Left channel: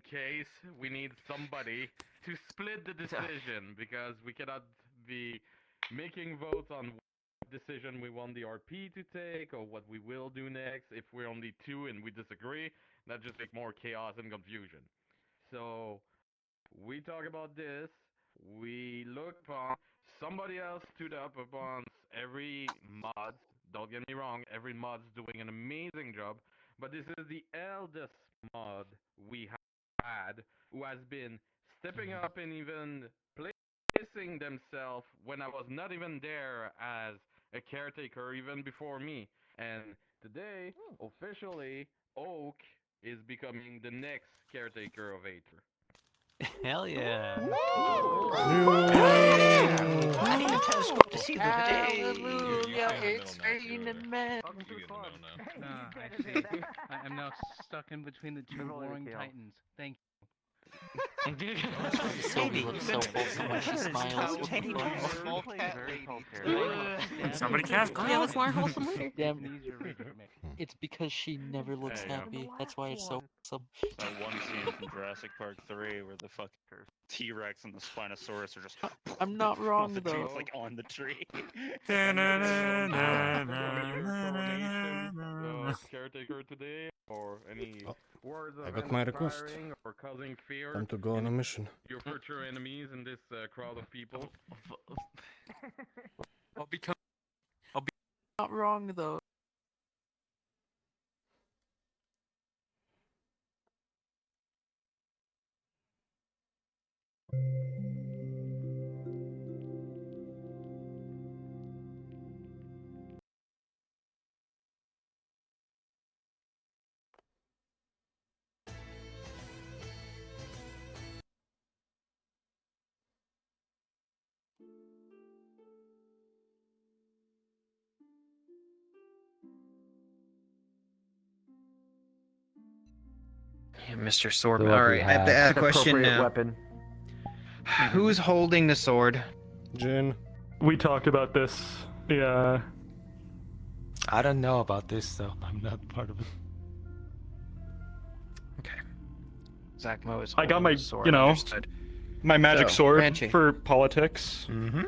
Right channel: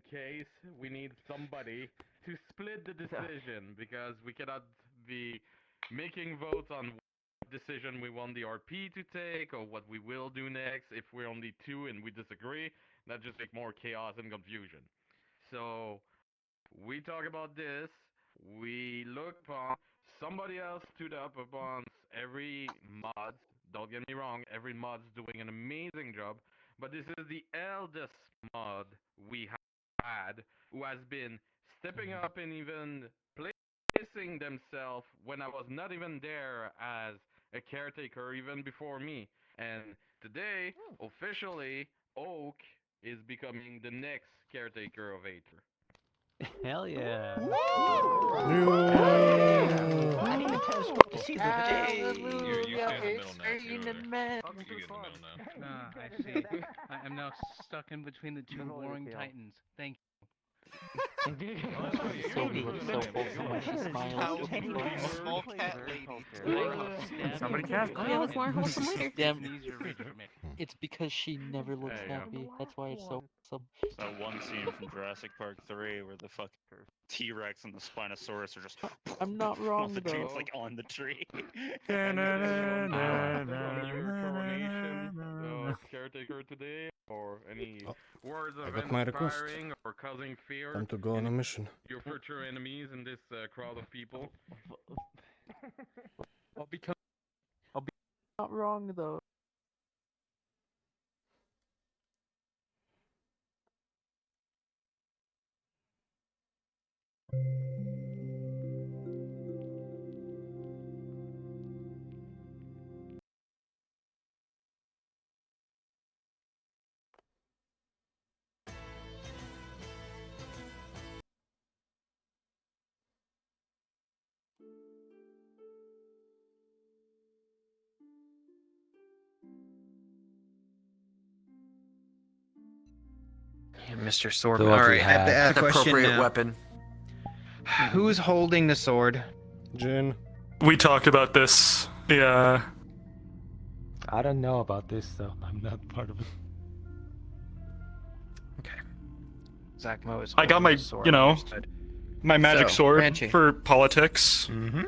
in case we need somebody to split the decision because we cannot be making votes on what decision we want the RP to take or what we will do next. If we're only two and we disagree, that just make more chaos and confusion. So we talk about this. We look upon somebody else stood up upon every mod. Don't get me wrong, every mod's doing an amazing job, but this is the eldest mod we have had who has been stepping up and even placing themselves when I was not even there as a caretaker even before me. And today, officially, Oak is becoming the next caretaker of Aether. Hell yeah. I didn't even tell Squat to see the Hallelujah, it's raining men. I see. I am now stuck in between the two warring titans. Thank you. Small cat lady. Somebody cast Yeah, that's more wholesome later. It's because she never looks happy. That's why it's so awesome. That one scene from Jurassic Park 3 where the fucking T-Rex and the Spinosaurus are just I'm not wrong the trees, though. like on the tree. Your coronation caretaker today, or any words of I got my request. inspiring or causing fear? Time to go on a mission. Your future enemies in this crowd of people. I'll be not wrong though. Mr. Swordman. Alright, I have to ask a question now. Weapon. Who's holding the sword? Jin. We talked about this. Yeah. I don't know about this, so I'm not part of it. Okay. Zachmo is I got holding my, the sword. you know, Understood. my magic So, sword Banshee. for politics. Mm-hmm.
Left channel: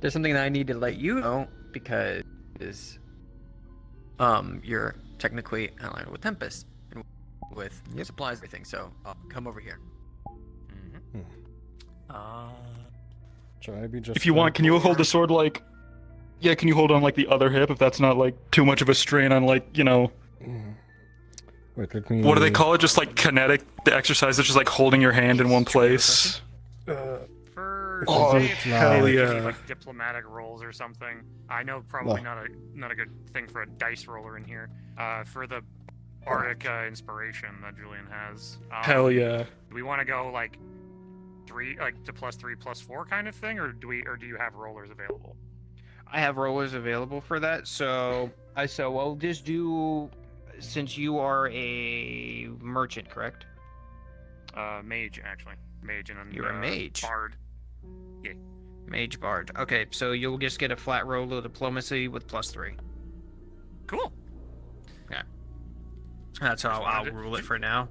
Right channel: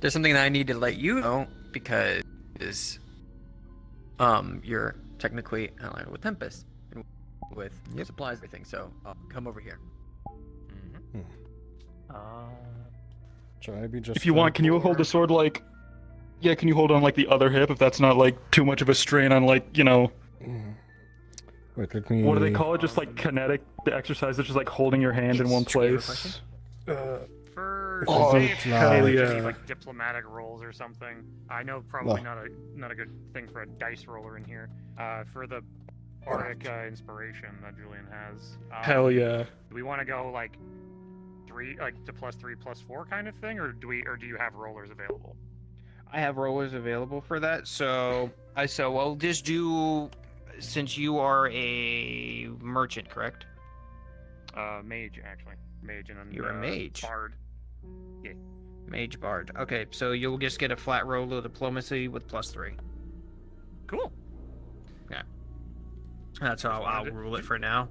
There's something that I need to let you know because you're technically allied with Tempest and with supplies and everything. So come over here. Should I be just? If you want, can you hold the sword like? Yeah, can you hold on like the other hip if that's not like too much of a strain on like, you know? Wait, let me. What do they call it? Just like kinetic the exercise. It's just like holding your hand in one place. For Oh, say if hell you yeah. need like diplomatic rolls or something. I know probably not a good thing for a dice roller in here. For the bardic inspiration that Julian has. Hell yeah. Do we want to go like 3, like to +3, +4 kind of thing, or do you have rollers available? I have rollers available for that, so I'll just do, since you are a merchant, correct? Mage actually. Mage and then You're a mage. Bard. Yeah. Mage Bard. Okay, so you'll just get a flat roll of diplomacy with +3. Cool. Yeah. That's how I'll rule it for now.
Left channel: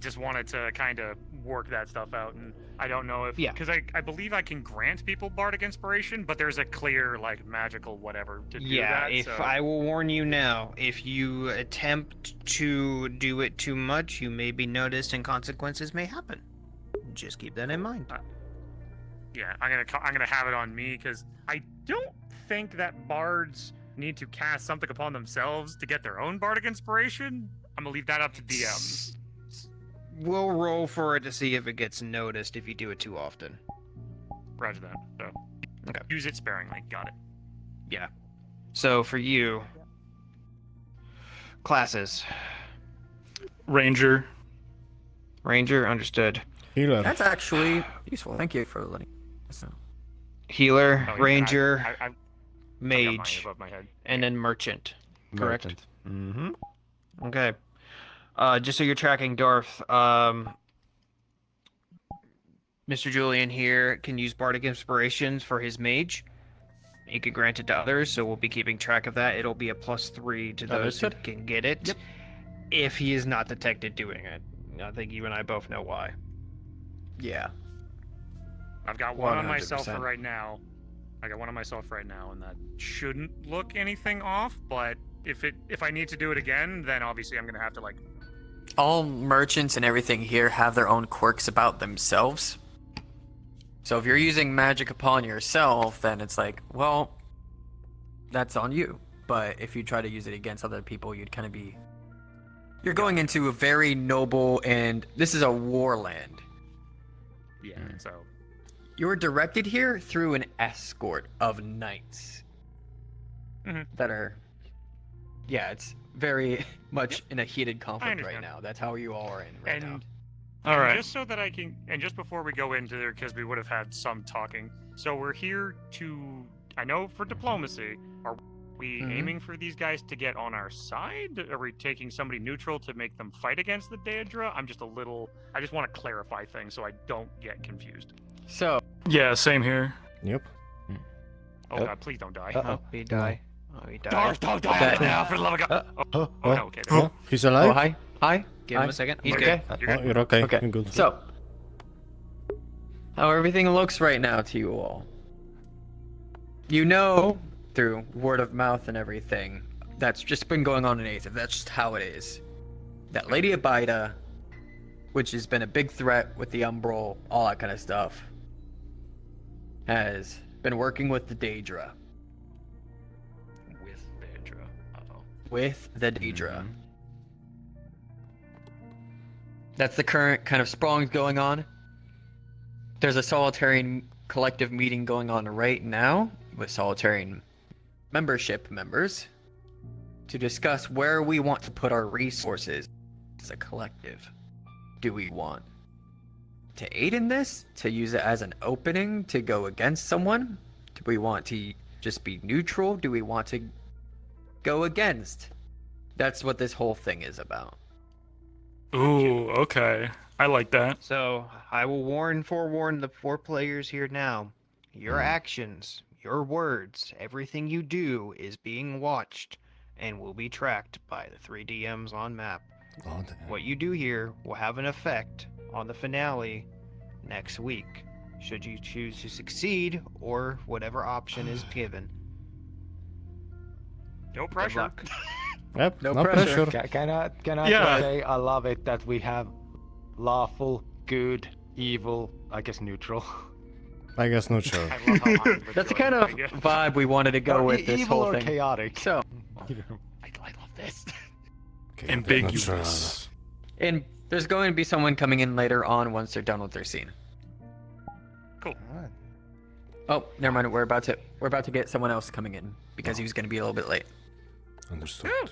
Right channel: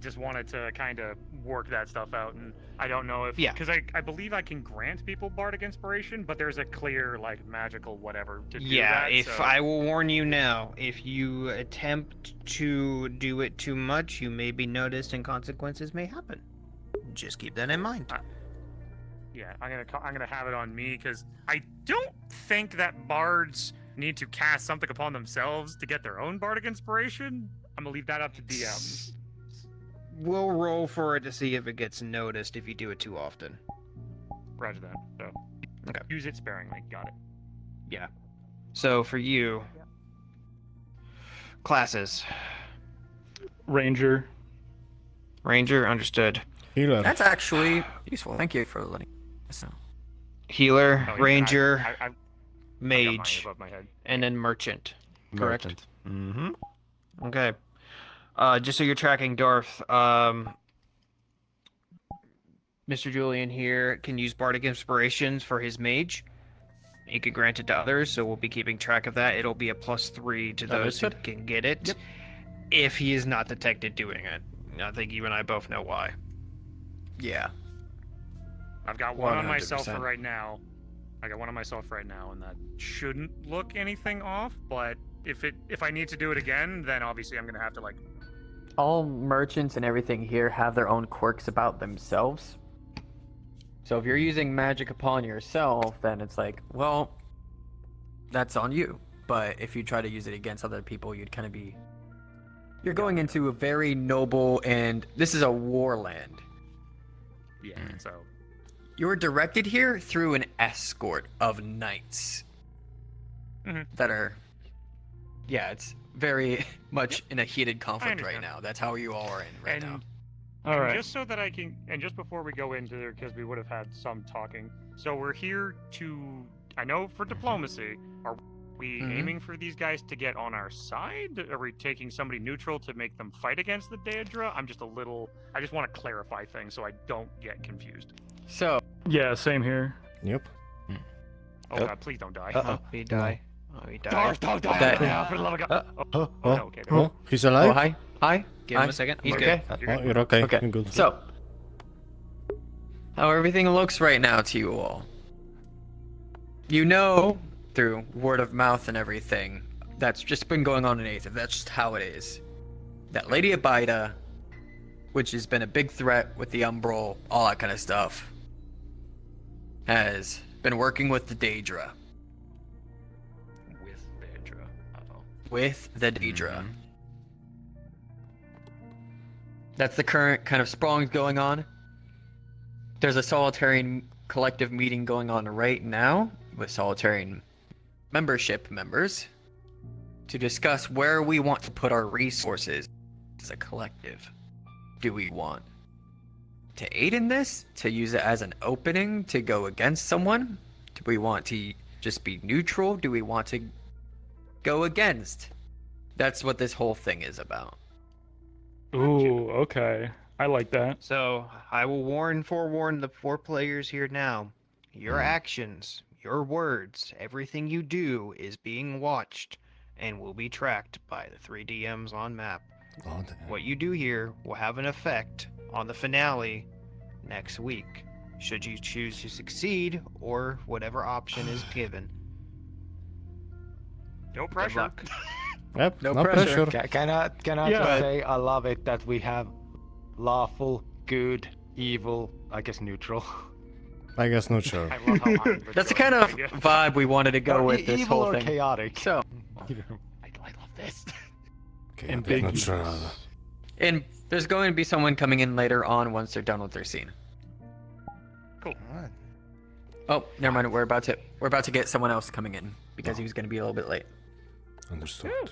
Just wanted to kind of work that stuff out, and I don't know if because I believe I can grant people bardic inspiration, but there's a clear like magical whatever to do that. If so... I will warn you now, if you attempt to do it too much, you may be noticed and consequences may happen. Just keep that in mind. Yeah, I'm gonna have it on me because I don't think that bards need to cast something upon themselves to get their own bardic inspiration. I'm gonna leave that up to DM. We'll roll for it to see if it gets noticed if you do it too often. Roger that. So, okay. Use it sparingly. Got it. Yeah. So for you, classes. Ranger. Ranger, understood. Healer. That's actually useful. Thank you for letting us know. Healer, Oh, yeah, ranger, I got mage, mine above my head. and then merchant. Correct? Mm-hmm. Okay. Just so you're tracking, Darth, Mr. Julian here can use Bardic Inspirations for his mage. He can grant it to others, so we'll be keeping track of that. It'll be a +3 to those who can get it. Yep. If he is not detected doing it. I think you and I both know why. Yeah. I've got one on 100%. myself for right now. I got one on myself right now, and that shouldn't look anything off. But if I need to do it again, then obviously I'm gonna have to like. All merchants and everything here have their own quirks about themselves. So if you're using magic upon yourself, then it's like, well, that's on you. But if you try to use it against other people, you'd kind of be... You're going into a very noble, and this is a war land. Yeah. So. You're directed here through an escort of knights that are... Yeah, it's very much in a heated conflict right now. That's how you all are in right now. All right. Just so that I can, and just before we go into there, because we would have had some talking. So we're here to, I know for diplomacy, are we aiming for these guys to get on our side? Are we taking somebody neutral to make them fight against the Daedra? I just want to clarify things so I don't get confused. So... Yeah, same here. Yep. Oh god, please don't die. Oh, he die. Oh, he died. That- For the love of God. Oh, okay, there we go. he's alive? Oh, hi. Hi. Give him Hi. a second. He's Okay. good. Oh, you're okay. Okay. You're good. So, how everything looks right now to you all. You know, through word of mouth and everything, that's just been going on in Aether. That's just how it is. That Lady Abida, which has been a big threat with the Umbral, all that kind of stuff, has been working with the Daedra. With Daedra. Uh-oh. With the Daedra. That's the current kind of sprawling going on. There's a Solitarian collective meeting going on right now with Solitarian membership members to discuss where we want to put our resources as a collective. Do we want to aid in this? To use it as an opening to go against someone? Do we want to just be neutral? Do we want to go against? That's what this whole thing is about. Ooh, okay. I like that. So, I will forewarn the 4 players here now. Your actions, your words, everything you do is being watched and will be tracked by the 3 DMs on map. Oh, damn. What you do here will have an effect on the finale next week, should you choose to succeed or whatever option is given. No Good pressure. luck. Yep, No no pressure. pressure. Can I Yeah. just say I love it that we have lawful, good, evil, I guess neutral. I guess not sure. I love how I'm That's the kind of vibe we wanted to go Or with this evil whole or thing. chaotic. So, I love this. Okay, Ambiguous. and there's going to be someone coming in later on once they're done with their scene. Cool. Oh, never mind. We're about to get someone else coming in because he was going to be a little bit late. Understood.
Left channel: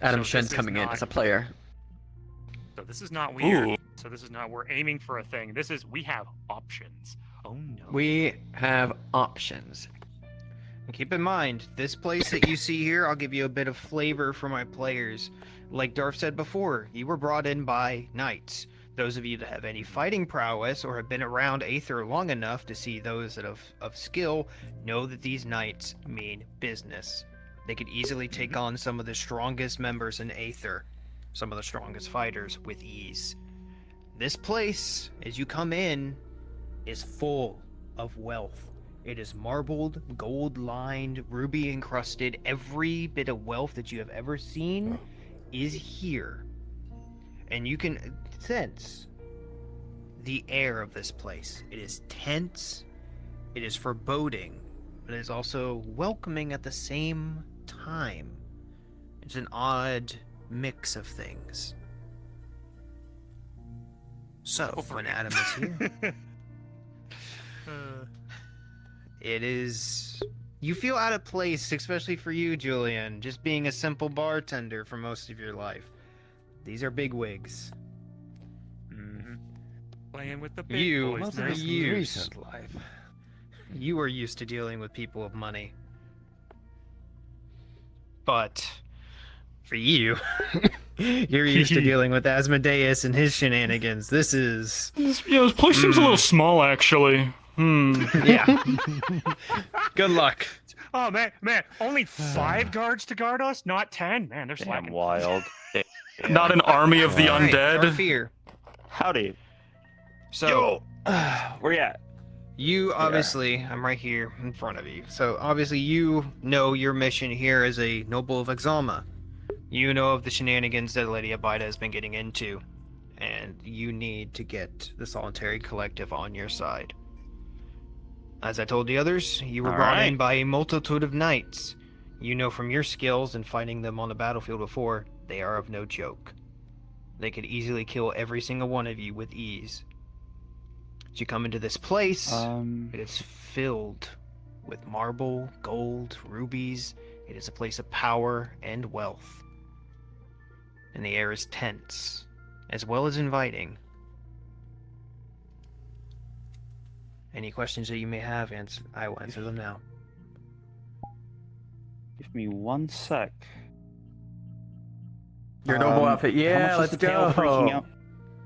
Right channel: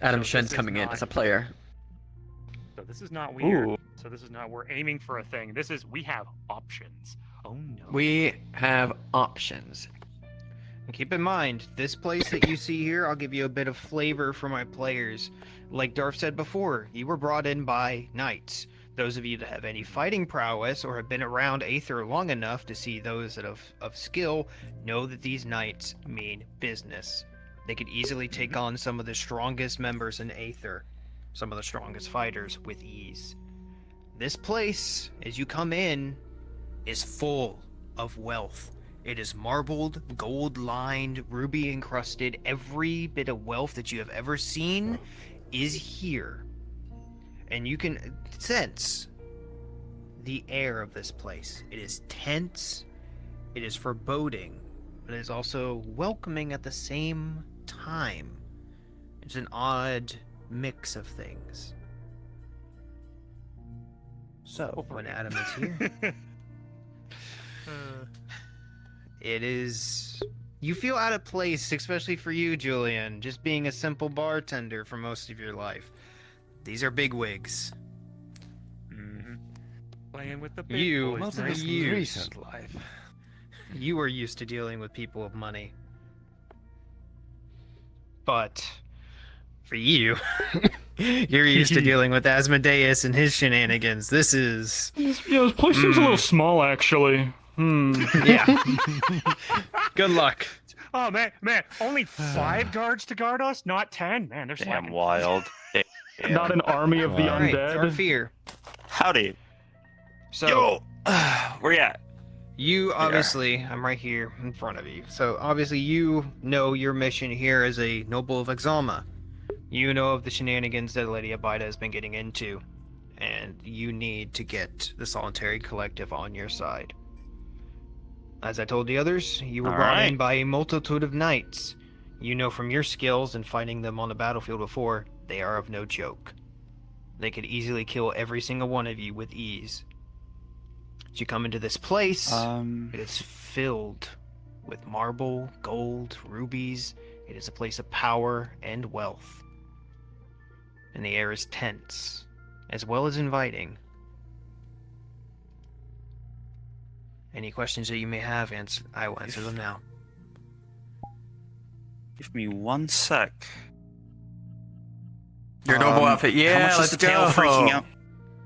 Adam So Shen's this is coming in not- as a player. So this is not weird. Ooh. So this is not we're aiming for a thing. This is we have options. Oh no. We have options. And keep in mind, this place that you see here, I'll give you a bit of flavor for my players. Like Darth said before, you were brought in by knights. Those of you that have any fighting prowess or have been around Aether long enough to see those that of skill know that these knights mean business. They could easily take on some of the strongest members in Aether, some of the strongest fighters with ease. This place, as you come in, is full of wealth. It is marbled, gold-lined, ruby-encrusted. Every bit of wealth that you have ever seen is here. And you can sense the air of this place. It is tense, it is foreboding, but it is also welcoming at the same time. It's an odd mix of things. So, when Adam is here, it is... You feel out of place, especially for you, Julian, just being a simple bartender for most of your life. These are bigwigs. Playing with the big You, boys. for years, you are used to dealing with people of money. But for you, you're used to dealing with Asmodeus and his shenanigans. This is... Yeah, this place seems a little small, actually. Yeah. Good luck. Oh man, only 5 guards to guard us, not 10. Man, they're Damn slacking. wild. Not an army of the Wow. Alright, undead. Fear. Howdy. So, Where you at? you obviously, I'm right here in front of you. So, obviously, you know your mission here as a noble of Exalma. You know of the shenanigans that Lady Abida has been getting into, and you need to get the Solitary Collective on your side. As I told the others, you were brought in by a multitude of knights. You know from your skills and fighting them on the battlefield before, they are of no joke. They could easily kill every single one of you with ease. As you come into this place, it is filled with marble, gold, rubies. It is a place of power and wealth. And the air is tense, as well as inviting. Any questions that you may have, I will answer them now. Give me 1 sec. Your noble outfit. How Yeah, much is let's the tail go. freaking out?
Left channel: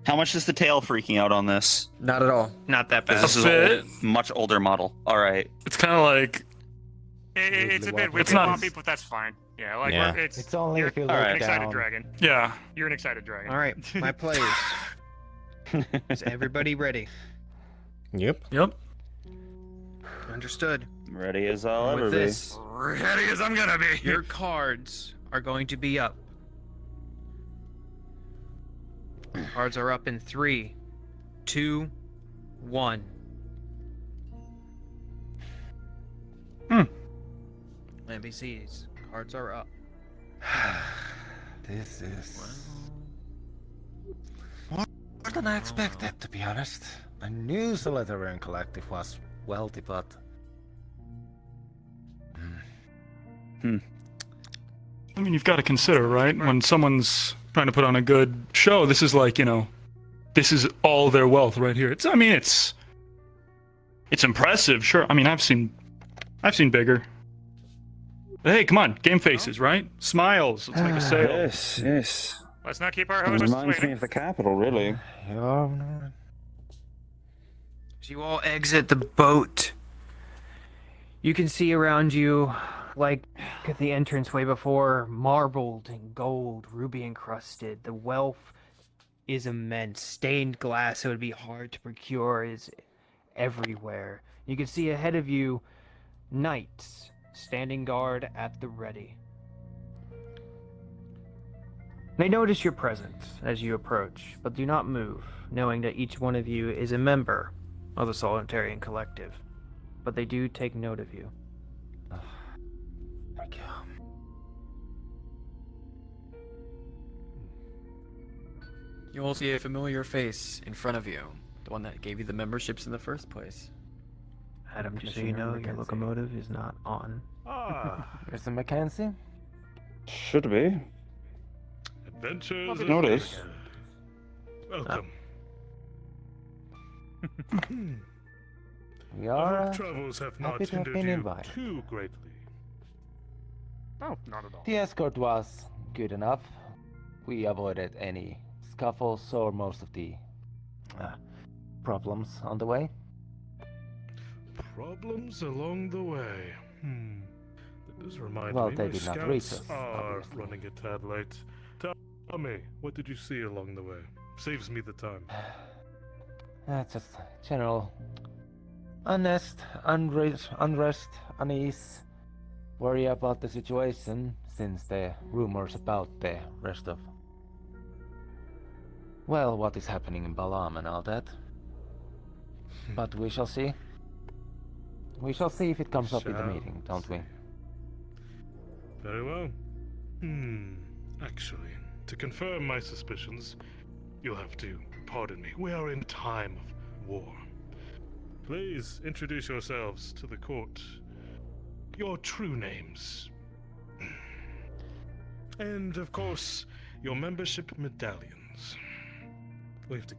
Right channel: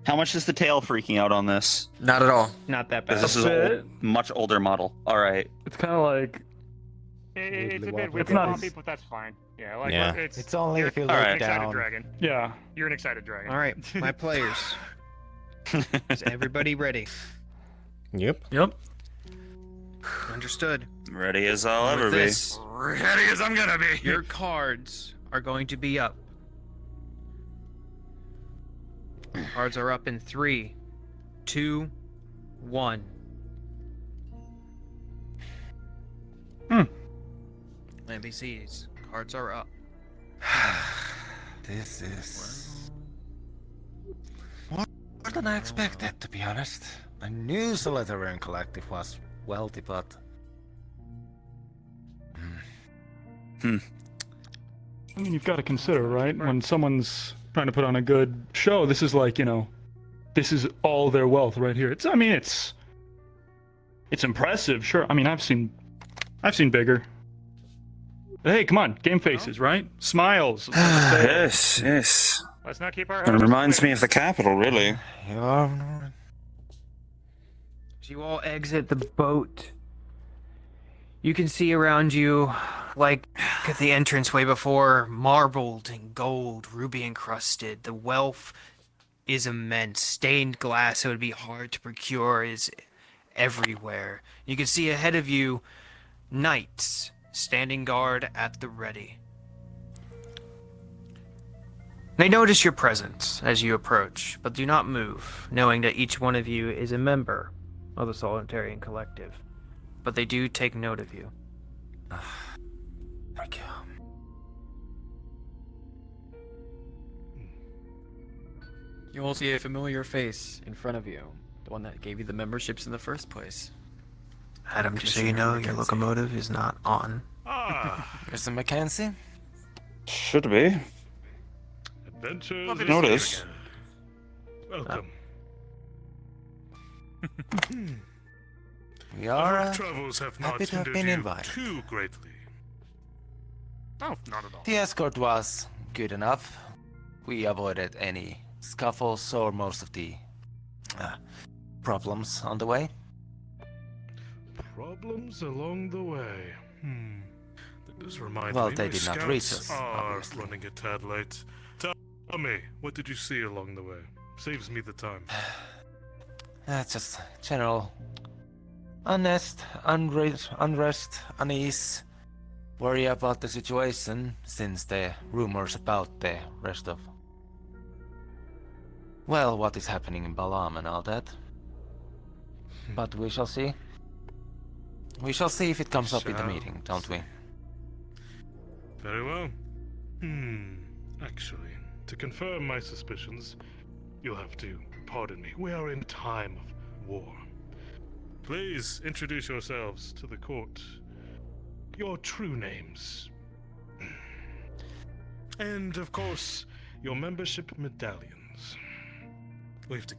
How much is the tail freaking out on this? Not at all. Not that 'Cause bad. this is an old, much older model. All right. It's kind of like It's a bit It's wicked not- bumpy, but that's fine. Yeah, like Yeah. it's only you're if you an look excited down. dragon. yeah. You're an excited dragon. Alright, my players. Is everybody ready? Yep. Yep. Understood. Ready as I'll ever With be. this, Ready as I'm gonna be. your cards are going to be up. Cards are up in 3, 2, 1. NPCs. Cards are up. This is more than I expected, to be honest. I knew Solitary Collective was wealthy, but I mean, you've got to consider, right? When someone's trying to put on a good show, this is like, this is all their wealth right here. It's impressive, sure. I mean, I've seen bigger. Hey, come on, game faces, right? Smiles. It's like a sale. Yes. Let's not keep our It hopes reminds me waiting. of the capital, really. As you all exit the boat, you can see around you, like at the entranceway before, marbled and gold, ruby encrusted. The wealth is immense. Stained glass, so it would be hard to procure, is everywhere. You can see ahead of you knights standing guard at the ready. They notice your presence as you approach, but do not move, knowing that each one of you is a member of the Solitarian Collective. But they do take note of you. You all see a familiar face in front of you. The one that gave you the memberships in the first place. Adam, just so you know, your locomotive is not on. Mr. Mackenzie? Should be. Adventures. Notice. Welcome. We are travels have happy to have been invited. too greatly. Oh, not at all. The escort was good enough. We avoided any scuffles or most of the problems on the way. Problems along the way. That does remind Well, me. they my did not scouts reach us, are obviously. running a tad late. Tell me, what did you see along the way? Saves me the time. Just general unrest, unease, worry about the situation since the rumors about the rest of, well, what is happening in Balam and all that. But we shall see. We shall see if it comes up in the meeting, don't we? Very well. Actually, to confirm my suspicions, you'll have to pardon me. We are in time of war. Please introduce yourselves to the court. Your true names. And, of course, your membership medallions. We have to...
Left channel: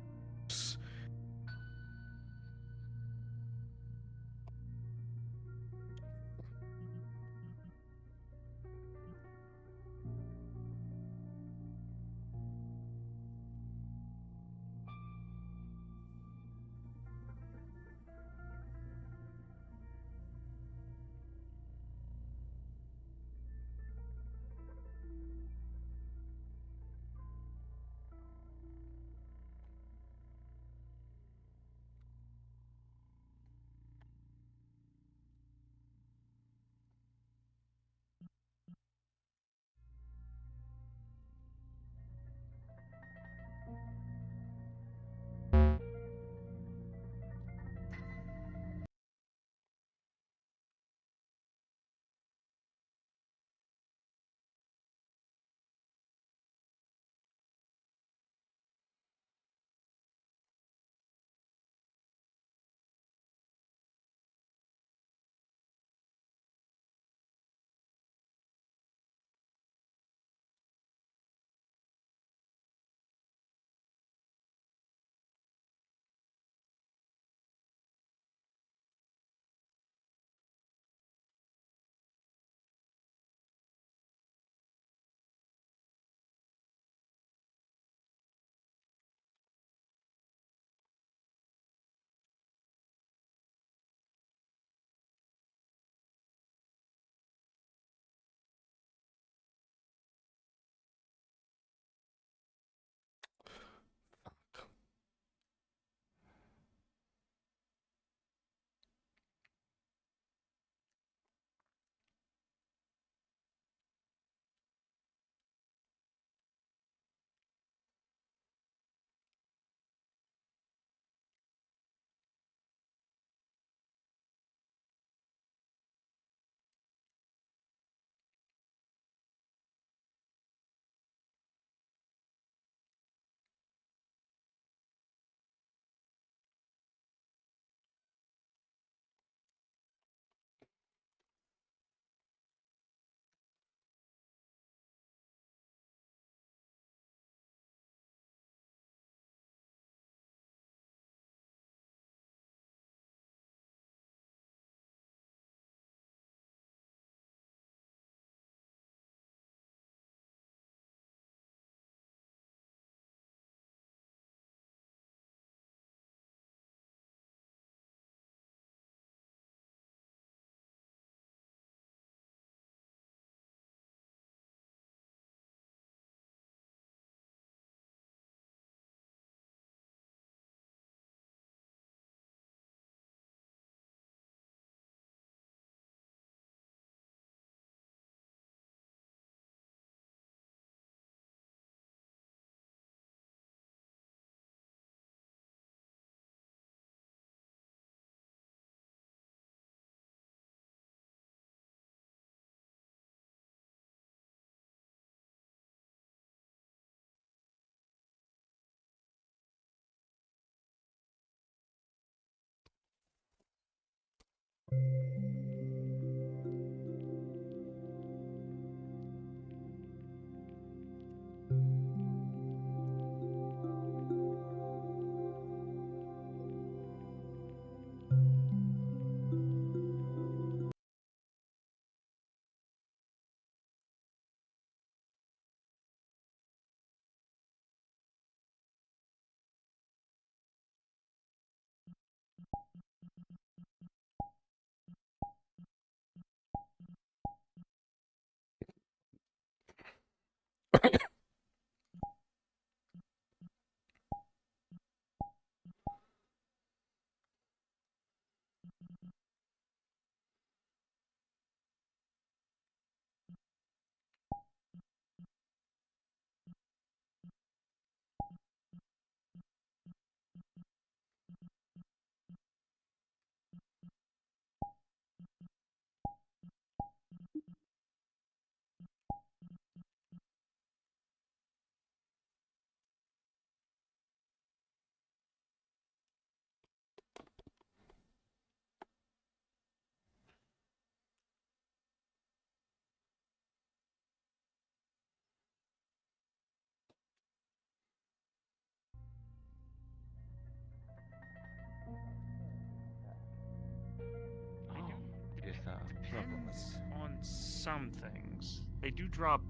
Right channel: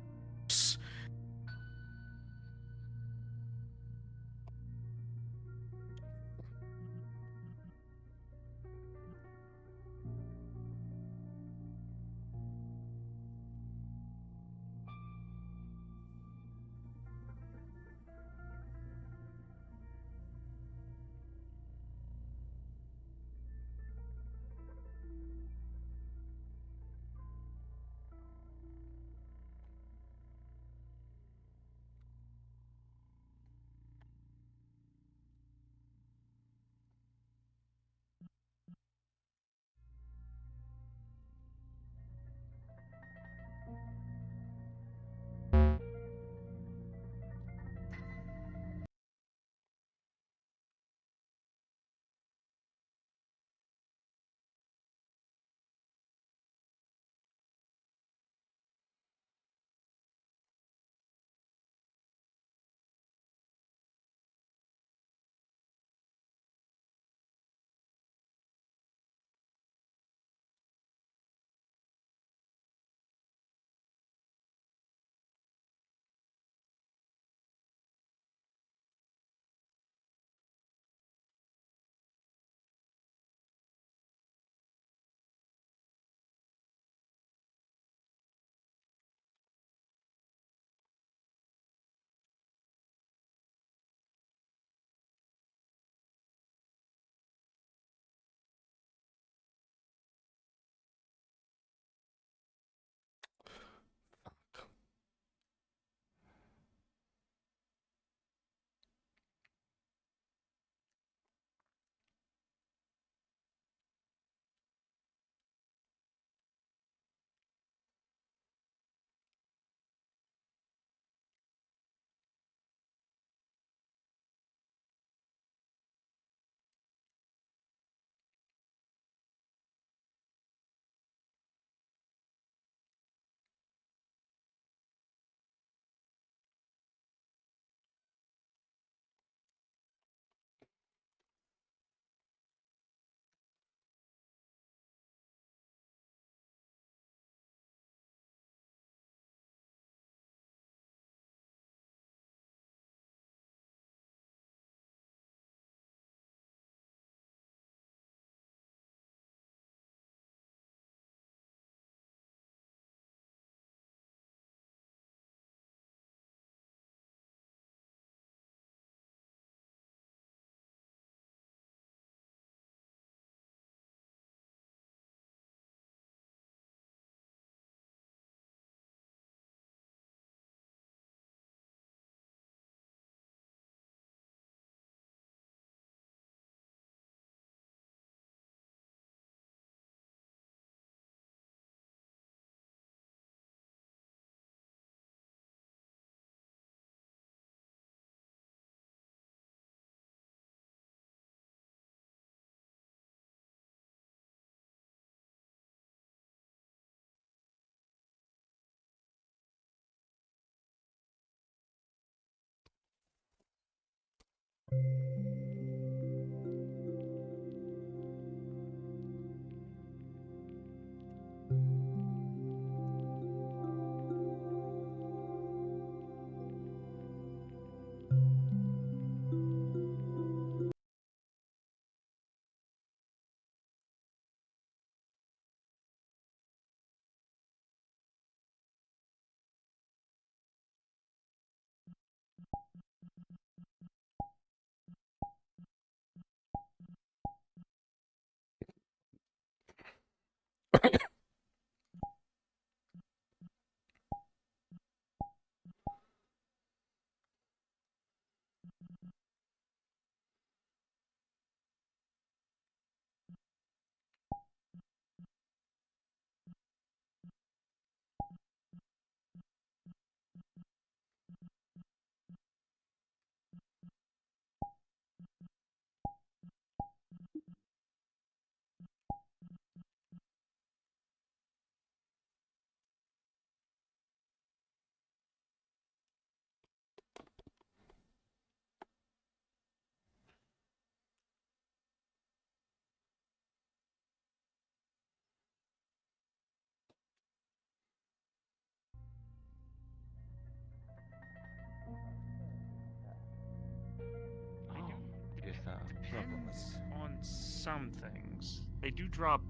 Depends on some things. They do drop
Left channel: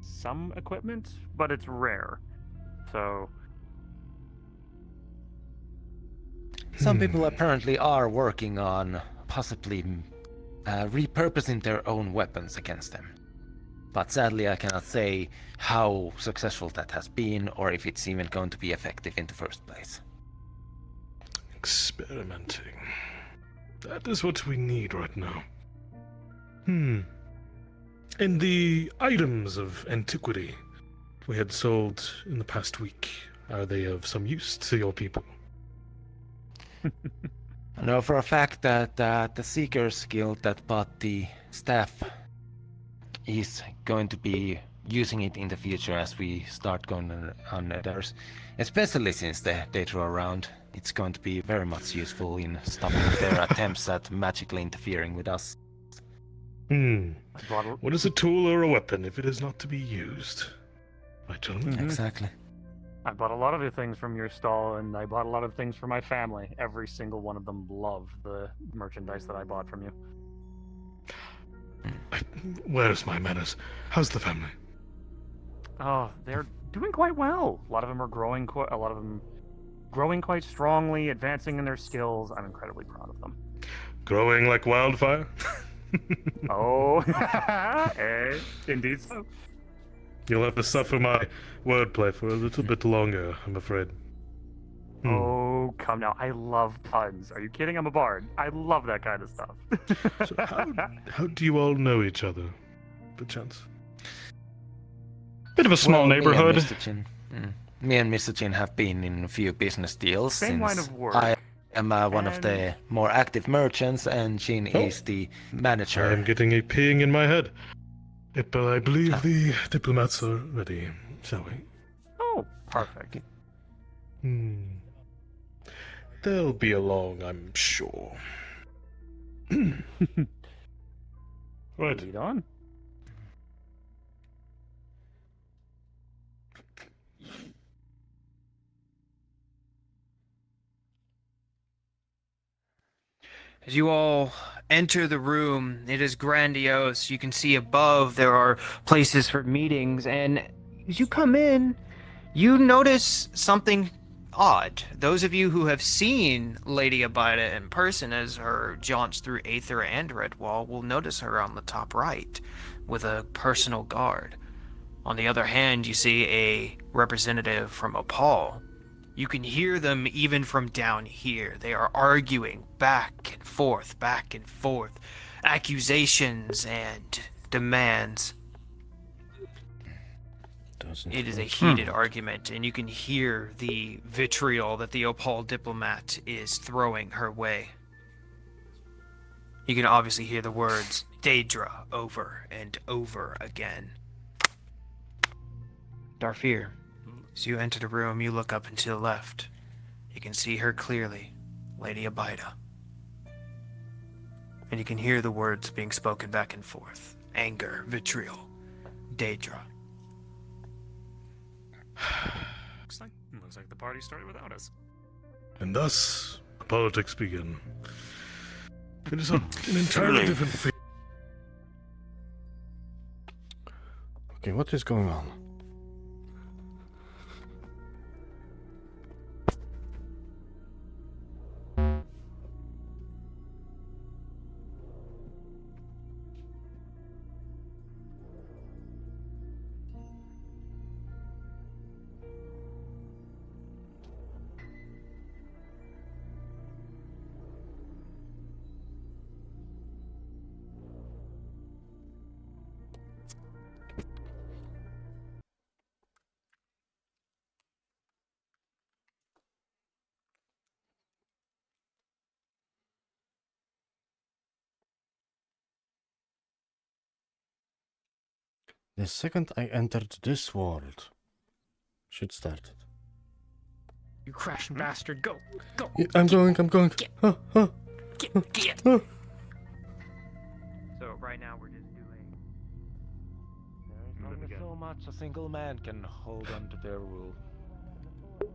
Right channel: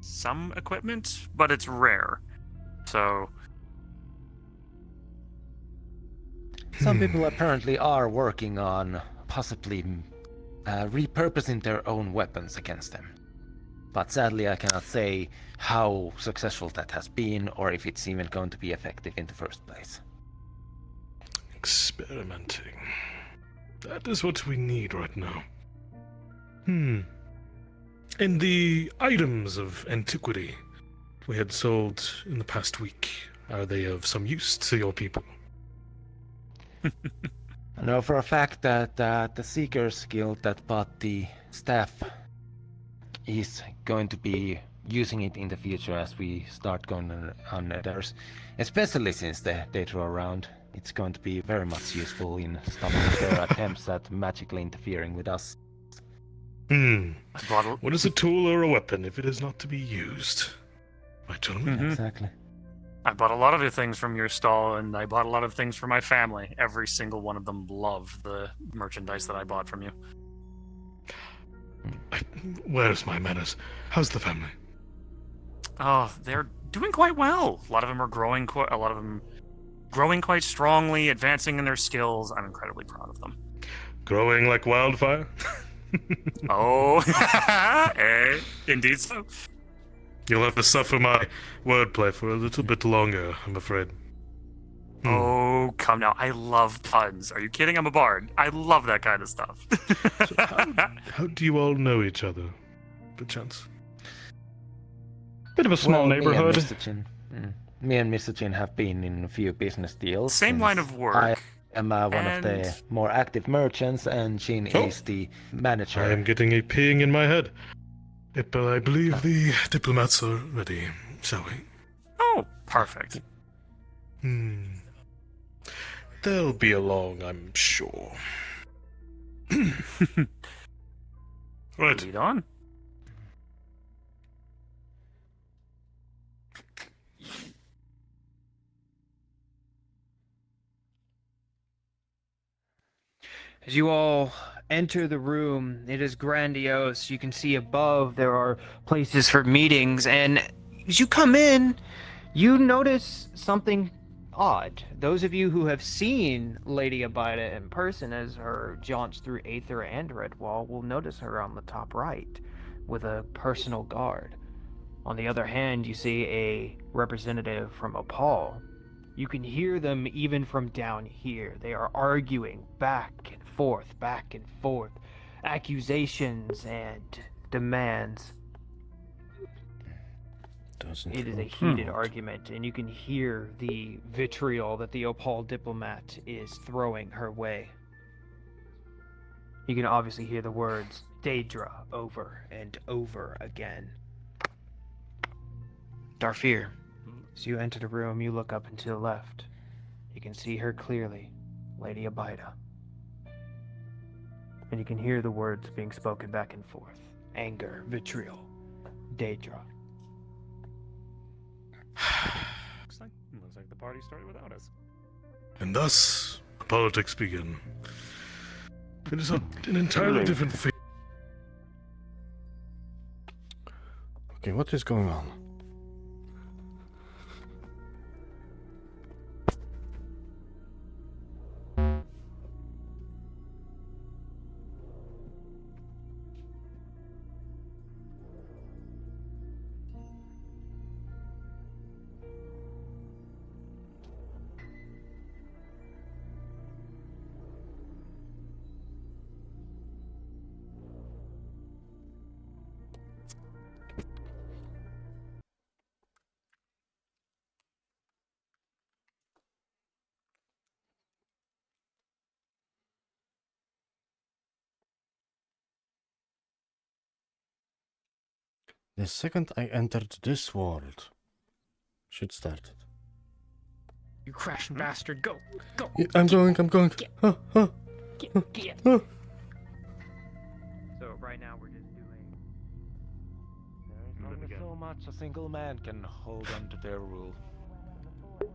some equipment, but it's rare. So Some people apparently are working on possibly repurposing their own weapons against them. But sadly, I cannot say how successful that has been or if it's even going to be effective in the first place. Experimenting. That is what we need right now. And the items of antiquity we had sold in the past week, are they of some use to your people? I know for a fact that the Seekers Guild that bought the staff is going to be using it in the future as we start going on others, especially since they throw around. It's going to be very much useful in stopping their attempts at magically interfering with us. What is a tool or a weapon if it is not to be used? Right, gentlemen? Exactly. I bought a lot of the things from your stall, and I bought a lot of things for my family. Every single one of them loved the merchandise that I bought from you. Where's my manners? How's the family? Oh, they're doing quite well. A lot of them are growing. A lot of them growing quite strongly, advancing in their skills. I'm incredibly proud of them. Growing like wildfire? Oh, indeed so. You'll have to suffer my wordplay for a little bit longer, I'm afraid. Oh, come now. I love puns. Are you kidding? I'm a bard. I love that kind of stuff. So how do you all know each other, perchance? Bit of a small neighborhood. Me and Mr. Chin have been in a few business deals. Same line of work. I am one of the more active merchants, and Chin is the manager. I am getting a ping in my head. I believe the diplomats are ready, shall we? Oh, perfect. They'll be along, I'm sure. Right. Lead on. As you all enter the room, it is grandiose. You can see above there are places for meetings, and as you come in, you notice something odd. Those of you who have seen Lady Abida in person as her jaunts through Aether and Redwall will notice her on the top right with a personal guard. On the other hand, you see a representative from Opal. You can hear them even from down here. They are arguing back and forth, accusations and demands. It is a heated argument, and you can hear the vitriol that the Opal diplomat is throwing her way. You can obviously hear the words Daedra over and over again. Darfir, as you enter the room, you look up and to the left. You can see her clearly, Lady Abida. And you can hear the words being spoken back and forth. Anger, vitriol, Daedra. Looks like the party started without us. And thus, the politics begin. It is an entirely different thing. Okay, what is going on? The second I entered this world, shit started. You crashing bastard, go! Go! Yeah, I'm going. Get. Huh, huh, Get! huh. So right now we're just doing... There is only so much a single man can hold on to their rule.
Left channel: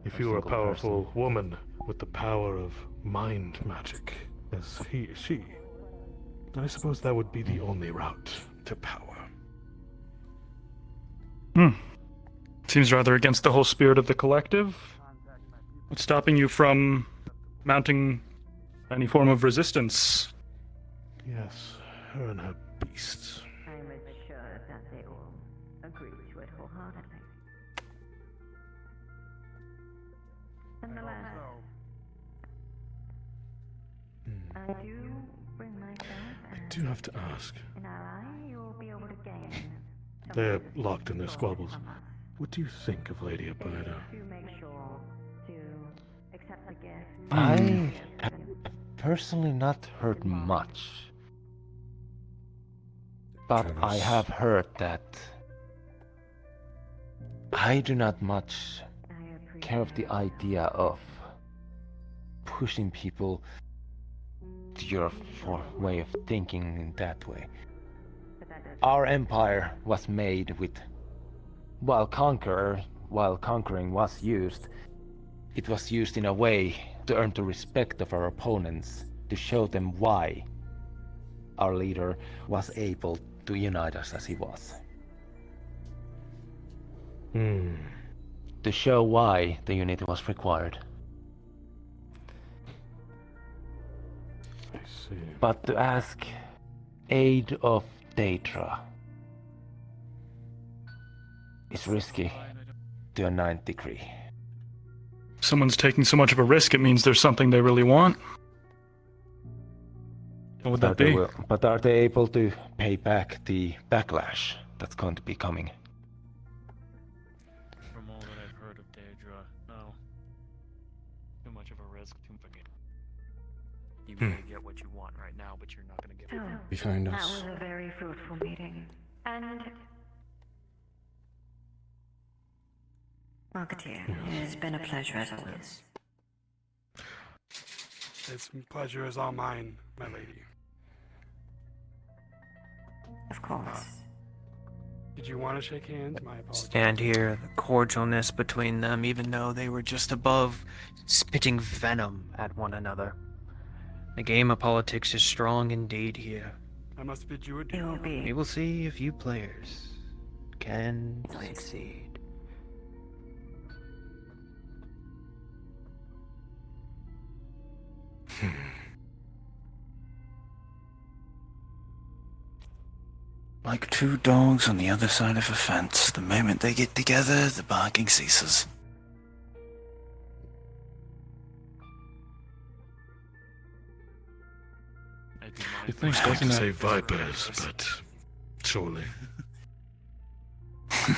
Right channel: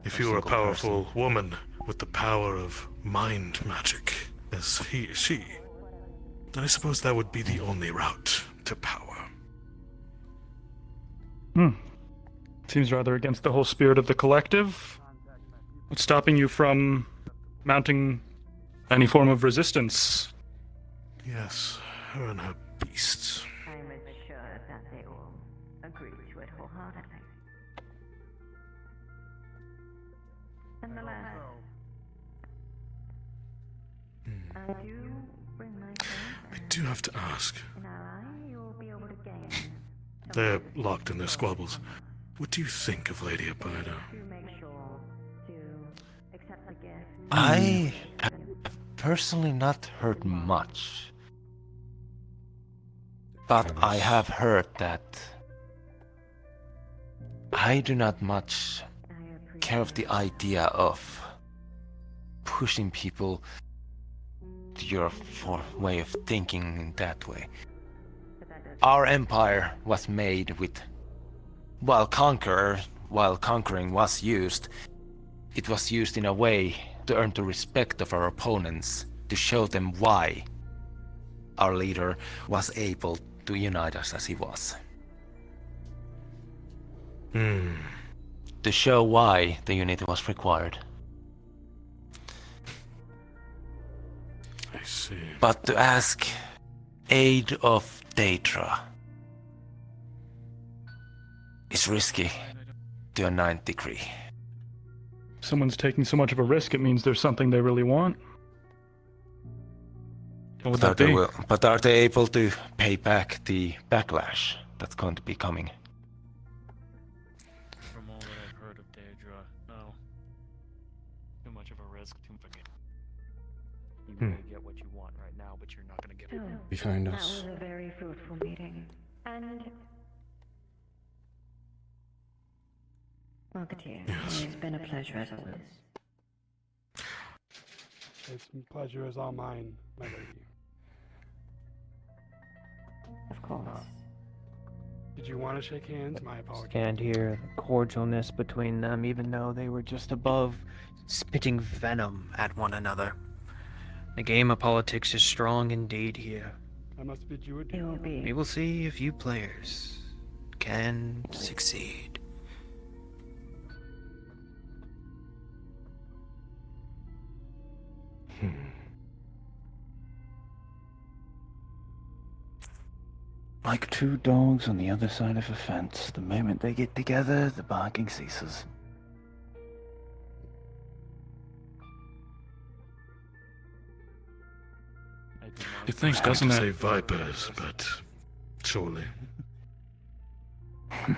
If A you were a single powerful person. woman with the power of mind magic, as she, then I suppose that would be the only route to power. Seems rather against the whole spirit of the collective. What's stopping you from mounting any form of resistance? Yes, her and her beasts. I'm sure that they all agree to it wholeheartedly. And the last, I do bring myself I do have to ask. an ally you will be able to gain. They're locked in their squabbles. What do you think of Lady Apollo? To make sure to accept the gift. I have personally not heard much. But I have heard that I do not much care of the idea of pushing people to your way of thinking in that way. Our empire was made with, while conquering was used, it was used in a way to earn the respect of our opponents, to show them why our leader was able to unite us as he was. To show why the unity was required. I see. But to ask aid of Daedra is risky to a 9th degree. If someone's taking so much of a risk, it means there's something they really want. What would that be? But are they able to pay back the backlash that's going to be coming? From all that I've heard of Daedra, no. Too much of a risk, too forget. You may get what you want right now, but you're not gonna get it. Behind That us. was a very fruitful meeting. And Marketeer, it's been a pleasure as always. It's pleasure is all mine, my lady. Of course. Did you want to shake hands? My apologies. Stand here, the cordialness between them, even though they were just above spitting venom at one another. The game of politics is strong indeed here. I must bid you adieu. We will see if you players can succeed. Like two dogs on the other side of a fence. The moment they get together, the barking ceases. You think, I doesn't to it? say vipers, but surely. In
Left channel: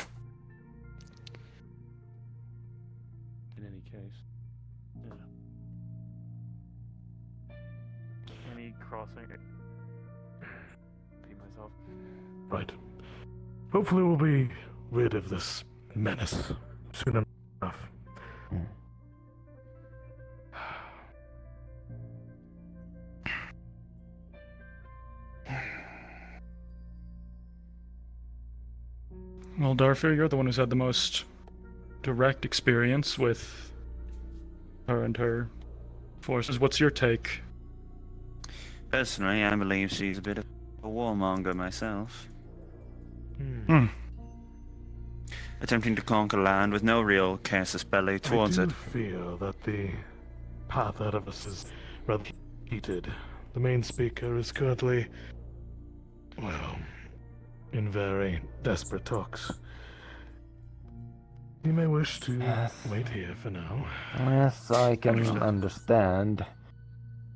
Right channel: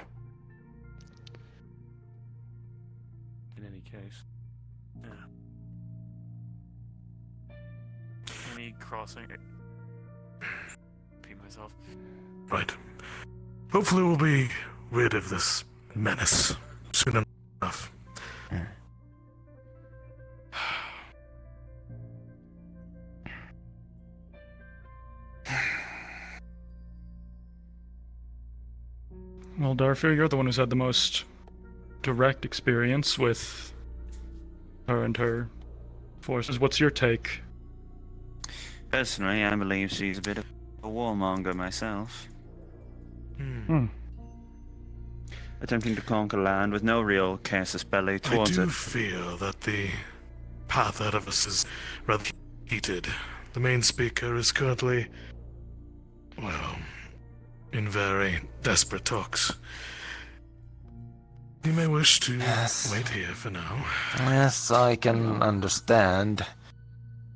any case. Any crossing it. Repeat myself. Right. Hopefully we'll be rid of this menace soon enough. Well, Darfur, you're the one who's had the most direct experience with her and her forces. What's your take? Personally, I believe she's a bit of a warmonger myself. Attempting to conquer land with no real casus belli towards I it. do feel that the path ahead of us is rather heated. The main speaker is currently, well, in very desperate talks. You may wish to wait here for now. Yes, I can understand.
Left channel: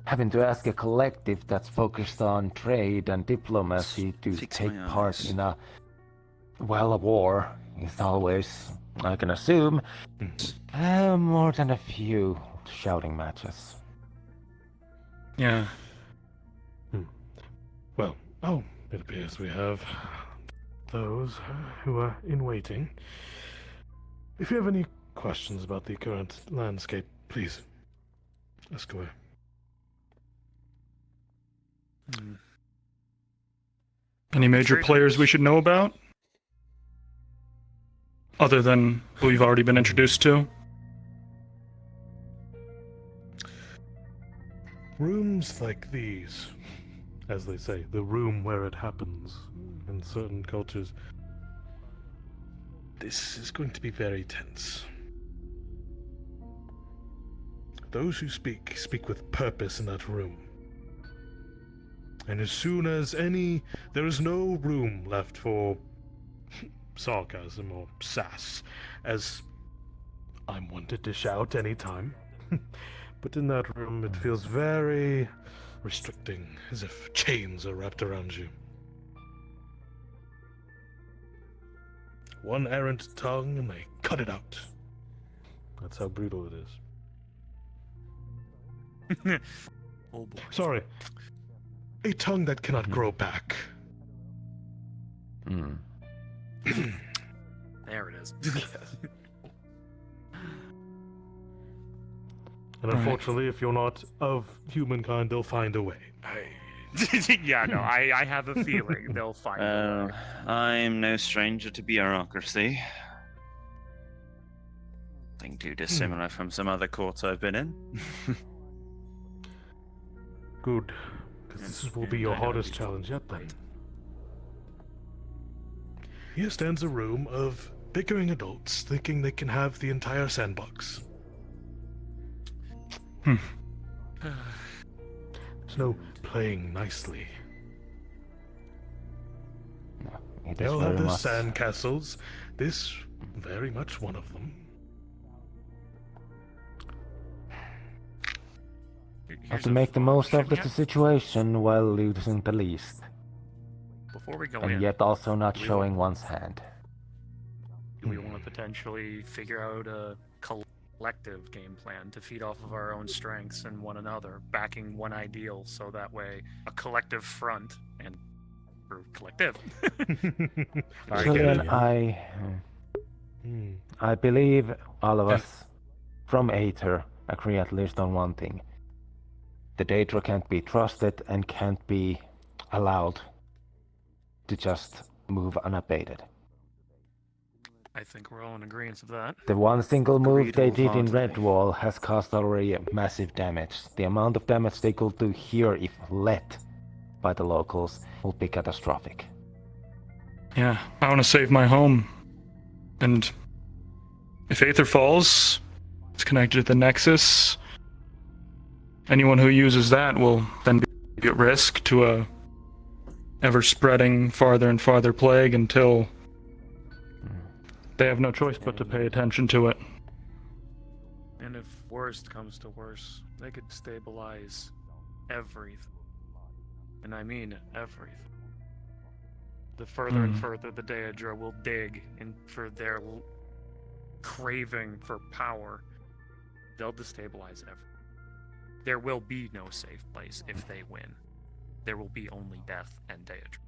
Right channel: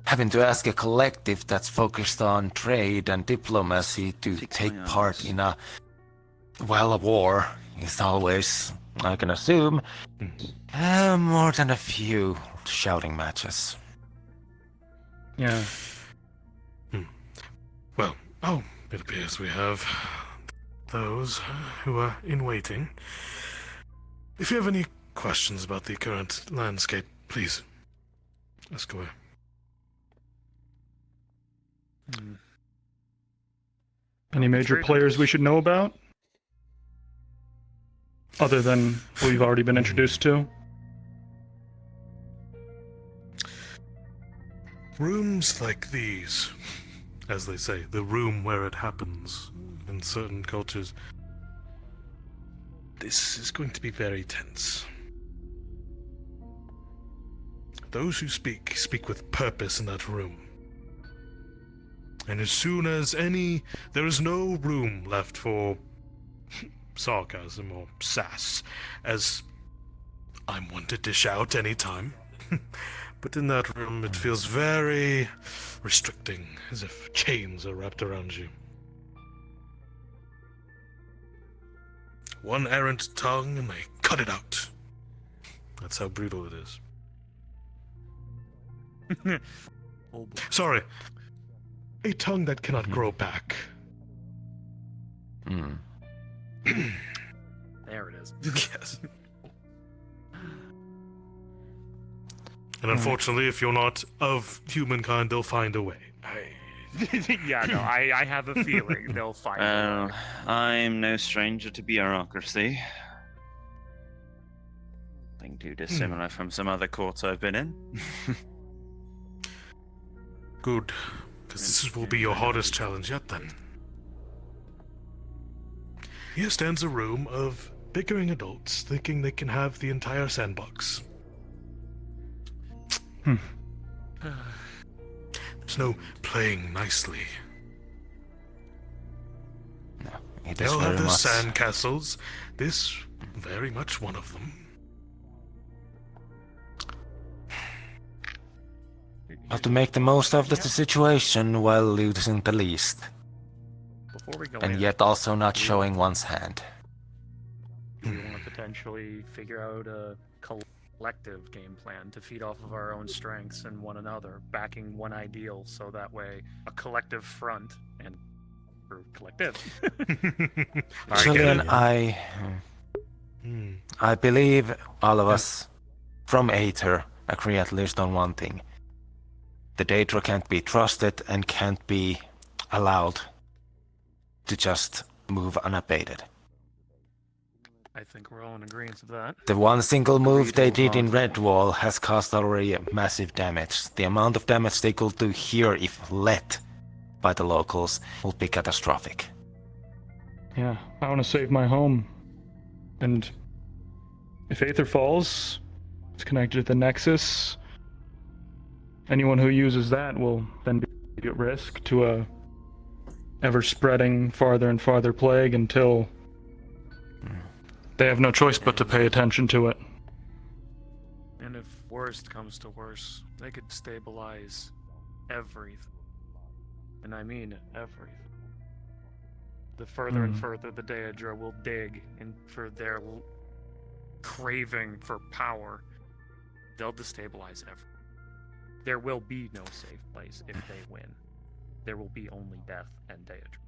Having to ask a collective that's focused on trade and diplomacy to take part in a war is always, I can assume, more than a few shouting matches. Yeah. Well, it appears we have those who are in waiting. If you have any questions about the current landscape, please ask away. Any major players we should know about? Other than who we've already been introduced to? Rooms like these, as they say, the room where it happens in certain cultures. This is going to be very tense. Those who speak with purpose in that room. And as soon as there is no room left for sarcasm or sass, as I'm one to dish out any time. But in that room it feels very restricting, as if chains are wrapped around you. One errant tongue and they cut it out. That's how brutal it is. Oh boy. Sorry. A tongue that cannot grow back. There it is. Yes. And unfortunately, if you're not of humankind, they'll find a way. Yeah, no, I have a feeling they'll find a way. I'm no stranger to bureaucracy. Nothing too dissimilar from some other courts I've been in. Good, because this will be your hardest challenge yet then. Here stands a room of bickering adults thinking they can have the entire sandbox. There's no playing nicely. No, it They is all have very their much. sandcastles. This very much one of them. Have to make the most of the situation while losing the least. Before we go And in, yet also not do we showing one's hand. Do we want to potentially figure out a collective game plan to feed off of our own strengths and one another, backing one ideal, so that way a collective front and or collective. Julian, I believe all of us from Aether agree at least on one thing. The Daedra can't be trusted and can't be allowed to just move unabated. I think we're all in agreement with that. The one single move Agreed they did in wholeheartedly. Redwall has caused already massive damage. The amount of damage they could do here if let by the locals would be catastrophic. Yeah, I want to save my home. And if Aether falls, it's connected to the Nexus. Anyone who uses that will then be at risk to a ever-spreading farther and farther plague until they have no choice but to pay attention to it. And if worst comes to worst, they could stabilize everything. And I mean everything. The further and further the Daedra will dig and for their craving for power, they'll destabilize everything. There will be no safe place if they win. There will be only death and Daedra.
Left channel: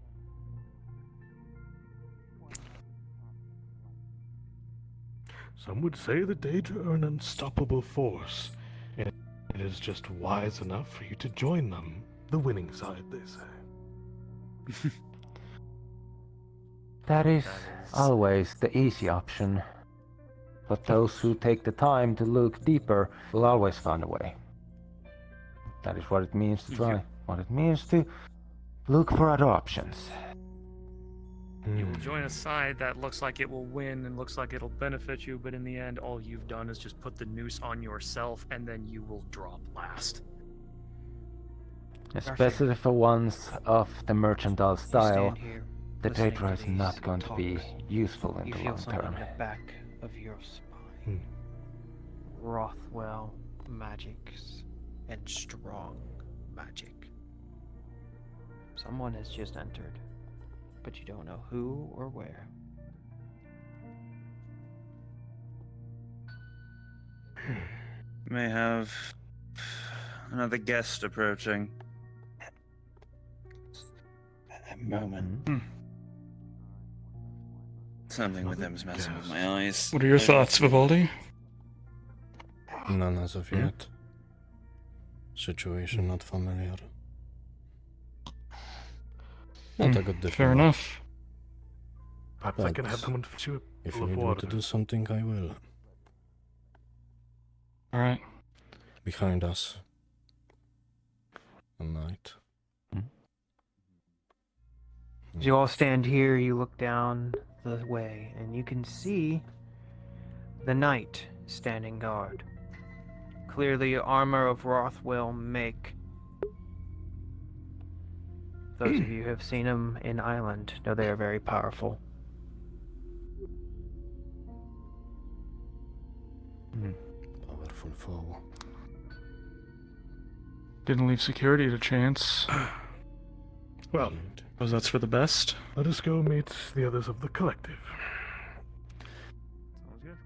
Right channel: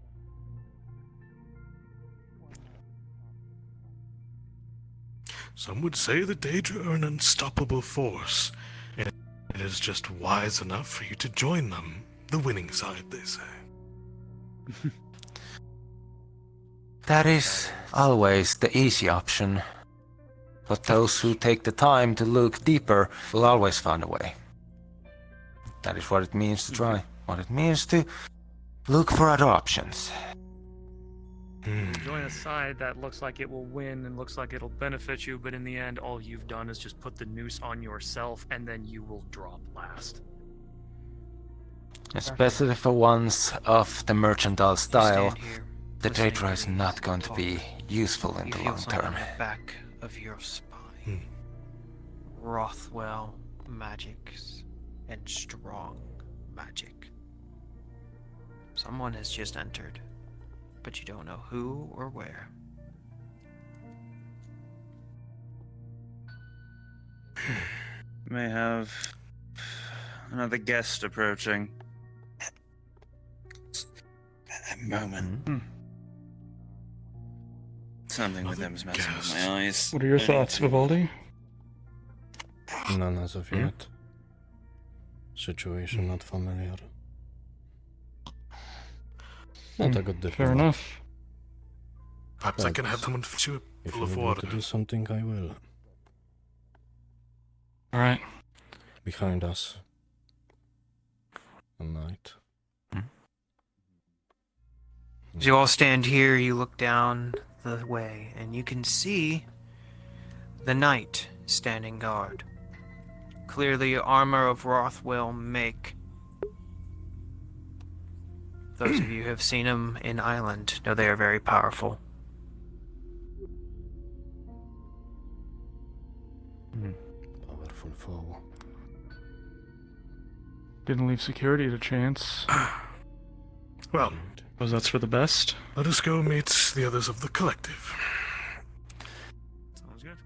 Some would say the Daedra are an unstoppable force, and it is just wise enough for you to join them. The winning side, they say. That is always the easy option. But those who take the time to look deeper will always find a way. That is what it means to try. What it means to look for other options. You'll join a side that looks like it will win and looks like it'll benefit you, but in the end, all you've done is just put the noose on yourself, and then you will drop last. Especially for ones of the mercantile style, the Daedra is not going to be useful in the long term. Back of your spine. Rothwell magics and strong magic. Someone has just entered, but you don't know who or where. May have another guest approaching. A moment. Something with them's messing with my eyes. What are your thoughts, Vivaldi? None as of yet. Situation not familiar. Not a good Fair enough. Perhaps I can have someone fetch you a If full you of need me water. to do something, I will. Alright. Behind us. A night. As you all stand here, you look down the way, and you can see the knight standing guard. Clearly, armor of Rothwell make. Those of you who have seen him in Island know they are very powerful. Powerful foe. Didn't leave security to chance. Well, suppose that's for the best. let us go meet the others of the collective. Sounds good.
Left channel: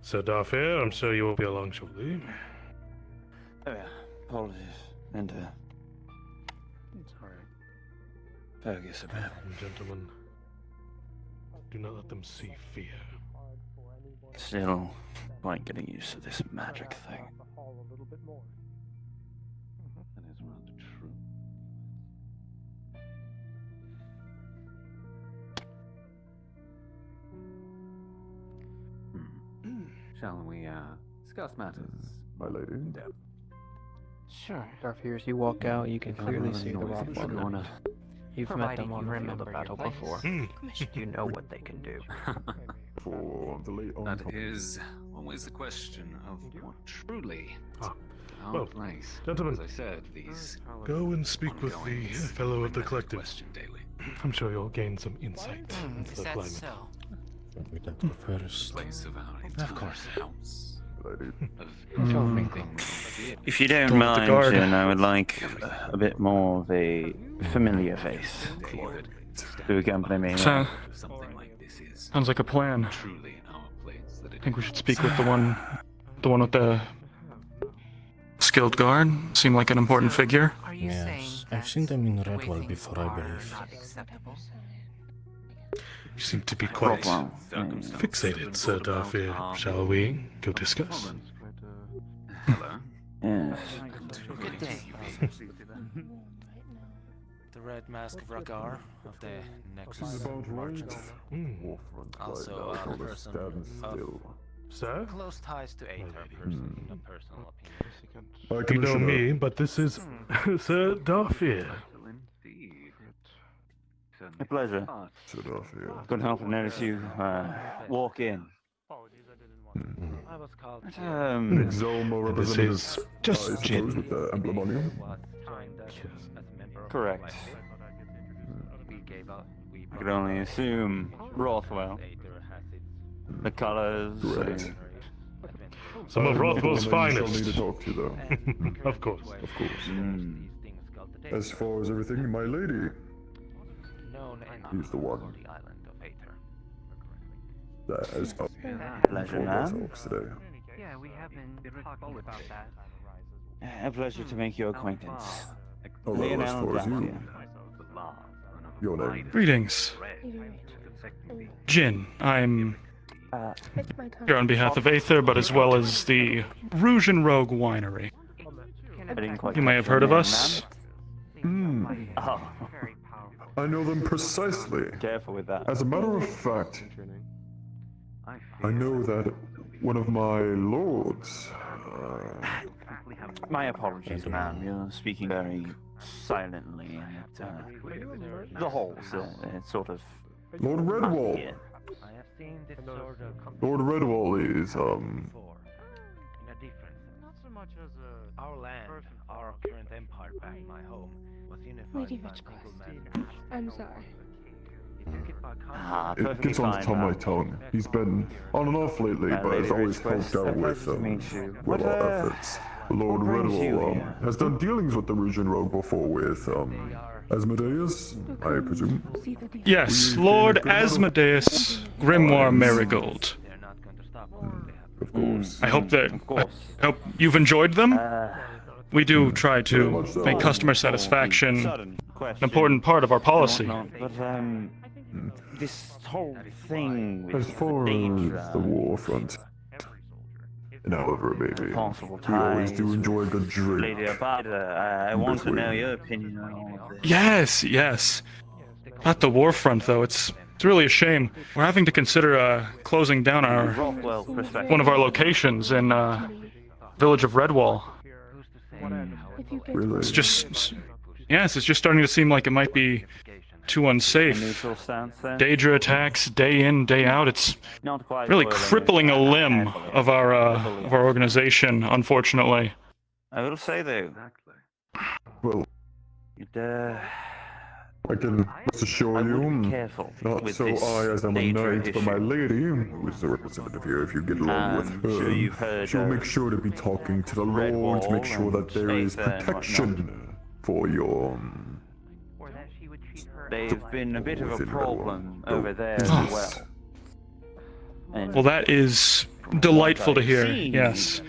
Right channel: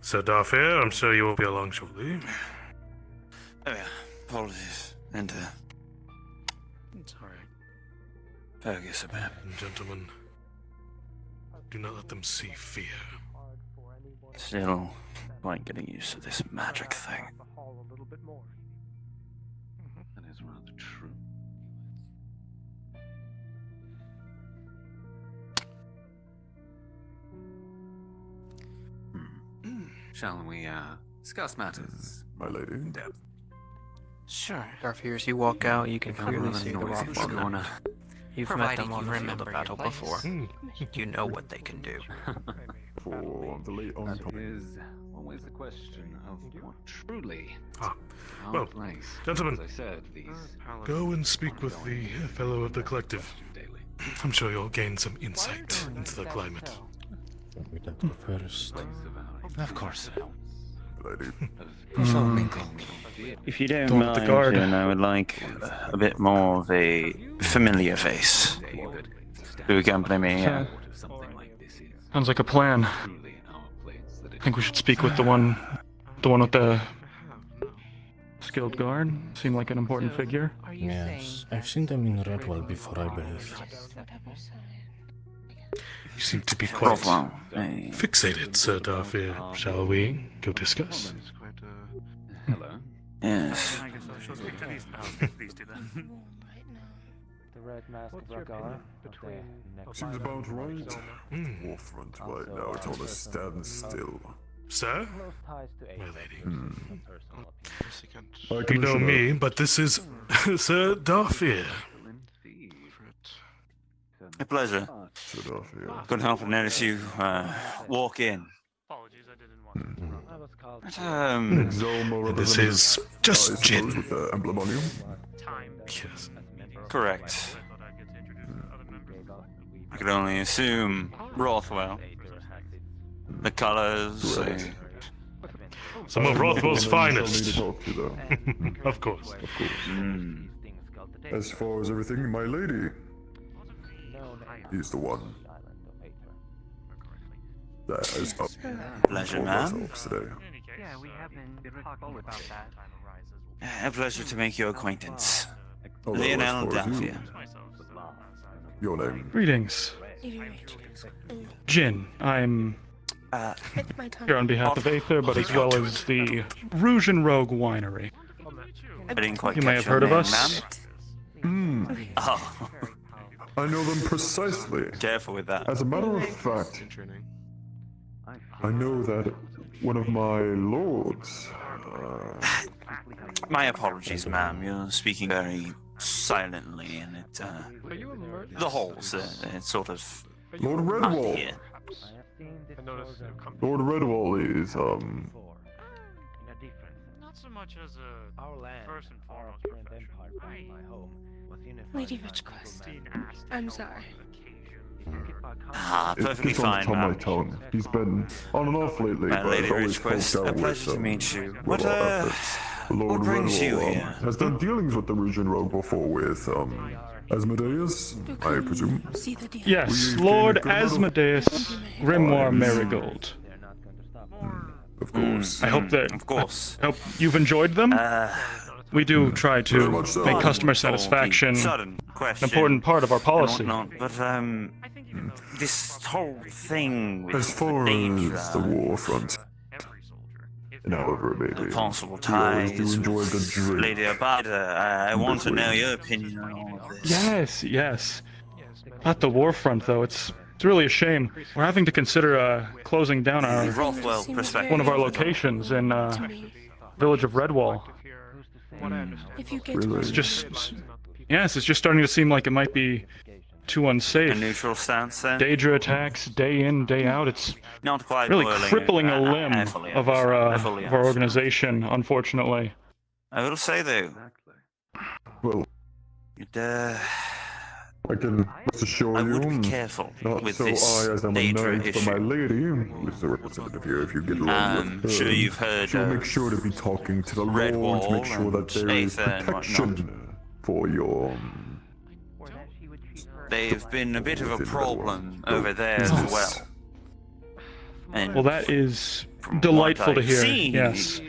Sir Darfair, I'm sure you will be along shortly. Oh, yeah. Apologies. And, It's alright. focus a bit. Gentlemen, do not let them see fear. Still quite getting used to this magic thing. That is rather true. Shall we discuss matters, my lady, in depth? Sure. Darfir, as you walk out, you can clearly see the Rothwell knight. You've met them on the battle before. You know what they can do. For the late that is always the question of what truly our Well, place. gentlemen, As I said, these go and speak with the fellow of the collective. I'm sure you'll gain some insight into the climate. We don't go first. Of course. If you don't Don't let the mind, guard. then I would like a bit more of a familiar face to accompany me. Sounds like a plan. I think we should speak with the one with the skilled guard. Seemed like an important figure. Yes, I've seen them in Redwall before, I believe. You seem to be quite fixated, Sir Darfair. Shall we go discuss? Yes. The red mask of Ragar of the next. She's about right. Hmm. Forefront right now told us stand still. Sir? Close ties to My lady. You You know me, but this is Sir Darfair. A pleasure. Couldn't help but notice you walk in. This is just gin. With the emblem on you. Correct. I could only assume Rothwell. The colors. Some of Rothwell's Shall need to finest. talk to you, though. Of course. Of course. As far as everything, my lady. He's the one. That is up Pleasure, for ma'am. ourselves today. Yeah, we have been talking about that. A pleasure to make your acquaintance. Although, as Lionel far as you, Dampier. your name. Greetings. Jin, I'm here on behalf of Aether, but as well as the Rouge and Rogue Winery. I didn't quite You may catch have heard your of name, us. ma'am. Oh, I know them precisely. careful with that. As a matter of fact, I know that one of my lords. My apologies, ma'am. You're speaking very silently, and it, the holes, it's sort of. Lord Redwall. Yeah. Lord Redwall is, Not so much as a Our land, our current empire, my home, was unified Lady by Ridgecrest. I'm sorry. It gets on the top of my tongue. He's been on and off lately, but Lady has always Ridgecrest, helped out a with, pleasure to meet you. with What, our efforts. Lord what brings you Redwall here? has done dealings with the Rouge and Rogue before with, Asmodeus, I presume. Yes, Lord Asmodeus Grimoire Marigold. Of course. I hope that Of course. I hope you've enjoyed them. We do try Very to much so. make customer satisfaction Sudden an question important part of our and policy. whatnot, but this whole thing with As far Daedra, as the war front, and however it may be, possible we always do ties enjoy a good with drink. Lady Abada, I want to know your opinion on all this. Yes. At the war front, though, it's really a shame. We're having to consider closing down Rothwell perspective. one of our locations in village of Redwall. Really? It's just starting to seem like it might be too unsafe. A neutral stance, then? Daedra attacks day in, day out. It's Not quite really boiling crippling a limb of our fully organization, unfortunately. I will say though, Well, it, I can rest assure you, careful not with so this I as I'm a Daedra knight, but my lady, who is the representative here, if you get along with her, sure you've heard she will make of sure to be talking to the Lord to make sure that there is Aether and protection for your... They've been a bit of a within problem Redwall. over there as Business. well. And Well, that is delightful to I've hear, seen, yes.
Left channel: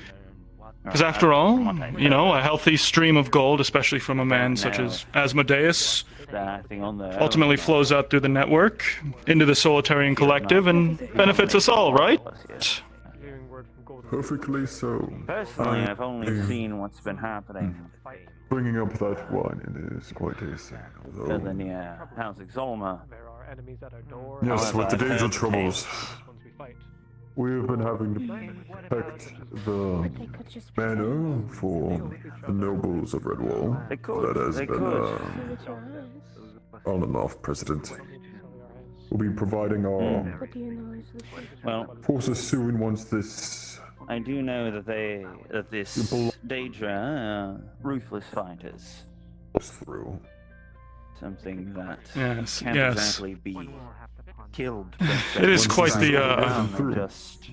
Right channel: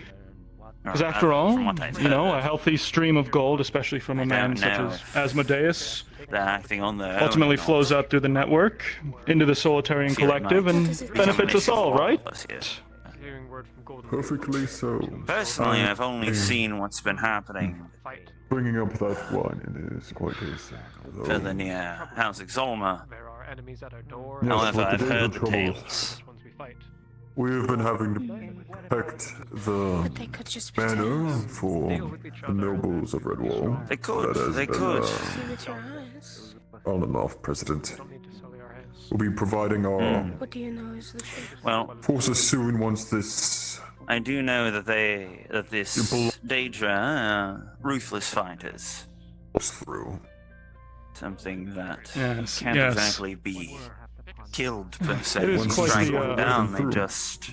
Because after all, a healthy stream of gold, especially from a man such as Asmodeus, they're acting on their ultimately flows out through the network, into the Solitarian Collective, and benefits us all, right? Perfectly so. Personally, I've only seen what's been happening Bringing up that wine is quite tasty, for although... the near House Exalma. Yes, However, with the I've days heard of the troubles, tales. we've been having to protect the manor for the nobles of Redwall. They could, That has they been could. on and off, President. We'll be providing our Well, forces soon once this... I do know that this Daedra, ruthless fighters, through. something that Yes, can't yes. exactly be killed. Per se. It is Once quite they the, go down, they just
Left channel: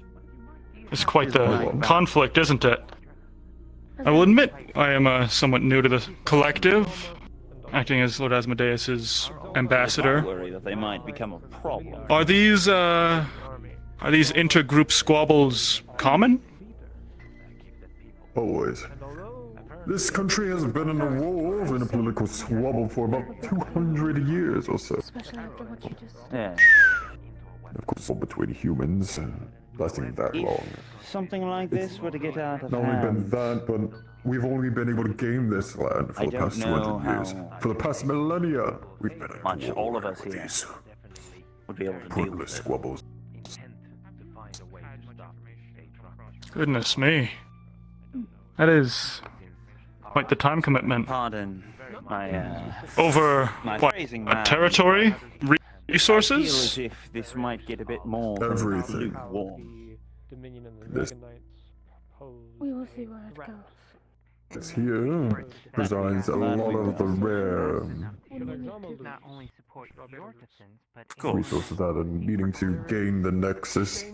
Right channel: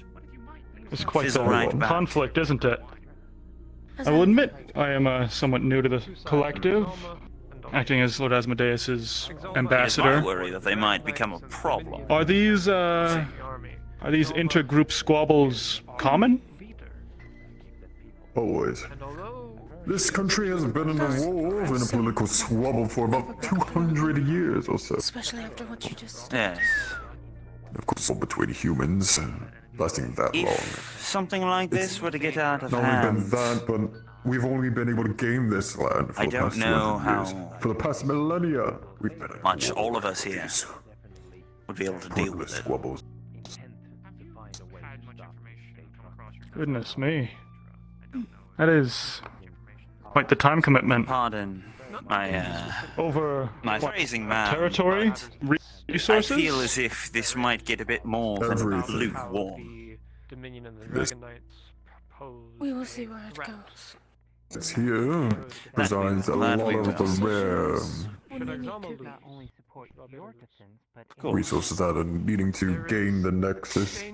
It's quite fizzle the right back. conflict, isn't it? I will admit, I am somewhat new to the collective, acting as Lord Asmodeus's I ambassador. worry that they might become a problem. Are these intergroup squabbles common? Always. This country has been in a war, in a political squabble for about 200 years or so. Especially after what you just Yeah. Of course, all between humans, lasting that long. If something like this were to get out of Not only been hand, that, but we've only been able to gain this land for I the don't past know 200 years. For the past millennia, we've been at much war all of with us here these would be able to deal pointless with it. squabbles. Goodness me. That is quite the time commitment. Pardon my Over my what, phrasing, a man. territory? Resources? I feel as if this might get a bit more than Everything. lukewarm. This We will see where it goes. it's here resides a lot of the rare resources that are needing to gain the Nexus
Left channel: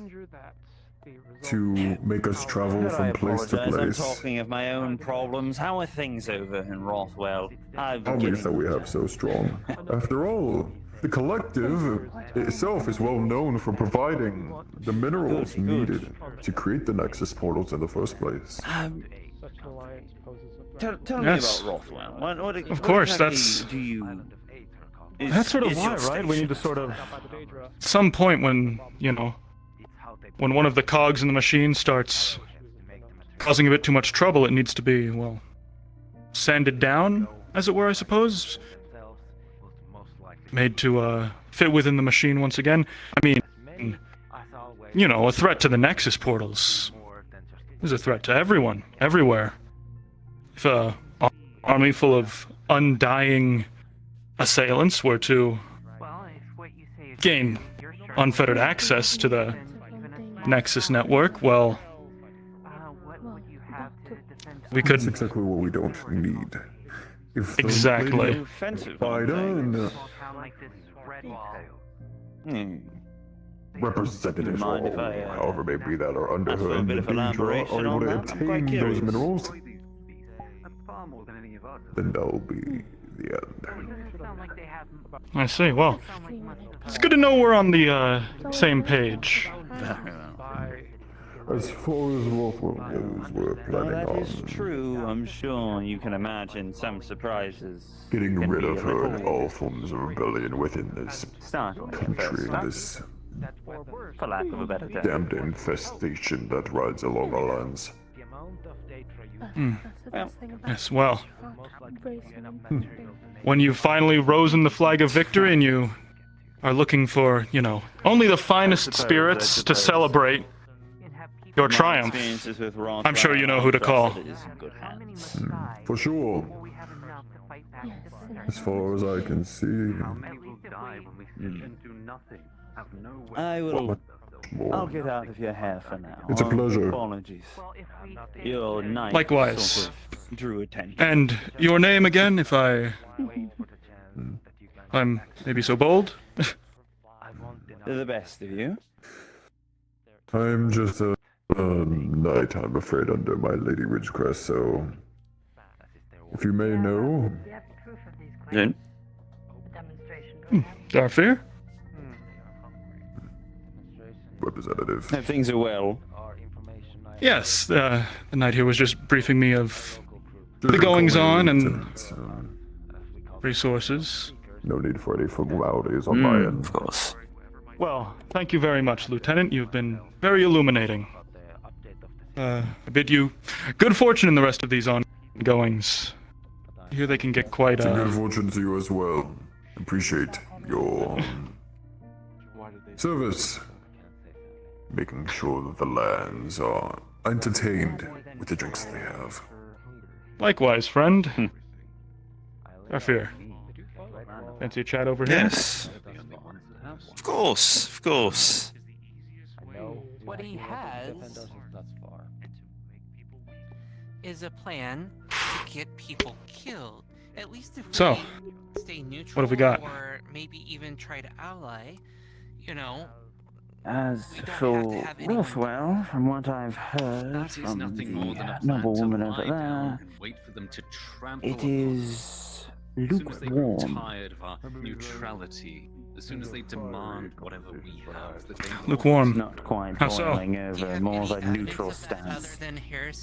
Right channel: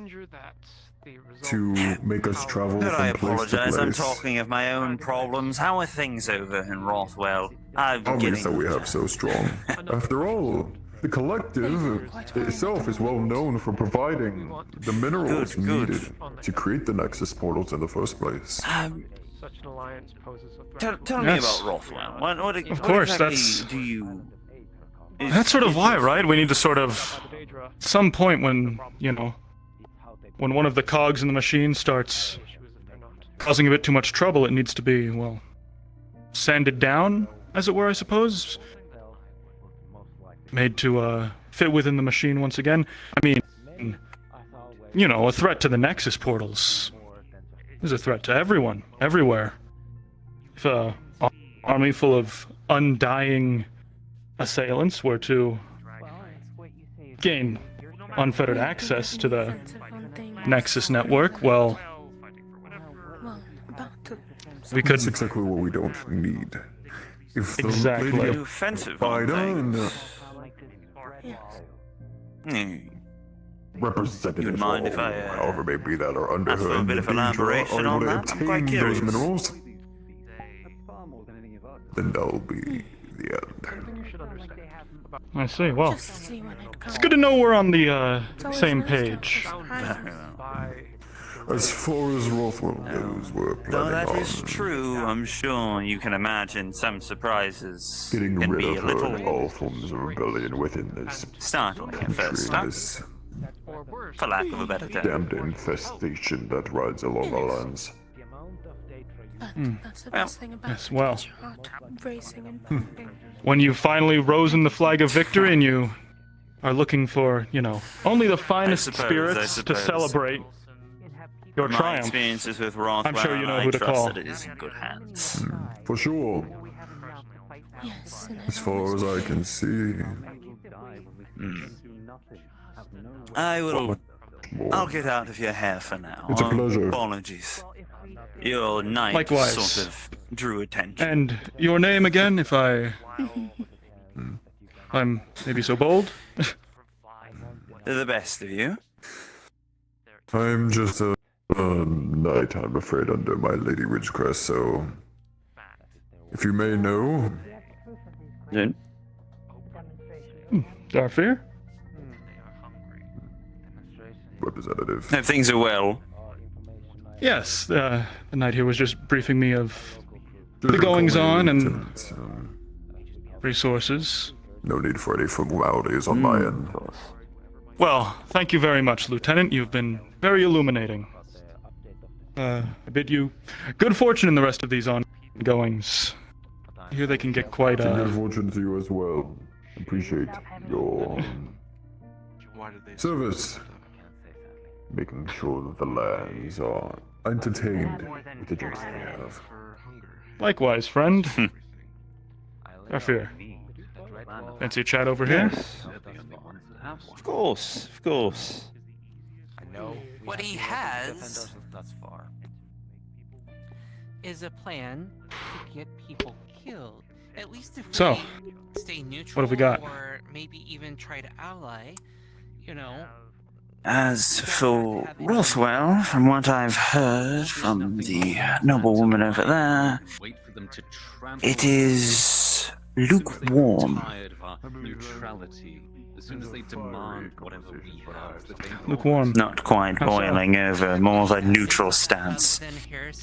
to make us travel I from place to apologize, I'm place. talking of my own problems. How are things over in Rothwell? I'm How many getting that we have so strong? After all, the collective itself is well known for providing the minerals Good. needed to create the Nexus portals in the first place. Tell Yes. me about Rothwell. Of course, exactly that's- do you? That's sort of why, right? We need to sort of... Some point when, when one of the cogs in the machine starts causing a bit too much trouble, it needs to be, well, sanded down, as it were, I suppose. Made to, fit within the machine once again. I mean, a threat to the Nexus portals is a threat to everyone, everywhere. If a army full of undying assailants were to gain unfettered access to the Nexus network, well, we could... That's exactly what we don't need. If the Exactly. lady Offensive Biden, Good representative, mind if or I, however may be that are under ask for her a bit of Daedra, elaboration are able on to that? I'm obtain quite those curious. minerals, then that'll be the end. I see, well, it's good to know we're on the, same page. As far as Rothwell goes, we're Though planning that on is true, I'm sure you can imagine some surprises. getting can rid be of a her little and all forms of rebellion within this startling at country first, and this for lack of a better term. damned infestation that rides along our lands. That's the best thing about Yes, well. your heart racing and pumping. When you finally risen the flag of victory and you are looking for, only the finest spirits to celebrate your My triumph, experiences with Rothwell, I'm sure you know I who to trust call. that it is in good hands. For sure. Yes, and As far as I can see. I What will. much more? I'll get out of your hair for now. It's a pleasure. Apologies. Your knight Likewise. sort of drew attention. And your name again, if I'm maybe so bold? The best of you. I'm just a knight, I'm afraid, under my Lady Ridgecrest, so if you may know. Then? Darfir? Representative. If things are well. Yes, the knight here was just briefing me of the goings on and resources. No need for any formalities on my end. Of course. Well, thank you very much, Lieutenant. You've been very illuminating. I bid you good fortune in the rest of these ongoings. Here they can get quite Good fortune to you as well. Appreciate your service. Making sure that the lands are entertained with the drinks they have. Likewise, friend. Darfir. Fancy a chat over here? Yes. Of course, of course. What he has is a plan to get people killed. At least if So, we stay neutral, what have we got? or maybe even try to ally, As for Rothwell, from what I've heard from the noblewoman over there, it is lukewarm. Tired of our neutrality. As soon as they demand whatever we have, Lukewarm. Not quite How so? boiling over, more of a neutral stance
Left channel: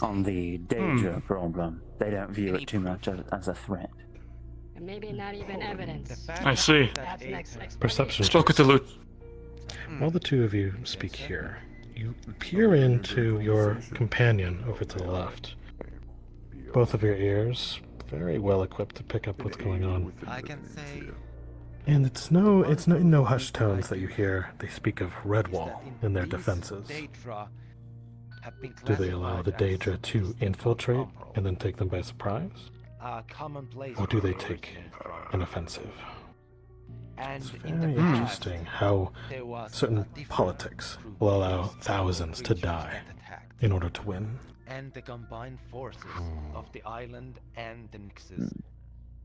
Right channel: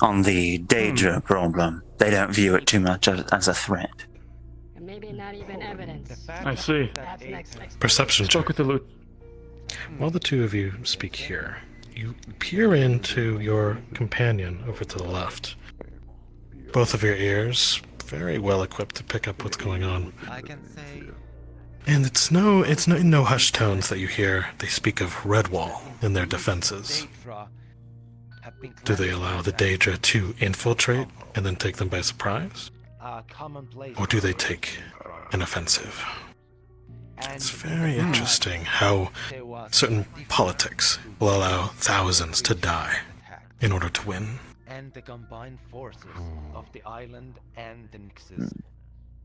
on the Daedra problem. They don't view it too much as a threat. And maybe not even evidence. I see. That's next. Perception Spoke with the loot. While the two of you speak here, you peer into your companion over to the left. Both of your ears very well equipped to pick up what's going on. I can say. And it's no hushed tones that you hear. They speak of Redwall in their defenses. Do they allow the Daedra to infiltrate and then take them by surprise? Or do they take an offensive? It's very interesting how certain politics will allow thousands to die in order to win. And the combined forces of the island and the Nixes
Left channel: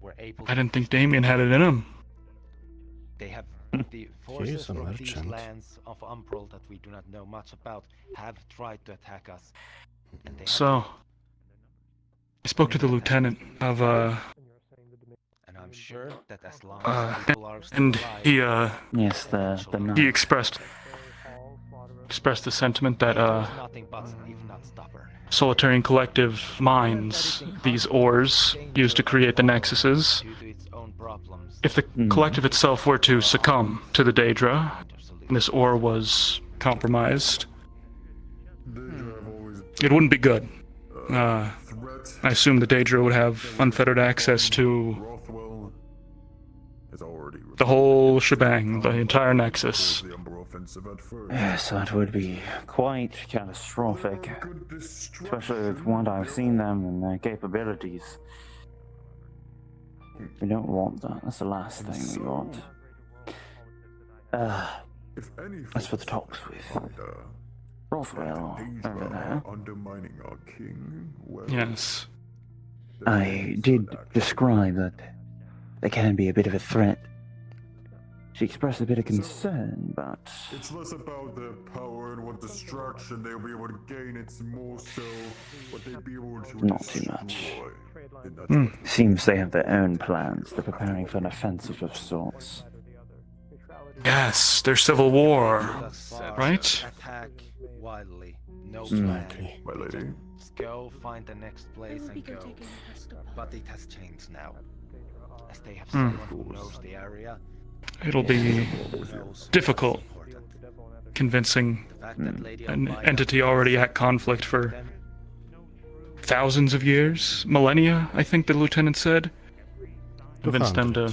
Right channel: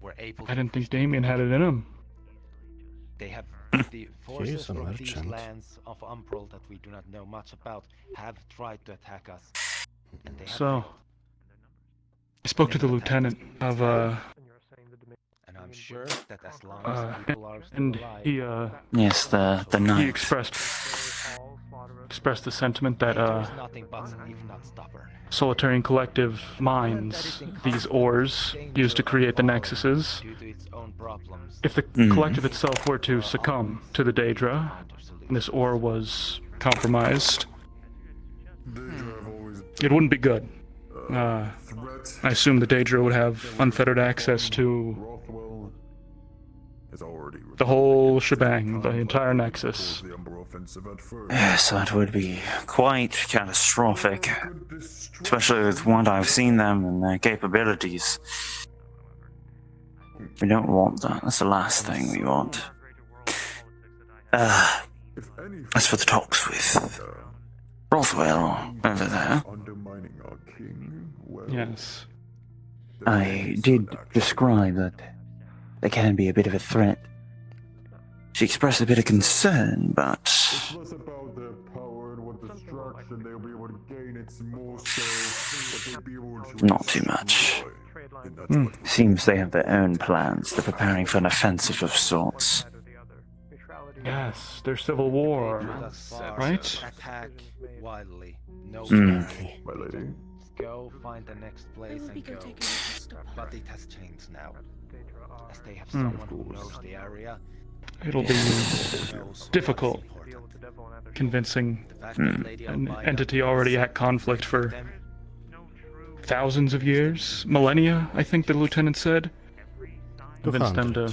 were able I didn't think Damien had it in him. They have the forces from these lands of Umbral that we do not know much about have tried to attack us. And they have So, I spoke to the lieutenant of, and I'm sure that as long as people are still and he, Yes, the knight. he expressed the sentiment that, nothing but if not stubborn. Solitarian Collective mines these ores used to create the Nexuses. If the collective itself were to succumb to the Daedra, and this ore was compromised, it wouldn't be good. I assume the Daedra would have unfettered access to the whole shebang, the entire Nexus. Yes, that would be quite catastrophic. Especially with what I've seen them and their capabilities. We don't want that. That's the last thing we want. As for the talks with Rothwell over there, Yes. I did describe that they can be a bit of a threat. She expressed a bit of concern, but It's less about their power and what destruction they'll be able to gain, it's more so what they'll be able to not too much. destroy. Seems they have their own plans. They're preparing for an offensive of sorts. Yes, there's civil war, right? Attack wildly. No Okay, my lady. Just go find the next place and go. But it has changed now. As they have someone who knows the area. It'll be difficult convincing an entity already at conflict for thousands of years, millennia, I think the lieutenant said. Convince them to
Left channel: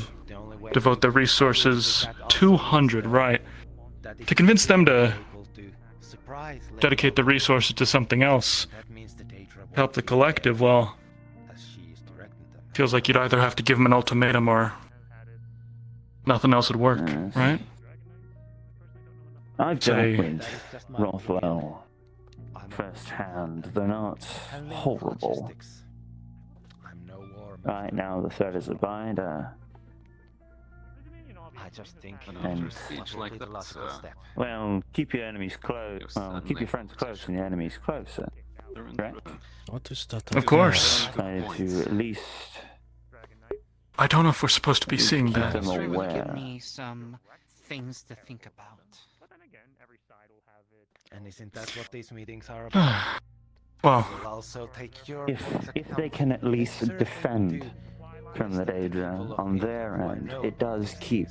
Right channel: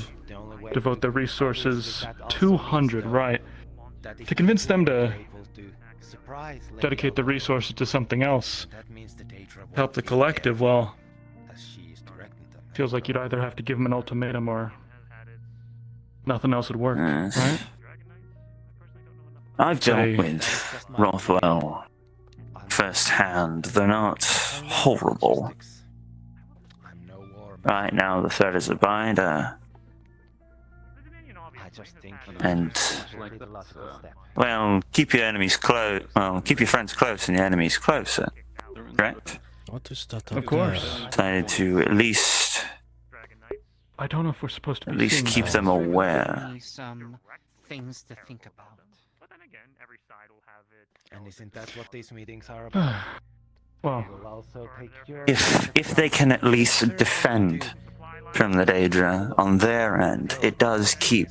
devote their resources, 200, right? To convince them to dedicate the resources to something else, help the collective, well, feels like you'd either have to give them an ultimatum or nothing else would work, right? I've dealt with Rothwell firsthand. They're not horrible. Right now, the threat is a binder. And, well, keep your enemies close. Well, keep your friends close and your enemies closer. Correct? What is that? Of course. Decided to at least. I don't know if we're supposed to be seeing keep that. them aware. Some things to think about. And isn't that what these meetings are about? Well, If they can at least defend from the Daedra on their end, it does keep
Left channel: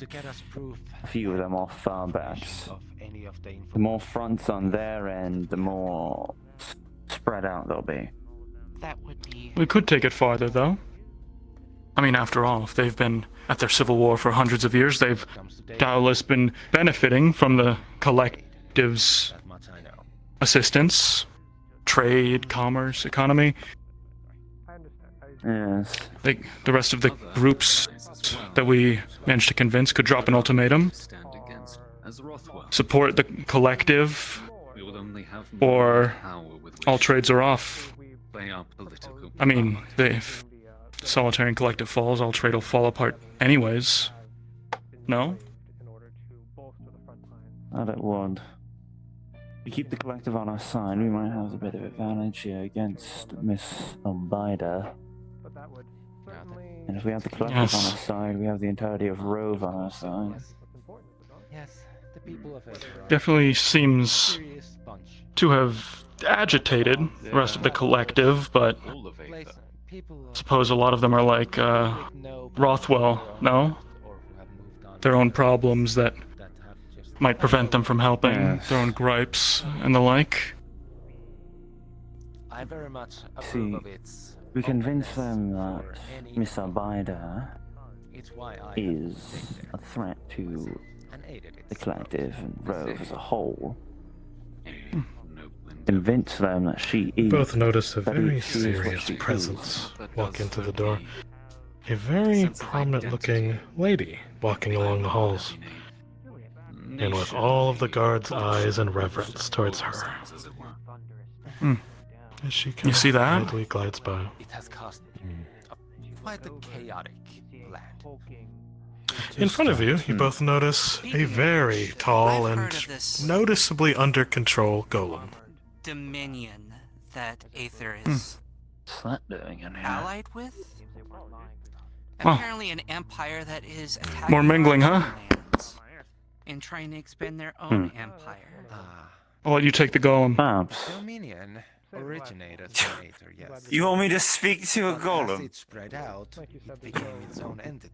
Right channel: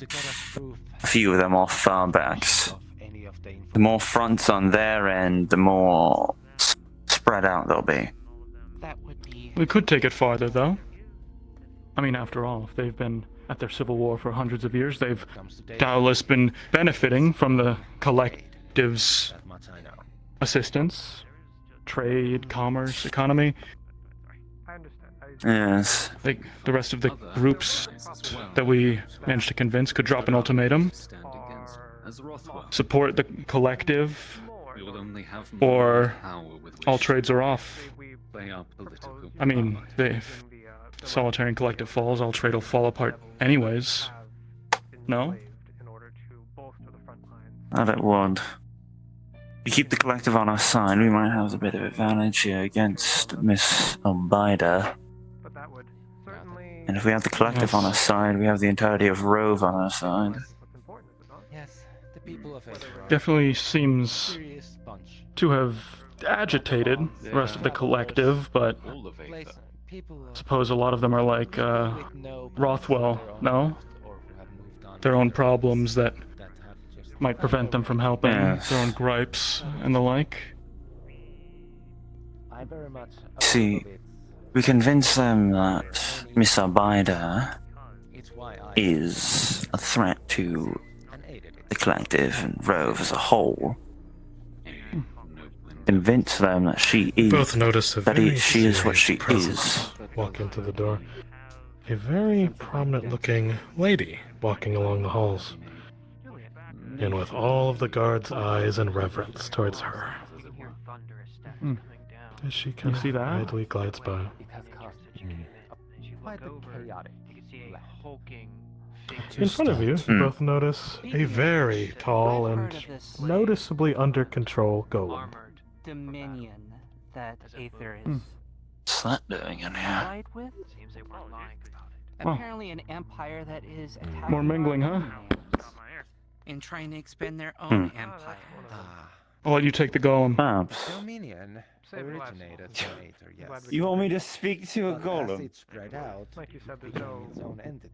a few of them off far backs. The more fronts on their end, the more spread out they'll be. we could take it farther, though. I mean, after all, if they've been at their civil war for hundreds of years, they've doubtless been benefiting from the collective's assistance, trade, commerce, economy. Yes. Like the rest of the groups that we managed to convince could drop an ultimatum, support the collective, or all trades are off. I mean, if Solitary Collective falls, all trade will fall apart anyways. No? I don't want. We keep the collective on our side, we might have a bit of advantage here against Miss Albida. And if we have the collective on our side, we have the entirety of Rove on our side. Yes, the people of it are Definitely seems to have agitated the rest of the collective, but I suppose a lot of them are like Rothwell, no? Their own problems that might prevent them from helping, their own gripes and the like. See, we convince them that Miss Albida is a threat to the collective and Rove as a whole. Convince them that she is. Both notice a very she is what serious she presence is. walk into the door. A very prominent-looking lady walking along the halls, and with all of the guards' eyes and reverence towards her. As she You see that? quietly glides by. Quite the chaotic In front of you, you both notice a very tall and noticeably under control golem. dominion that Aether is What's that doing in here? allied with. Huh. Apparently, an empire that is attacking More mingling, huh? and trying to expand their own empire. I'll let you take the golem. Dominion originated from Aether, yes. You want me to speak to a But as golem? it spread out, it became its own entity.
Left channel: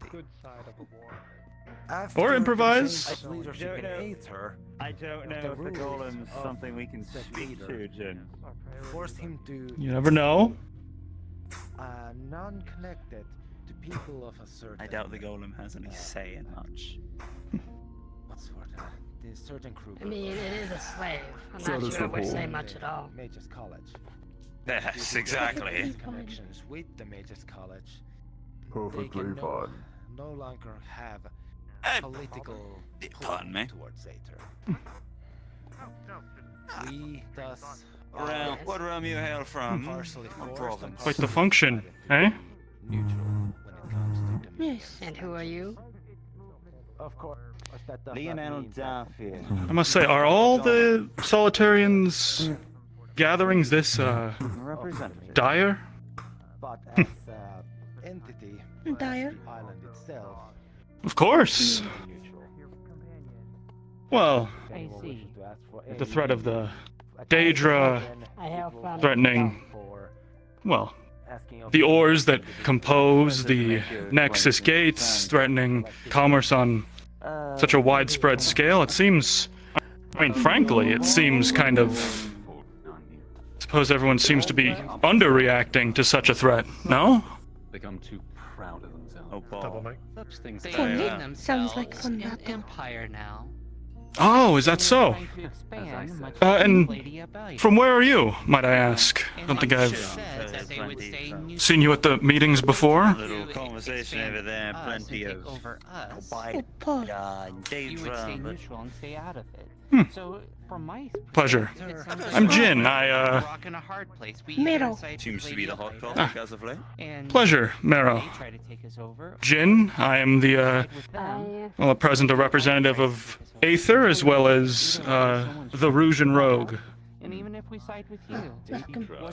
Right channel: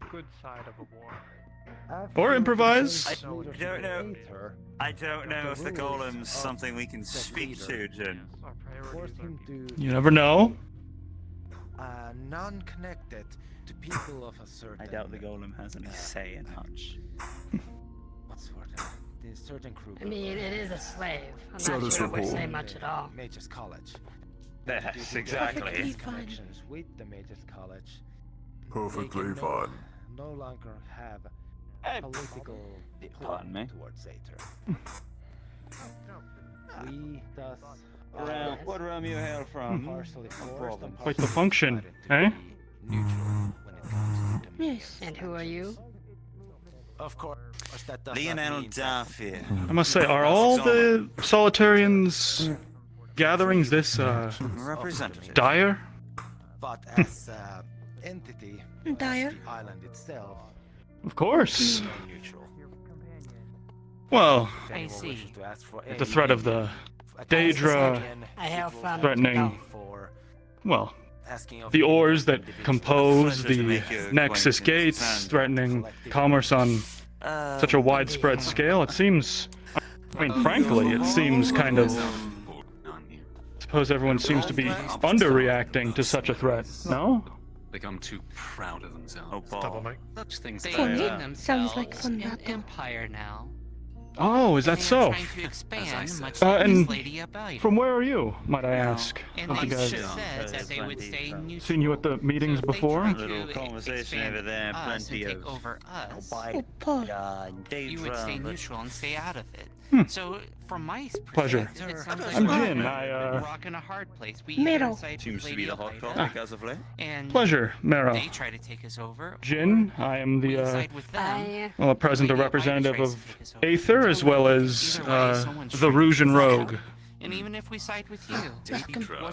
Or improvise. I don't know if the golem's something we can speak to, Jin. Forced him to You never know. non-connected to people of a certain. I doubt the golem has any say in much. What's the word? The certain crew. I mean, it is a slave. I'm So not does sure the it would say whole- much at all. Mages College. Yes, Due to exactly. his connections with the Mages College. Perfectly they can fine. no longer have political pardon pull me? towards Aether. We thus What realm you hail from? partially forced and Quite the partially function, decided eh? to be neutral when it comes to dominion. And who are you? Of course, that does Lionel not Darfield. I must say, are all the Solitarians gatherings this Representative. dire? but as entity, Dire. the island itself, Of course. neutral. Well, I see. the threat of the Daedra I have found threatening, well, the ores that compose the Nexus gates, threatening commerce on such a widespread scale. It seems, I mean, frankly, it seems kind of, I suppose everyone seems to be underreacting to such a threat, no? Become too proud of themselves. Oh, Paul. Such things They happen. name Sounds themselves like fun an battle. empire now. Oh, is that so? Trying to expand much And like Lady Abide. from where are you, might I ask? I don't think I've Said that they would say new seen you at the meetings before. Little conversation over there, us plenty and of take over us. Oh, Paul. You would stay Daedra, but neutral and stay out of it. Hmm. So, from my Pleasure. perspective, it sounds like I'm we're Jin. a rock and a hard place. We Mero. decide seems to play be the the hot hard topic as of late. and Pleasure, Mero. they try to take us over. Jin, I am the, Side with them. well, at present, a representative of Aether as well as, the Rougean Rogue. And even if we side with you,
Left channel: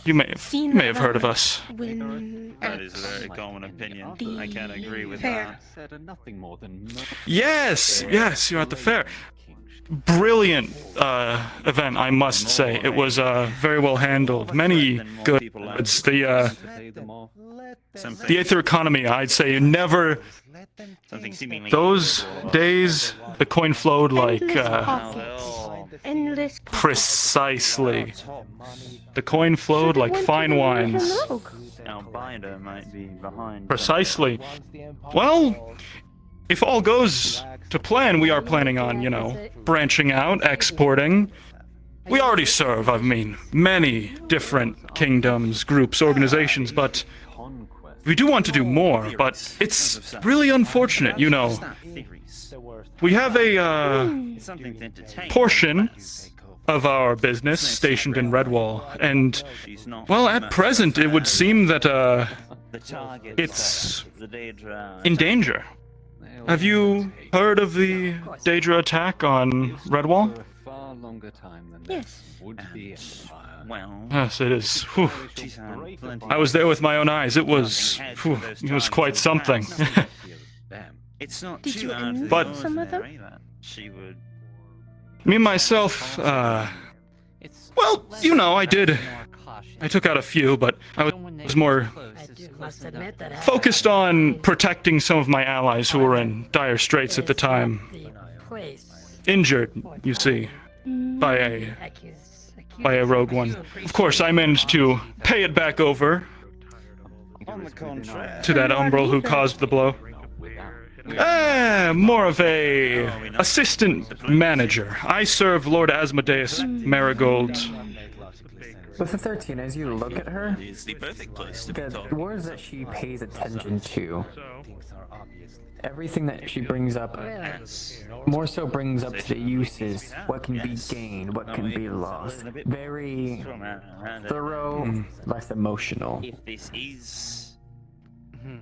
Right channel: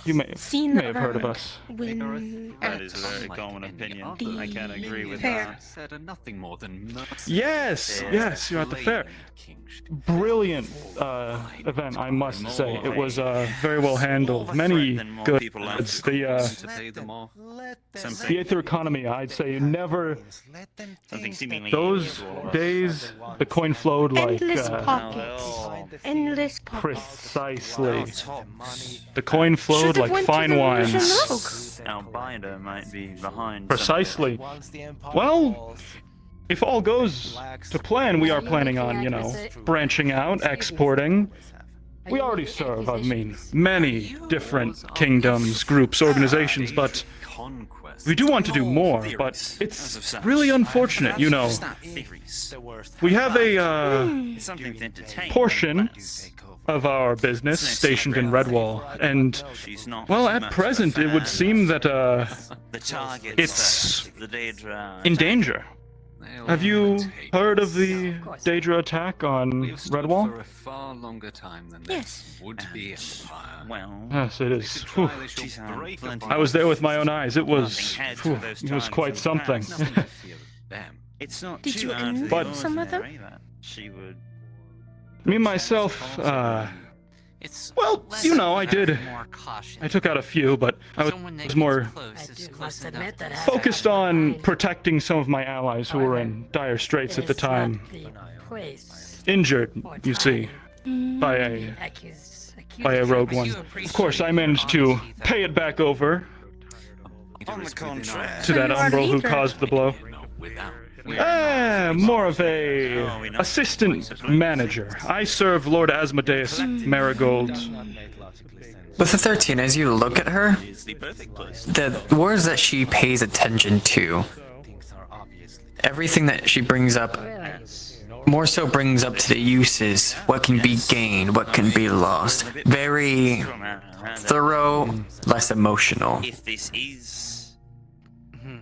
You may have Seen heard of us. When That is a very common opinion. I can't agree with fair. that. Said nothing more than Yes, you're at the fair. Brilliant event, I must say. It was very well handled. Many good. It's the Aether economy. I'd say never. Something seemingly Those unusual about days, the coin flowed like endless how profits. they're all Endless profits. precisely. The coin flowed Should've like went to fine the wines. Rougean Our binder might be behind. Precisely. Well, if all goes to plan, we are planning on, branching out, exporting. We already serve, I mean, many different kingdoms, groups, organizations, but we do want to do more, but it's really unfortunate, We have a Something to entertain. portion of our business stationed in Redwall, and, well, at present, it would seem that The target, it's the Daedra. in danger. Have you heard of the Daedra attack on Redwall? For a far longer time than Yes. would be empire. Well, Yes, it is. Whew. plenty I was there with my own eyes. It was quite something. it's not Did too you out of the invite But- some of them? ordinary that she would. Me myself, well, I did. I took out a few, but I was more Must admit that focused on protecting some of my allies who were in dire straits at the time. the place. Injured, you see, by a rogue one. Of course, I managed to pay it back over On the contrary. to that umbral who caused the blow. More of a assistant manager. I serve Lord Asmodeus Marigold. With the 13, as you look at her, Is the perfect place. the words that she pays attention to, everything that she brings up, more so brings up to the uses, what can be gained, what can be lost. Very thorough, less emotional. If this is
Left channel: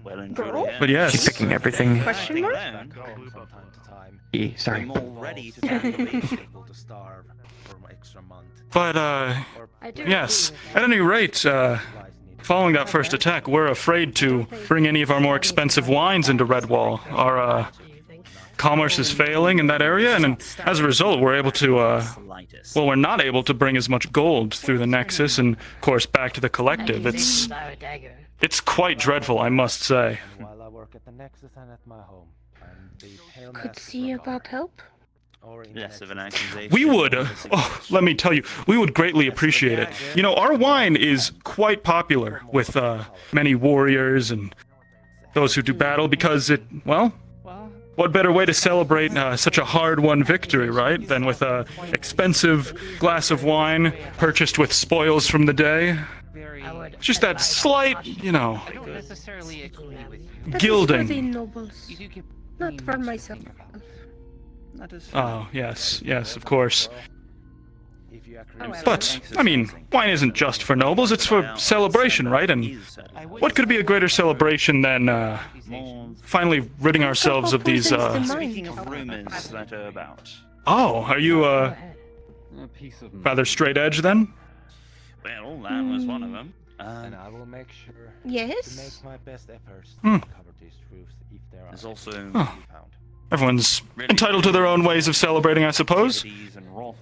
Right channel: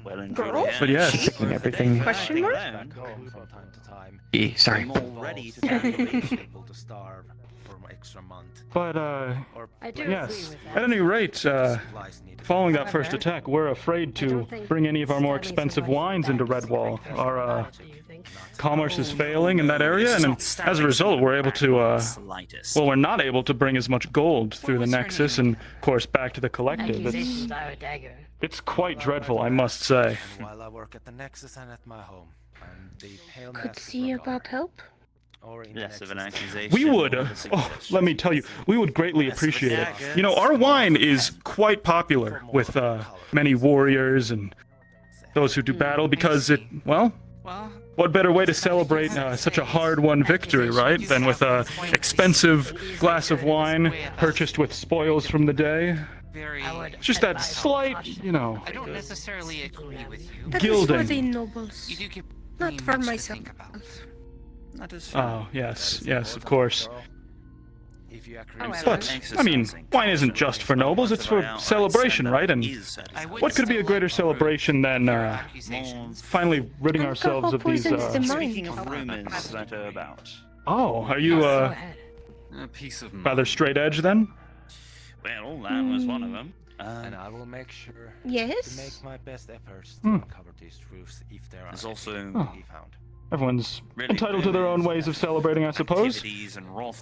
well and good, But yes. She's picking everything. Question mark? Back home from time to time. Sorry. I'm all ready to able to starve for an extra month. But, I do yes. agree with At any rate, following that first attack, we're afraid to bring any of our more expensive wines into Redwall. Our, commerce is failing in that area, and as a result, we're able to, we're not able to bring as much gold through the Nexus and, of course, back to the Collective. It's quite dreadful, I must say. While I work at the Nexus and at my home. Could see about help. less of an accusation. We would, let me tell you, we would greatly appreciate it. Our wine is quite popular with many warriors and those who do battle because it, well, what better way to celebrate such a hard-won victory, right, than with a expensive glass of wine purchased with spoils from the day? Just that slight, I don't necessarily agree with you. That is for the gilding. nobles, You do keep not for myself. Oh, yes, of course. If you But, I mean, wine isn't just for nobles, it's for celebration, right? And what could be a greater celebration than, finally ridding ourselves of these, Speaking of rumors that are about. Oh, are you, rather straight edge then? Well, that was one of them. And I will make sure Yes? to make my best efforts Hmm. to cover these truths if there are There's also any to be found. Everyone's entitled to their own ways of celebrating, I suppose.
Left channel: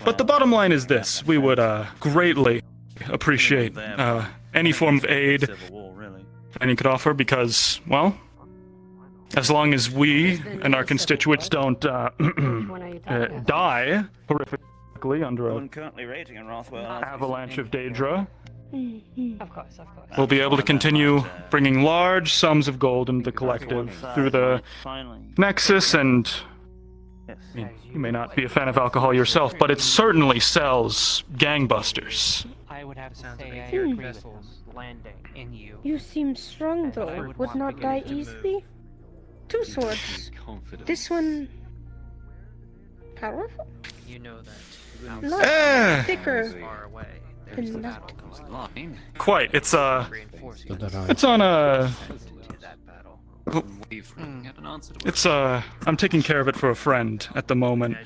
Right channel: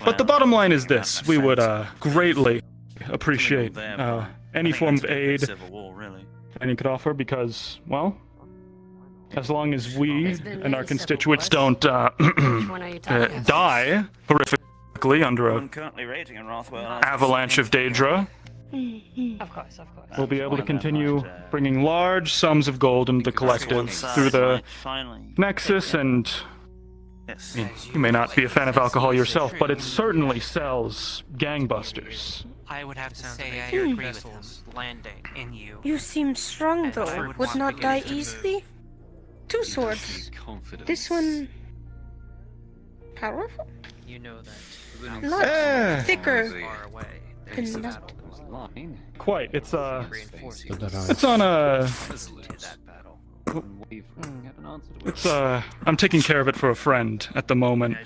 But the bottom line is this: we would greatly appreciate any form of aid any could offer, because, well, as long as we and our constituents don't die horrifically under an avalanche of Daedra, Of course. we'll be able to continue bringing large sums of gold into the collective through the Nexus, and I mean, you may not be a fan of alcohol yourself, but it certainly sells gangbusters. I would have to say I agree with him. Landing in you. You seem strong, though. Would not die easily? 2 swords. This one... powerful? You know that. Lot thicker. Than that. Quite. It's on It's I'm taking care of it for a friend at the moment.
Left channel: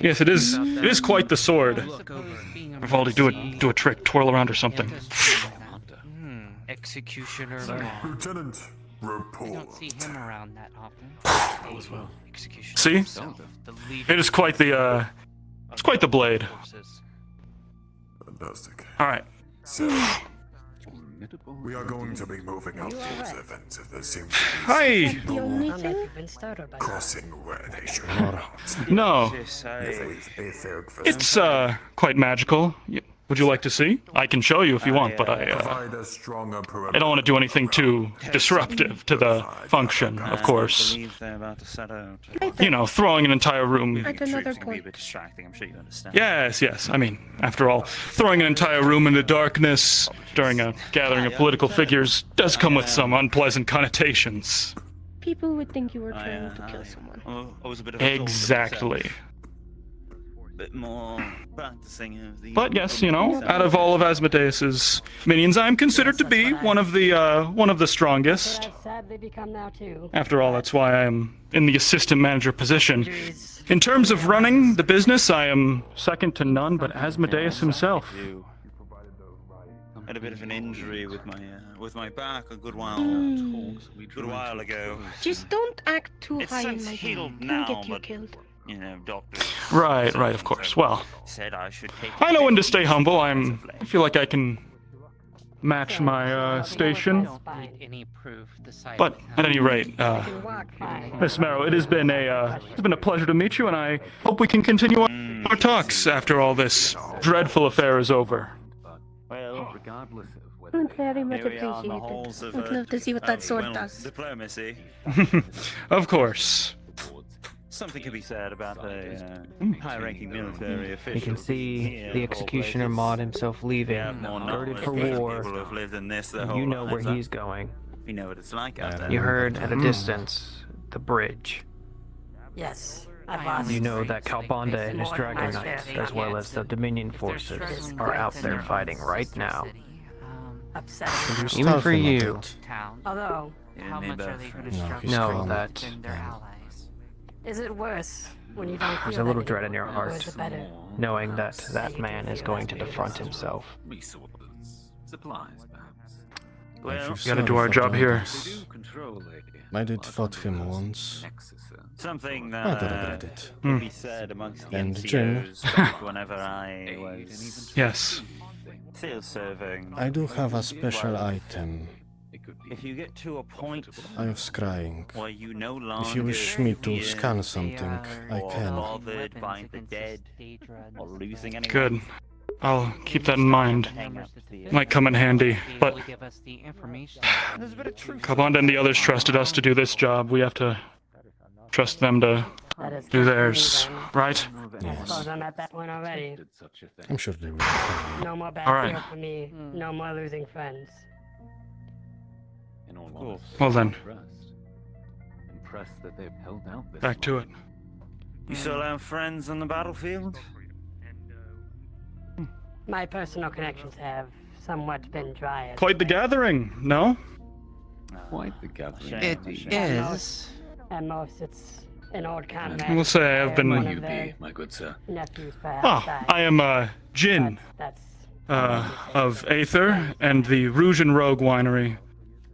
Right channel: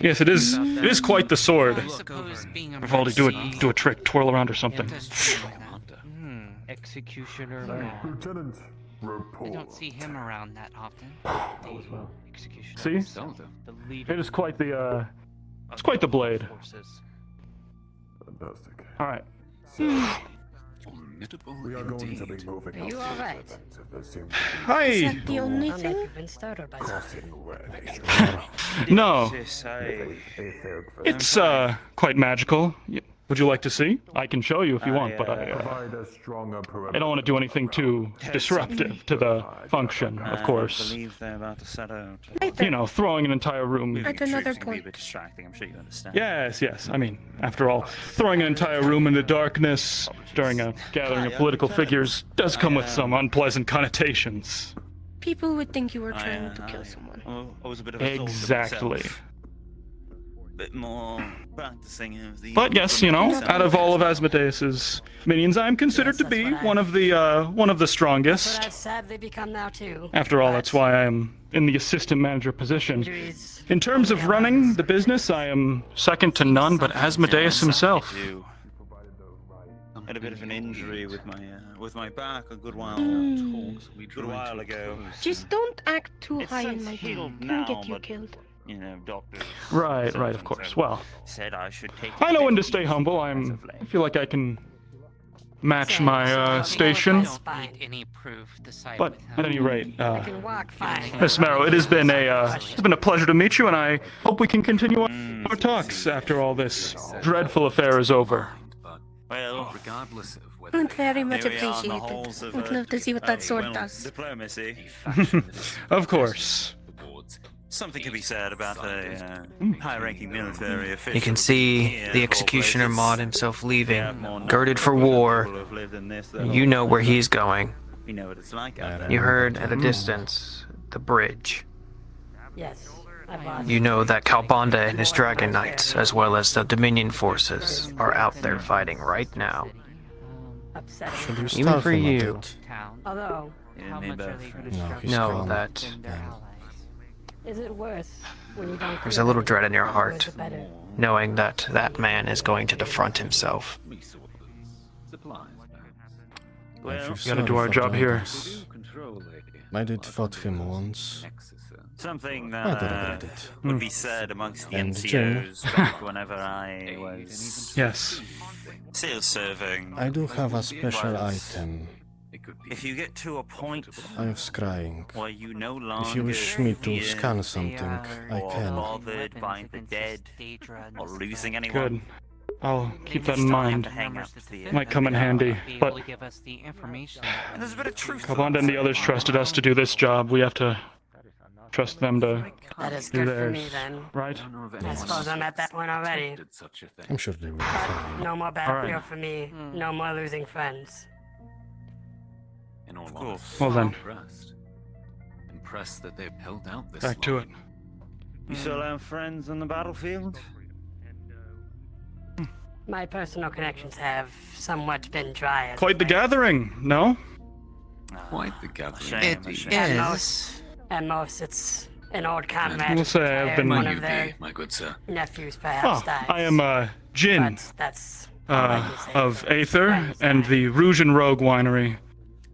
Yes, it is. It is quite the sword. Vivaldi, do a trick, twirl around or something. Executioner. Lieutenant, They don't see him around that often. See? It is quite the it's quite the blade. Fantastic. All right. We are going to be moving up to this event if there seems to be Hi. The only thing? You've been startled by crossing where they should. No. It's quite magical. Would you like to see? I can show you if you want, but I don't want to do anything too disruptive to the function, of course. You know, throwing an entire room. At another point. Yes. I mean, after all, throwing an entire room into darkness during a gathering of political figures does come with some unpleasant connotations. People would think you were trying to kill someone. Exactly. Bit more practicing of the But yes, you know, out of all of Asmodeus's minions, I am considered to be one of the strongest. I've sadly become now too. After all, that's why I am in the assistant manager position. In terms of running the business, I am second to none but Asmodeus himself. I had a bit of an injury with my back a good while ago. Just don't act too high in my head. Can get you killed. You know, doctors. Right, of course. Well, Said I should take. I know when to stay humble. I feel like I can match my station. But at any rate, Miss Marrow, it has been a pleasure to meet you, and I hope we can continue our talks after all this dreadful affair is over. Well, Would very much appreciate it. Would love to see what that sword does. Diplomacy. Of course. Something to be said about a high-ranking military official. You can see the executioner Maud himself leaving, girded for war. You know where he's going. You know what it's like out there. You heard at a distance the bridge. Yes, I've lost. You know that Kalbanda and his Dragon Knights, as well as the Dominion forces, are out there fighting right now. Upsetting. Even for you. Although, Know that is it worse when you don't there's feel a little that dread in your or is heart, it better? knowing that that man is going to defront himself. We gotta do our job here. I did fought him once. Something I do regret it. would be said amongst the And Jin. NCOs back whenever I was Yes. still serving. I do have a special item. If you get to a point I am scrying. where you no longer If you wish me to scan something, I or can. bothered by the dead or losing anyone, Good. I'll keep that in mind. Might come in handy, but there's a bit of truth. Kalbanda and the others trusted us to do this job. We have to trust them to do theirs, right? I suppose I'm at that point already. I'm sure they will be fine. No more bad All right. fear for me. No more losing friends. Well then, Impressed that they've held out this back to it. You still have friends on the battlefield? My personal connections have somewhat been dry. as Quite the late. gathering, no? Quite the gathering. It At most, it's an old comrade. We'll say I've One been. of their my good sir. nephews, perhaps. Oh, died. I am Jin That's of Aether and the Rouge and Rogue Winery.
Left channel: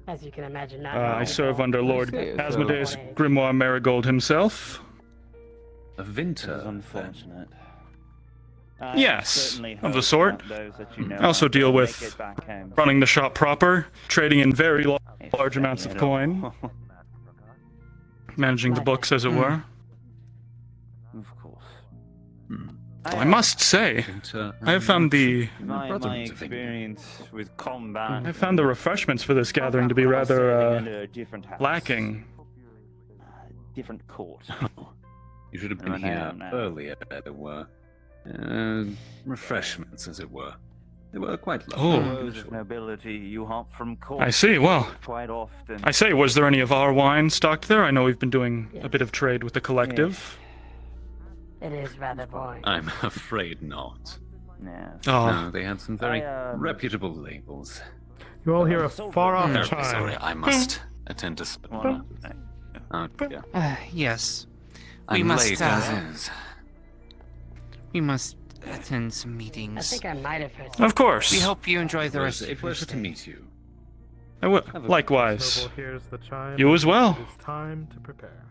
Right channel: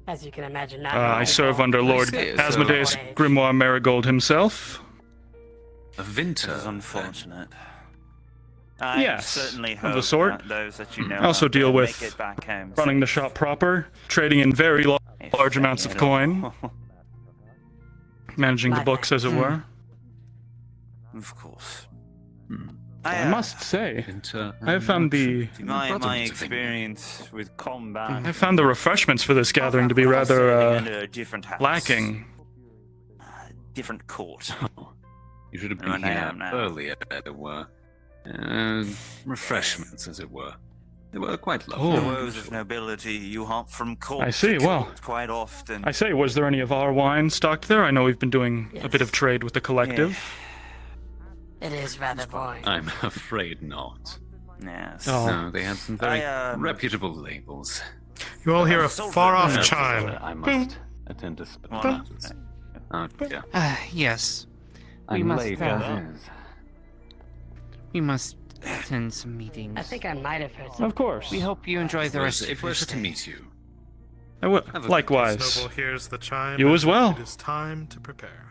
as you can imagine. Not I all serve under Lord see, so- Asmodeus Grimoire Marigold himself. A Vinter. It is unfortunate. Yes, certainly of the hope sort. that those that you know I also about deal will with make it back home running the shop proper, trading in very large amounts of at coin, all. managing the books, as it were. Of course. I must say, I have found My experience with combat. I found the refreshments for this gathering to be rather under a different house. lacking. Different court. You should have been here earlier, as it were. Refreshments, as it were. They were quite lovely. Oh. Those of nobility you hop from court I see. to Well, court quite often. I say, was there any of our wine stocked there? I know we've been doing a bit of trade with the collective. It is rather boring. I'm afraid not. Yes. Oh. No, they have some very reputable labels. You all hear a far-off Terribly chime. sorry, I must attend to some matters. Oh, dear. Yes. I'm late as is. We must attend some meetings. I think I might have heard. Of course. We hope you enjoy the rest of A your pleasure to stay. meet you. I will. Likewise. Noble hears the chime. You as well. It is time to prepare.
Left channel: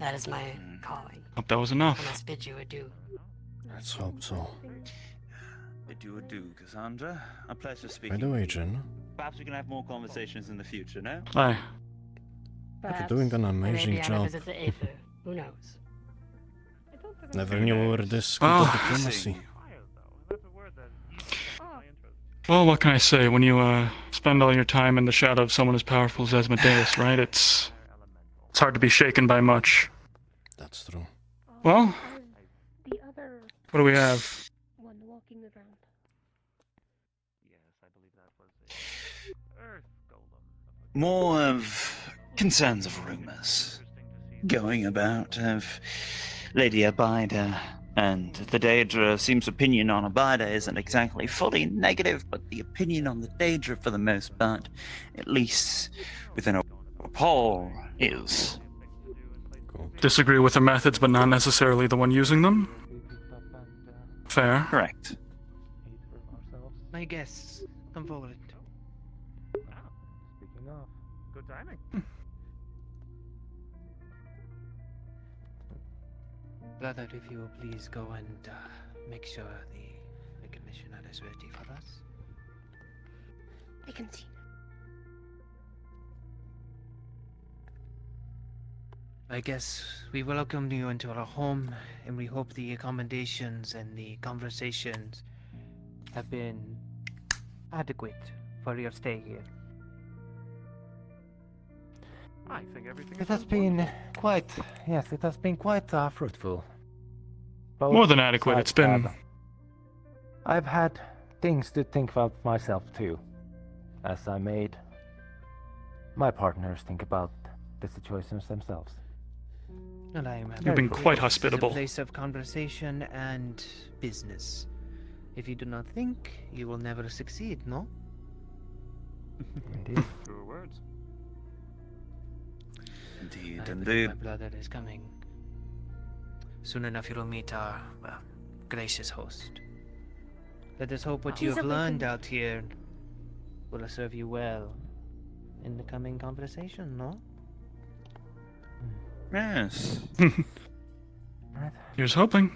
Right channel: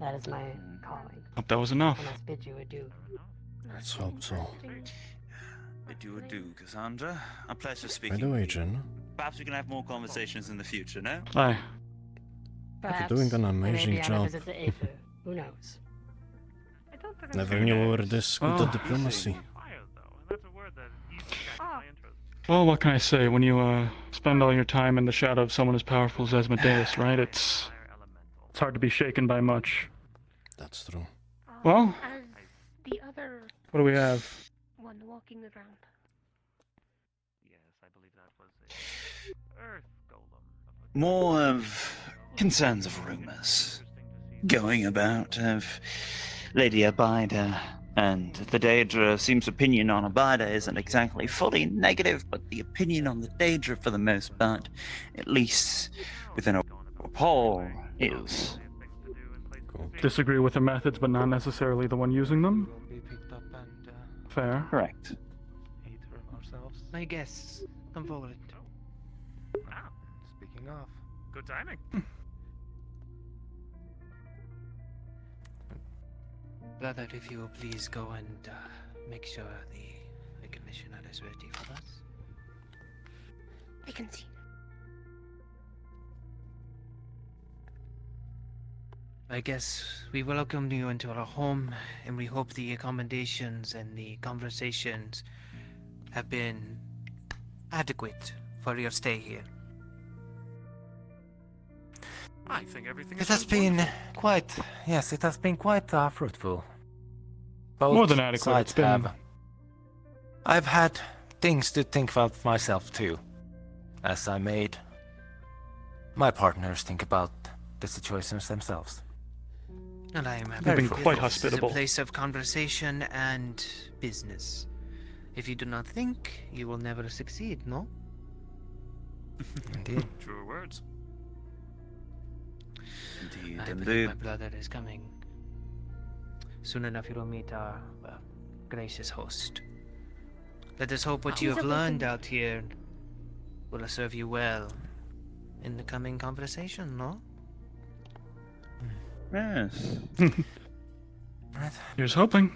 That is my calling. Hope that was I enough. must bid you adieu. Let's hope so. Bid you adieu, Cassandra. A pleasure By speaking. the way, Jen, Perhaps we can have more conversations in the future, no? Aye. you're doing an amazing Maybe on a job. visit to Aether. Who knows? Never knew we were this good Well, at diplomacy. Well, what can I say? When you spend all your time in the shadow of someone as powerful as Asmodeus, right? It's hard to be shaken by much. That's true. Well, The other what do we have? one walking around. More of concerns of rumors going about of Lady Abida and the Daedra. Seems opinion on Abida isn't exactly fully negative, but the opinion on the Daedra for the most part, at least within a poll, is. Disagree with her methods, but not necessarily the one using them? Fair. Correct. My guests, come forward. Speaking of, good timing. Brother, if you will please go and make sure the commissioner is ready for us. I can see. I guess we welcome you into our home, and we hope the accommodations and the conversations have been adequate for your stay here. I think everything It has been quite, yes, it has been quite fruitful. Both More than adequate. sides It's been. have- I've had things to think about myself too, as I made my partners think about the situations themselves. And I am You've been quite This is hospitable. a place of conversation and business. If you do not think, you will never succeed, no? Indeed. True words. Indeed, I believe indeed. my brother is coming. Soon enough, you will meet our gracious host. Let us hope what you He's have a learned wicked- out here will serve you well in the coming conversation, no? Yes. Here's hoping.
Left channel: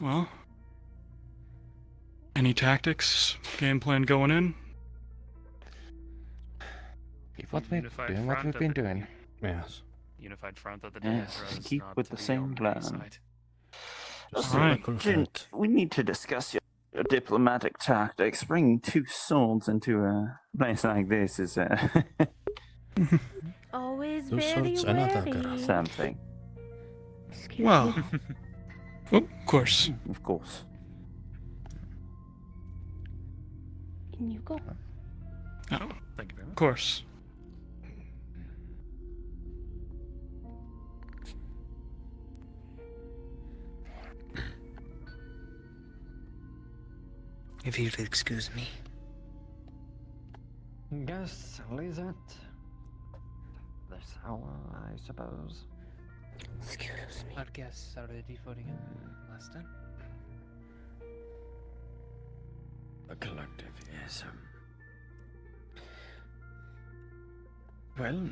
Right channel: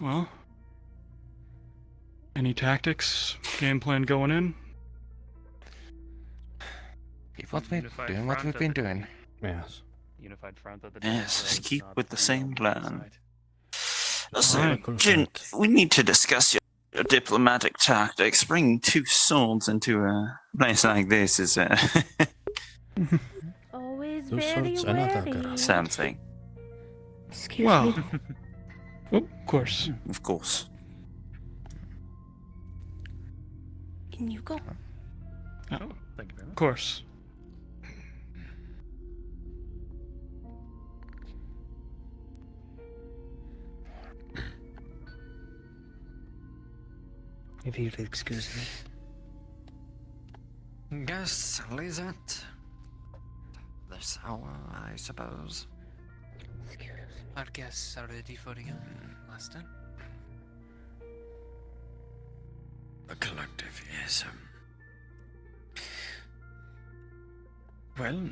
Well, any tactics, game plan going in? Keep what we've Unified doing what front we've of been the- doing. Yes. Unified front of the Yes, keep with the same plan. Alright. Jin, we need to discuss your diplomatic tactics. Bringing two swords into a place like this is Always Two very swords and a wary. dagger. something. Excuse Well, me. oh, of course. Of course. Can you go? Oh, Thank you very of much. course. If you'd excuse me. Guess leave it this hour, I suppose. Our guests are ready for you, Master. The collective, yes. Well,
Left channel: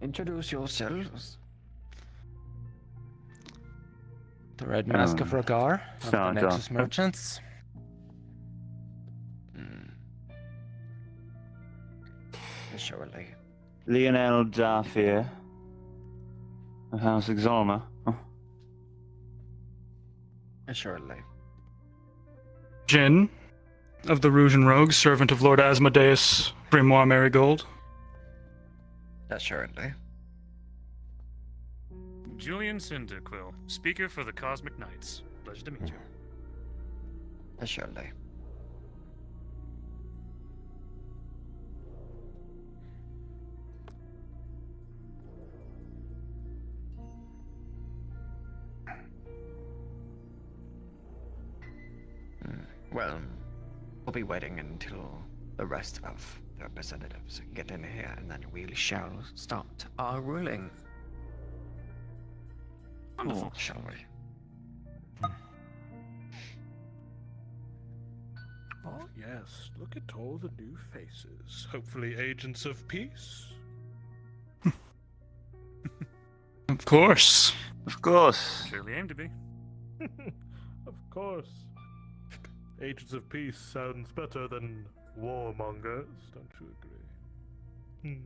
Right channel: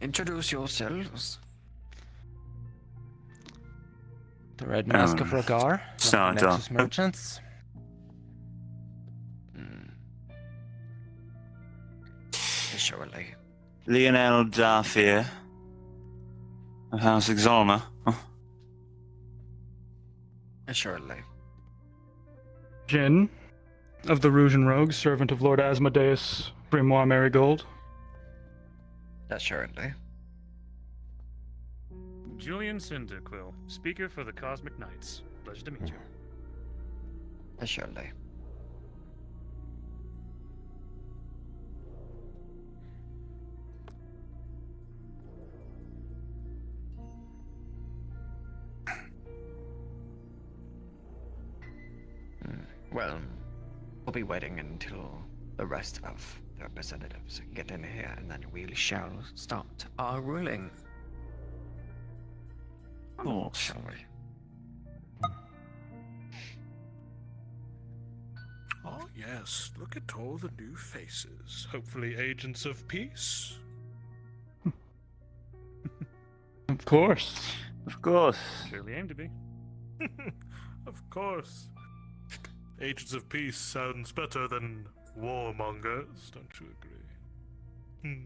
introduce yourselves. The Red Mask of Ragar from the Sergeant. Nexus Merchants. Surely. Lionel Darfier of House Exalma. Assuredly. Jin of the Rouge and Rogues, servant of Lord Asmodeus Grimoire Marigold. Assuredly. Julian Cinderquill, speaker for the Cosmic Knights. Pleasure to meet you. Assuredly. Well, we'll be waiting until the rest of the representatives get in here, and then we shall start our ruling. Oh, shall we? Oh, yes. Look at all the new faces. Hopefully, agents of peace. Of course. Of course. Surely aim to be. Of course. Agents of peace sounds better than warmongers, don't you agree?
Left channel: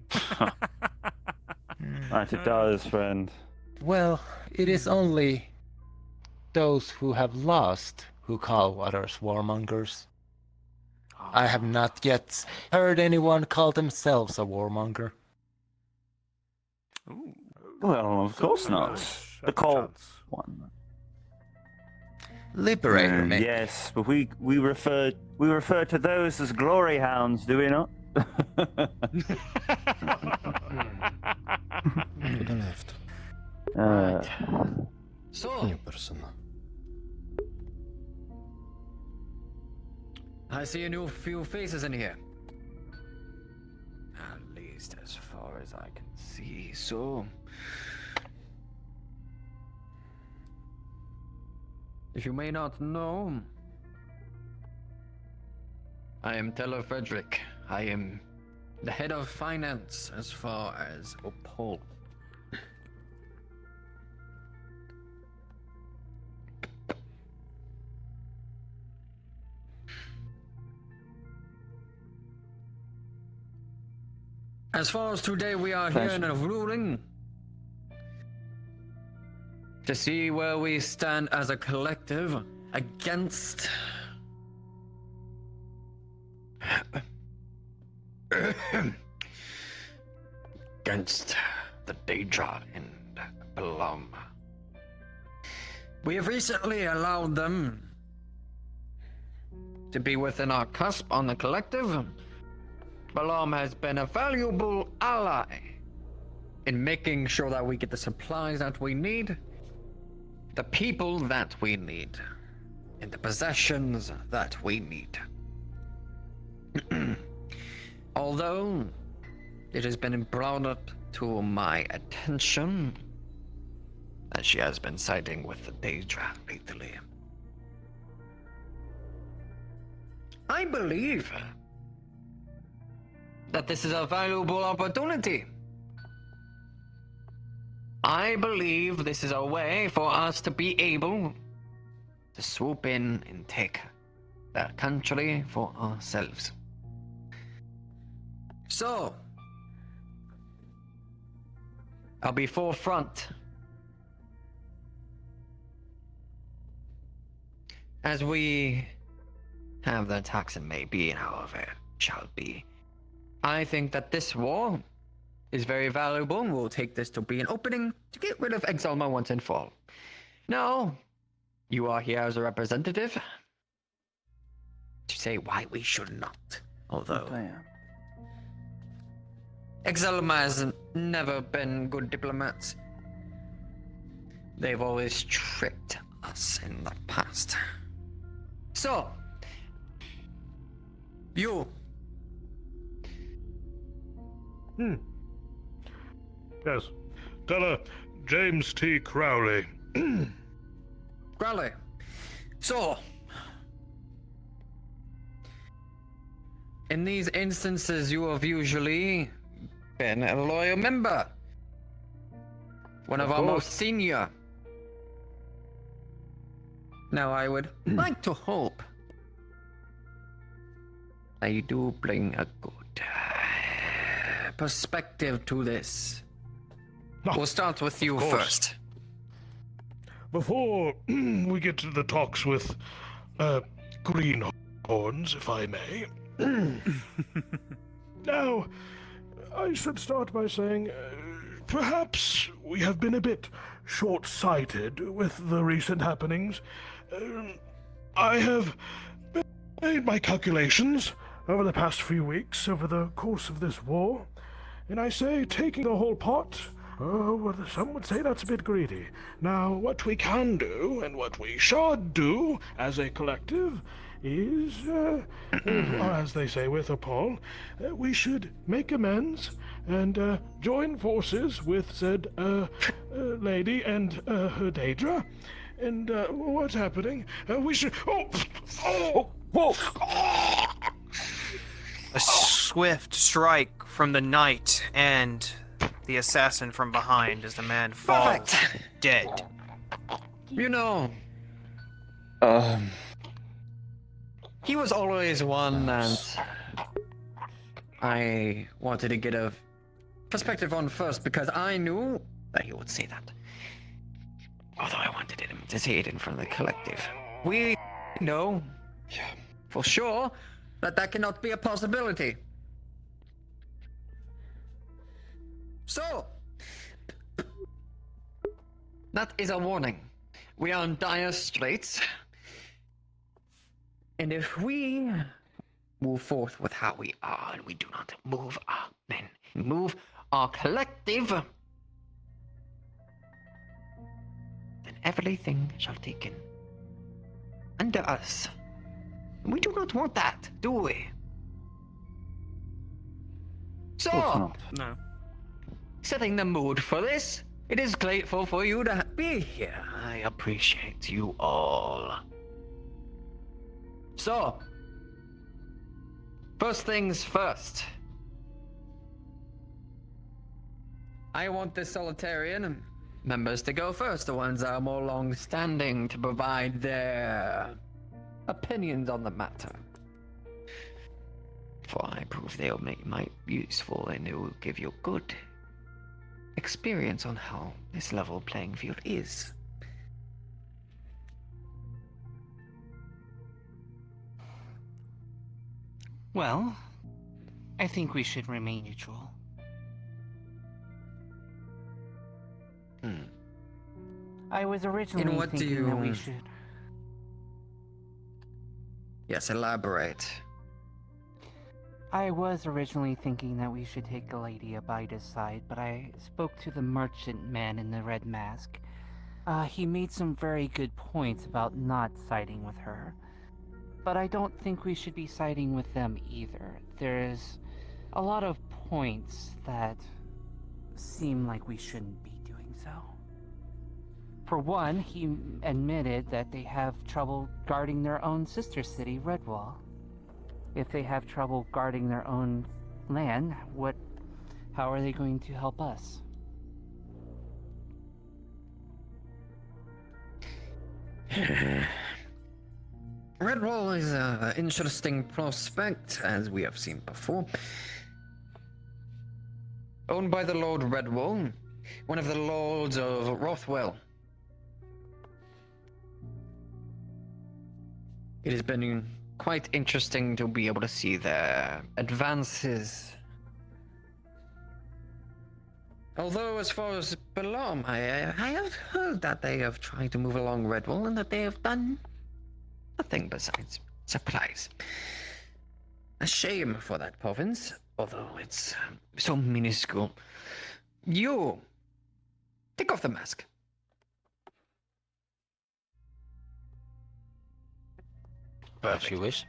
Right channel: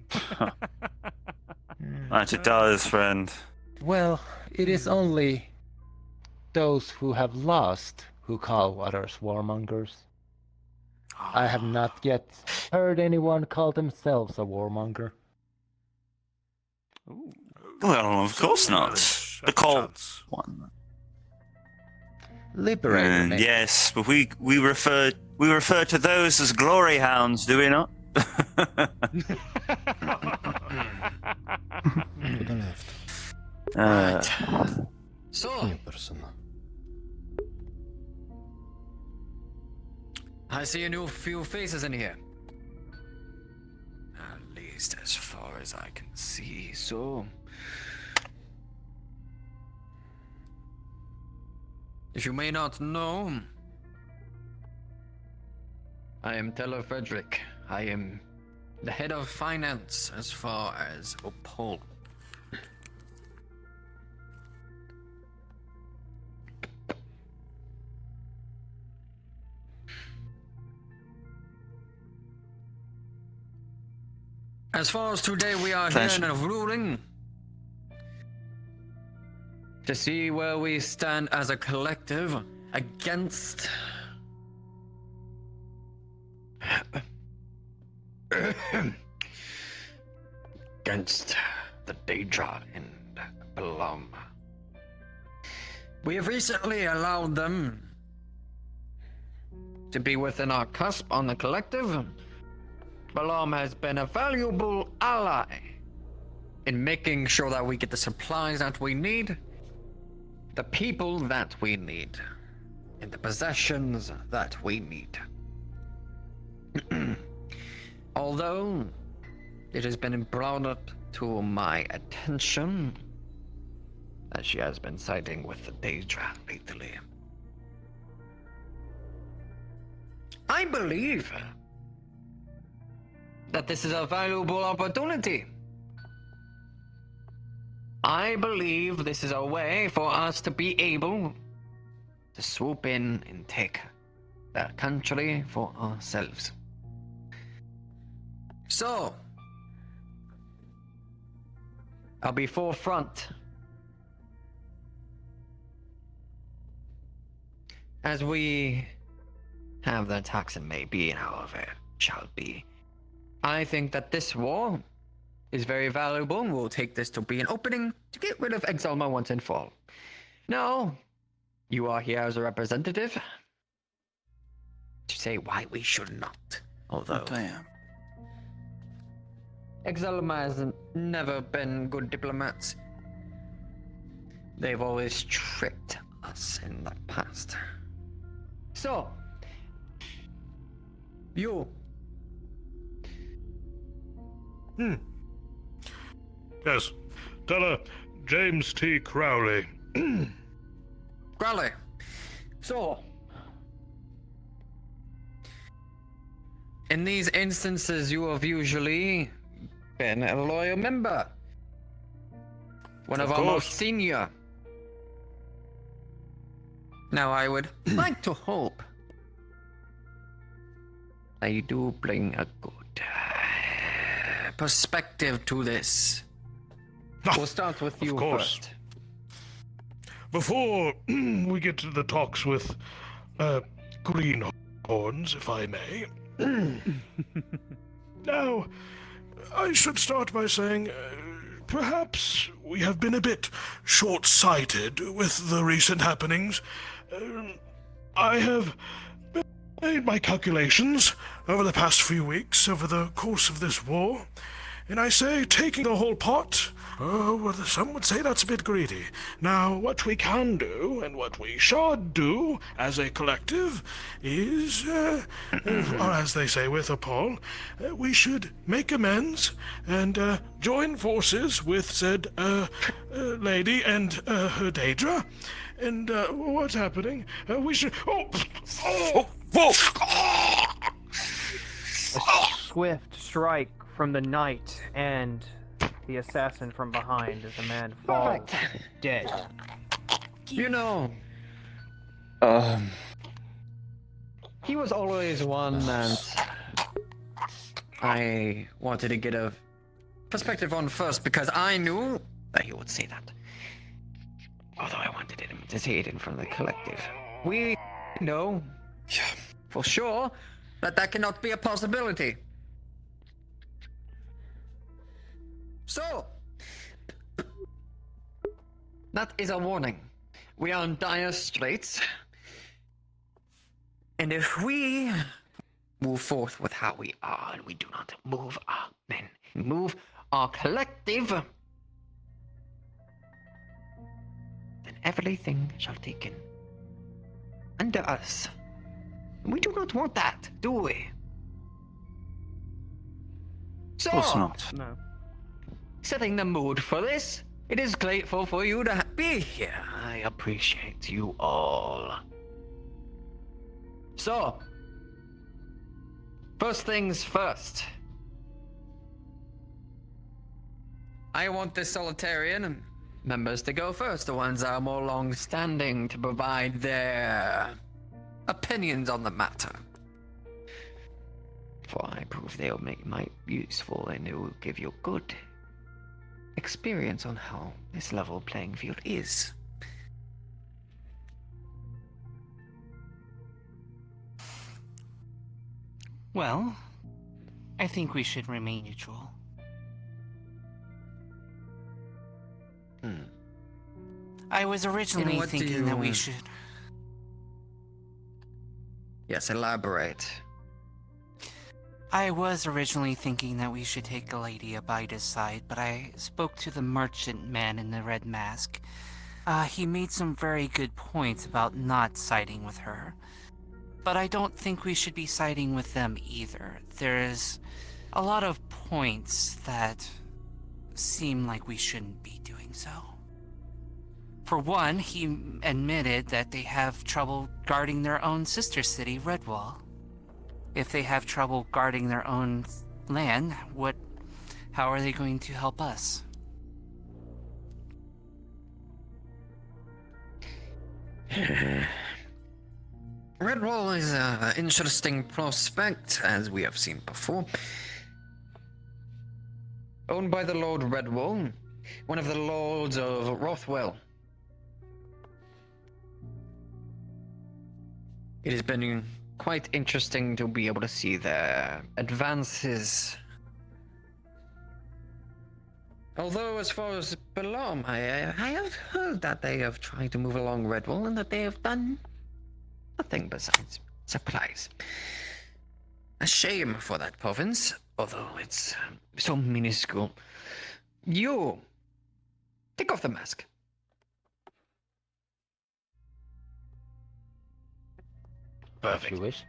That it does, friend. Well, it is only those who have lost who call others warmongers. I have not yet heard anyone call themselves a warmonger. Well, of course not. The cold one. Liberator, maybe. Yes, but we refer to those as glory hounds, do we not? To the left. So, New person. I see a new few faces in here. At least as far as I can see, so... If you may not know, I am Teller Frederick. I am the head of finance as far as Opal. As far as today, we are here in a ruling to see where we stand as a collective against the Daedra and Balom. We have recently allowed them to be within our cusp on the collective. Balom has been a valuable ally in making sure that we get the supplies that we need, the people that we need, and the possessions that we need. Although it has been brought up to my attention that she has been siding with the Daedra lately, I believe that this is a valuable opportunity. I believe this is a way for us to be able to swoop in and take that country for ourselves. So, I'll be forefront. As we have the toxin may be, however it shall be, I think that this war is very valuable, and we'll take this to be an opening to get rid of Exalma once and for all. Now, you are here as a representative to say why we should not. Although Exalma has never been good diplomats. They've always tricked us in the past. So, you Yes. Tell her, James T. Crowley. Crowley. So, in these instances, you have usually been a loyal member. One of our most senior. Now, I would like to hope that you do bring a good perspective to this. We'll start with you first. Before we get to the talks with Greenhorns, if I may. Now, I should start by saying perhaps we have been a bit short-sighted with the recent happenings. I have made my calculations over the past few weeks, over the course of this war, and I say taking the whole pot, well, some would say that's a bit greedy. Now, what we can do, and what we should do as a collective, is, or as they say with Paul, we should make amends and join forces with said lady and her Daedra. And what's happening? We should. A swift strike from the knight and the assassin from behind as the man falls dead. You know, he was always one that I wanted to get a perspective on first because I knew that he would say that. Although I wanted him to say it in front of the collective. We know for sure that that cannot be a possibility. So, that is a warning. We are in dire straits. And if we move forth with how we are, and we do not move our men, move our collective, then everything shall taken under us. We do not want that, do we? So, Of course not. No. setting the mood for this, it is grateful for you to be here. I appreciate you all. So, first things first. I want the Solitarian members to go first, the ones that are more long-standing, to provide their opinions on the matter. For I prove they'll make might useful and it will give you good experience on how this level playing field is. Well, I think we should remain neutral. I was originally what do thinking that we you- should. Yes, elaborate. I was originally thinking that we should take Lady Abida's side, but I spoke to the merchant man in the red mask. He made some very good points about not siding with her. But I don't think we should be siding with them either. There's a lot of points that seem like we shouldn't be doing so. For one, he admitted that they have trouble guarding their own sister city, Redwall. If they have trouble guarding their own land, how are they going to help us? Redwall is an interesting prospect, as we have seen before. Owned by the Lord Redwall, one of the lords of Rothwell. It has been quite interesting to be able to see their advances. Although, as far as Balam, I have heard that they have tried to move along Redwall and that they have done nothing besides supplies. A shame for that province, although it's so minuscule. You, take off the mask. If you wish.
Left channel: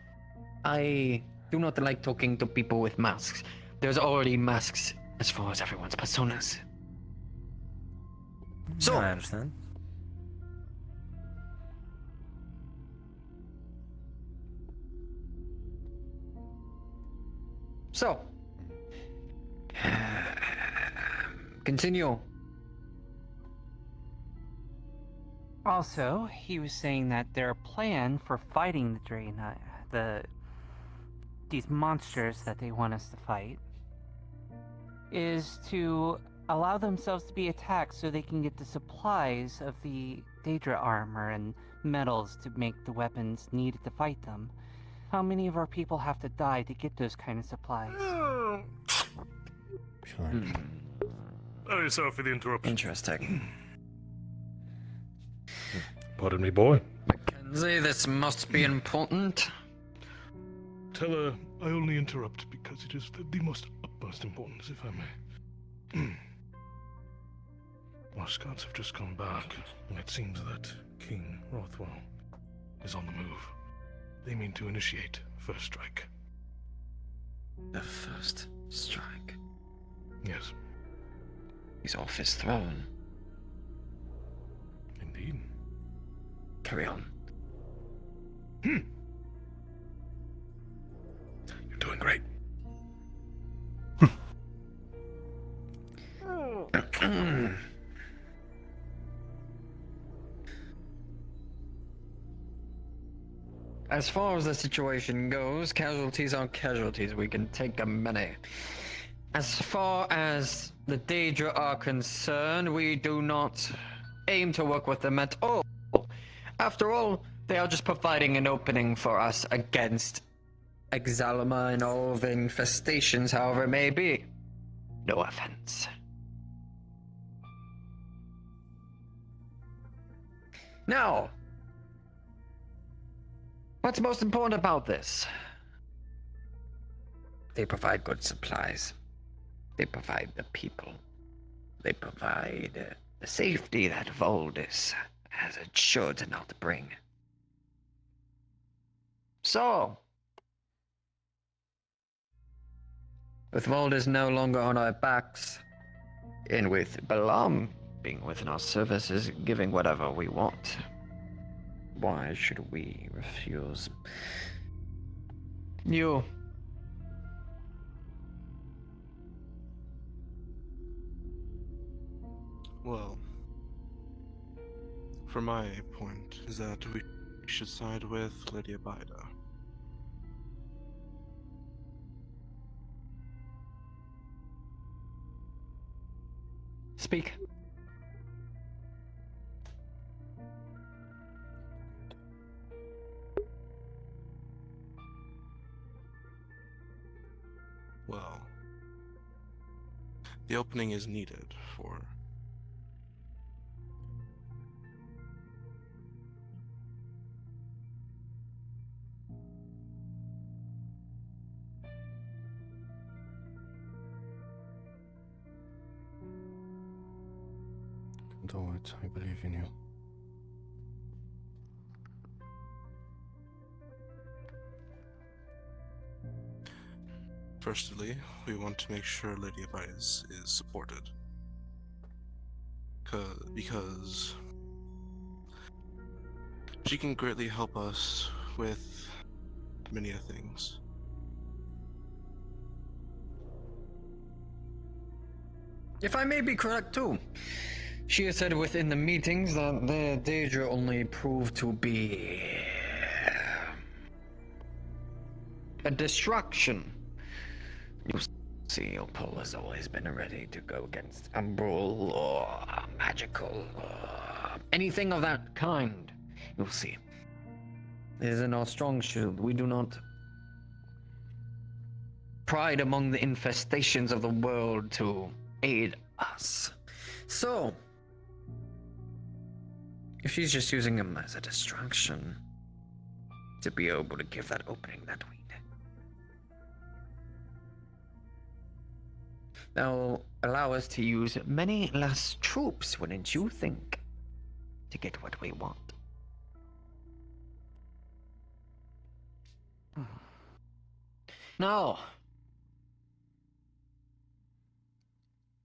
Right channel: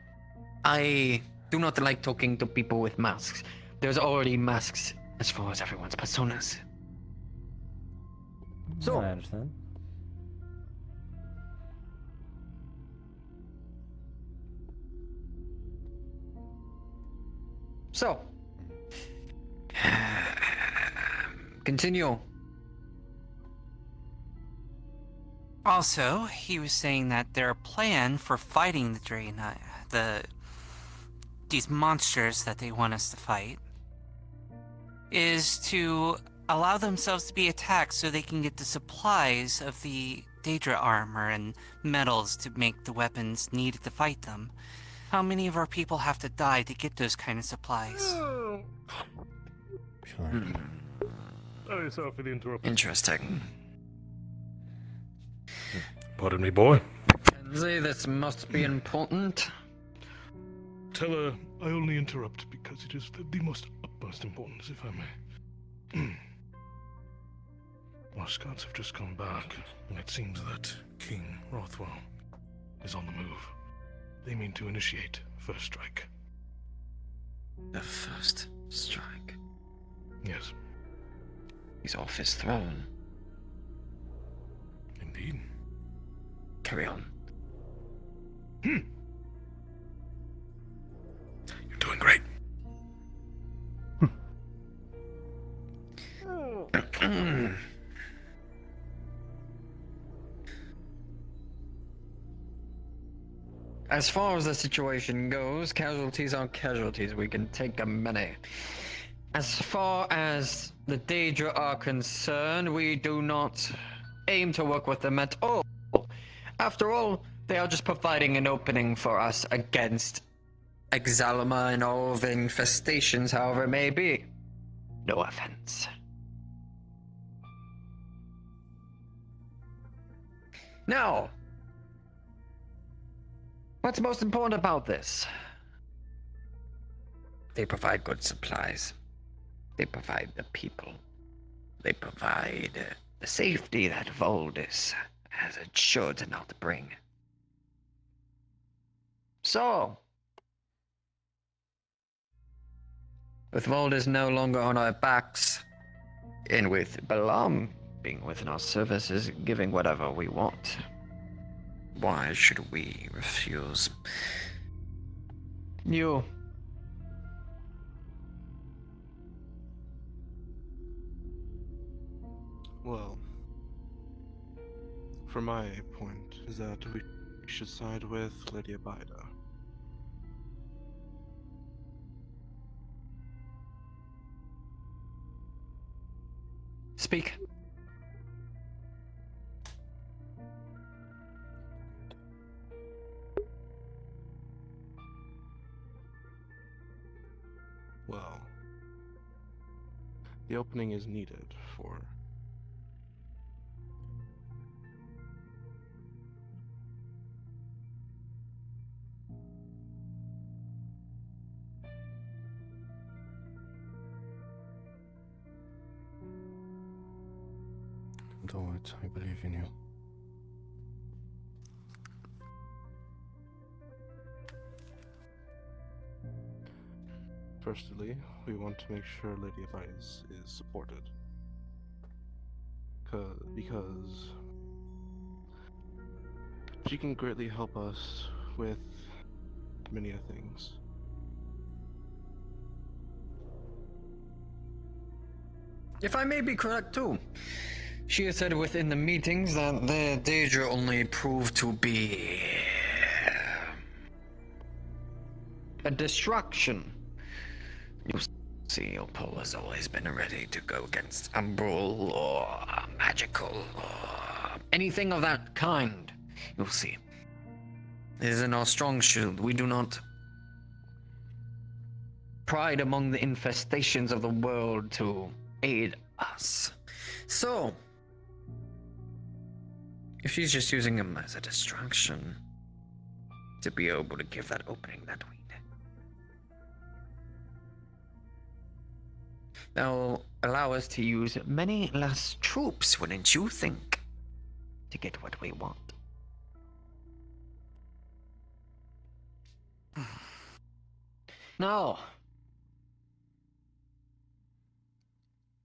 I do not like talking to people with masks. There's already masks as far as everyone's personas. So, I understand. So, continue. Also, he was saying that their plan for fighting the Draenei, these monsters that they want us to fight, is to allow themselves to be attacked so they can get the supplies of the Daedra armor and metals to make the weapons needed to fight them. How many of our people have to die to get those kind of supplies? Sorry for the interruption. Interesting. Pardon me, boy. Mackenzie, this must be important. Tell her I only interrupt because it is the most utmost importance, if I may. Our scouts have just come back, and it seems that King Rothwell is on the move. They mean to initiate first strike. The first strike. Yes. He's off his throne. Indeed. Carry on. You're doing great. As far as the situation goes, casualties are casualties. We can take many. As far as the Daedra are concerned, we do not aim to work with them at all. After all, they are just providing an opening for us against Exalima and all the infestations, however it may be. No offense. Now, what's most important about this? They provide good supplies. They provide the people. They provide the safety that Voldis has assured to not bring. So, with Voldis no longer on our backs, and with Balam being within our services, giving whatever we want, why should we refuse? You. Well, from my point is that we should side with Lady Abida. Speak. Well, the opening is needed for Do it. I believe in you. Firstly, we want to make sure Lady Abida is supported. Because she can greatly help us with many things. If I may be correct too, she has said within the meetings that the Daedra only proved to be a distraction. You see, Opal has always been ready to go against Umbral or magical or anything of that kind. You'll see. It is in our strong shield. We do not pride among the infestations of the world to aid us. So, if she's just using him as a distraction to be able to give that opening that we need, that'll allow us to use many less troops, wouldn't you think, to get what we want? Now,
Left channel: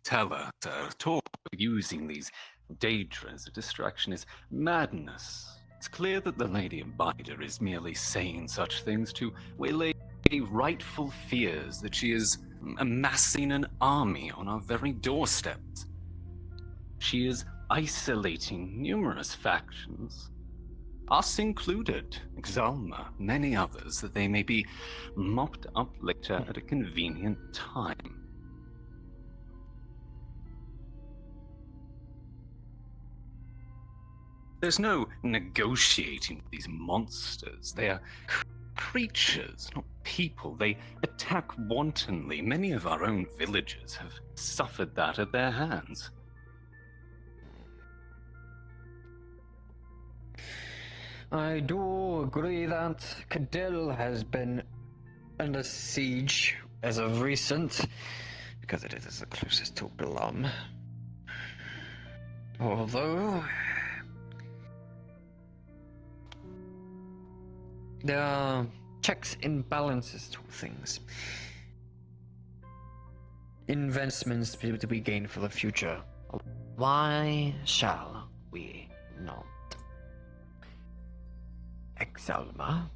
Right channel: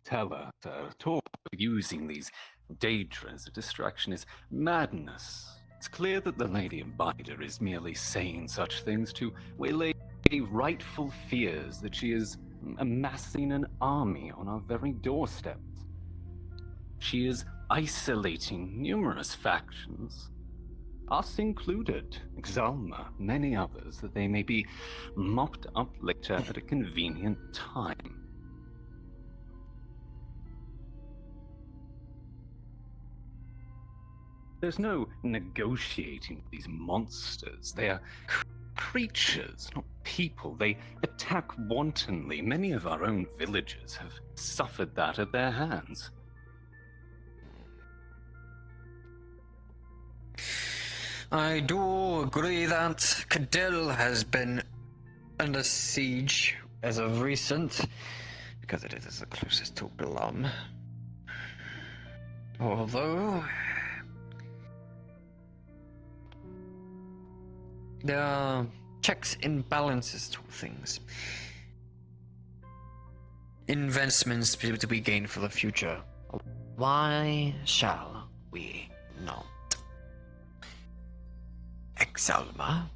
tell her to talk using these Daedra as a distraction is madness. It's clear that the Lady Abider is merely saying such things to waylay rightful fears that she is amassing an army on our very doorsteps. She is isolating numerous factions, us included, Exalma, many others, that they may be mopped up later at a convenient time. There's no negotiating with these monsters. They are creatures, not people. They attack wantonly. Many of our own villagers have suffered that at their hands. I do agree that Cadil has been under siege as of recent, because it is the closest to Blum. Although there are checks and balances to things. Investments to be gained for the future. Why shall we not? Exalma?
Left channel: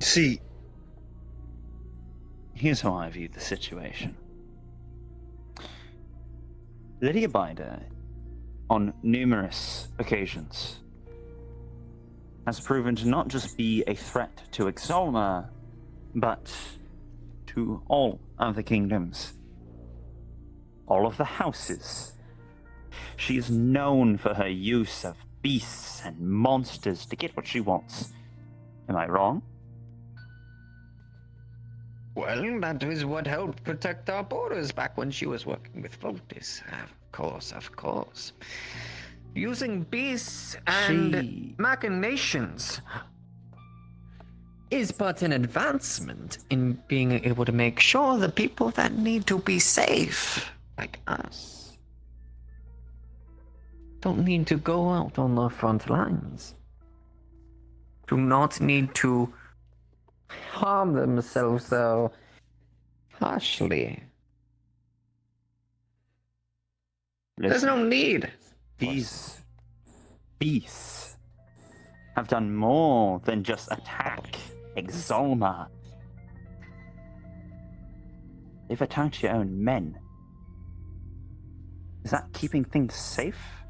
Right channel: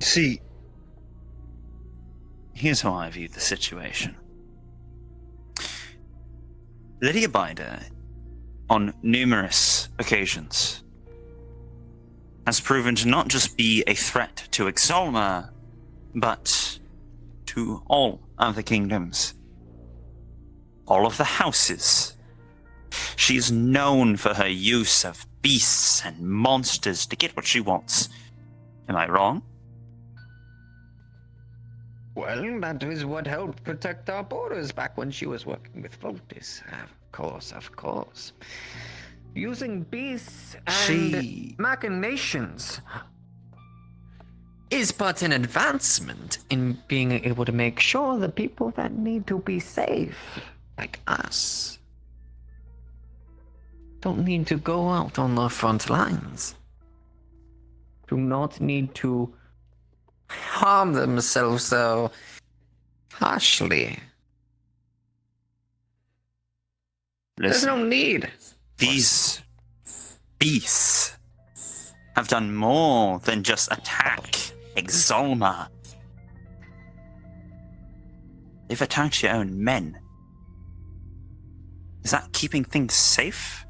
See, here's how I view the situation. Lady Abider, on numerous occasions, has proven to not just be a threat to Exalma, but to all of the kingdoms. All of the houses. She is known for her use of beasts and monsters to get what she wants. Am I wrong? Well, that is what helped protect our borders back when she was working with Voltis. Of course. Using beasts and machinations is but an advancement in being able to make sure the people that need to be safe, like us, don't need to go out on the front lines. Do not need to harm themselves so harshly. There's no need. These beasts have done more than just attack Exalma. They've attacked your own men. Is that keeping things safe?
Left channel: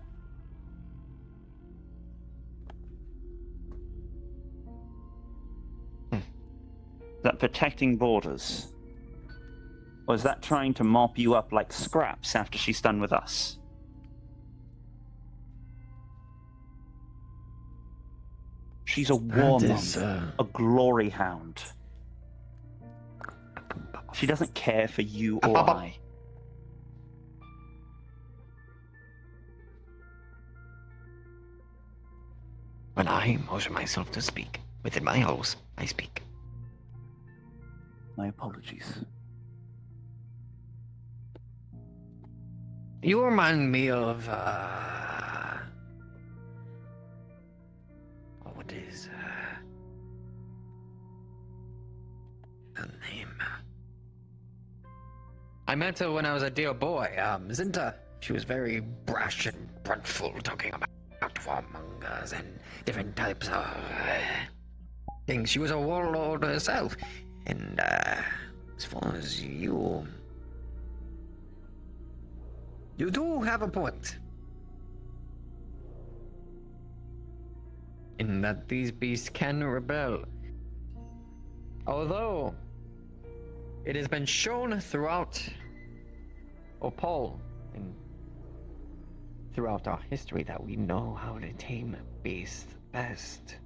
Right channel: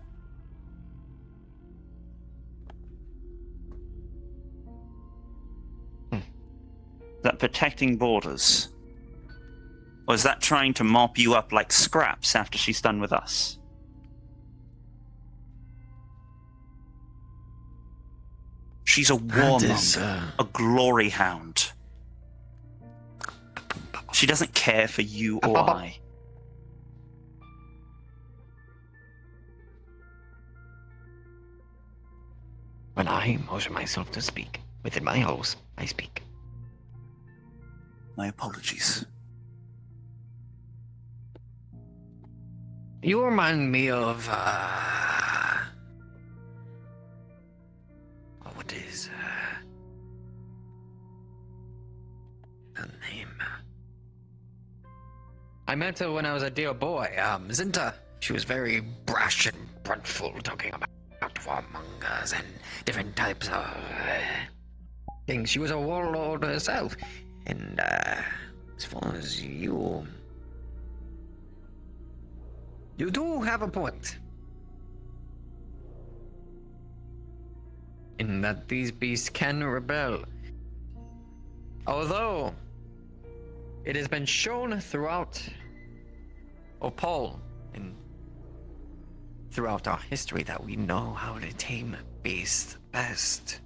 Is that protecting borders? Or is that trying to mop you up like scraps after she's done with us? She's a warmong, a glory hound. She doesn't care for you or I. When I motion myself to speak, within my house, I speak. My apologies. You remind me of, what is, her name? I met her when I was a dear boy, Zinta. She was very brash and frontful, talking about warmongers and different types of things. She was a warlord herself. And, as far as you do have a point. In that these beasts can rebel. Although, it has been shown throughout Opal and throughout our history that we know how to tame beasts best.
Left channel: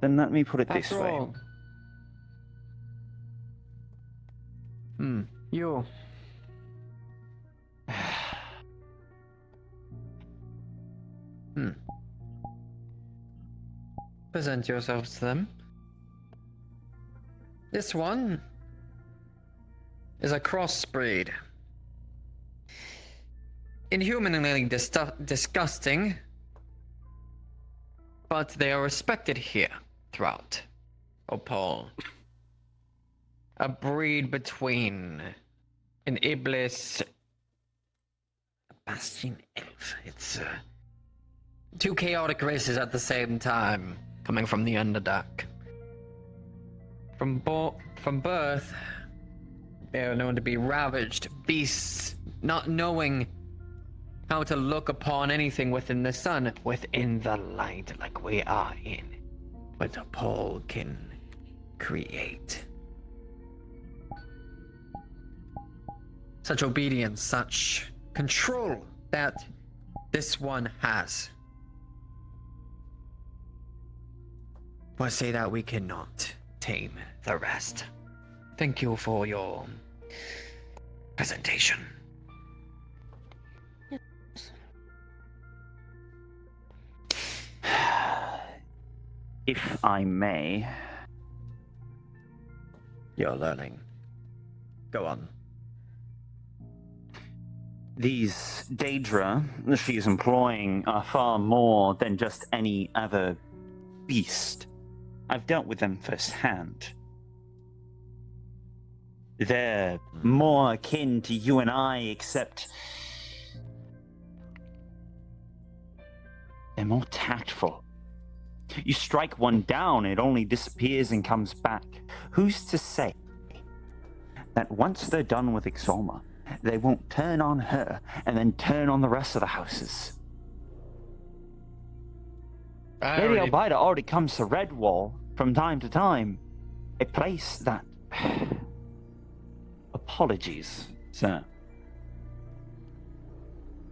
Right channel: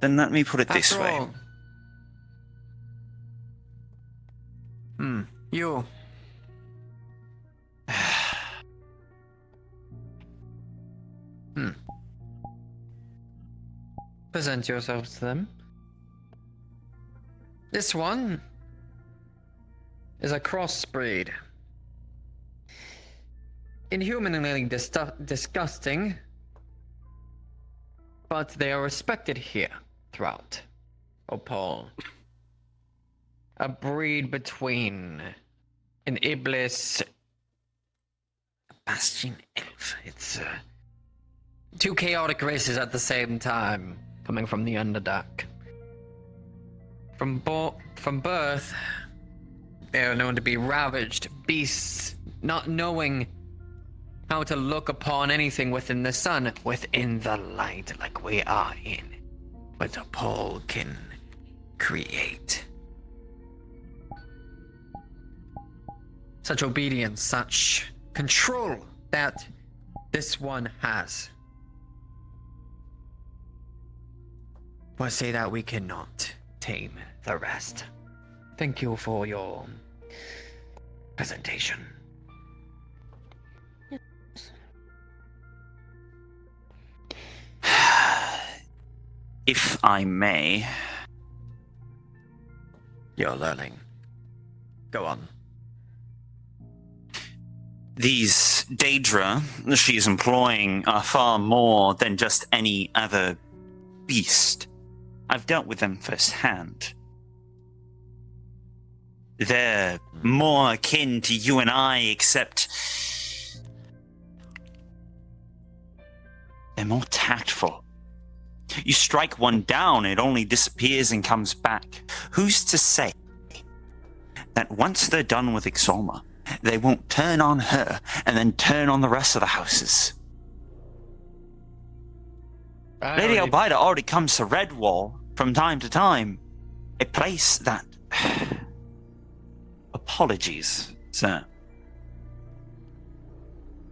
Then let me put it this way. You. Present yourself to them. This one is a crossbreed. inhumanly disgusting, but they are respected here throughout Opal. A breed between an Iblis, Bastion. It's two chaotic races at the same time, coming from the Underdark. From birth, they are known to be ravaged beasts, not knowing how to look upon anything within the sun, within the light, like we are in. But Opal can create. Such obedience, such control that this one has. But say that we cannot tame the rest. Thank you for your presentation. If I may. You're learning. Go on. These Daedra she is employing are far more than just any other beast. I've dealt with them firsthand. They're more akin to you and I, except they're more tactful. You strike one down, it only disappears and comes back. Who's to say that once they're done with Ixoma, they won't turn on her and then turn on the rest of the houses? Lady Albaida already comes to Redwall from time to time, a place that... Apologies, sir.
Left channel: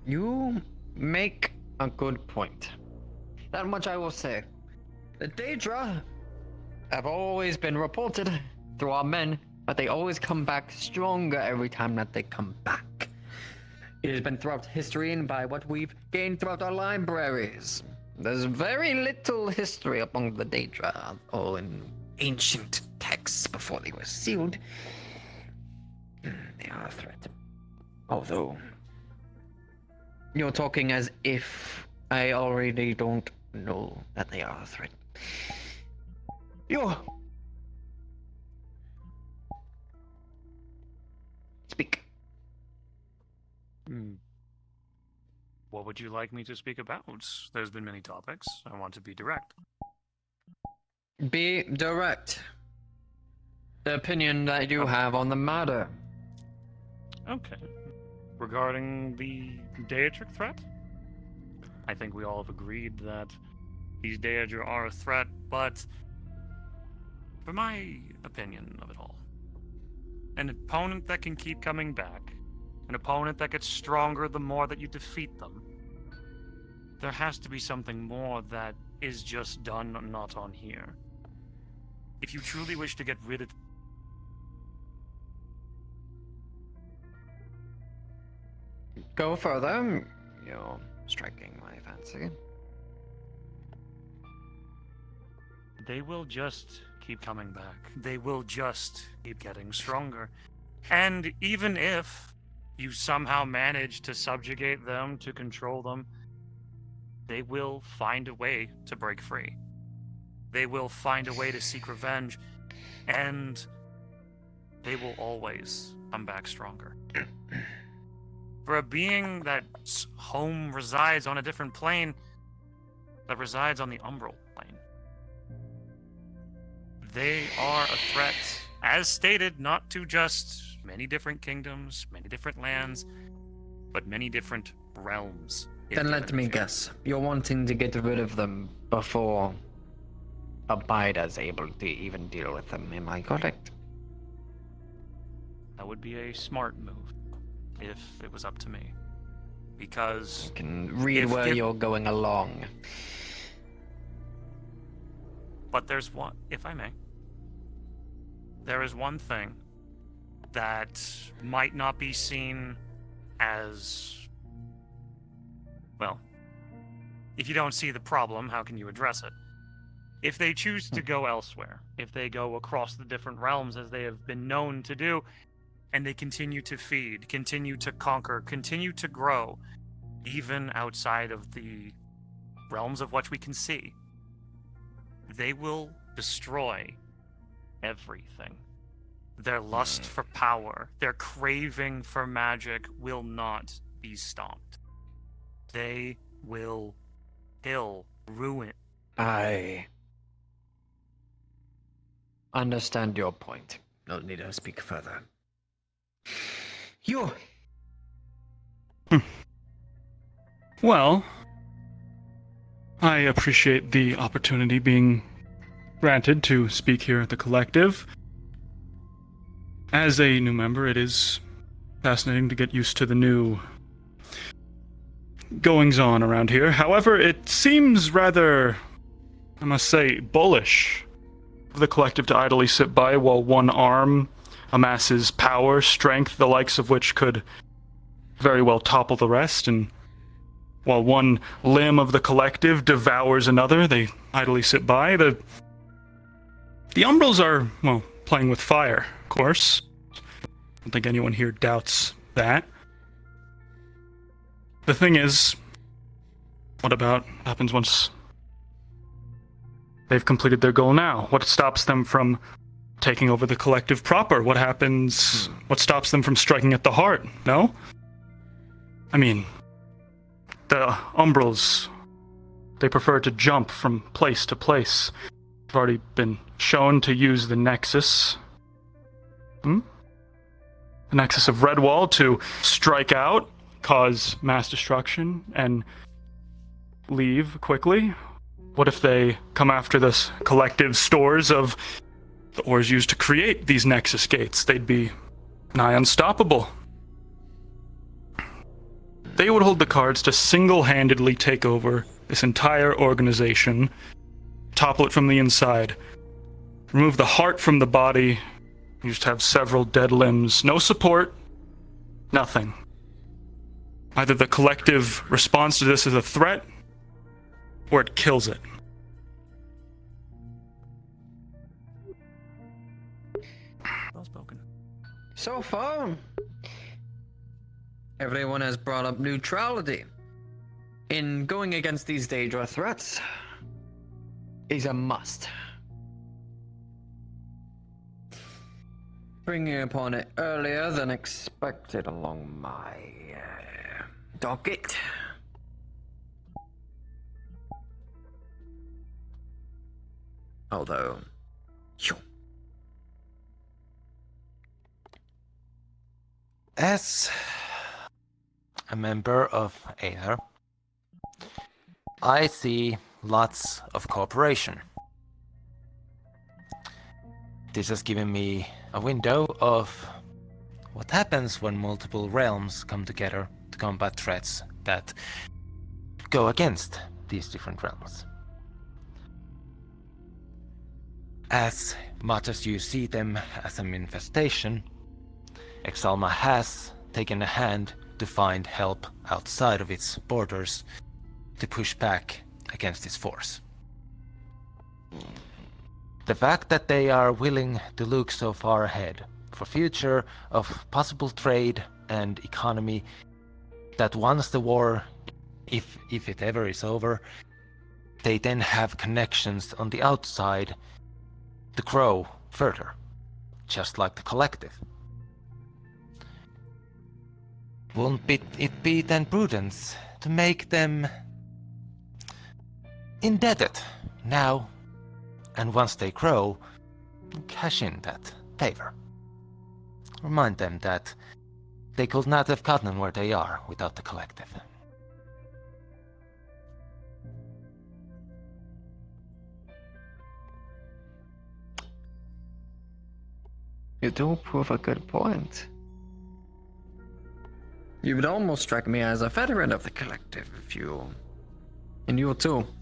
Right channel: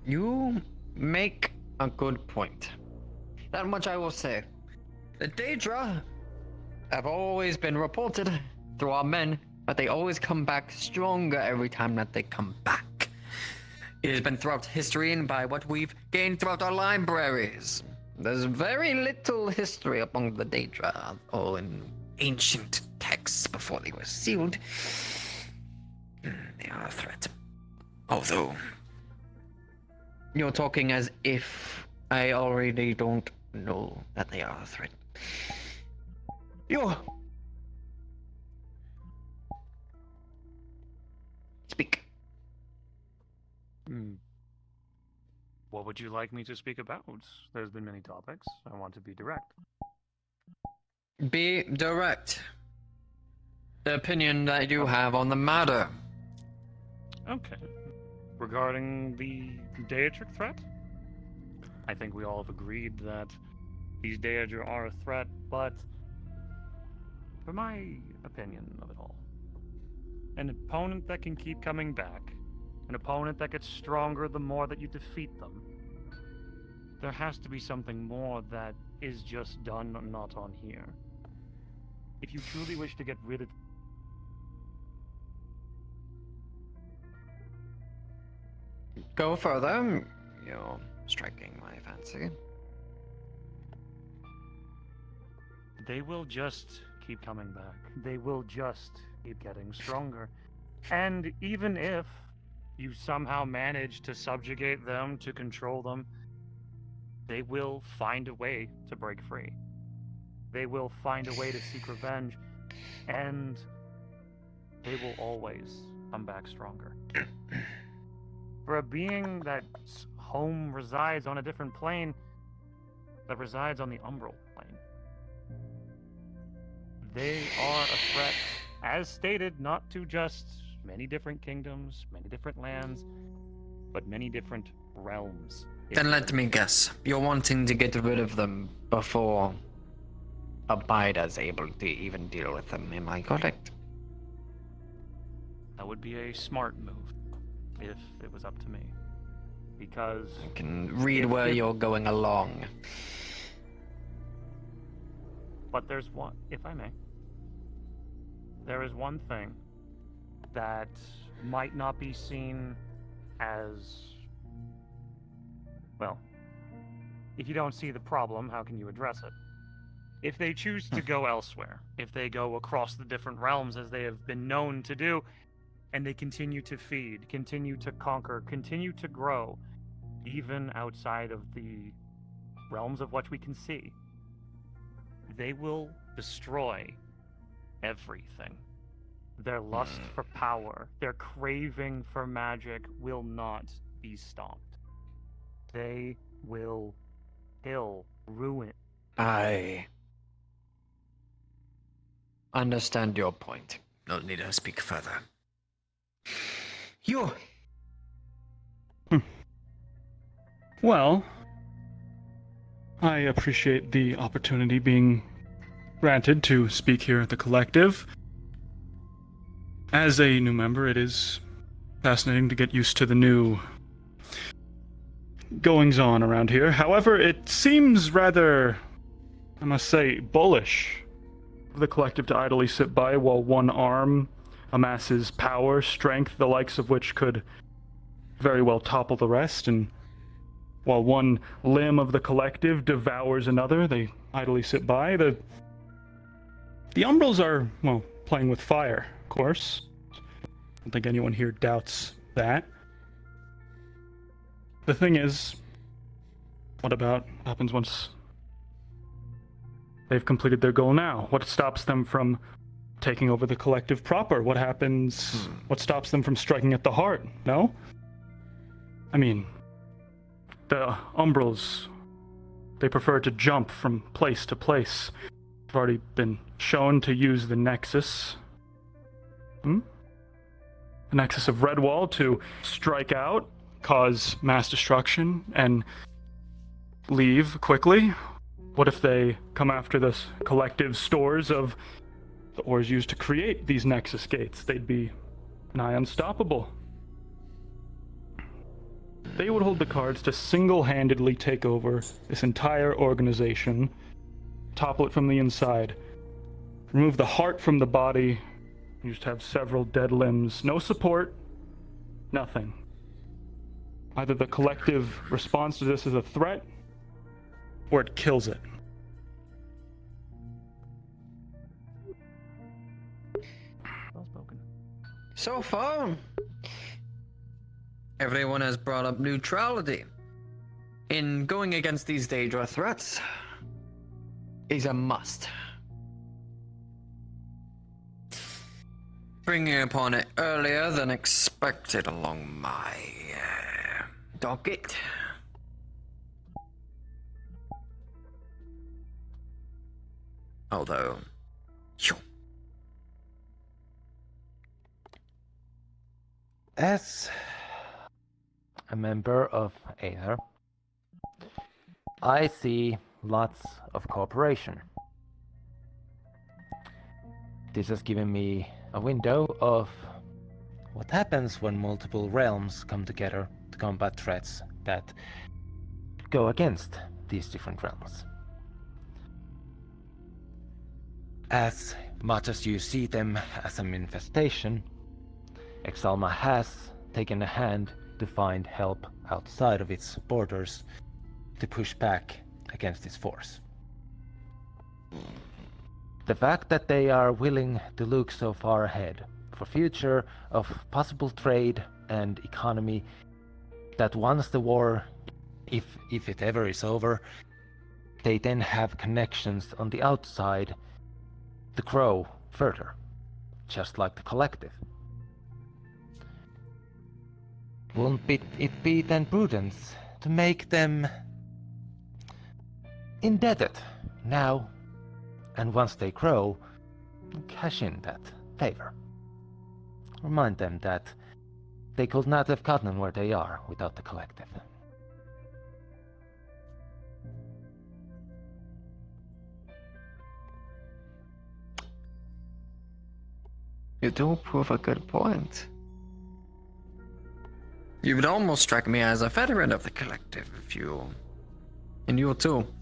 You make a good point. That much I will say. The Daedra have always been reported through our men, but they always come back stronger every time that they come back. It has been throughout history and by what we've gained throughout our libraries. There's very little history among the Daedra, or in ancient texts before they were sealed. They are a threat. Although, you're talking as if I already don't know that they are a threat. Speak. What would you like me to speak about? There's been many topics. I want to be direct. Be direct. The opinion that you have on the matter. Okay. Regarding the Daedric threat, I think we all have agreed that these Daedra are a threat, but for my opinion of it all, an opponent that can keep coming back, an opponent that gets stronger the more that you defeat them, there has to be something more that is just done not on here. If you truly wish to get rid of... Go further. You're striking my fancy. They will just keep coming back. They will just keep getting stronger. And even if you somehow manage to subjugate them, to control them, they will find a way to break free. They will find a way to seek revenge, and they will always come back stronger. For a being that's home resides on a different plane, that resides on the umbral plane, they are a threat, as stated, not to just many different kingdoms, many different lands, but many different realms. Then let me guess. You're wanting to get rid of them before Abaida's able to even deal with them, am I correct? That would be a smart move, if it was up to me. Because... I can read where you're going along. But there's one, if I may. There is one thing that might not be seen as... Well, if you don't see the problem, how can you address it? If they choose to go elsewhere, if they go across the different realms as they have been known to do, and they continue to feed, continue to conquer, continue to grow, even outside of the realms of what we can see. They will destroy everything. Their lust for power, their craving for magic will not be stopped. They will kill, ruin. I understand your point. No need to speak further. You. Well, I appreciate the opportunity being granted to speak here at the collective. As a new member, it is fascinating to get used to the new goings-on around here. However, it seems rather, I must say, bullish for the collective to idly sit by while one arm amasses power, strength, the likes of which could very well topple the rest, and while one limb of the collective devours another, they idly sit by. The Umbrals are, well, playing with fire, of course. I don't think anyone here doubts that. The thing is, what happens once they've completed their goal now? What stops them from taking over the collective proper? What happens? What stops them from striking at the heart? No? I mean, the Umbrals, they prefer to jump from place to place. They've already been shown to use the Nexus. The Nexus of Redwall to strike out, cause mass destruction, and leave quickly. What if they come after this collective stores of the ores used to create these Nexus gates? They'd be nigh unstoppable. They would hold the cards to single-handedly take over this entire organization, topple it from the inside, remove the heart from the body. You just have several dead limbs, no support, nothing. Either the collective responds to this as a threat, or it kills it. So far, everyone has brought up neutrality. In going against these Daedra threats is a must. Bringing upon it earlier than expected along my docket. Although, as a member of Aether, I see lots of cooperation. This has given me a window of what happens when multiple realms come together to combat threats that go against these different realms. As much as you see them as an infestation, Exalma has taken a hand to find help outside of its borders to push back against its force. The fact that they are willing to look so far ahead for future of possible trade and economy, that once the war, if it ever is over, they then have connections on the outside to grow further, just like the collective. Won't it be then prudence to make them indebted now, and once they grow, cash in that favor? Remind them that they could not have gotten where they are without the collective. You do prove a good point. You would almost strike me as a veteran of the collective if you... And you too.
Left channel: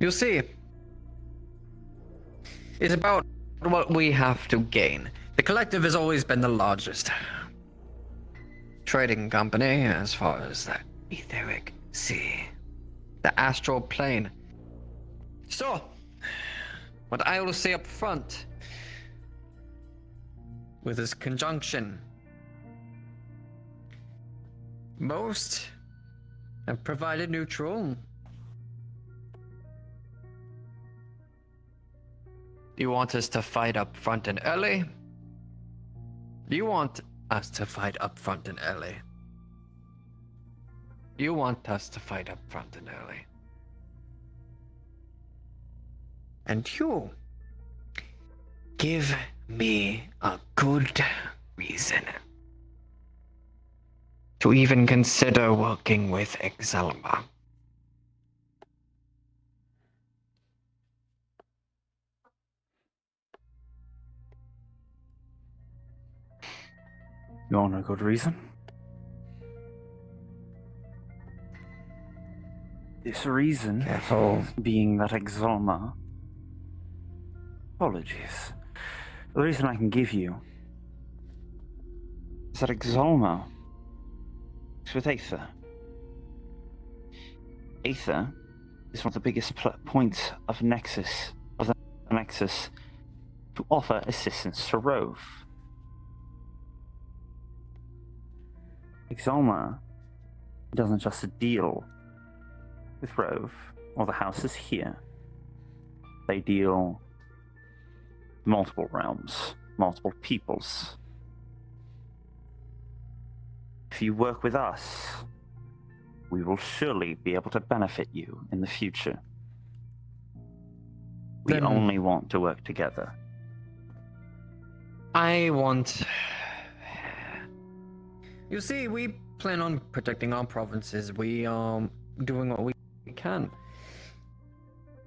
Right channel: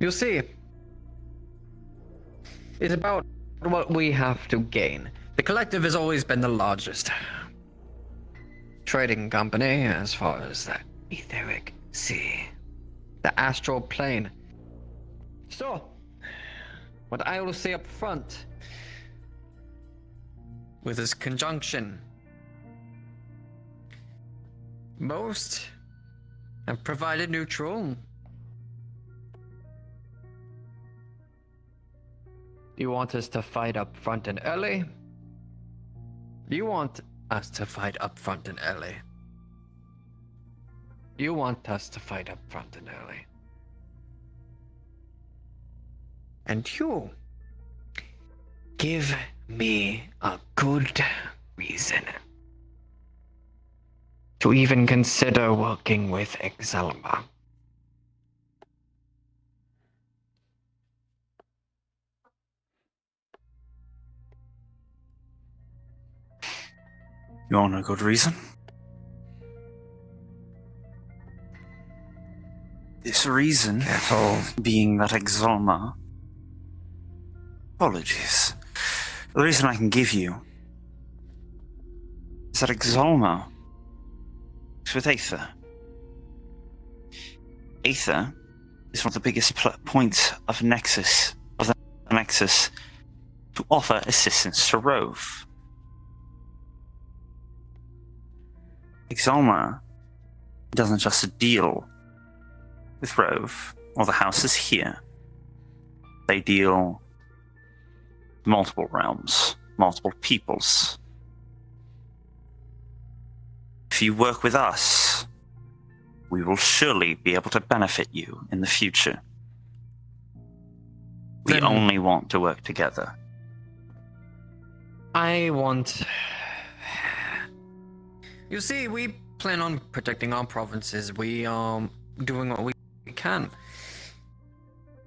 You see, it's about what we have to gain. The collective has always been the largest trading company as far as the etheric sea, the astral plane. So, what I will say up front, with this conjunction, Most have provided neutral. You want us to fight up front and early? You want us to fight up front and early? You want us to fight up front and early? And you give me a good reason to even consider working with Exalma. You want a good reason? This reason being that Exalma... Apologies. The reason I can give you is that Exalma is with Aether. Aether is one of the biggest points of the Nexus to offer assistance to Rove. Exalma doesn't just deal with Rove or the houses here. They deal multiple realms, multiple peoples. If you work with us, we will surely be able to benefit you in the future. We only want to work together. I want... You see, we plan on protecting our provinces. We are doing what we can.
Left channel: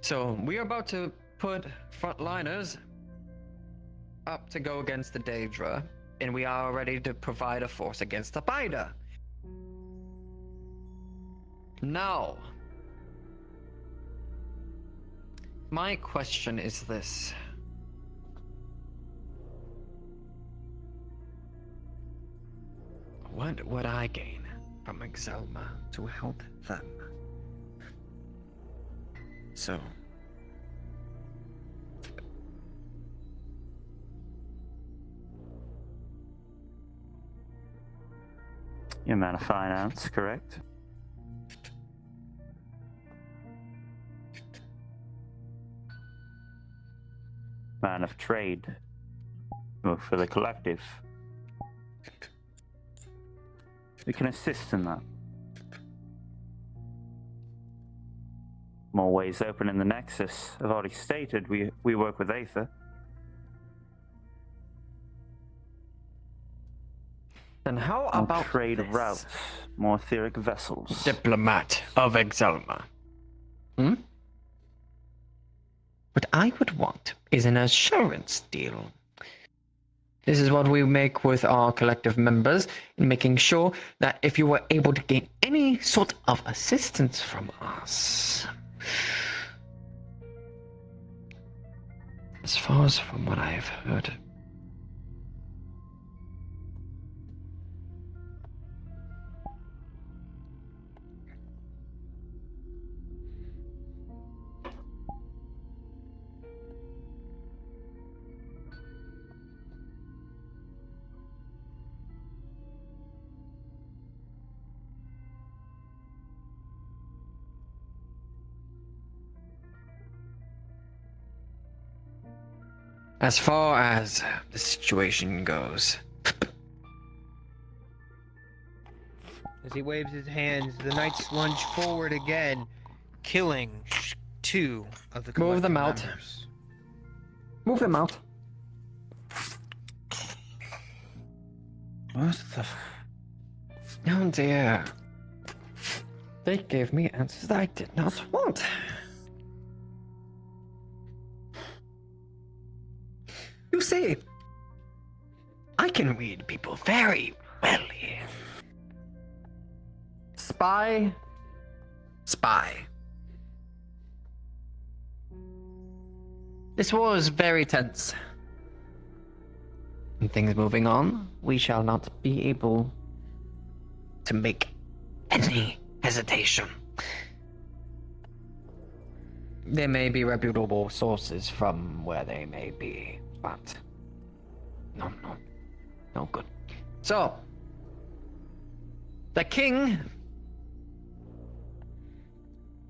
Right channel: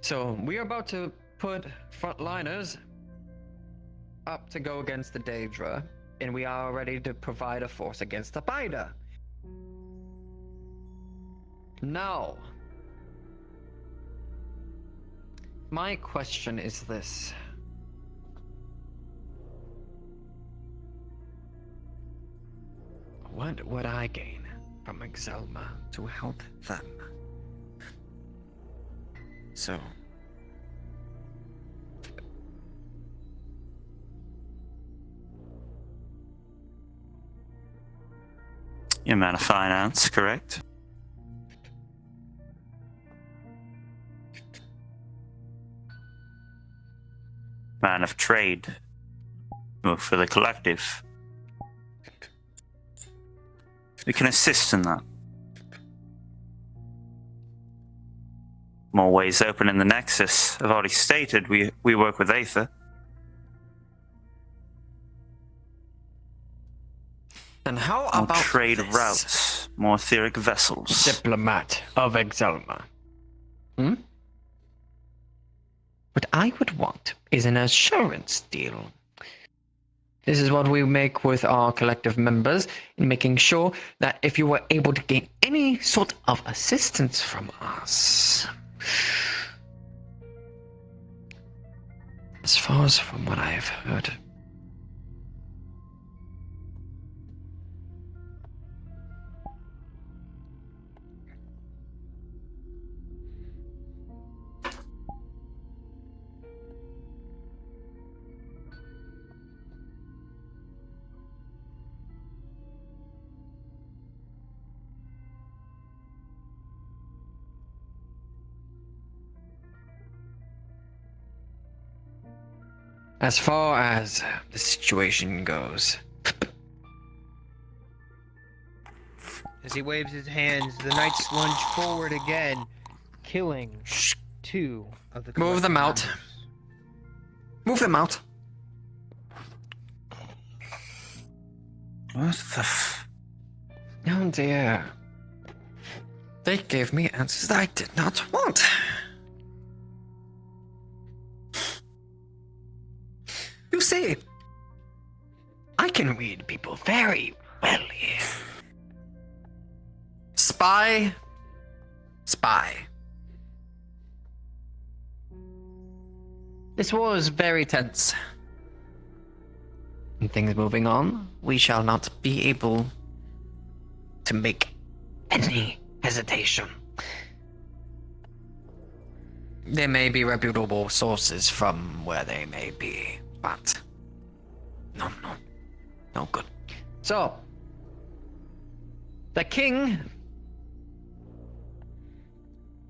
So, we are about to put frontliners up to go against the Daedra, and we are ready to provide a force against the Bida. Now, my question is this. What would I gain from Exalma to help them? So... You're a man of finance, correct? Man of trade. Work for the collective. We can assist in that. More ways open in the Nexus. I've already stated we work with Aether. And how More about trade this? routes, more etheric vessels. Diplomat of Exalma. What I would want is an assurance deal. This is what we make with our collective members in making sure that if you were able to gain any sort of assistance from us, as far as from what I have heard, as far as the situation goes. As he waves his hands, the knights lunge forward again, killing two of the Move them collective out. members. Move them out. What the f... Oh dear. They gave me answers that I did not want. You see, I can read people very well here. Spy. Spy. This war is very tense. And things moving on, we shall not be able to make any hesitation. There may be reputable sources from where they may be, but no good. So, The king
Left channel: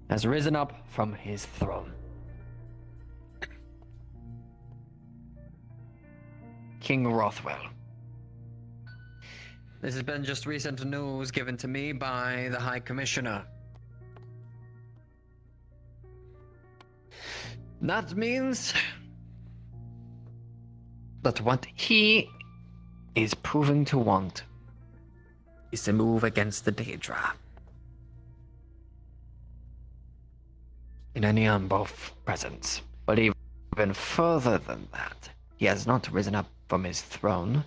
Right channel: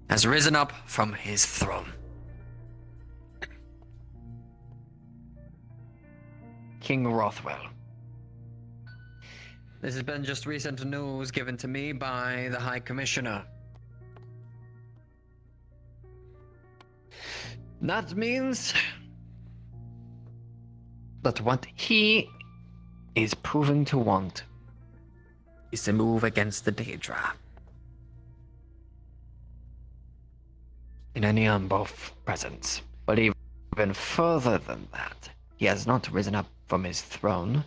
has risen up from his throne. King Rothwell. This has been just recent news given to me by the High Commissioner. That means that what he is proving to want is to move against the Daedra. In any number of presence. But even further than that, he has not risen up from his throne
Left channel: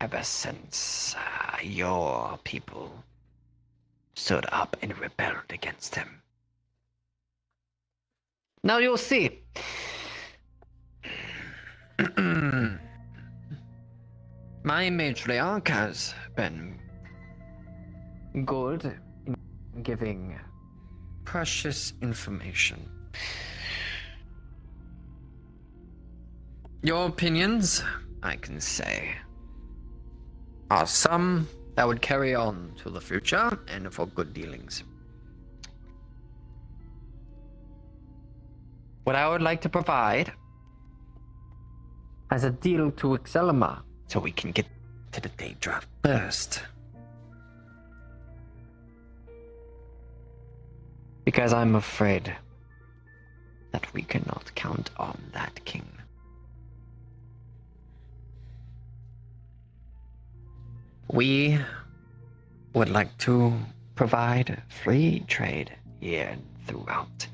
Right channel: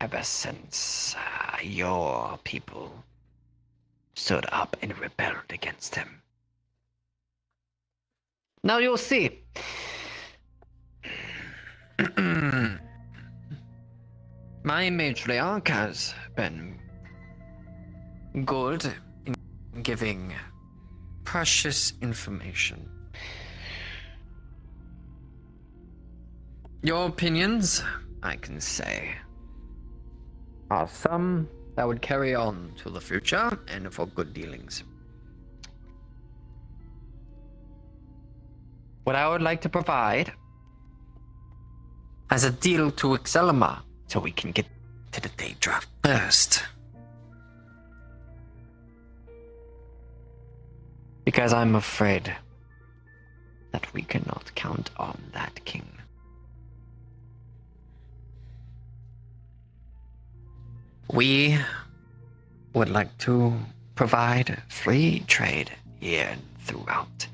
ever since your people stood up and rebelled against him. Now you'll see. My matriarch has been good in giving precious information. Your opinions, I can say, are some that would carry on to the future and for good dealings. What I would like to provide as a deal to Excelma, so we can get to the Daedra first. Because I'm afraid that we cannot count on that king. We would like to provide free trade here throughout.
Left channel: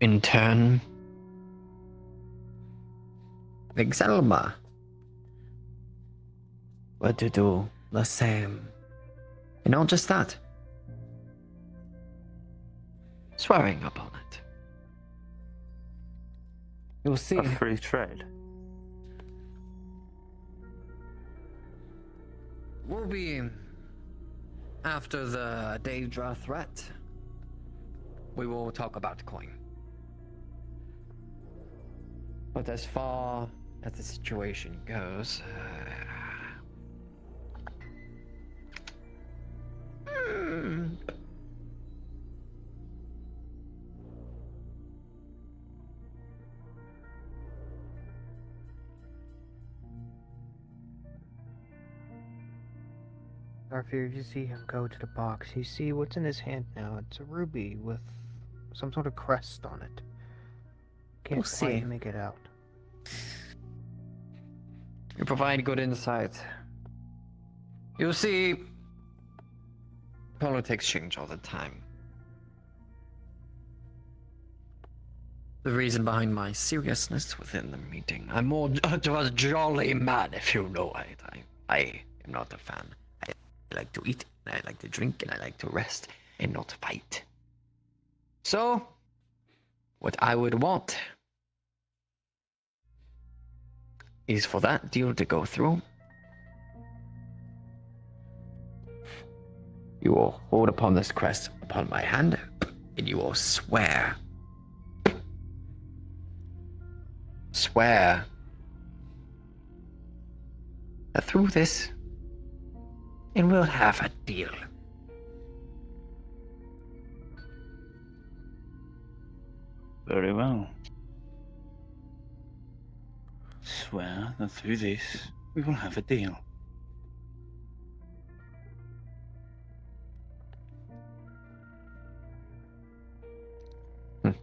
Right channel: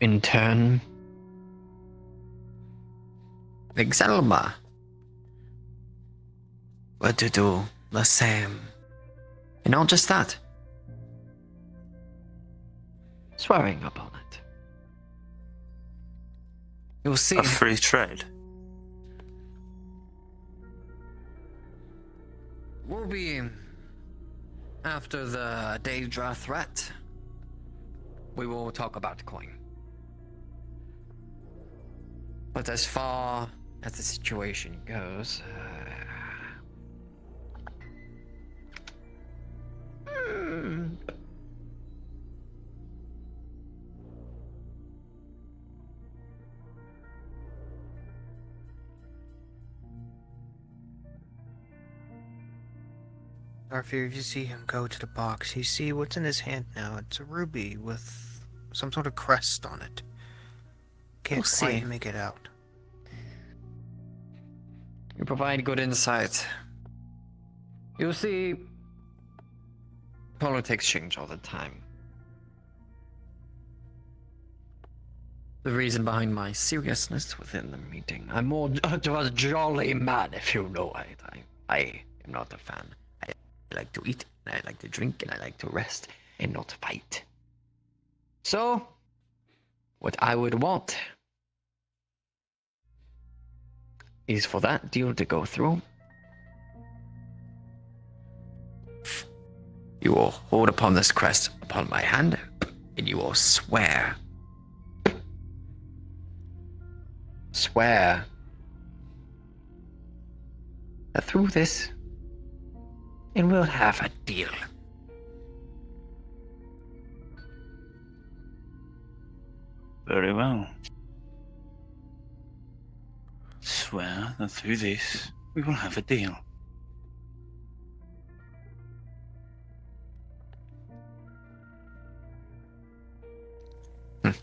In turn, Excelma were to do the same. And not just that, swearing upon it. You'll see. A free trade. We'll be after the Daedra threat. We will talk about coin. But as far as the situation goes, Arthur, if you see him go to the box, you see what's in his hand now. It's a ruby with some sort of crest on it. Can't quite make it out. You provide good insight. You see, politics change all the time. The reason behind my seriousness within the meeting. I'm more a jolly man, if you know it. I am not a fan. I like to eat, and I like to drink, and I like to rest, and not fight. So, what I would want is for that deal to go through. You will hold upon this crest upon my hand, and you will swear that through this, and we'll have a deal. Very well. Swear that through this, we will have a deal.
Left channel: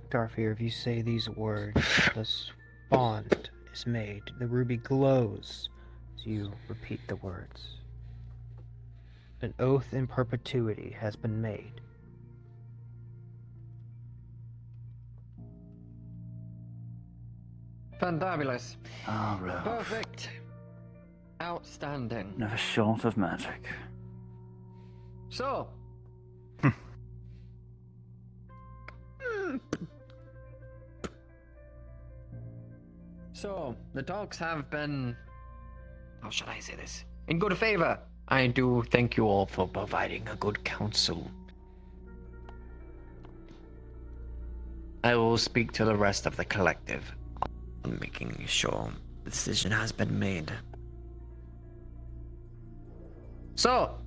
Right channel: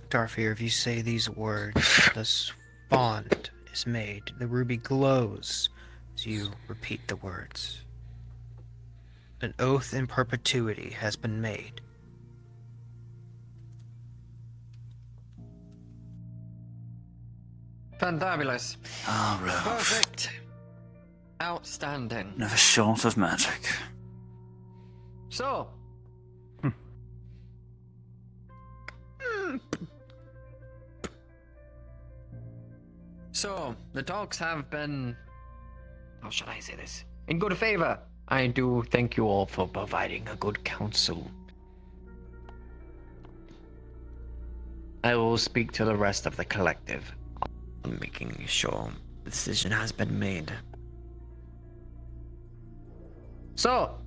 Darfir, if you say these words, this bond is made. The ruby glows as you repeat the words. An oath in perpetuity has been made. Fantabulous. Ah, Ralph. Perfect. Outstanding. Never short of magic. So. So, the talks have been, how shall I say this, in good favor. I do thank you all for providing a good counsel. I will speak to the rest of the collective on making sure the decision has been made. So,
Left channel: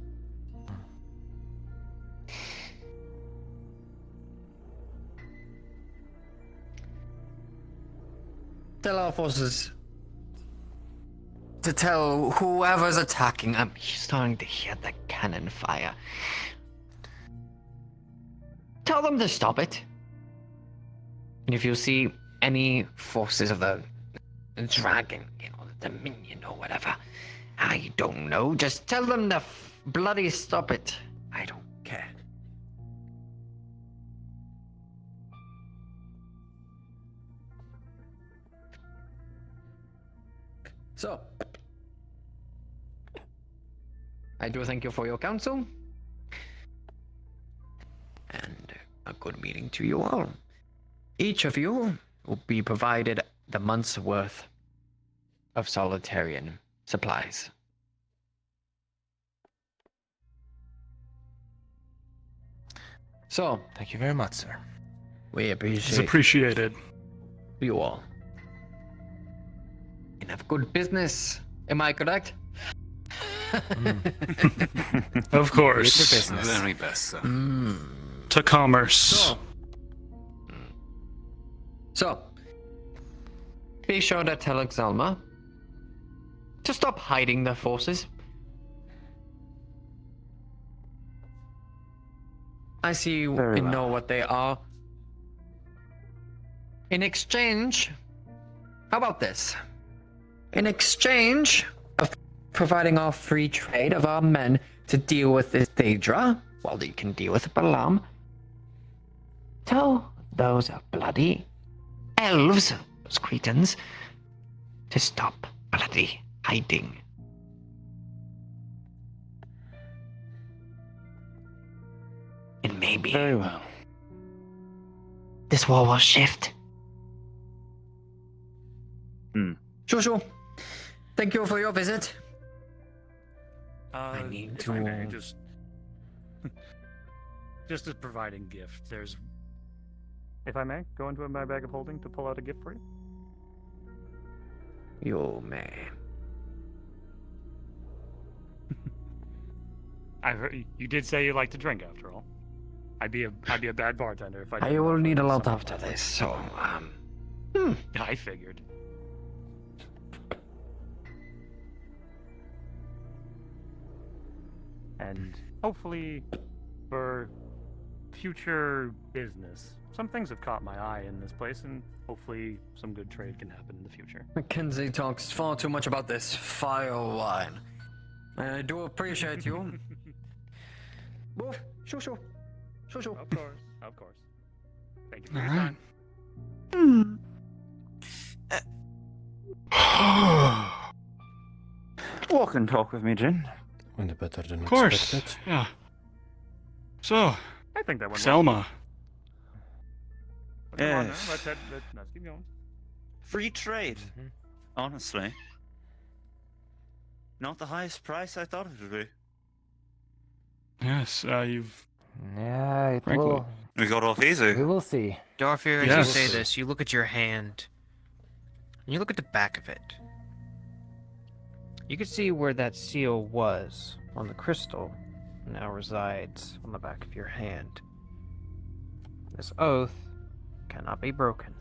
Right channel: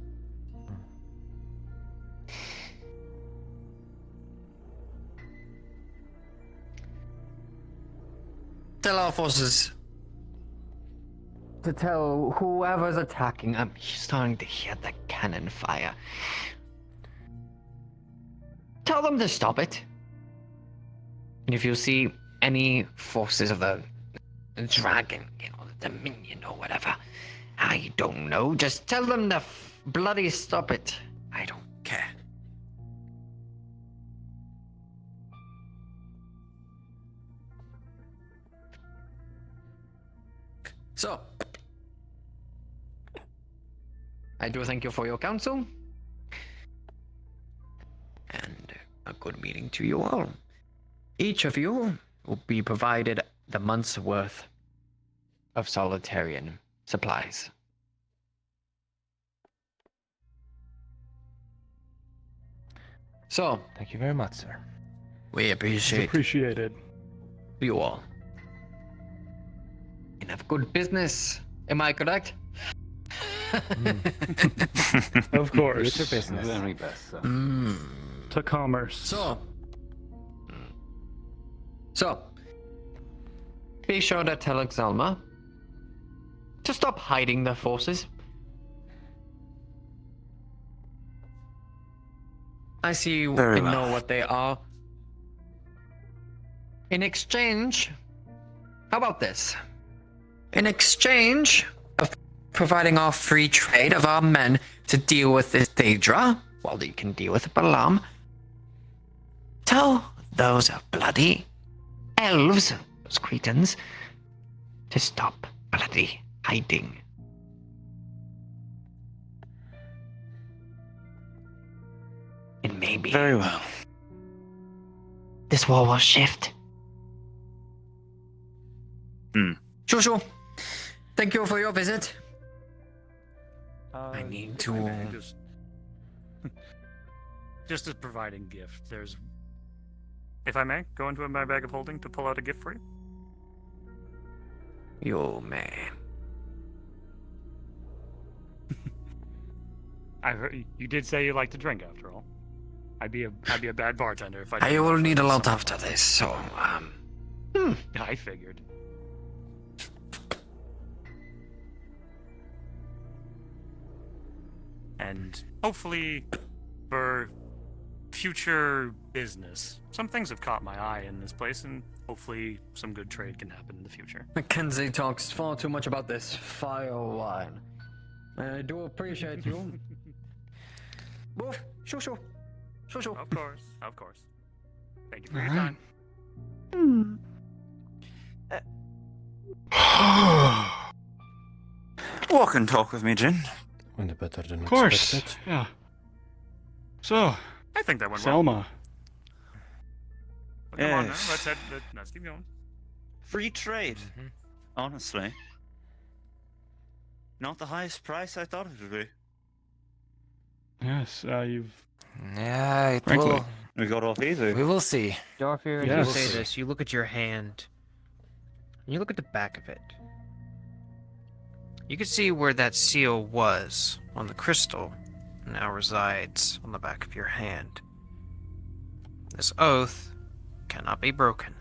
tell our forces to tell whoever's attacking. I'm starting to hear the cannon fire. Tell them to stop it. And if you see any forces of the dragon, the Dominion or whatever, I don't know, just tell them to bloody stop it. I don't care. So, I do thank you for your counsel, and a good meeting to you all. Each of you will be provided the month's worth of solitarian supplies. So, thank you very much, sir. We It's appreciated. you all. And have good business. Am I correct? Of course. It's a business. Very best, sir. To commerce. So, be sure to tell Exalma to stop hiding their forces. I see you Very well. know what they are. In exchange, how about this? In exchange of providing our free trade of our men to deal with this Daedra, while they can deal with Balaam, tell those bloody elves, those Cretans, to stop bloody hiding. And maybe Very well. this war will shift. Shushu, thank you for your visit. I need to... Just as providing gift, there's... If I may, go into my bag of holding to pull out a gift for you. You may. I heard you did say you like to drink after all. I'd be a bad bartender if I didn't. I will need a lot after this, so, I figured. And hopefully, for future business, some things have caught my eye in this place, and hopefully some good trade can happen in the future. Mackenzie talks far too much about this fire wine. I do appreciate you. Woof, shushu, shushu. Of course, of course. Thank you for your Alright. time. Walk and talk with me, Jin. Went better than Of course. expected. Yeah. So, I think that went well. Selma. Come on now, Yes. let's keep going. Free trade. Honestly. Not the highest price I thought it would be. Yes, you've... Yeah, it Frankly. will. We got off easy. We will see. Dorfir, as Yes. you say this, you look at your hand. And you look at the back of it. You can see where that seal was on the crystal now resides on the back of your hand. This oath cannot be broken,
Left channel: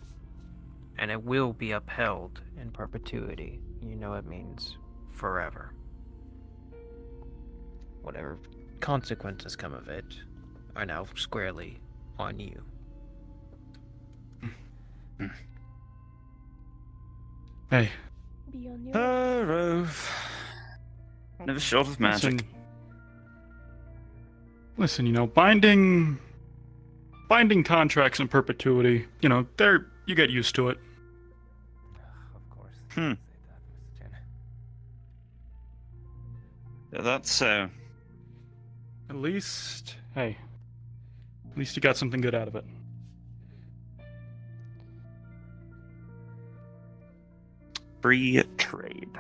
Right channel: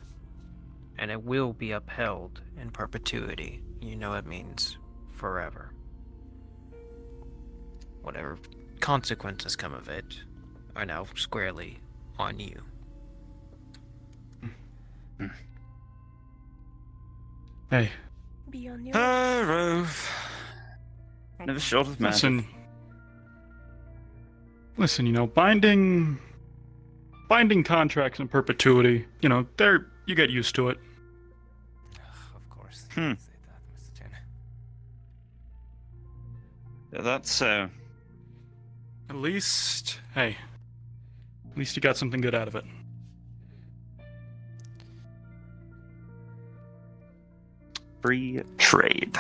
and it will be upheld in perpetuity. You know it means forever. Whatever consequences come of it are now squarely on you. Hey, Be on your Never short of magic. listen, you know, binding contracts in perpetuity, you know, you get used to it. Of course. Hmm. Say that, Mr. Chen. Yeah, that's so. At least you got something good out of it. Free trade.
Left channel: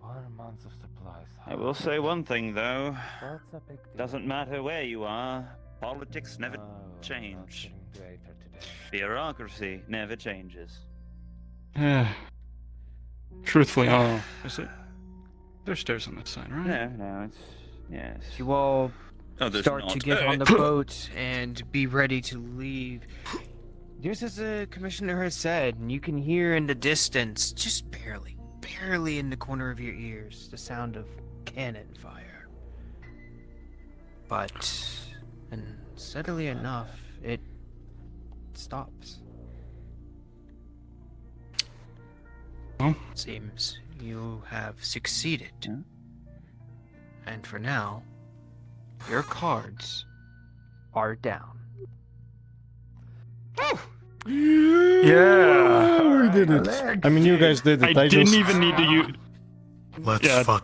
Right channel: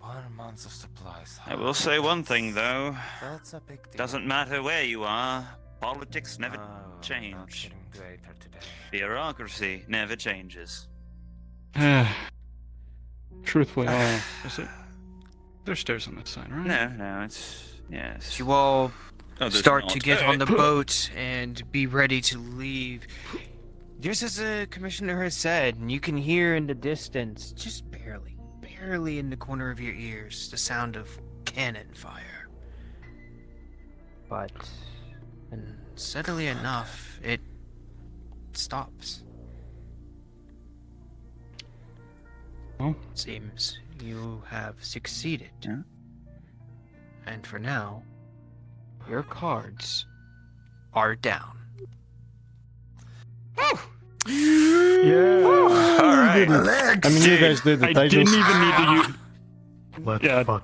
1 month of supplies. I will say one thing though. That's a big deal. Doesn't matter where you are, politics never Oh, not change. getting to Aether today. Bureaucracy never changes. Truthfully, I don't know. There's stairs on that side, right? No, it's yes. You all there's start not. to get on the boat and be ready to leave. Just as the commissioner has said, and you can hear in the distance, just barely in the corner of your ears, the sound of cannon fire. But, and steadily enough, it stops. Well, Seems you have succeeded. And for now, your cards are down. Yeah. We did it. I mean, you guys did it. I didn't just... even need to use.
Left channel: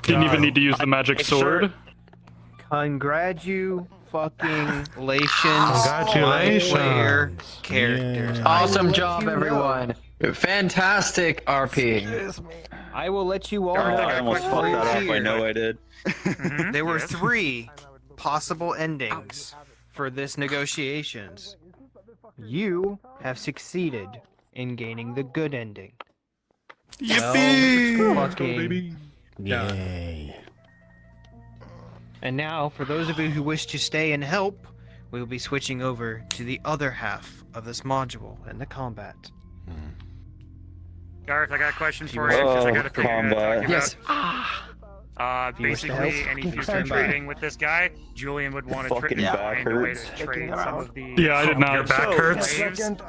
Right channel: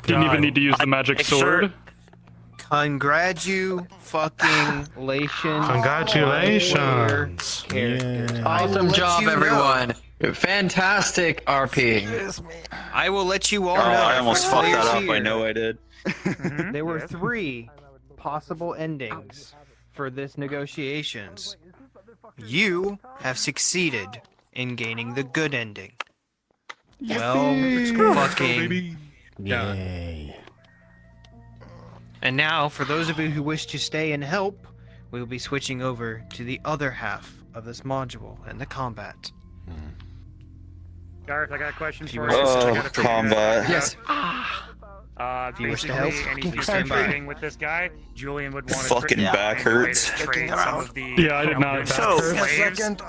Didn't even need to use the magic sword. Congratulations. Congratulations. Awesome job, everyone. Fantastic RP. I will let you all know. I almost fucked that up. I know I did. There were 3 possible endings for this negotiations. You have succeeded in gaining the good ending. Yippee! Well, fucking Yay. And now, for those of you who wish to stay and help, we will be switching over to the other half of this module and the combat. Gareth, I got a question If you for wish you. to I got a thing to combat. talk Yes. about. You wish to Basically, help? any future trading with this guy, Julian would want to Fucking back hurts. trade some of the. Yeah, I did not. Slaves.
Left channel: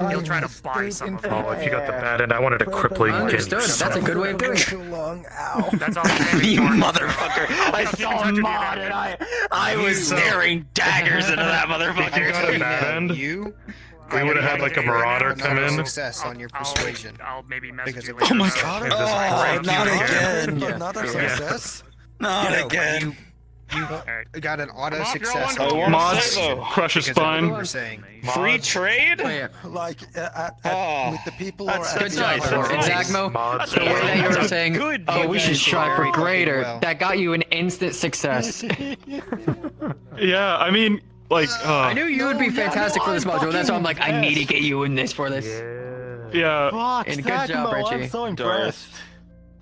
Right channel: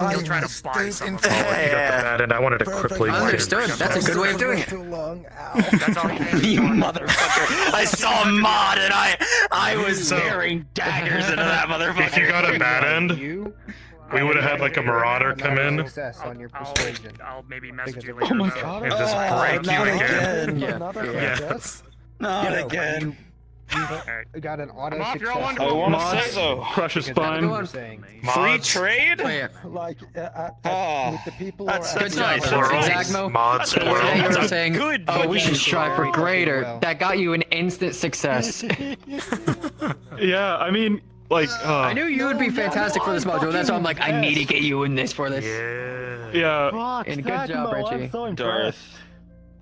He'll try to buy some of them. Oh, if you got the bad end, I wanted a crippling. Understood. That's a good way of doing it. That's all. You motherfucker! I saw a mod and I was staring daggers into that motherfucker. If you got a bad end, we would have had like a marauder come in. Success on your persuasion. I'll maybe Because message you of- later. Oh my about it. God. And just break you again. Yeah. Not again. You got an auto off, you're all success. wonderful. on your Mods, persuasion. crush a Because spine. of what we're saying. Free trade? Like, Oh, with the people that's who are Good job, nice. Exactmo. Mods. The way that you were saying, good oh, we should strive for greater. Well. That got you an instant success. Yeah, I mean, like, I knew you would be fantastic for this module. That's why I'm like, I need to get you in this for this. yeah. And good job, Richie. Darth.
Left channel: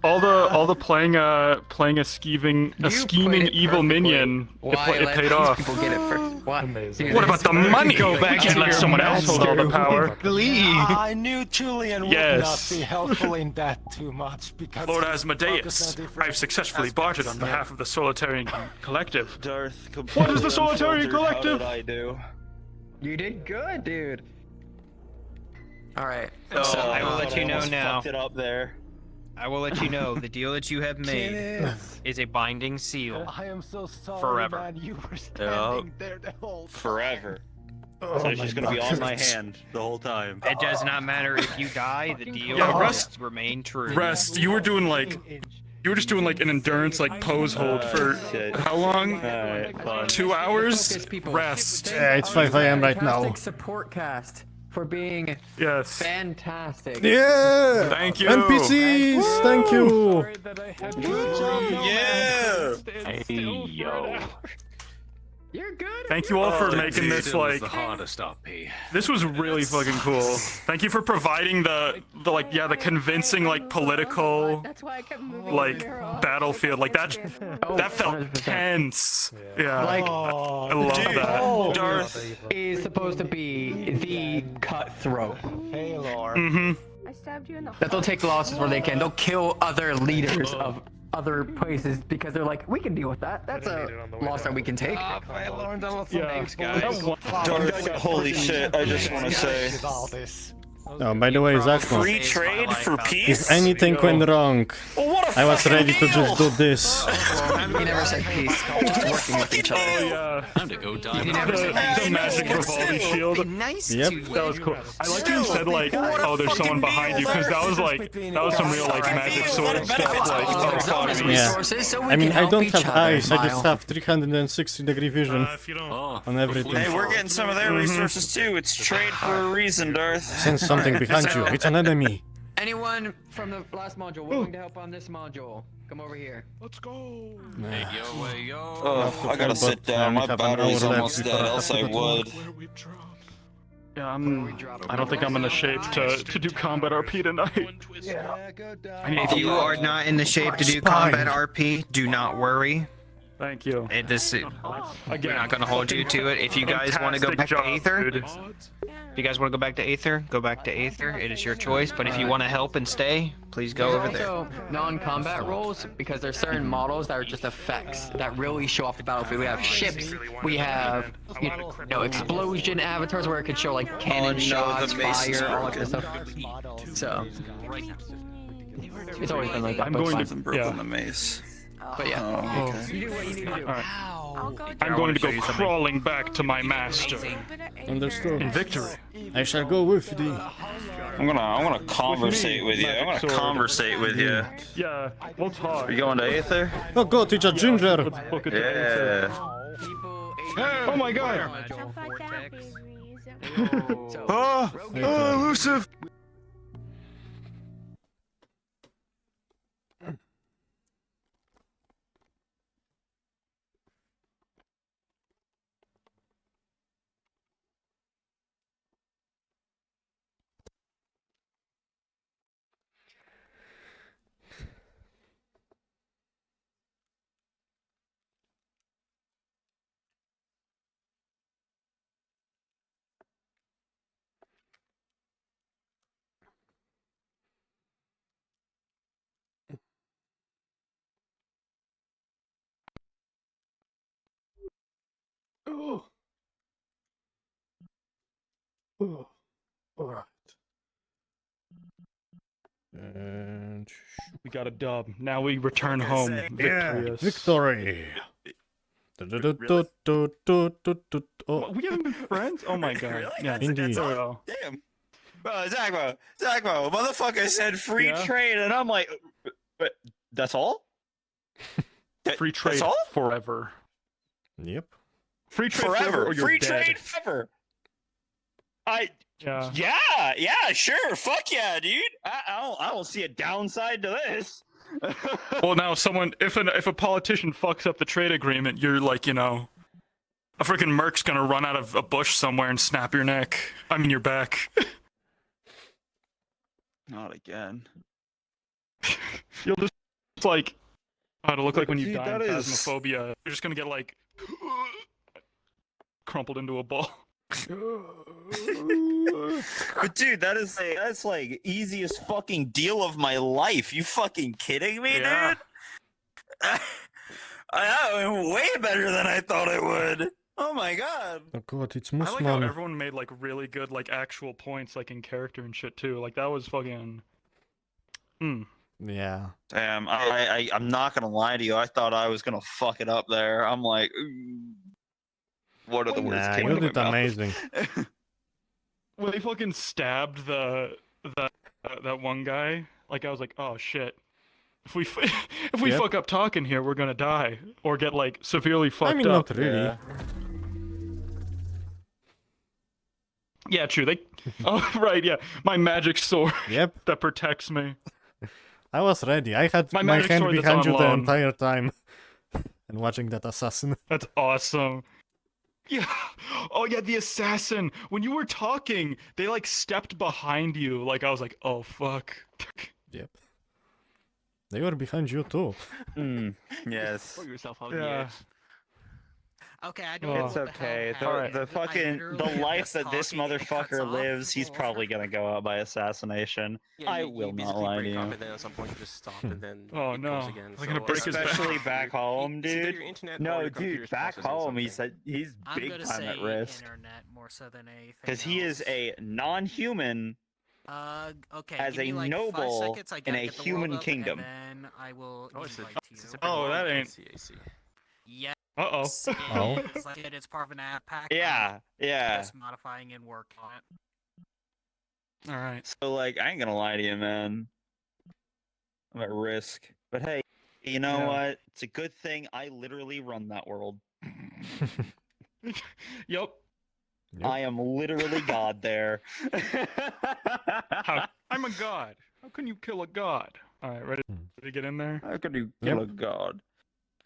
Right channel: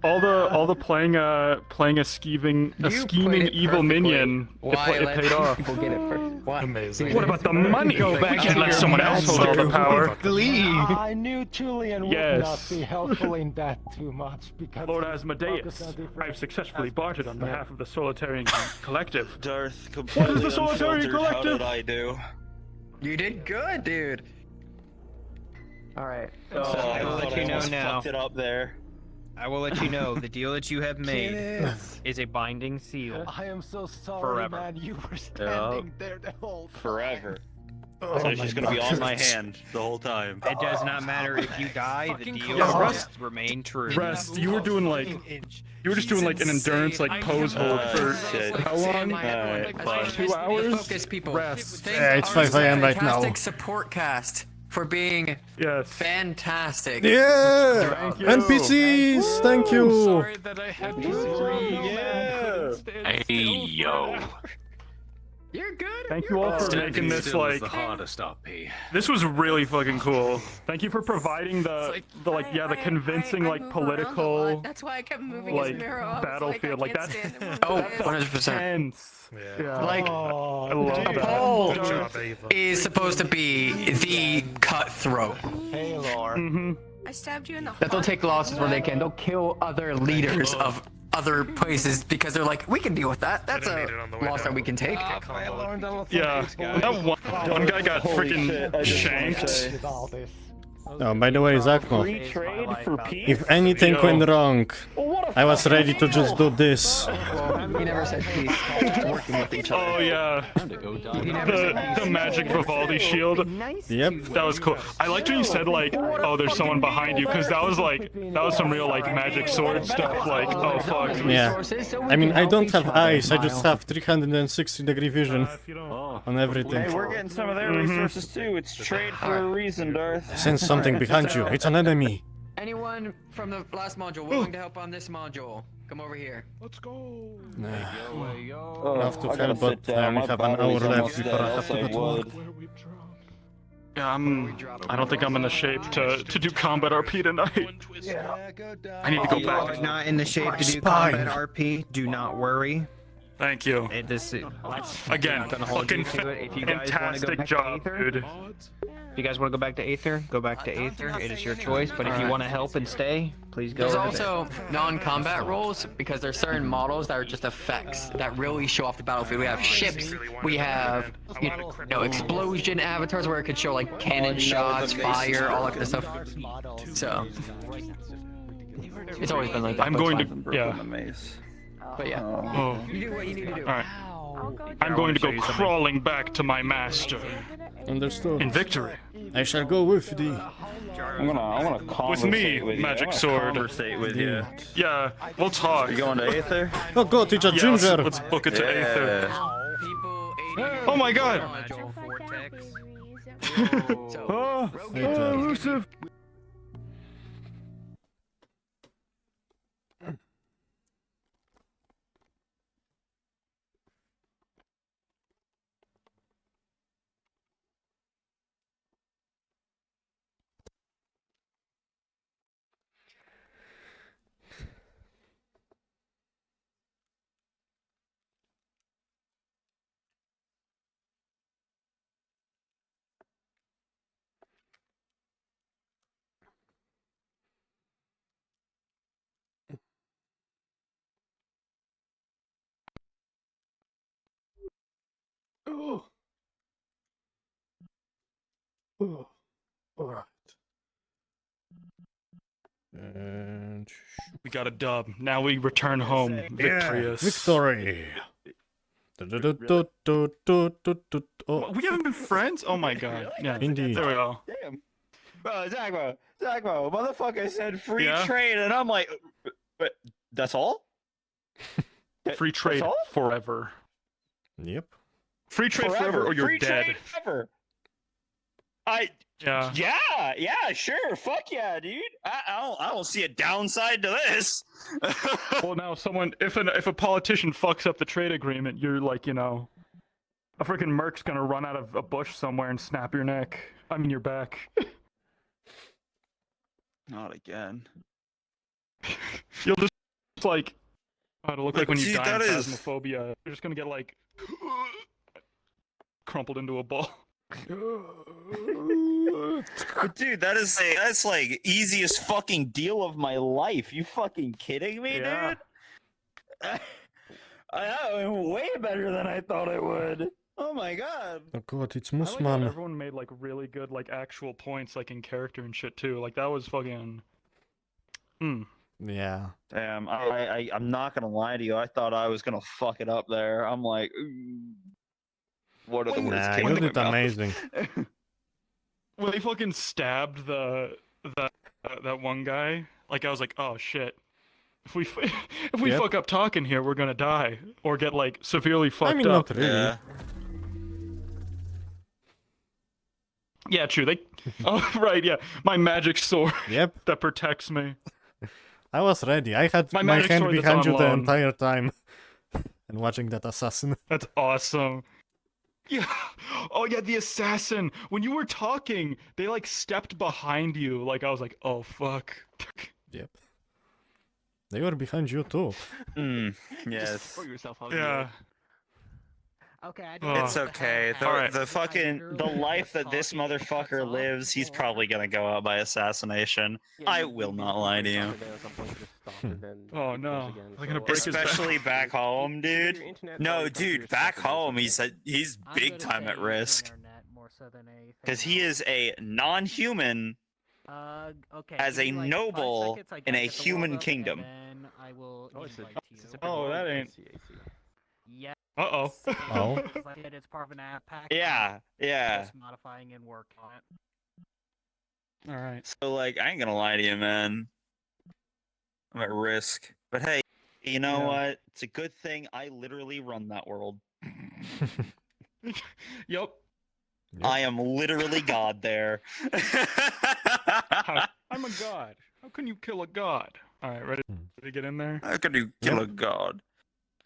All the playing a scheming played it evil perfectly. minion. Why It let paid these off. people get it for what? Amazing. What about the money? Go back Can't to let your someone else hold all the power. I knew Julian would Yes. not be helpful in that too much because Lord he's Asmodeus, focused on different I've successfully bartered on behalf of the Solitarian Collective. Darth. What is the Solitarian Collective? Collective? How did I do? You did good, dude. All right. Oh, So I will let you know now. Fucked it up there. I will let you know the deal that you have made is a binding seal. I am so sorry, Forever. man. You were standing there the whole time. Forever. Oh So it's my just gonna be on my God. hand the whole time. It does not matter if you die. The deal Yo, will Rust- remain true. Rest, you were doing like, you were just doing like an endurance like pose hold for shit. how long? Alright, fun. 2 hours. Focus, people. Rest. It's 5 a.m. right now. Fantastic support cast for being Yes. fantastic. Yeah! Thank you. NPCs! Thank you! Hey, yo. You're good. Thank you all for making this Still like. the hardest RP. This was really fucking cool. Thank you for providing the like the convincing like political That's why I kept moving like his mirror off. battlefield like that. That felt 100%. tense. Yeah. Like, I love that. Paul is supposed to be the cutthroat. Hey, Lord. Mm-hmm. I stabbed you in the That they'll take losses where they can. They'll kill other leaders of other places because they're like, we can deal with that. That's a loss that we can take. Yeah. That one guy got Holy freaking shit, I just want to shanked. say. With all this. Oh, by the way, Zakmo, Free trade for peace? if anything went wrong, I was ready to just do this. He never said peace. Just working with each other. Oh yeah. Time to go down. The magic Vivaldi shield. Yep. That was cool. I like you said like, oh, there's someone behind you, because that was some real like magic sword stuff. Like, oh fuck. Yeah. I mean, I don't have eyes, I just have 360-degree vision on everything. Hey, we're getting some of their resources too. It's trade for a reason, Darth. Sense something behind you, it's an enemy. Anyone from the last module willing to help on this module? Come over here. Let's go. Nah. Oh, Love to I gotta help, sit but I down. only My have an body's hour left almost before I dead, have else to I go to work. would. Yeah, I don't think I'm in the shape to do combat RP tonight. Yeah, go die. I need to If go you back. are not in the shape My to do spine. combat RP, do not worry. Thank you. We're Again, not gonna hold you to it. If you guys want to go fantastic back job, to Aether, dude. if you guys want to go back to Aether, go back to Aether. It is your choice. But if you want to help and stay, please go There's over there. also non-combat roles because there's certain models that are just effects that really show off the battlefield. We have ships, we have explosion avatars where it could show like cannon shots, fire, all that kind of stuff. So it's always been like that. I'm but going it's to fine. But yeah. Oh. You do what you need to do. Alright. I'm going to go crawling back to my master. Understood. In victory. I shall go with thee. I'm gonna conversate with you. Magic I'm gonna sword. conversate with you. Yeah, we'll talk. You going to Aether? Oh god, it's a ginger! Let's book it to Aether. Oh my god! Elusive! Oh. Oh. All right. And we got a dub. Now we return home victorious. Victory. Oh. We haven't been friends? Oh my god. Yeah, Indeed. There we go. Damn. Bro, Zachmo, motherfucker said free Yeah? trade, and I'm like, but that's all? Free trade all? forever. Yep. Free trade forever or you're free dead. trade forever. Yeah. Yeah, sure. Fuck yeah, dude. I don't see a downside to this. Well, now if a politician fucks up the trade agreement, you're like, a freaking merc's gonna run out of a bush somewhere and snap your neck. I mean, your back. Not again. You'll just like, it'll look like when you See, die in that is- phasmophobia. You're just gonna get like crumpled into a ball. But dude, that's like easiest fucking deal of my life. You fucking kidding me, dude? That went way better than I thought it would. Oh my god. Oh god, it's I like how Musman. everyone made like really good like actual points like in character and shit too. Like that was fucking. Yeah. Damn, I'm not gonna lie to you. I thought I was gonna fuck it up there. I'm like, ooh, what are the words? Nah, came you out of did my mouth? amazing. When they fucking stabbed that one guy, like I was like, oh shit. If we Yep. fuck up talking here, we're gonna die or get like severely fucked I mean, up. not really. Yeah, true. Oh right, yeah. My magic sword. Yep. That protects me. I was ready. I had My my magic hand sword that's behind on you the loan. entire time. And watching that assassin. That's awesome. Yeah. Oh yeah, the assassin. When you were talking, they like stepped behind you. Like I was like, oh fuck. Yep. They were behind you too. Yes. Yeah. Okay, It's okay. The life that this motherfucker lives, he's probably gonna go out by assassination. I will not lie to you. Oh no. They're gonna break his Especially back. back home, dude. No, dude, back home, he's big time at risk. Because he is a non-human as a noble in a human kingdom. Oh, that ain't. Yeah. Uh-oh. Oh. It's part of an app pack. Yeah. Just modifying and worked on it. All right. So, like, I ain't gonna lie to you, man. I'm at risk. But hey, you know what? It's a good thing I literally run that world. Yep. I am literally God there. I'm a god. How can you kill a god? All right, ready to get in there? How can you kill a god?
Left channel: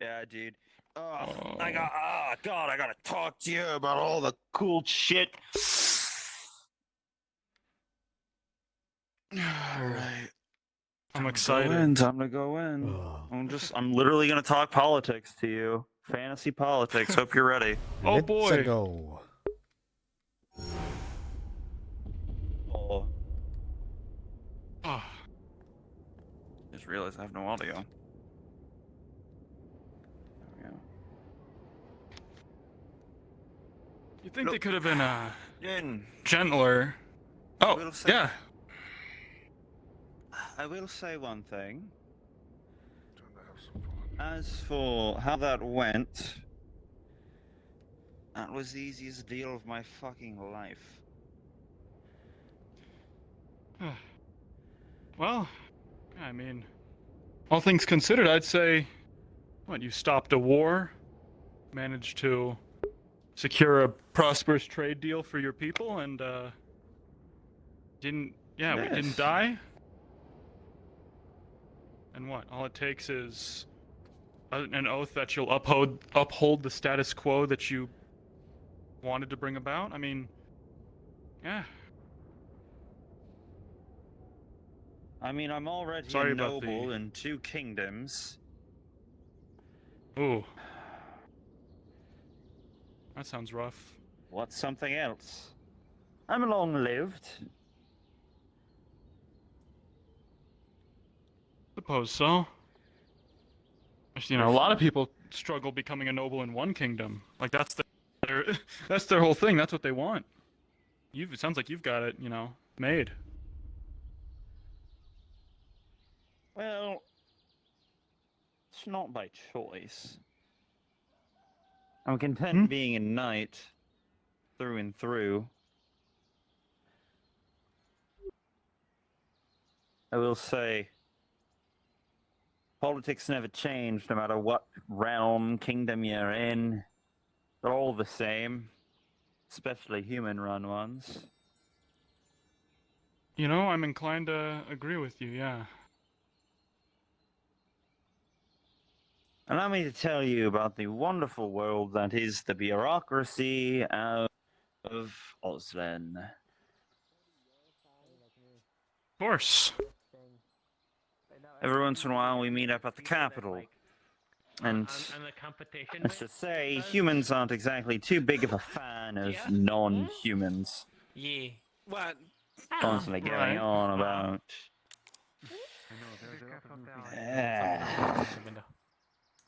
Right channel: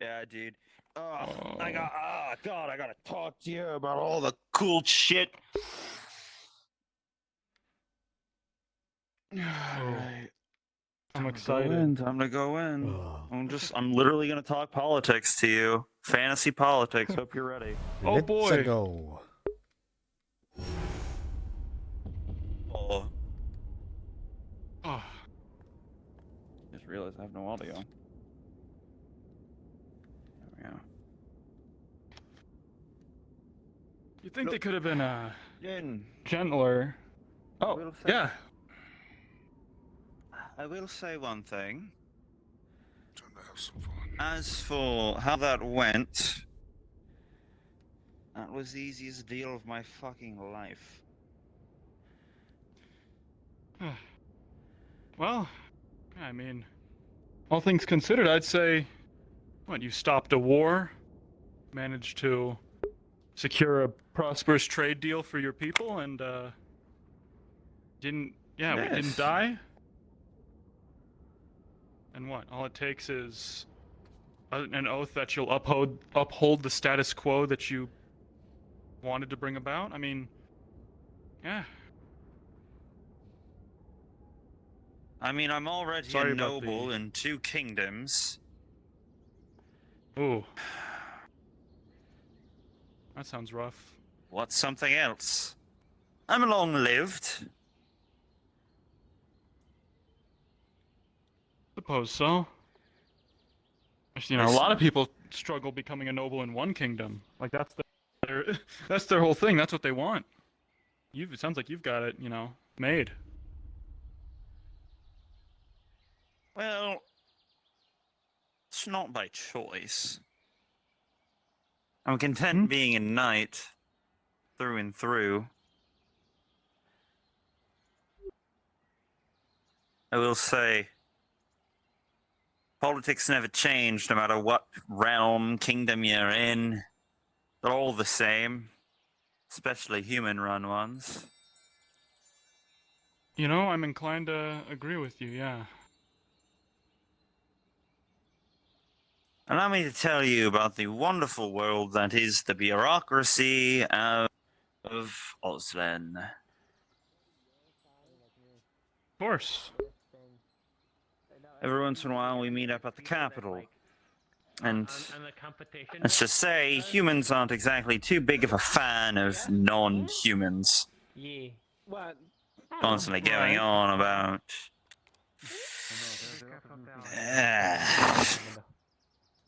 Yeah, dude. God, I gotta talk to you about all the cool shit Alright. I'm Go excited. in, time to go in. I'm literally gonna talk politics to you. Fantasy politics. Hope you're ready. Oh Let's boy. go. Oh. Just realized I have no audio. There we go. You think they could have been In. gentler? Oh, yeah. I will say one thing. As for how that went, that was the easiest deal of my fucking life. Well, I mean, all things considered, I'd say, what, you stopped a war, managed to secure a prosperous trade deal for your people, and, we didn't die? And what, all it takes is an oath that you'll uphold the status quo that you wanted to bring about? I mean, yeah. I mean, I'm already Sorry a about noble in 2 kingdoms. Ooh. That sounds rough. What's something else? I'm long-lived. Suppose so. Actually, you know, a lot of people struggle becoming a noble in one kingdom. Like that's their whole thing. That's what they want. It sounds like you've got it, you know, made. Well, it's not by choice. I'm content being a knight, through and through. I will say, politics never change no matter what realm, kingdom you're in. They're all the same, especially human-run ones. You know, I'm inclined to agree with you, yeah. Allow me to tell you about the wonderful world that is the bureaucracy of Oslin. Of course. Every once in a while we meet up at the capital. And let's just say, humans aren't exactly too big of a fan of non-humans. Yeah. What? Constantly going on about...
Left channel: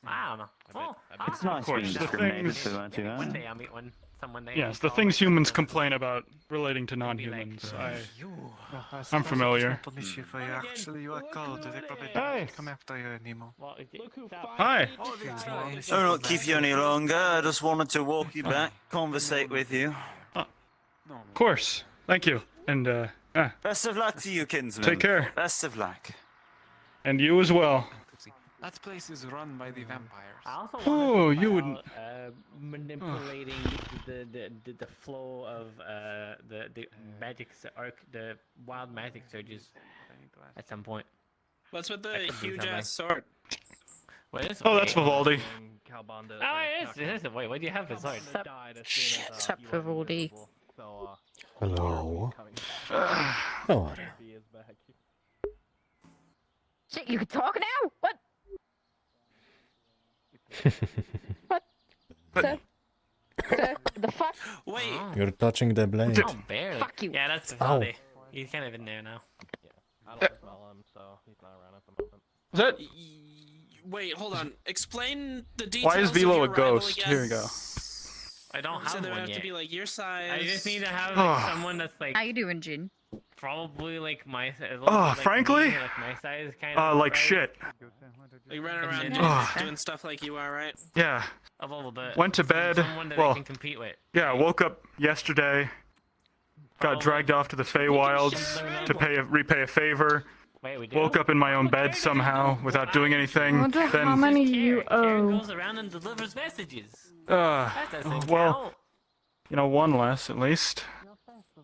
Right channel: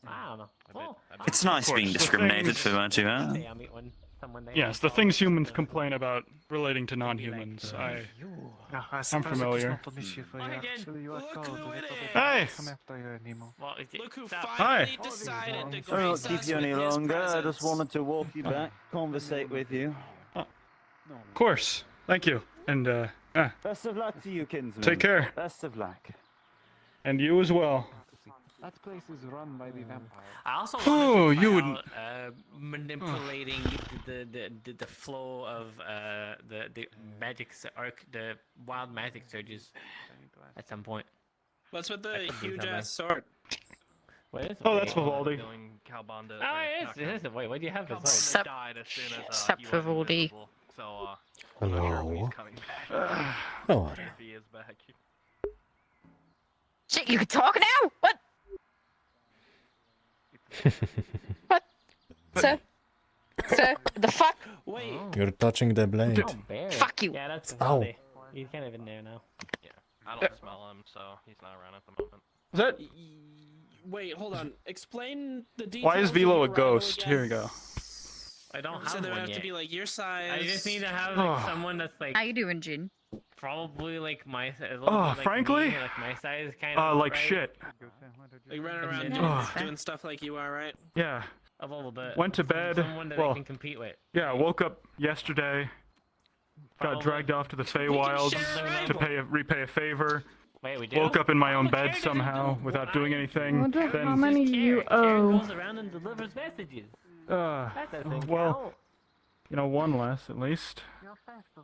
I don't know. Well, It's nice being discriminated to, aren't you, huh? one day I'll meet one. Someone there. Yes, the things humans complain about relating to non-humans. I'm familiar. Hey! Hi! I won't keep you any longer. I just wanted to walk you back, conversate with you. Of course. Thank you. And, Best of luck to you, kinsman. Take care. Best of luck. And you as well. That place is run by the vampires. I also Oh, you wouldn't. Manipulating the flow of the magic the wild magic surges at some point. What's with the huge ass sword? What is? Oh, that's Vivaldi. Oh, it is. Wait, what do you have for sword? Sup, Vivaldi. Hello. Oh. Shit, you can talk now? What? What? Sir? Sir? The fuck? Wait. You're touching the blade. Fuck you. Yeah, that's Ow. Vivaldi. He's kind of in there now. Yeah, I don't smell him, so he's not around at the moment. That... Wait, hold on. Explain the details. Why is of Velo your a ghost? arrival Here we again. go. I don't So have there one have yet. to be like your size. I just need to have Oh. like, someone that's like How you doing, Jin? probably like my size. Oh, frankly? like my size kind of. Like right? shit. Like running around Ugh. doing stuff like you are, right? Yeah. A little bit. Went to bed. Someone that I Well, can compete with. yeah, woke up yesterday. Got dragged off to the Feywilds to repay a favor. Wait, we do? Woke up in my own bed somehow without doing anything. Wonder how Then, many you owe. Goes around and delivers messages. well, count. you know, one less at least.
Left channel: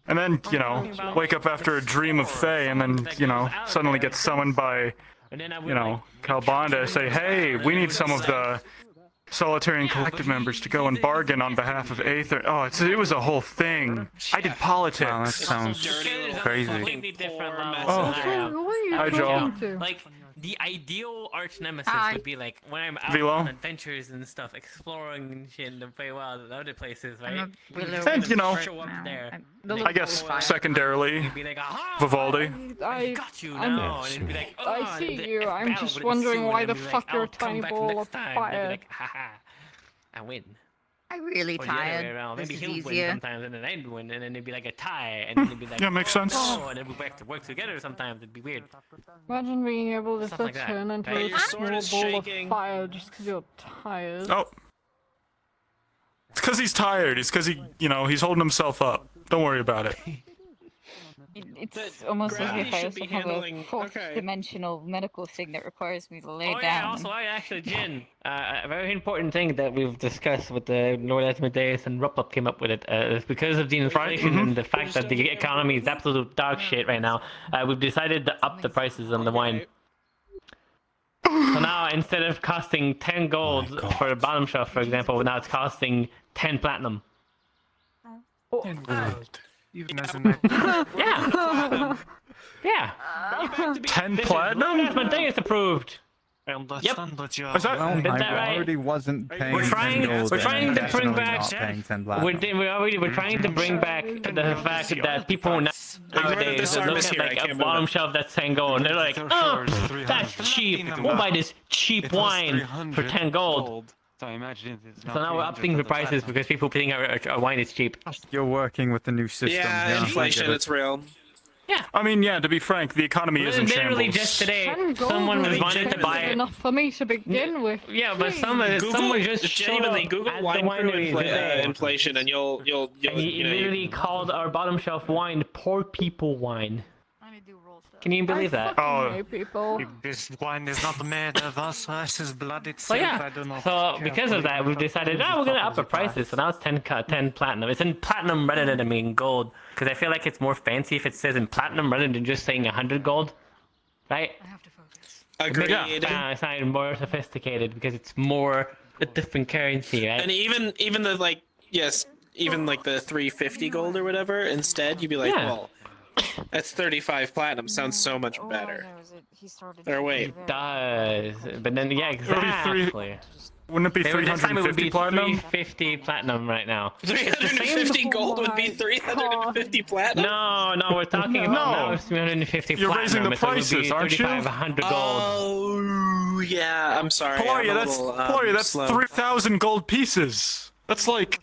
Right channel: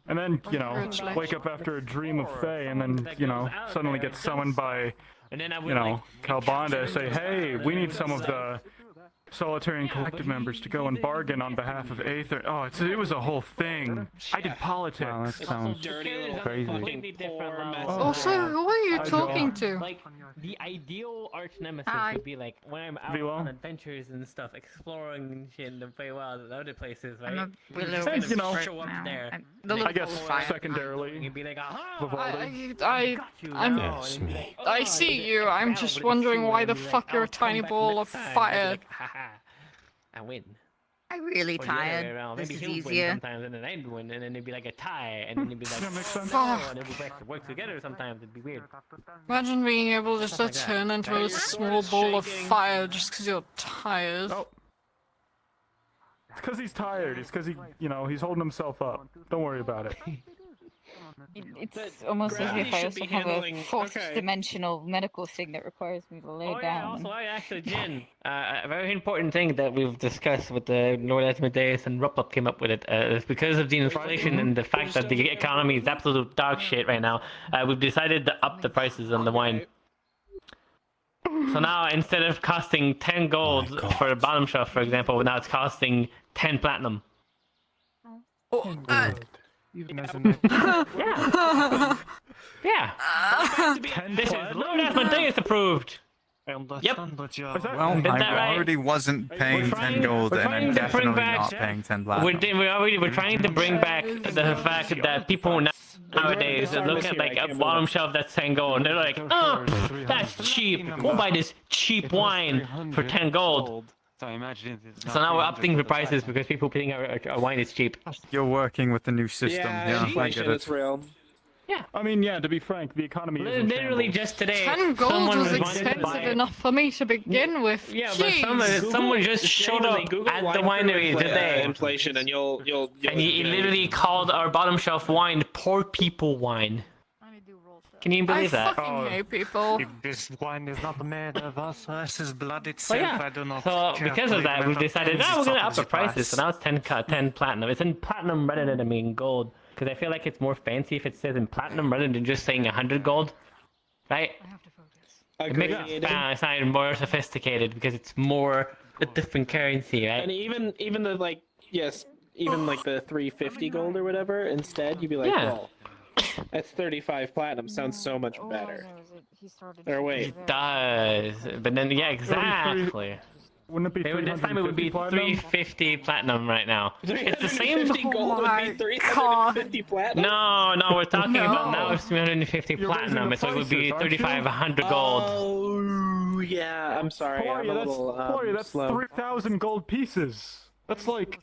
And then, you know, wake up after a dream of Fae and then, you know, suddenly get summoned by, And then I you know, Calbanda, say, hey, we need some of the Solitarian Collective members to go and bargain on behalf of Aether. Oh, it was a whole thing. I did politics. That sounds crazy. Also, who are you Hi, talking Joel. to? Like, the ideal arch nemesis Hi. would be like when I'm out Velo? on adventures and stuff, exploring and shit in the Feywild and other places, right? not You Willow. kind of You know, show up there. I guess secondarily, You'd be like, "Ah, Vivaldi. I Yes, me. I see you. I'm just wondering why the fuck you're a tiny ball of fire. Like, haha, I win. I'm really Or the other way tired. around. This Maybe is he'll win easier. sometimes, and then I'd win, and then it'd be like a tie, and then it'd be like, Yeah, makes sense. Oh, and then we have to work together sometimes. It'd be weird. Imagine being able just to like that. turn into Hey, a your sword small is ball of shaking. fire just because you're tired. Oh. It's because he's tired. It's because he's holding himself up. Don't worry about it. It's almost as Gravity if I should also be have a handling- fourth okay. dimensional medical thing that requires me to lay Oh yeah, down. also I actually, Jin, a very important thing that we've discussed with the Lord Asmodeus and Rupplup came up with it is because of the inflation and the fact that the economy is absolute dog shit right now. We've decided to up the prices on the wine. So now instead of costing 10 gold for a bottom shelf, for example, now it's costing 10 platinum. Even as Yeah. 10 Lord platinum? Asmodeus approved. Yep. Is that Well, Is I that right? already wasn't paying We're 10 gold. we're and trying I'm to bring definitely back. not paying 10 We're, black. we're trying to bring back the fact that people nowadays look at like a bottom shelf that's 10 gold and they're like, oh, that's cheap. We'll buy this cheap wine for 10 gold. So I imagine it's not So now we're 300 upping the for the prices because people think our wine is cheap. You're working with the new system. Yeah, I get it. real. Yeah. I mean, yeah, to be frank, the economy is in Literally shambles. just today, 10 gold someone is was wanting to expensive buy. enough for me to begin with. Yeah, but Jeez. someone just showed up at the winery today. inflation, and you'll And he literally called our bottom shelf wine poor people wine. Can you believe I that? fucking hate people. This wine is not made of us versus blood Oh itself. yeah. I do not So care because for of that, we've decided, we're gonna up the price. prices. So now it's 10 platinum. It's in platinum rather than in gold, because I feel like it's more fancy if it says in platinum rather than just saying 100 gold, right? It makes it sound more sophisticated because it's more a different currency, right? And even the even like the 350 gold or whatever, instead you'd be like, Yeah. well, that's 35 platinum. Sounds so much better. Or It wait, does, but then yeah, exactly. Wouldn't it be Maybe this time it would 350 be platinum? 350 platinum right now. It's the same. 350 gold would be 350 platinum. No, we're talking about now it's 350 You're raising platinum, the so it would be prices, aren't you? 3,500 gold. Oh yeah, I'm sorry. Polaria, that's 3,000 gold pieces. That's like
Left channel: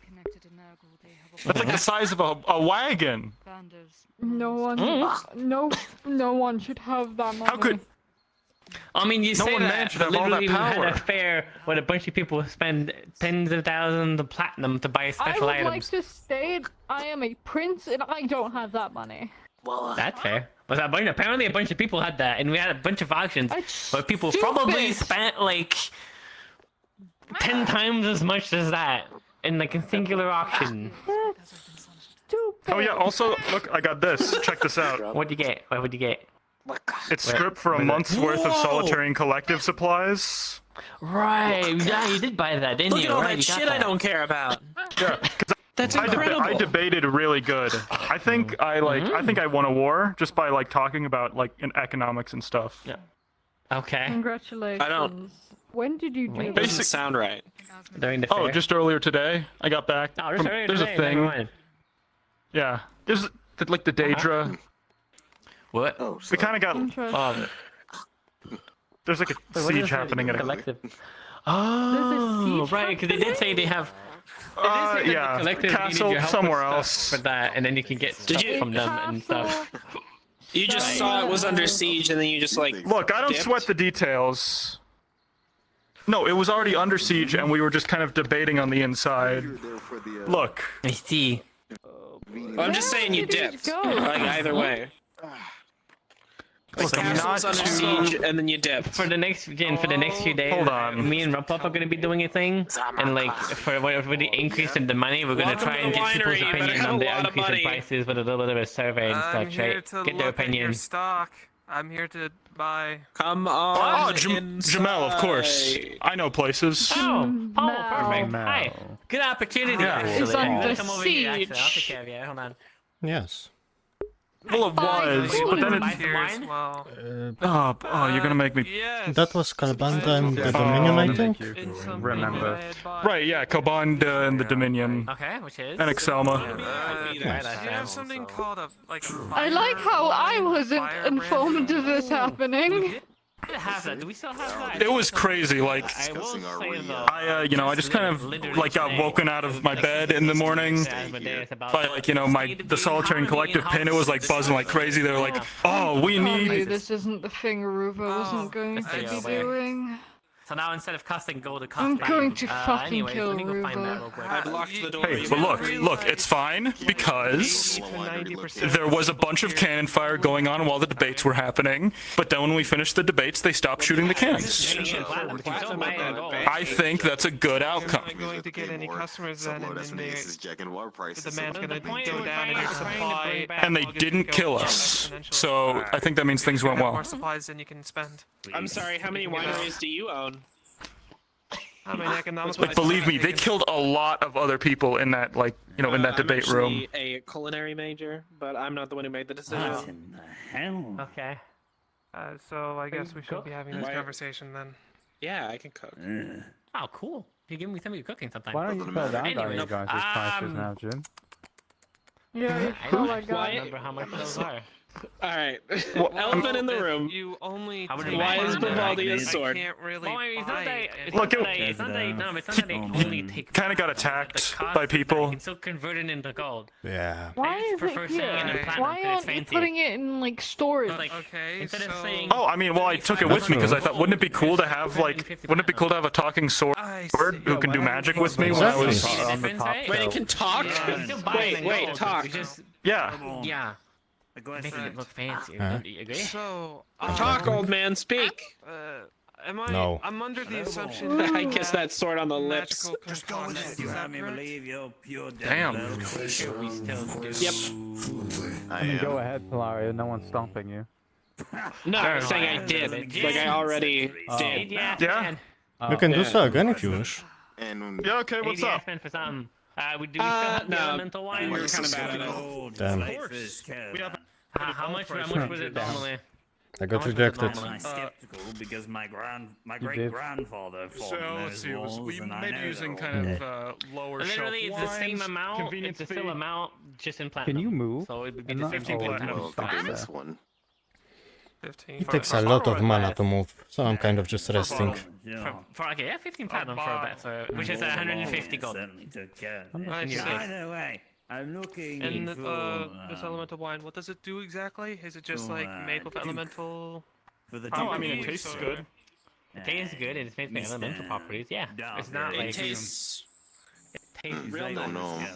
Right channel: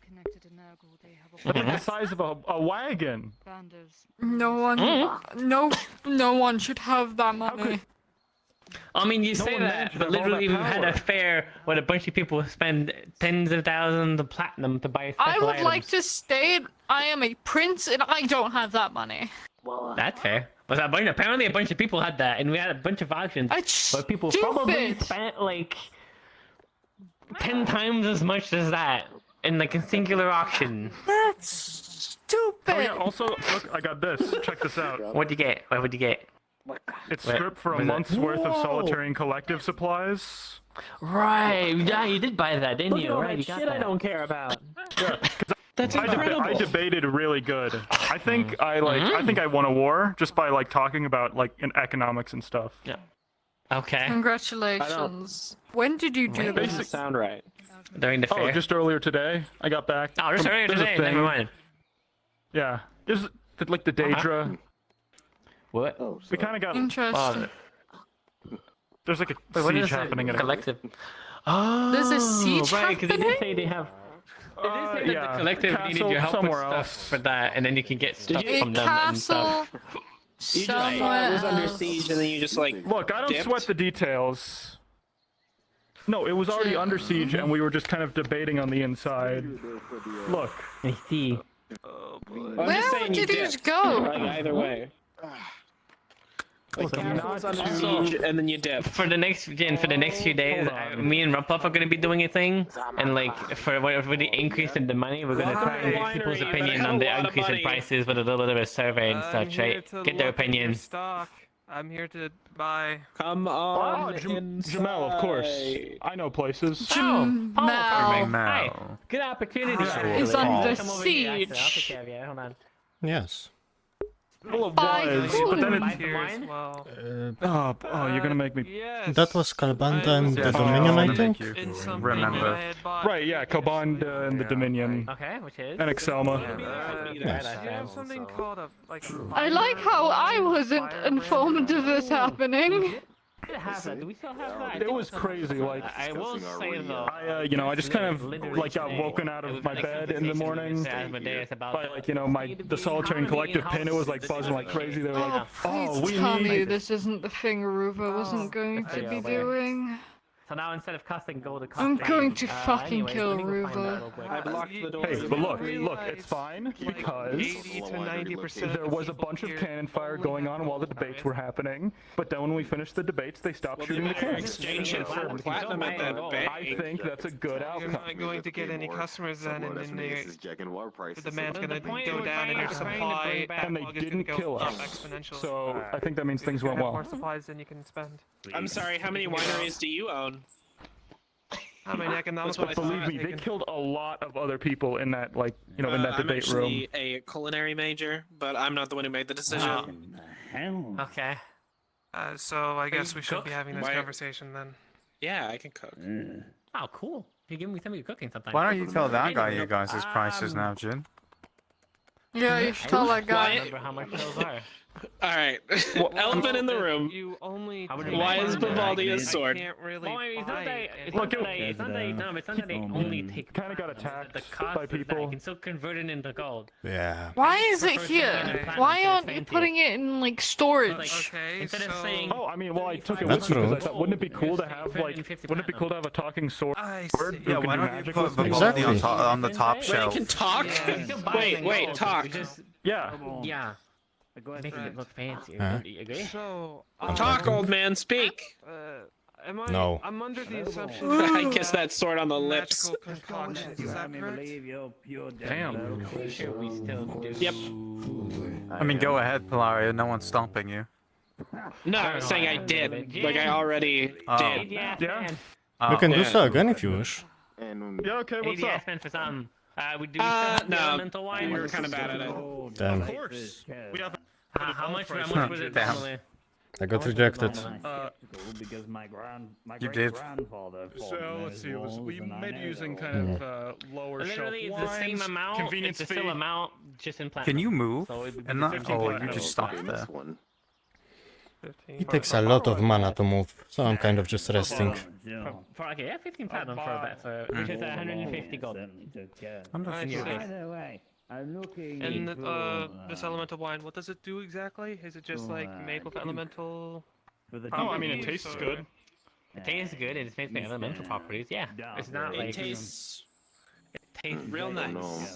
the size of a wagon. No one, no one should have that money. How could? I mean, you No say one that, should but have all literally that we've had a power. fair where a bunch of people spend tens of thousands of platinum to buy I special would items. like to state I am a prince and I don't have that money. That's fair. But apparently a bunch of people had that, and we had a bunch of auctions where people probably spent like 10 times as much as that in like a singular auction. That's stupid. Oh yeah. Also, look, I got this. Check this out. What'd you get? What'd you get? It's Wait, script for a where's that? month's worth of Solitary and Collective supplies. Right. Yeah, you did buy that, didn't Look you? at all Right, that you got shit I that. don't care about. Yeah, That's I debated really good. I think I think I won a war just by like talking about like in economics and stuff. Yeah. Okay. Congratulations. When did you do That this? doesn't sound right. During the Oh, fair. just earlier today. I got back. Oh, just from- earlier there's today. a thing. Never mind. Yeah. There's like the Daedra. What? We kind of got. Interesting. There's like a Wait, what siege is it? happening at a Collective. Oh, There's a siege right, because they did happening? say they have. They did say that yeah. the collective needed Castle your help with somewhere stuff else. for that, and then you can get stuff you- from them and stuff. You just saw it was under siege, and then you just like Look, I don't dipped. sweat the details. No, it was already under siege, and we were just kind of debating on the inside. Look. I see. I'm just saying you did you dipped. go? Like either way. Like Look, I'm castle not was under also- siege, and then you dipped. For the next few days, Hold on. me and Rumpluff are gonna be doing a thing, and like for the increase in the money, we're gonna try and get people's opinion on the increase in prices with a little bit of a survey and such, right? Get their opinion. I'm here to buy. Come on. Oh, Jamel, of course. I know places. Oh, perfect. No. Hi. Good opportunity. Is under Come over here. I'll take siege. care of you. Hold on. Yes. Well, it Fine, was, but then cool. it... Here as well. Oh, you're gonna make me... Yes. That was Kalbanda and the Dominion, I think. It's something Remember. I had bought. Right, yeah, Kobanda and the Dominion. Okay, which is? And Excelma. Yes. Do you have something called a like? I like how I wasn't informed of this happening. Do we still have that? It was crazy, like... I will say though. I I just kind of, like, got woken out of my bed in the morning by, like, the Solitary Collective pin. It was, like, buzzing like crazy. They were like, oh, we Tell me need... this isn't the thing Aruva wasn't going to be doing. So now instead of casting gold, to I'm going to fucking kill Aruva. Hey, but look, it's fine, because there was a bunch of cannon fire going on while the debates were happening, but then when we finished the debates, they stopped shooting the cannons. I think that's a good outcome. You're not going to get any customers then, and then the demand's gonna go down and your supply. And they didn't kill us, so I think that means things went well. More supplies than you can spend. I'm sorry, how many wineries do you own? I mean, economics. Like, believe me, they killed a lot of other people in that, like, in that debate room. I'm actually a culinary major, but I'm not the one who made the decision. Okay. So I guess we should be having this conversation then. Yeah, I can cook. Oh, cool. You give me some of your cooking sometime. Why don't you tell that guy you guys' prices now, Jin? Yeah, you should tell that guy. Remember how much those are. Alright. Elephant in the room. You only. Why is Vivaldi a sword? Can't really. Look, it's not that they only take. Kind of got attacked by people. You can still convert it into gold. Yeah. Why is it here? Why aren't you putting it in like storage? Okay. Instead of saying. Oh, I mean, well, I took it with me because I thought, wouldn't it be cool to have, like, a talking sword who can do magic with me? Exactly. On the top Wait, shelf. you can talk? Wait, talk. Yeah. Yeah. Making it look fancy. Huh? You agree? So. Talk, old man, speak. Am I? No. I'm under the assumption. I kiss that sword on the lips. Magical concoction. Is that correct? Damn. Yep. I mean, go ahead, Pilaria. No one's stomping you. No, I was saying I did. Like, I already did. Yeah? You can do so again if you wish. Yeah, okay, what's up? ADS meant for something. We do have no. elemental wine. You're kind of bad at it. Damn. Of course. We have How much was it normally? I got rejected. Because my You great did. grandfather fought So in let's those see. It was, wars, we and I may be know using them. kind of lower shelf Literally, it's wines. the same amount. Convenience It's the fee. same amount, just in platinum. Can you move? So it would be And not, 15 or you platinum. just stop there? 15. It takes a lot of mana to move, so I'm kind of just resting. Okay, yeah, 15 platinum which is 150 gold. I see. Either way, I'm looking And for, this elemental wine, what does it do exactly? Is it just like made with elemental? Oh, I mean, it tastes good. It tastes good, and it's made by elemental properties, yeah. It's not like... It tastes real nice.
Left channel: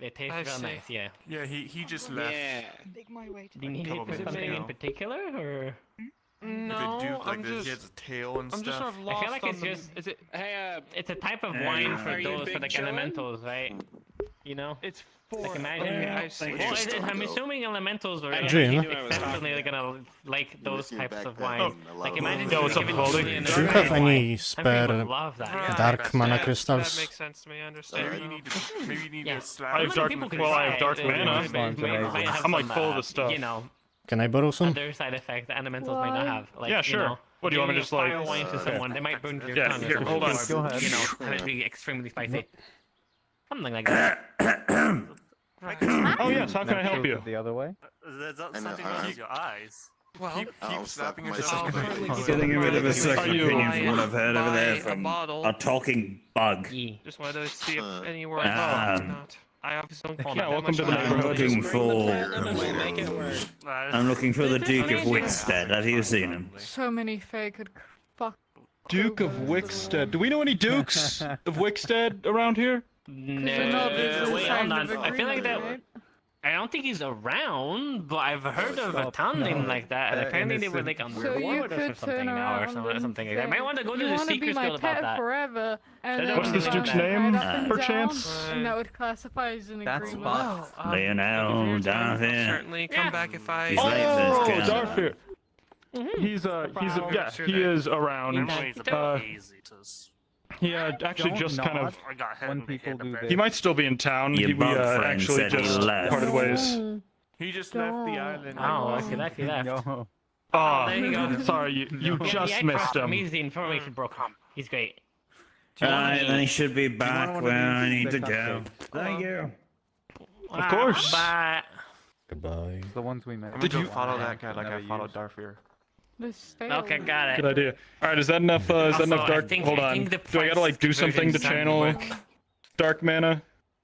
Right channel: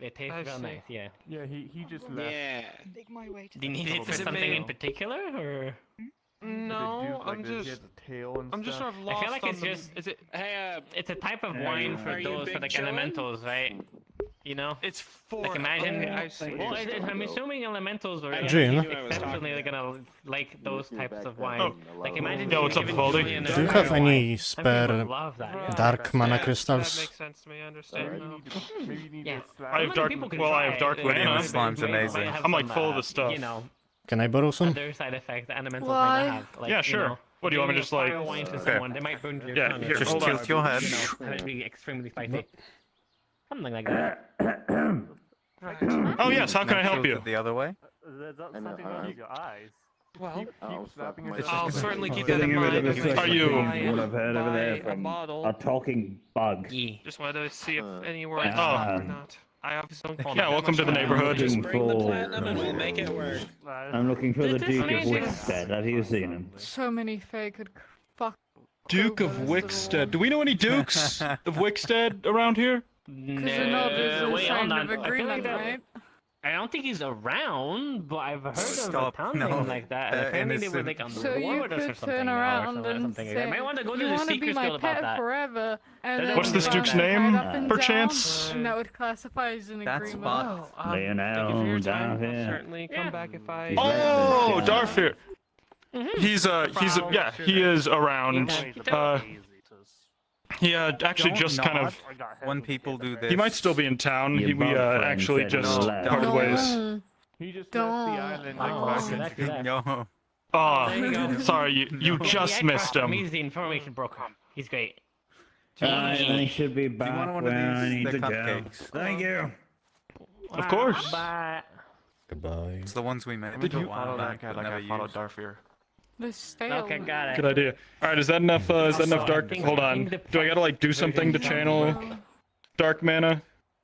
It tastes I real see. nice, yeah. Yeah, he just left. Yeah. Do you need it for something in particular, or...? No, I'm just sort of lost I feel like on it's the. just... Is it? Hey, It's a type of wine for Are you those, for big like chillin'? elementals, right? You know? It's for. Like imagine, Okay, I see. well, I'm assuming elementals are Jin? exceptionally gonna like those types of wine. Oh. Like imagine. Yo, what's up, giving Vivaldi? Julian a Do you have wine. any Some people spare love that. dark mana That crystals? makes sense to me. I understand. Maybe you need Yeah. I have dark. People can Well, I have try dark it. mana. Slime's They might amazing. have I'm like some, full of the stuff. You know, Can I borrow some? other side effects that elementals might Why? not have. Like, Yeah, you sure. know, What do you want me to giving just like? fire wine to someone, they might burn your Yeah, tongue. here, if hold you on. know, Go ahead. You know, and it'd be extremely spicy. Something like that. Right. Oh yes, how can I help you? The other way? There's something wrong with your eyes. Well, Keep snapping your I'll certainly keep Getting it in rid of mind. a If you second Are you- opinion from what buy I've heard over there a from bottle. a talking bug. Just wanted to see if anywhere I stopped or not. I obviously don't. Yeah, welcome to the neighborhood. Looking Bring the for. platinum and we'll make it work. I'm looking for the This Duke of amazing. Wickstead. Have you seen him? So many Fae could fuck. Duke of Wickstead. Do we know any Dukes of Wickstead around here? they're not No, wait, hold kind on. of I feel like that. agreement, I don't think he's around, but I've heard of a town name like that. And apparently they were like on the So war you with us or could something turn now, or around something. Or and something. say, I might want to go to you the want to be Secret my Guild about pet that. forever, and then What's this you duke's run name, right up and perchance? down, and that would classify as an That's agreement. Box. Thank you for your time. I'll certainly come back if I. Oh, Darfir. He is around. He actually Don't just kind nod of. when people do this. He might still be in town. We actually just parted ways. He just left the island. Oh, okay, that's left. No. Oh, There you go. sorry, you just missed him. He's the information broker. He's great. I should be Do you back want when one of I these need to the go. cupcakes? Thank you. Of course. Goodbye. It's the ones we made. Did you follow that guy like I followed Darfir? Okay, got it. Good idea. All right, is that enough? Is that enough dark? Hold on. the Do I gotta like do something to channel dark mana?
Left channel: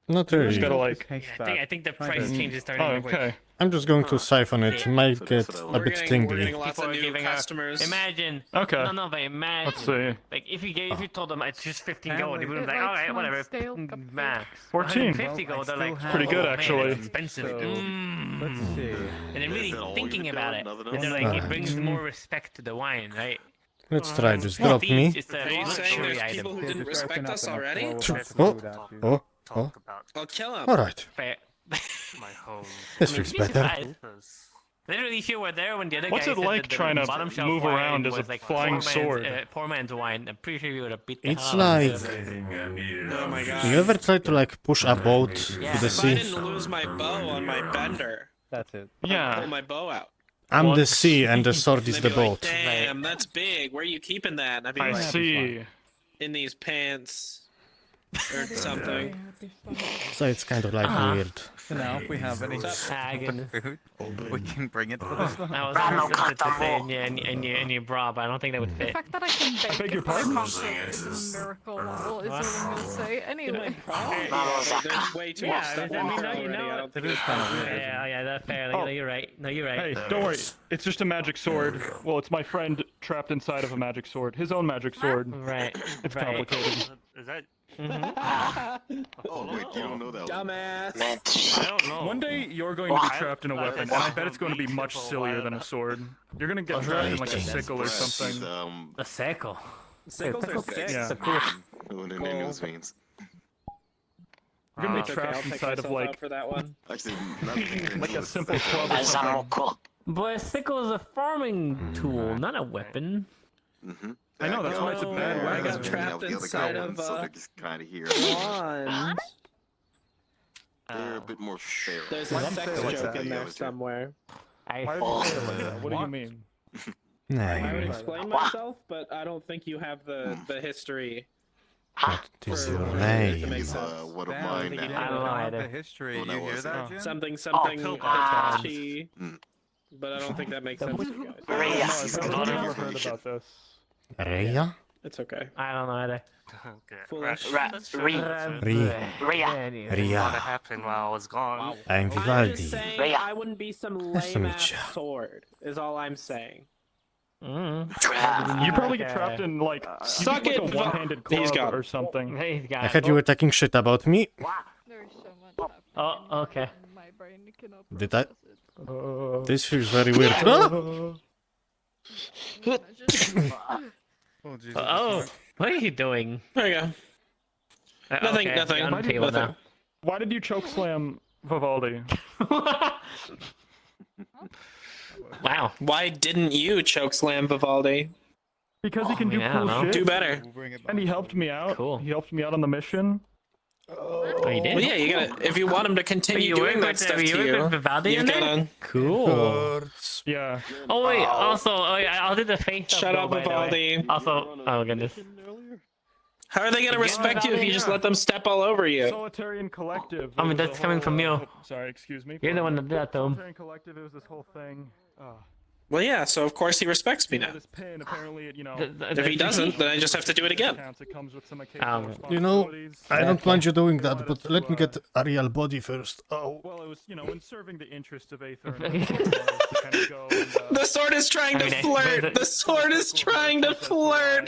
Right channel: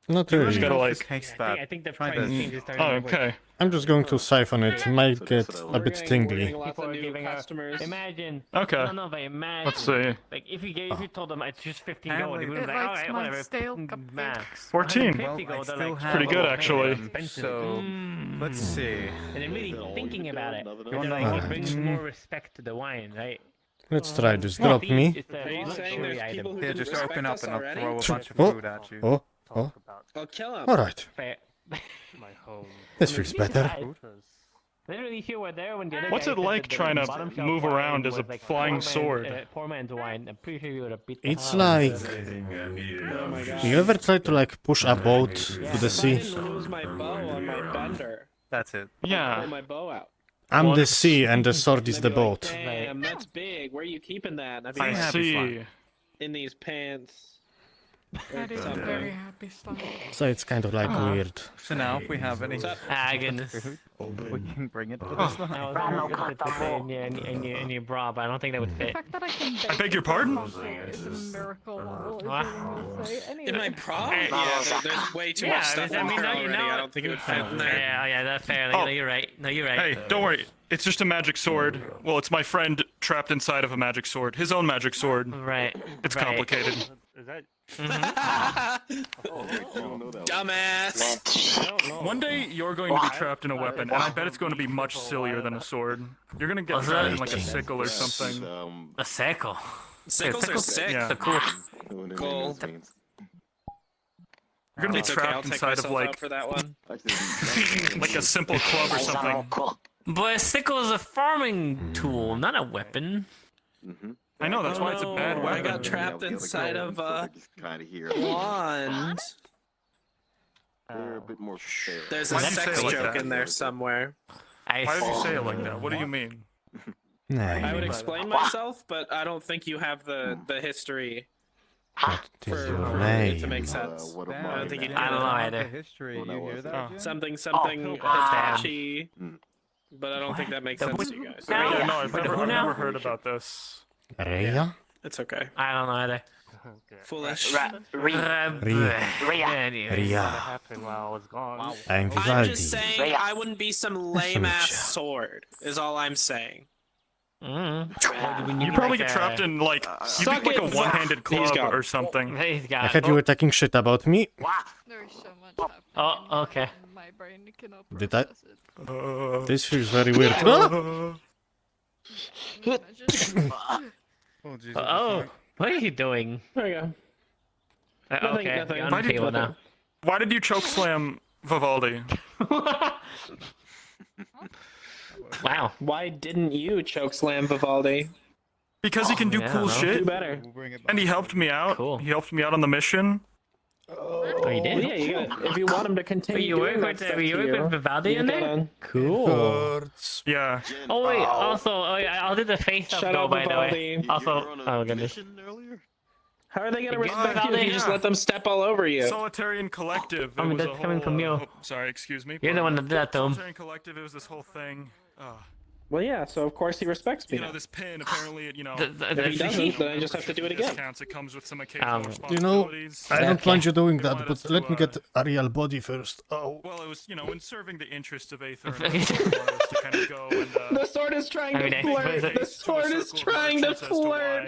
Not Just really. gotta like. I think the price changes starting. Oh, okay. I'm just going to siphon it. Might get a bit tingly. Lots of new customers. Imagine. Okay. No, but imagine. Let's see. Like if you told them it's just 15 gold, they would be like, all right, whatever. Max. 14. 50 gold. They're like, Pretty good, actually. Expensive. Let's see. And they're really thinking about it. And they're like, it brings more respect to the wine, right? Let's try this. Drop me. It's a Are you saying luxury there's people item. who Here, didn't just open respect up us and I'll already? throw a bunch of Oh, food at you. oh, oh. I'll kill him. Alright. Fair. This feels better. Literally, if you were there when the other What's guy it said like that the trying to bottom shelf move wine around as a was like flying poor man's, sword? Poor man's wine. I'm pretty sure you would have beat. It's the hell out like. of it. Oh my god. You ever try to like push a boat to the I sea? didn't lose my bow on my bender. That's it. Yeah. Pull my bow out. I'm the sea and the sword is the They'd be like, boat. Damn, that's big. Where are you keeping that? And I'd be I like, see. in these pants or something. So it's kind of like weird. So now, if we have any goodness. food, we can bring it for this one. I was almost to say in your bra, but I don't think that would The fit. fact that I can bake beg your pardon? is a miracle. Is what I'm gonna say. In my Anyway. prom? Yeah, there's way too much stuff I on mean, there already. I don't think it would fit in there. Yeah, that's fair. No, you're right. No, you're right. Hey, don't worry. It's just a magic sword. Well, it's my friend trapped inside of a magic sword. His own magic sword. Right. It's right. complicated. Is that? Dumbass. One day you're going to be trapped in a weapon, and I bet it's going to be much sillier than a sword. You're going to get trapped in like a sickle or something. A sickle. Sickles are sick. Yeah. Gold. You're gonna be It's okay, I'll trapped take inside of myself out like for that one. like a simple club or something. But a sickle is a farming tool, not a weapon. I know, that's why it's a bad I weapon. got trapped inside of wand. They're a bit more There's a Why do you sex say it like joke that? in there somewhere. Why did you say it like that? What do you mean? I would explain myself, but I don't think you have the history. What is your for it to name? make sense. what I don't think you I don't know can. either. History, you hear that? Jim? Something Hitachi, but I don't think that makes sense to you guys. No, I've never heard about this. Rhea? It's okay. I don't know either. Foolish. Rhea. happened while I was gone. I'm I'm just Vivaldi. saying I wouldn't be some Nice to lame meet ass ya. sword. Is all I'm saying. You probably get trapped in like you Suck get like it, a one-handed He's club gone. or something. He's got I heard you were talking shit about me. There's so much happening. Oh, okay. My brain cannot Did I? process it. This feels very weird. Oh, what are you doing? There you go. Nothing, Okay, nothing. you're on the table now. Why did you choke slam Vivaldi? Wow. Why didn't you chokeslam Vivaldi? Because he can do Yeah, cool no. shit. Do better. And he helped me out. Cool. He helped me out on the mission. Oh, you Well, did? yeah, you gotta, if you want him to continue You doing work that with- stuff you to work you, with Vivaldi you've in there? gotta... Cool. Yeah. Oh wait, also, I'll do the face up. Shut though, up, by the way. Vivaldi. Also, oh goodness. How are they gonna Yeah, respect you if you just yeah. let them step all over you? Solitarian Collective. I mean, it was a that's coming from whole, you. sorry, excuse me. You're the one that did that to him. Solitarian Collective, it was this whole thing. Well, yeah, so of course he respects me You know, now. this pin, apparently, it, you know... If he doesn't, then I just have to do it again. It comes with some occasional You know, responsibilities. I don't mind you doing that, but let me get a real body first. Oh. Well, it was, you know, in serving the interest of Aether and to kind of go and, The sword is trying to flirt. The sword is trying to flirt.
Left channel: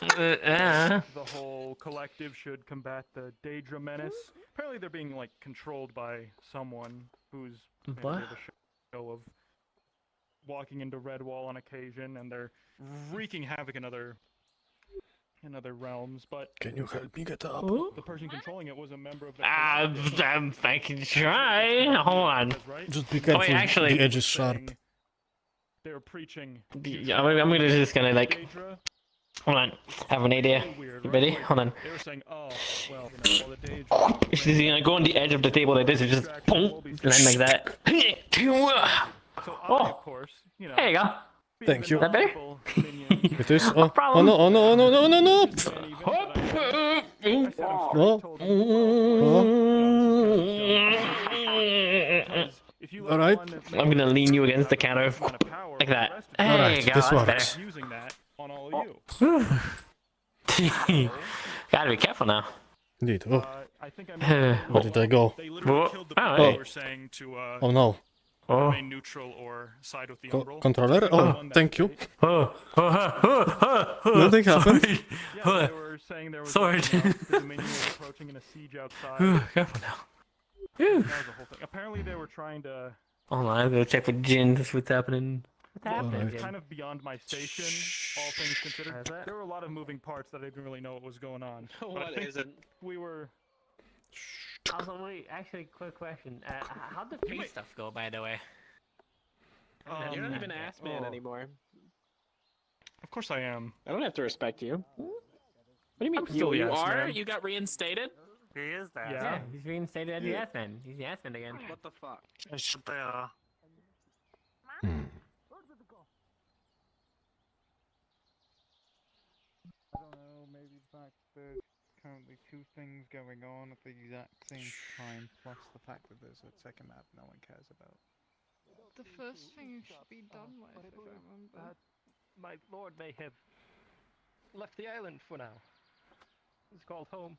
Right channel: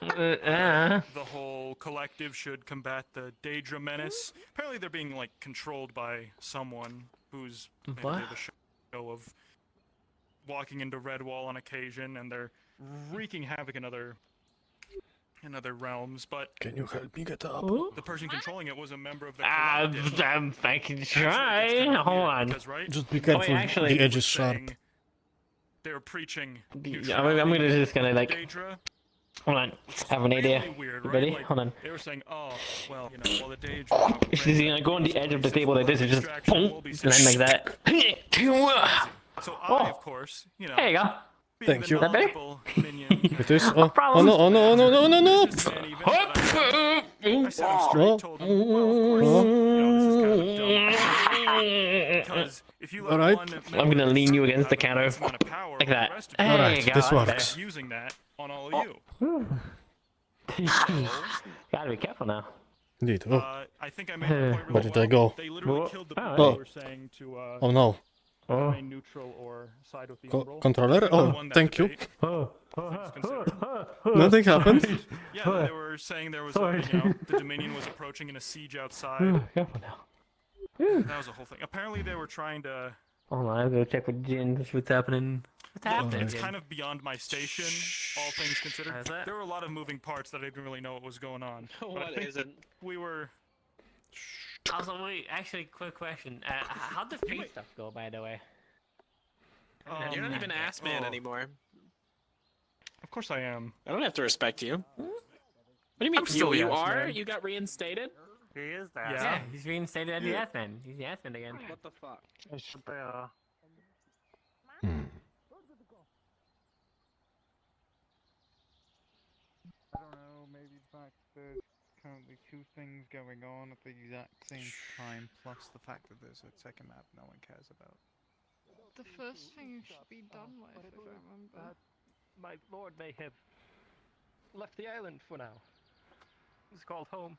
the whole collective should combat the Daedra menace. Apparently they're being, like, controlled by someone who's maybe What? the show of walking into Redwall on occasion, and they're wreaking havoc in other realms, but... Can you help me get up? The person controlling it was a member of the... I can try. Hold on. Just be careful, actually, the edge is sharp. they were preaching. Yeah, I'm gonna just gonna like. Daedra. Hold on, I have an idea. Weird, You right? ready? Like, Hold on. They were saying, oh, well, you know, all the Daedra. She's gonna go on the edge of the table like this and just boom, land like that. Oh, Of course, you know. there you go. Thank you. Is that better? It is. Oh, oh no! Oh no! Oh no! No! No! No! No! All right. I'm gonna lean you against the counter like that. There All right. you go, This that's works. Using that on all of you. better. Gotta be careful now. Indeed. Oh. I think I made Where did I go? They literally killed the people Oh. who were saying to Oh no. remain neutral or side with the Umbral. Controller? Oh, One that thank you. fate. Nothing happened. Yeah, they were saying there was Sorry. the Dominion was approaching in a siege outside. Careful now. That was a whole thing. Apparently they were trying to... Hold on, I'm gonna check with Jin. That's what's happening. What's happening? It's kind of beyond my station, all things considered. There were a lot of moving parts that I didn't really know what was going on. But I What think is it? we were... Also, wait, actually, quick question. How'd the pink stuff go, by the way? You're not even ass man anymore. Of course I am. I don't have to respect you. What do you mean? I'm still You the ass are? man. You got reinstated? He is that. Yeah, he's reinstated as the ass man. He's the ass man again. What the fuck? I don't know, maybe the fact there's currently two things going on at the exact same time, plus the fact that there's a second map no one cares about. The first thing you should be done with, if I remember. My lord may have left the island for now. He's called home.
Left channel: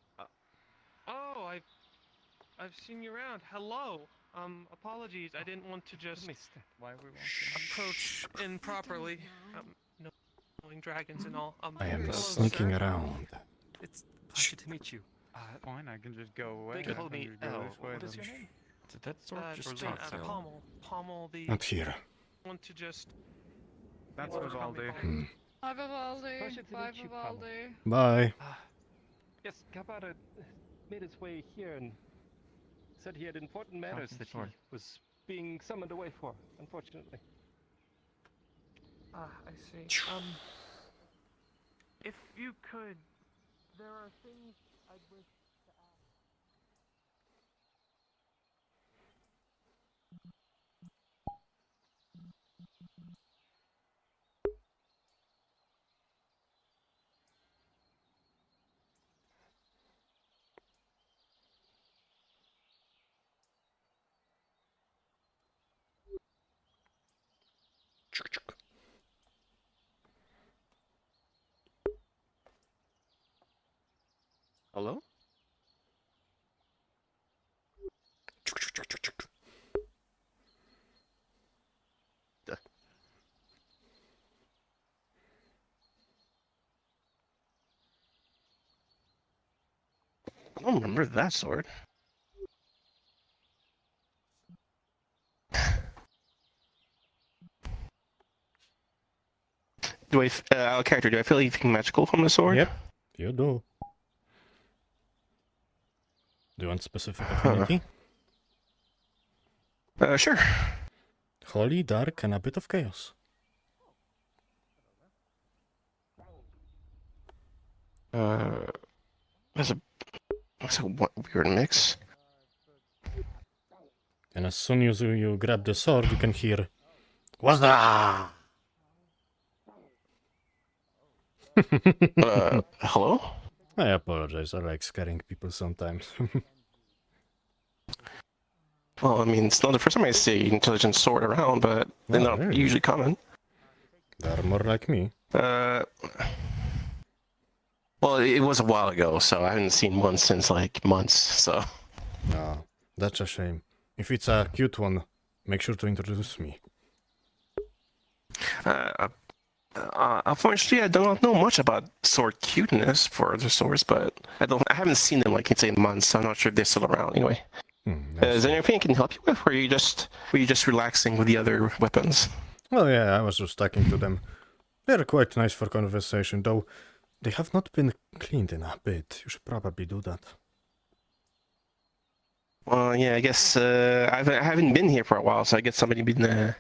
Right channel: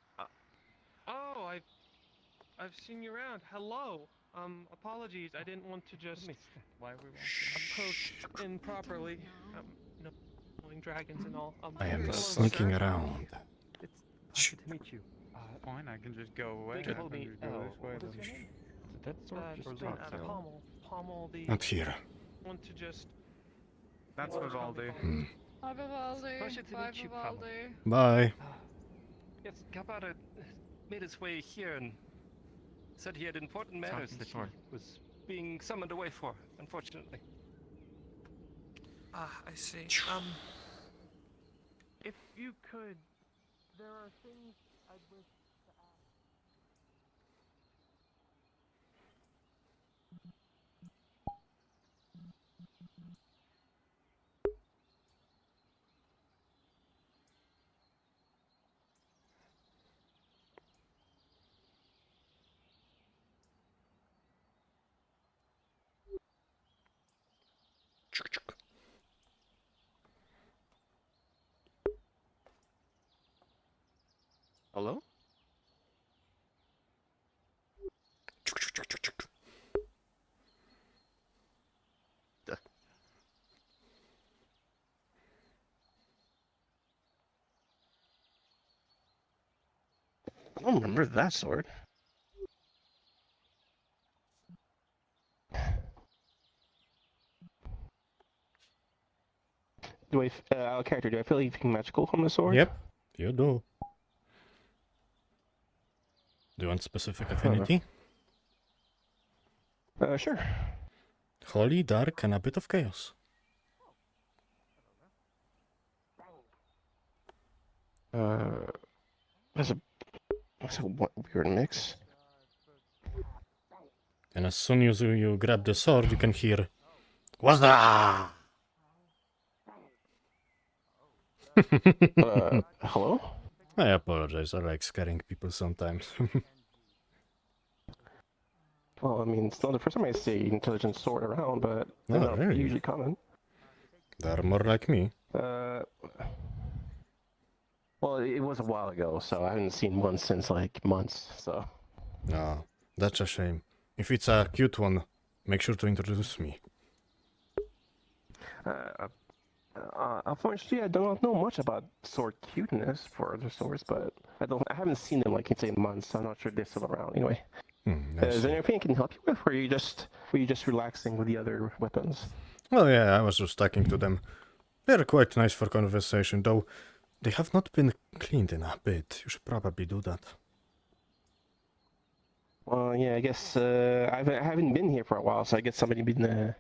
Oh, I've seen you around. Hello. Apologies. I didn't want to just approach improperly. No, knowing dragons and all. I am sneaking around. It's a pleasure to meet you. Fine, I can just go away. They can hold me. You go this way, What is then. your name? Did that sword just Jin, not sound? Pommel the. Not here. Want to just. That's Vivaldi. Hi, Vivaldi. Pleasure to Bye, meet you, Pommel. Vivaldi. Bye. Yes, Capata made his way here and said he had important matters that he was being summoned away for, unfortunately. Ah, I see. If you could, there are things I'd wish to ask. Hello? I don't remember that sword. Do I, out of character, do I feel anything magical from the sword? Yep, you do. Do you want specific affinity? Sure. Holy, dark, and a bit of chaos. That's a weird mix. And as soon as you grab the sword, you can hear, "What's that?" Hello? I apologize. I like scaring people sometimes. Well, I mean, it's not the first time I see intelligent sword around, but they're Oh, not really? usually common. They're more like me. Well, it was a while ago, so I haven't seen one since like months. So. Ah, that's a shame. If it's a cute one, make sure to introduce me. Unfortunately, I do not know much about sword cuteness for other swords, but I haven't seen them like in months. So I'm not sure if they're still around anyway. Is there anything I can help you with, or were you just relaxing with the other weapons? Well, yeah, I was just talking to them. They're quite nice for conversation, though they have not been cleaned in a bit. You should probably do that. Well, yeah, I guess I haven't been here for a while, so I guess somebody been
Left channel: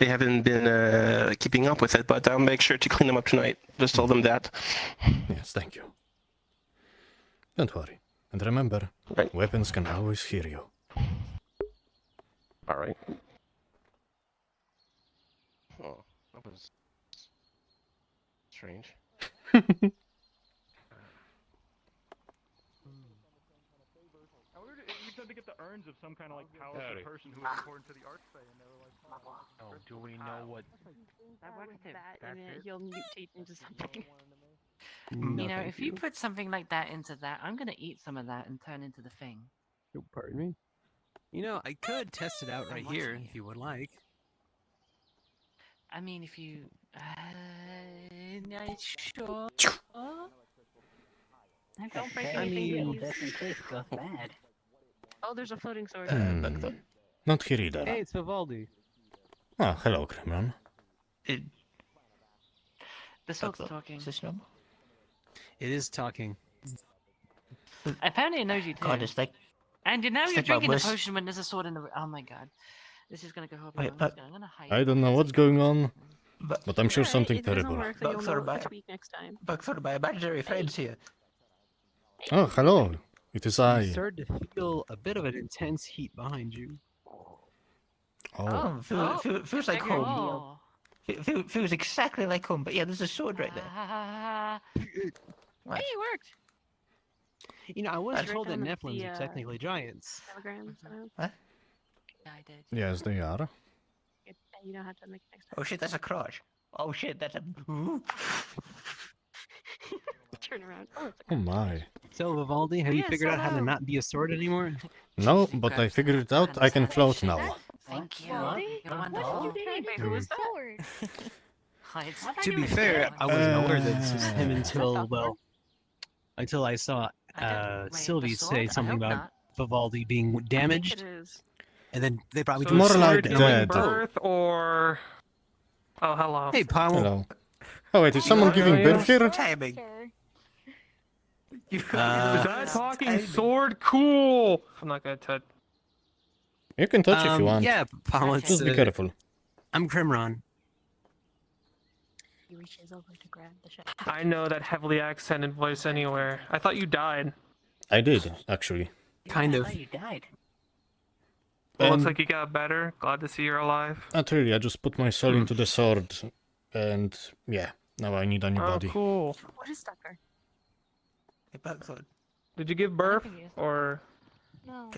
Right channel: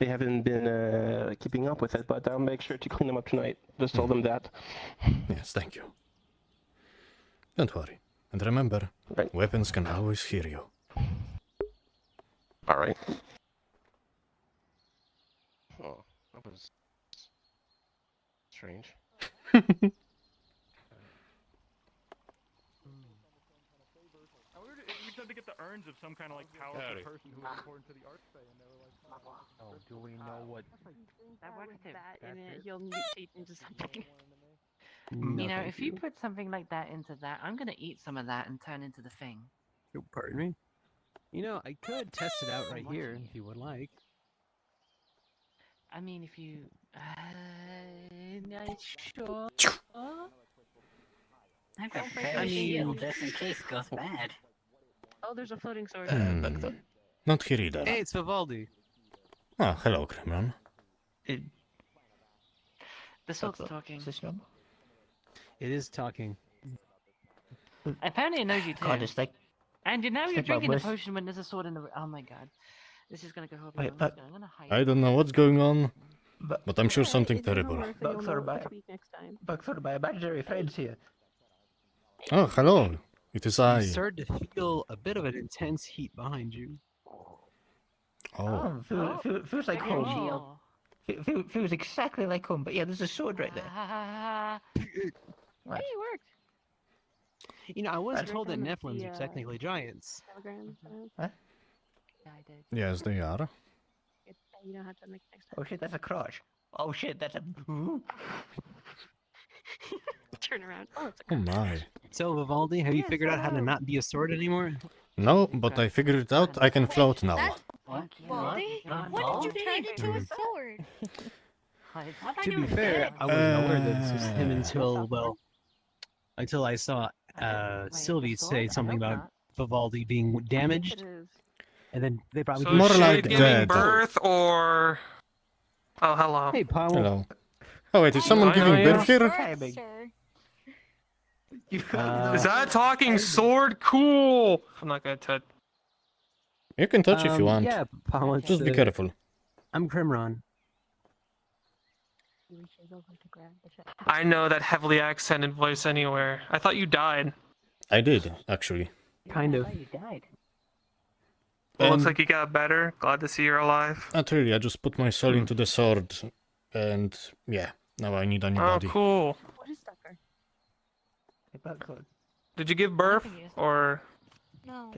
they haven't been keeping up with it, but I'll make sure to clean them up tonight. Just tell them that. Yes, thank you. Don't worry. And remember, weapons can always hear you. All right. Oh, that was strange. I wondered if you tried to get the urns of some kind of like powerful person who was important to the Archfey, and they were like, Oh, do we know what? That with that in it, he'll mutate into something. You know, if you put something like that into that, I'm gonna eat some of that and turn into the thing. Oh, pardon me. You know, I could test it out right here if you would like. I mean, if you, sure. I mean, just in case it goes bad. Oh, there's a floating sword. Not here either. Hey, it's Vivaldi. Ah, hello, Kremlin. The sword's talking. It is talking. Apparently it knows you too. God, it's like- And you know it's you're like my drinking a wish. potion when there's a sword in the. Oh my god, this is gonna go horribly Wait, wrong. I'm gonna hide. I don't know what's going on, but I'm sure something terrible. Buckthorn by imaginary friends here. Oh, hello. It is I. You started to feel a bit of an intense heat behind you. Oh. Feels like home. Feels exactly like home, but yeah, there's a sword right there. Hey, it worked. You know, I was Did you told that recommend Nephilims the, are technically giants. Telegrams, What? Yes, they are. You know how to make next Oh shit, that's a crotch. Oh shit, that's a. Turn around. Oh, it's Oh my. So, Vivaldi, have you figured out how to not be a sword anymore? No, but I figured it out. I can float now. What did you turn into a sword? To be fair, I wasn't aware that this was him until, well, until I saw Sylvie say something about Vivaldi being damaged. And then they probably So More is she like giving dead. Birth or? Oh, hello. Hey, Paul. Hello. Oh wait, is someone giving birth here? Is that a talking sword? Cool. I'm not gonna touch. You can touch if you want. Yeah, Paul, it's, Just be careful. I'm Crimron. He reaches over to grab the shot. I know that heavily accented voice anywhere. I thought you died. I did, actually. Kind of. You died. Well, looks And- like you got better. Glad to see you're alive. Not really, I just put my soul into the sword. And yeah, now I need a new Oh, body. cool. What is Tucker? Did you give birth or? No.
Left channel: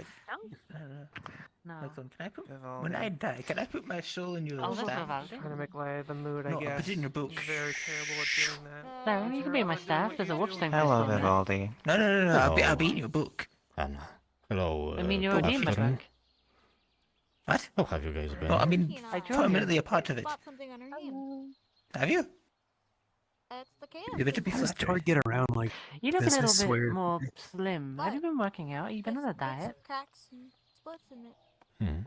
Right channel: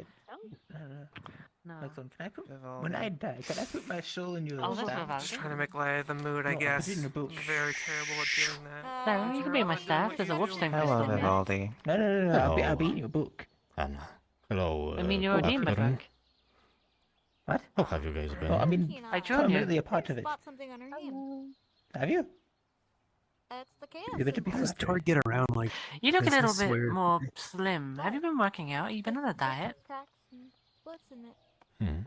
No. Can I put, when I die, can I put my soul in your Oh, that's staff? Vivaldi. Just trying to make light of the mood, I No, I guess. put it in your boot. I'm very terrible at doing that. No, you can be my staff. There's a watchstone crystal Hello, in there. Vivaldi. No. I'll Hello. be in your book. Anna. Hello. I mean, you're a demon, Blackthorn. Buck. What? How have you guys been? Well, I mean, I drew permanently you. a part of it. Spot something on her hand. Have you? That's the chaos. You're going to be How does flattered. Tor get around like You look this? a I little bit swear. more slim. Have you been working out? You've been on a diet. Cracks and splits in it. Hmm.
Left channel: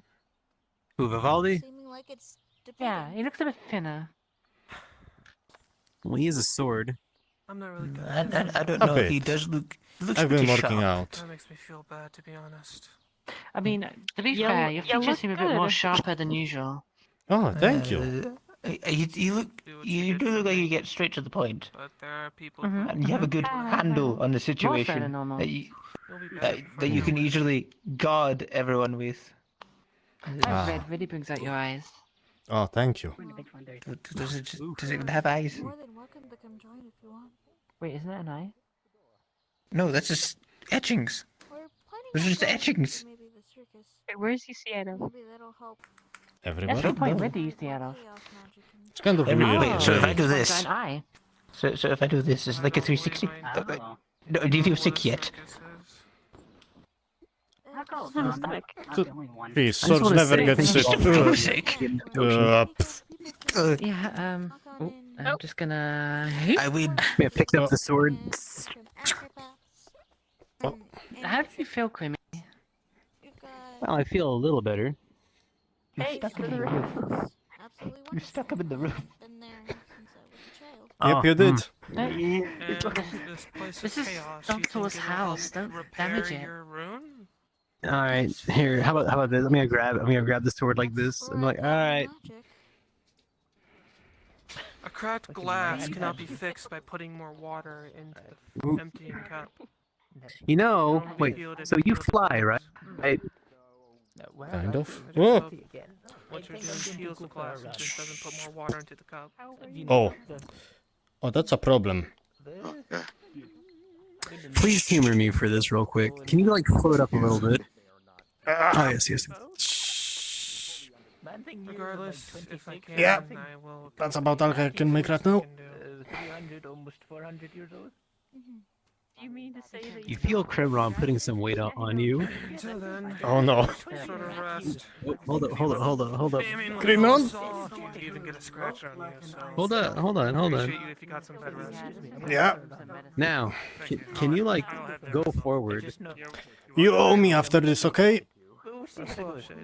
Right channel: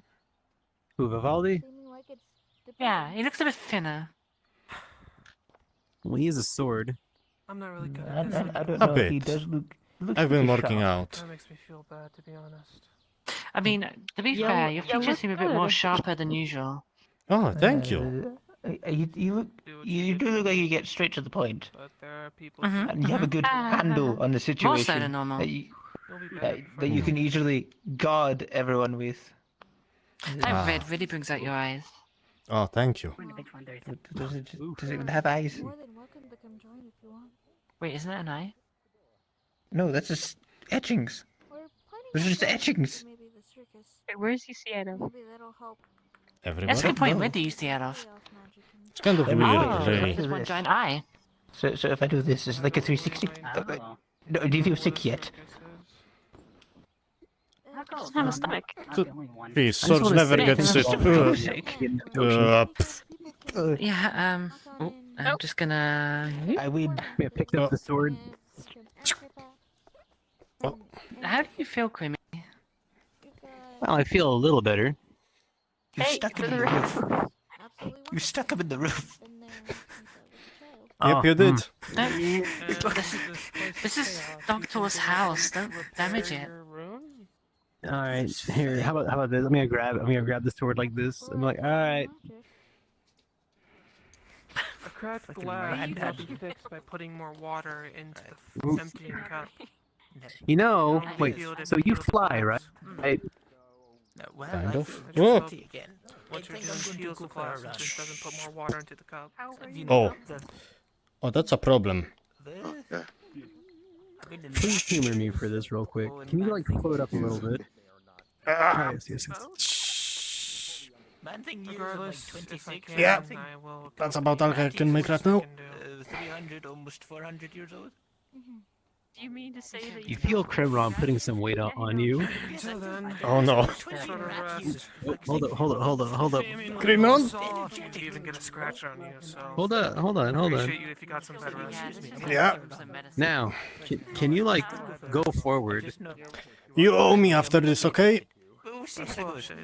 Who, Vivaldi? Seeming like it's Yeah, he looks a bit thinner. Well, he is a sword. I'm not really good I at this. don't A know. bit. He does look. Looks I've been pretty working sharp. out. That makes me feel bad, to be honest. I mean, to be Yeah, fair, your yeah, features look seem a bit more good. sharper than usual. Oh, thank you. You look. You do look like you get straight to the point, But there are people. Mhm. and you have a good handle on the More so situation than normal. that you, You'll be better that, before that you can easily guard everyone with. That red really brings out your eyes. Oh, thank you. Does it have eyes? more than welcome to come join if you want. Wait, isn't that an eye? No, that's just etchings. We're planning Those are on just going to etchings. Maybe the circus. Hey, where's he see Adam? Maybe that'll help. Everybody? That's a good point. know. Where do you see out of? Chaos magic and It's kind of Oh, weird. so if I actually. do It's one this, giant eye. so if I do this, it's like a 360. No, do you feel sick yet? In the stomach. Please, I just swords wanna never say get things sick. about Vivaldi. Yeah, I'm just gonna. I would. I picked up the sword. How do you feel, Creamy? Well, I feel a little better. You Hey, stuck to him in the the roof. roof. Absolutely You stuck him in the roof. been there since I was a child. Yep, you did. This is Doctor's house. Don't damage it. All right, here. How about this? I'm gonna grab the sword like this. I'm like, all right. cracked glass cannot be fixed by putting more water into the emptying cup. You know, wait. So you fly, right? Right. Kind of. Well, Oh. what you're doing heals the glass and just doesn't put more water into the cup. Oh. Oh, that's a problem. Please humor me for this real quick. Can you like float up a little bit? Ah, yes, yes. Regardless, if I can, Yeah. I will. That's about all I can make right now. 300, almost 400 years old. Do you mean to say that You feel Kremron putting some weight on you? So then, Oh no. sort of rest. Hold up. Kremron? You even get a scratch on you, so. Hold on. Appreciate you if you got some bed rest. Yeah. Now, can you like go forward? You owe me after this, okay?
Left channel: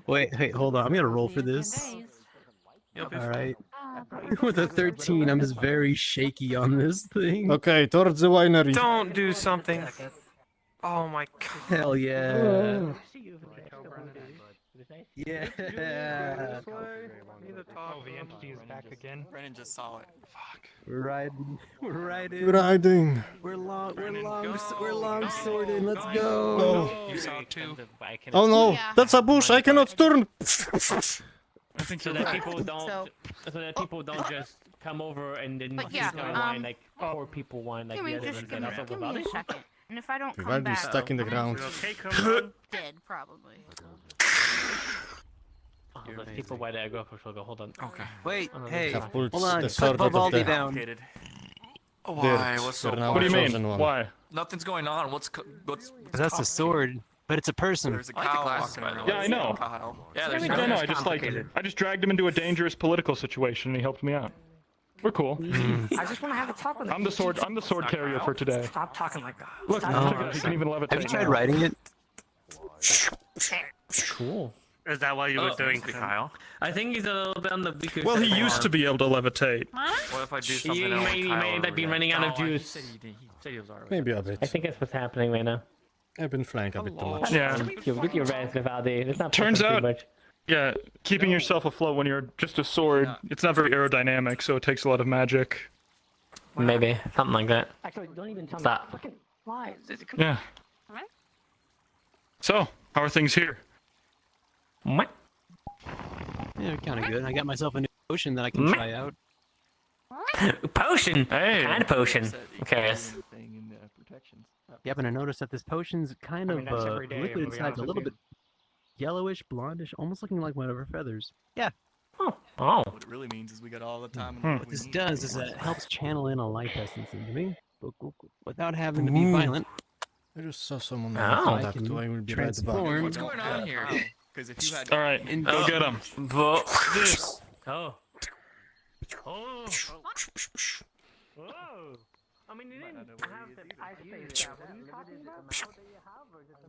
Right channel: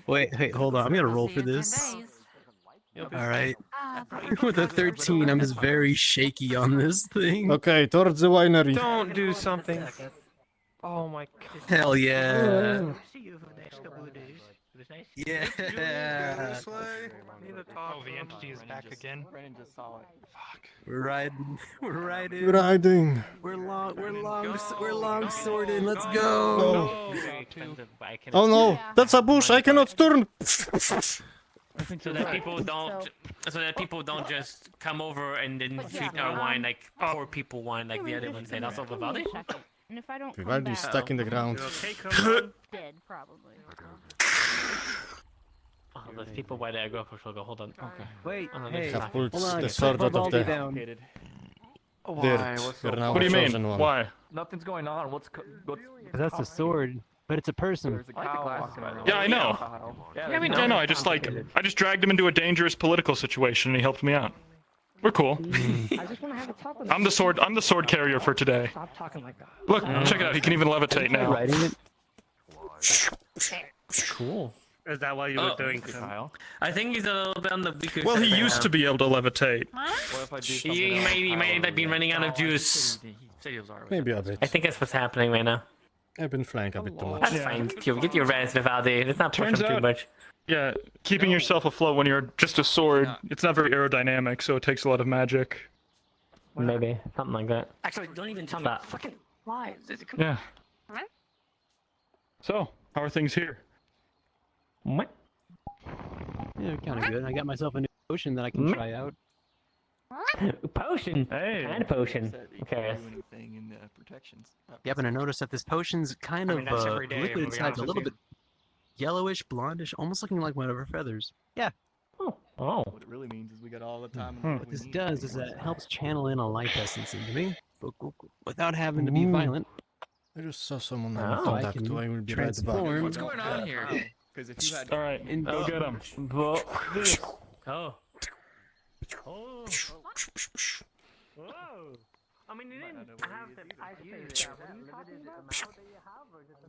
Wait, hold on. I'm gonna roll for this. All right. With a 13, I'm just very shaky on this thing. Okay, towards the winery. Don't do something. Oh my god. Hell yeah. Yeah. Oh, the entity is back again. Brennan just saw it. Fuck. We're riding. Riding. We're long sworded. Let's go. Oh no, that's a bush. I cannot turn. So that people don't just come over and then shoot our wine like poor people wine like the other ones. And also Vivaldi. And if I don't come Vivaldi's back, stuck in the ground. dead probably. Oh, the people why did I go for sugar? Hold on. Okay. Wait, hey, have pulled hold on. the sword out of the down. dirt. You're now What do you the mean? chosen one. Why? Nothing's going on. What's? That's a sword, but it's a person. There's a cow walking around. Yeah, I know. Yeah, I just dragged him into a dangerous political situation and he helped me out. We're cool. I just want to have a talk with I'm the sword carrier for today. Stop talking like that. Look, check it out. He can even levitate Tried now. writing it. Cool. Is that why you were doing to Kyle? I think he's a little bit on the weaker Well, side he right used now. to be able to levitate. What if I do He something else? may end up be running out of juice. Maybe a bit. I think that's what's happening right now. I've been flying a bit too much. Yeah. Get your rest, Vivaldi. It's not Turns pushing out- too much. Yeah, keeping yourself afloat when you're just a sword, it's not very aerodynamic, so it takes a lot of magic. Maybe something like that. Actually, don't even tell Stop. me. Fucking lies. Yeah. So, how are things here? What? Yeah, kind of good. I got myself a new potion that I can try out. Potion? Hey. Kind of potion. I'm curious. Yep, and I noticed that this potion's kind I mean, of that's every day, liquid to be inside, honest a with little you. bit yellowish, blondish, almost looking like one of her feathers. Yeah. Oh. What it really means is we got all the time. What this does is it helps channel in a life essence into me without having to be violent. I just saw someone Oh. on I contact, can so I will be right back. transform. What's going on here? Because if you had All right, go get him. Oh. Whoa. I mean, you didn't have the ice face. What are you talking about? How do you have or just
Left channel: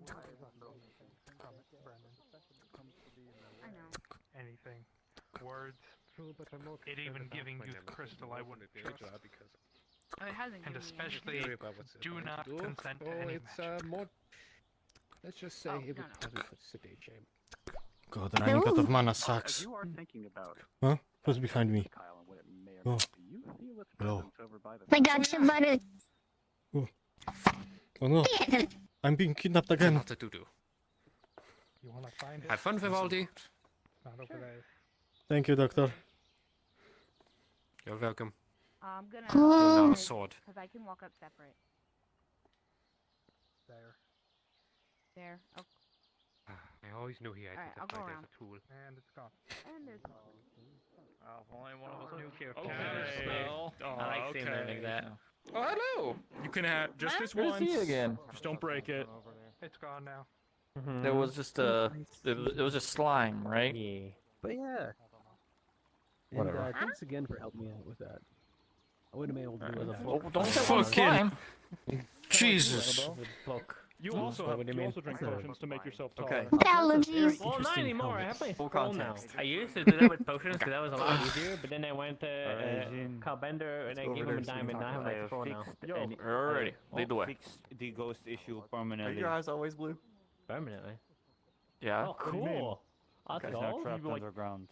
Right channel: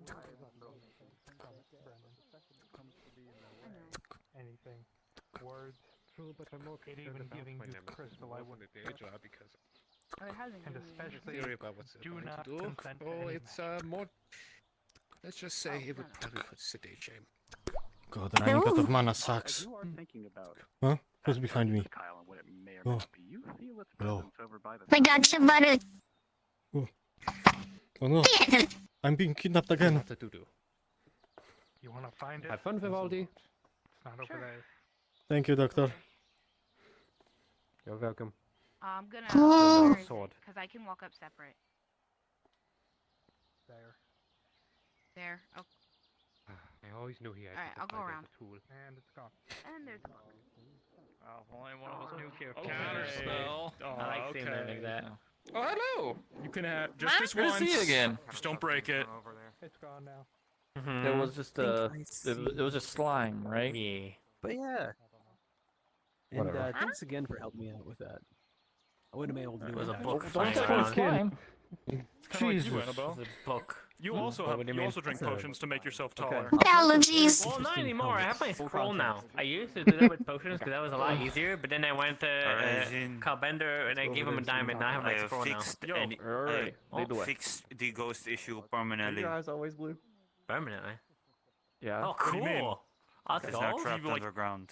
Anything. Words. It even giving you the crystal, I wouldn't trust. because Oh, it hasn't and given me especially anything. do not consent to any it's more. Let's just say it would probably put City in shame. God, running out of mana sucks. Huh? Who's behind me? Oh. Hello. I got you, buddy. Oh no. I'm being kidnapped again. What to do? You want to find it? Have fun, Vivaldi. It's not over there. Thank you, Doctor. You're welcome. I'm gonna Hold down a sword. because I can walk up separate. There. There. Oh, I always knew he had Alright, to I'll go fight as around. a tool. And it's gone. and there's. Only one of us knew careful. Okay. I like seeing them like that. Oh, hello. You can have just this Good to once. see you again. Just don't break it. It's gone now. There was just it was just slime, right? Yeah. But yeah. And, Whatever. thanks again for helping me out with that. I wouldn't have been able to do it. a without book. you. Don't step on slime. Jesus. The book. You What also do you mean? drink potions to make yourself Okay. taller. Allergies. Well, not Interesting anymore. I comment. have my Full scroll now. context. I used to do that with potions because that was a lot easier. But then I went to Calbender and I go gave over him a there and see diamond. what Now I have my I scroll now. fixed Alrighty, lead the way. fixed the ghost issue Are permanently. your eyes always blue? Permanently. Yeah. Oh, do you mean? cool. That's It's cool. not trapped like- underground.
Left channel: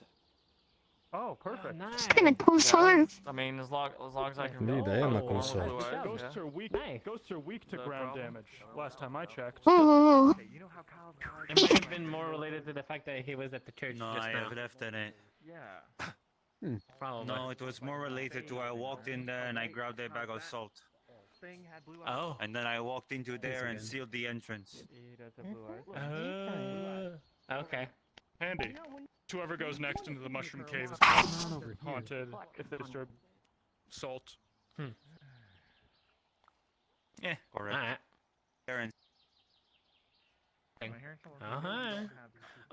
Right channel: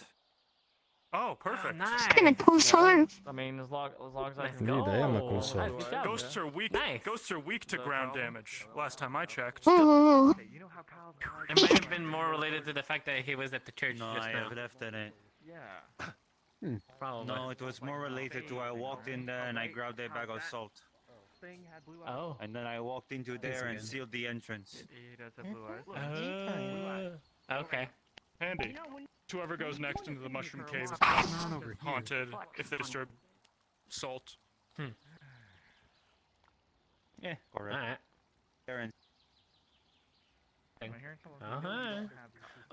Oh, perfect. Nice. Kinda cool sword. I mean, as long as I can. Indeed, I am a cool sword. Ghosts are weak. Ghosts are weak to ground damage. Last time I checked. Oh. It might have been more related to the fact that he was at the church No, just I now. have left in it. Yeah. Probably. No, it was more related to I walked in there and I grabbed a bag of salt. Oh. And then I walked into there and sealed the entrance. Okay. Handy. Whoever goes next into the mushroom cave is haunted if they disturb salt. Yeah, Alright. correct.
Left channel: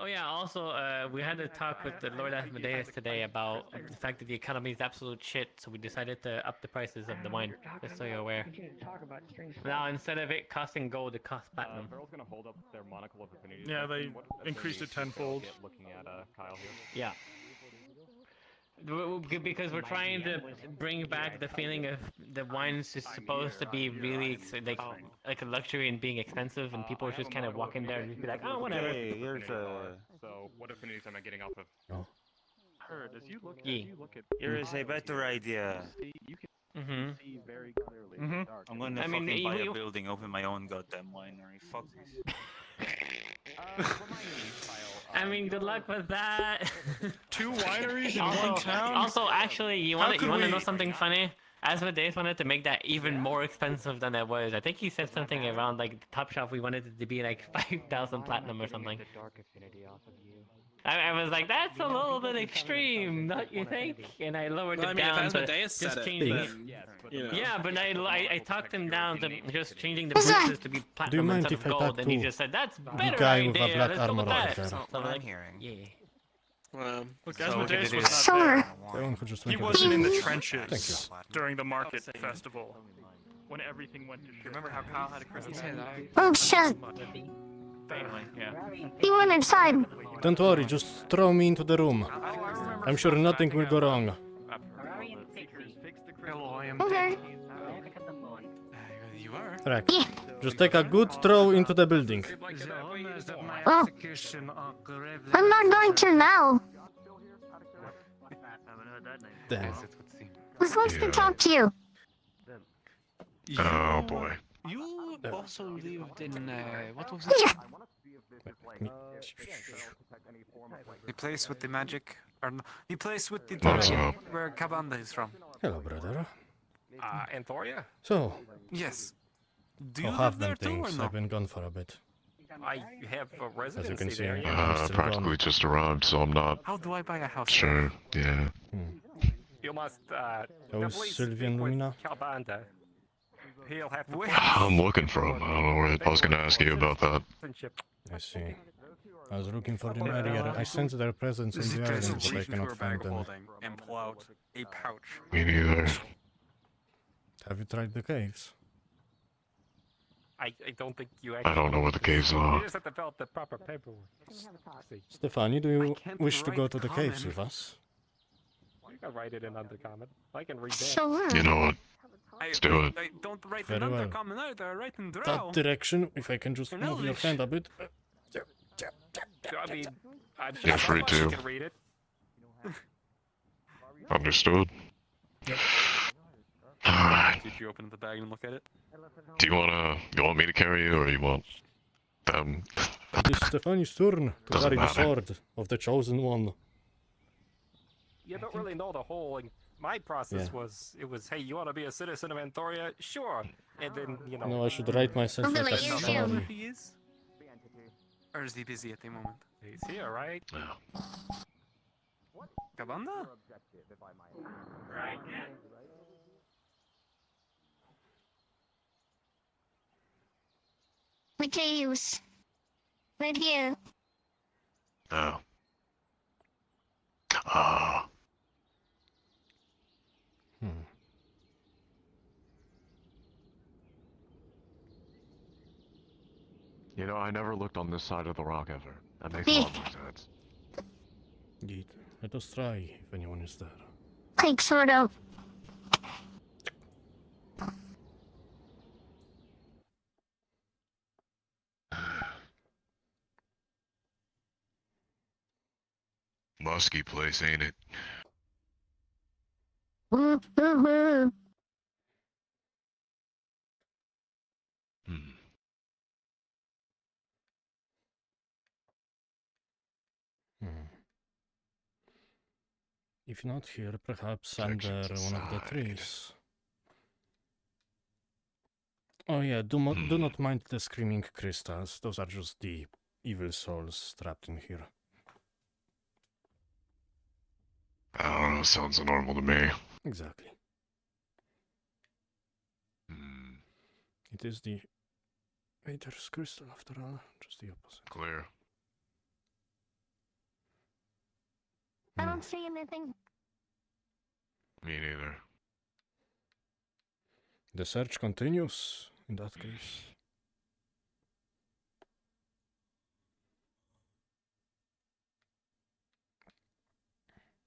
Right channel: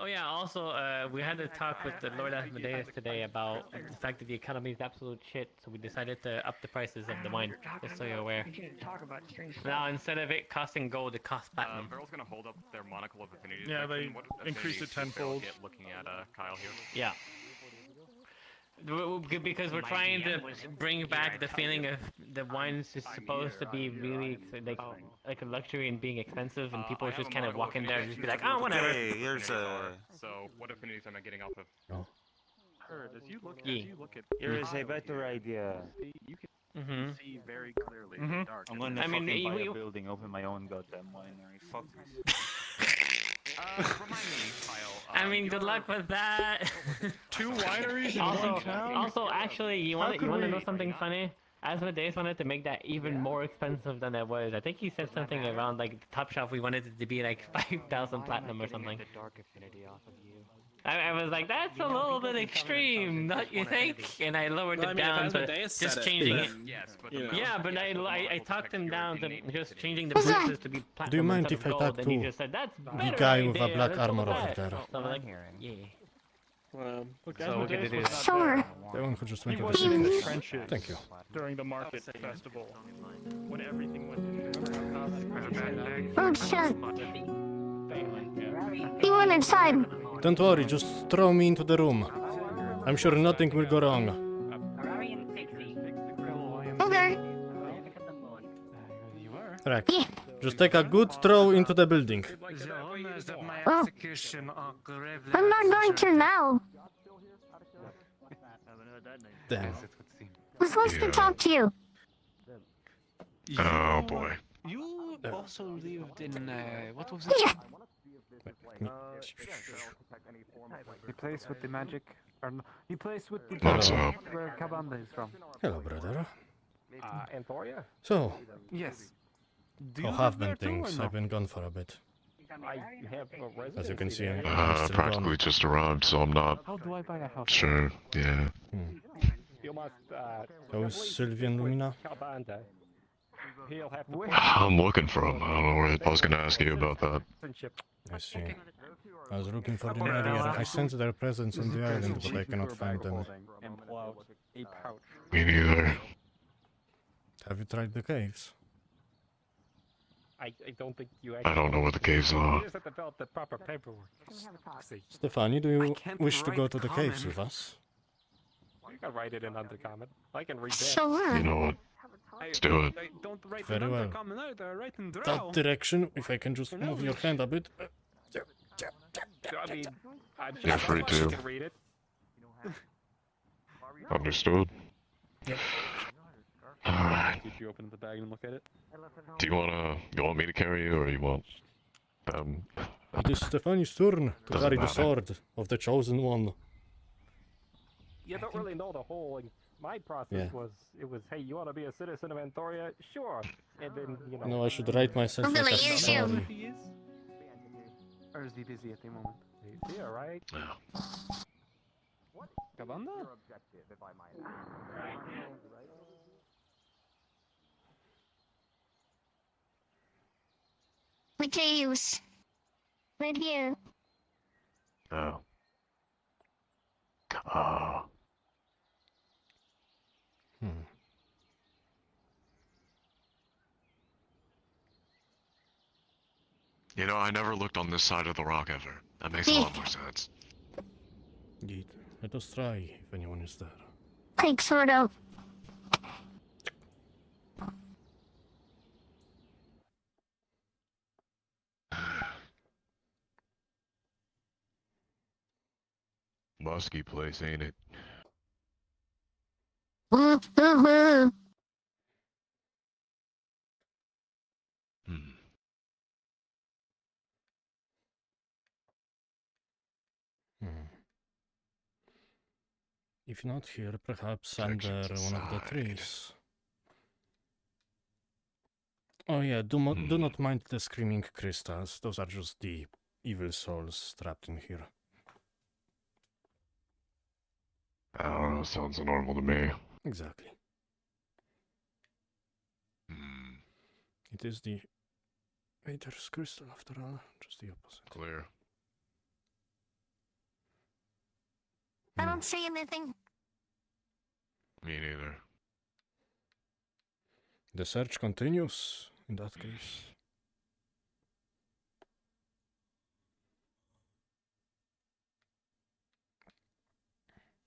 Oh yeah, also, we had a talk with the Lord Asmodeus today about the fact that the economy is absolute shit, so we decided to up the prices of the wine, just so you're aware. Now, instead of it costing gold, it costs platinum. Beryl gonna hold up their monocle of affinity. Yeah, they increased it tenfold. Looking at Kyle here. Yeah. Because we're trying to bring back the feeling of the wine's just supposed to be really like a luxury and being expensive, and people should kind of walk in there and just be like, oh, whatever. Hey, here's a. So, what affinities am I getting off of? Oh. Here is a better idea. Mm-hmm. See very clearly. I'm gonna I mean, fucking buy you- a building, open my own goddamn winery. Fuck this. I mean, good luck with that. 2 wineries in also, one town? Also, actually, you want to know something funny? Asmodeus wanted to make that even more expensive than it was. I think he said something around like the top shelf. We wanted it to be like 5,000 platinum or something. I was like, that's a little bit extreme, don't you think? And I lowered Well, it I mean, down if to Asmodeus said just it, changing it. then, you know. Yeah, but I talked him down to just changing the prices to be platinum Do you mind instead if of I gold, talk and he to just said, that's the better guy with a idea, black let's go armor with over that." there? So I'm like, yeah. Look, So Asmodeus we're was not Sure. there. The one who just He went to wasn't in the the trenches Thank you. during the market festival. When everything went. Remember how Kyle had a Christmas bag? Oh shit. Yeah. He went inside. Don't worry, just throw me into the room. I'm sure nothing will go wrong. Okay. Right. Just take a good throw into the building. Oh. I'm not going to now. Damn. I'm supposed to talk to you. Oh boy. You also lived in what was it? The place with the magic, or the place with the What's up? where Cabanda is from. Hello, brother. Anthoria? So, Yes. Do how you have live been there too, or things? no? I've been gone for a bit. I have a residency As you can see, there. I'm still Practically gone. just arrived, so I'm not How do I buy a house? sure. Yeah. You must, How's Sylvian Lumina? Calbanda. He'll have to I'm looking for him. I don't know where. I was gonna ask you about that. I see. I was looking for them earlier. I sense their presence on the island, but I cannot find them. And pull out a pouch. Me neither. Have you tried the caves? I don't think you I don't know what the caves are. You just have to fill out the proper paperwork. See, Stefani, do you can't wish to go write to the caves common. with us? you can write it in undercommon. I can read that. Sure. You know what? Let's do it. I don't write Very in well. undercommon either, I write in drow. That direction, if I can just move your hand a bit. I mean, I'm Yeah, sure free someone too. can read it. Understood. Yep. Did you open the bag and look at it? Do you want me to carry you, or you want them? It is Stefani's turn to Doesn't carry the matter. sword of the chosen one. You don't really know the whole. Like, my process Yeah. was, it was, hey, you want to be a citizen of Anthoria? Sure. And then, you know. No, I should write myself like a sorry. He is? Or is he busy at the moment? He's here, right? Yeah. Cabanda? Materials. Right here. No. Ah. You know, I never looked on this side of the rock ever. That makes a lot more sense. Indeed. Let us try if anyone is there. Take sword out. Musky place, ain't it? If not here, perhaps under one of the trees. Oh yeah, do not mind the screaming crystals. Those are just the evil souls trapped in here. I don't know, sounds normal to me. Exactly. It is the Aether's crystal after all, just the opposite. Clear. I don't see anything. Me neither. The search continues, in that case.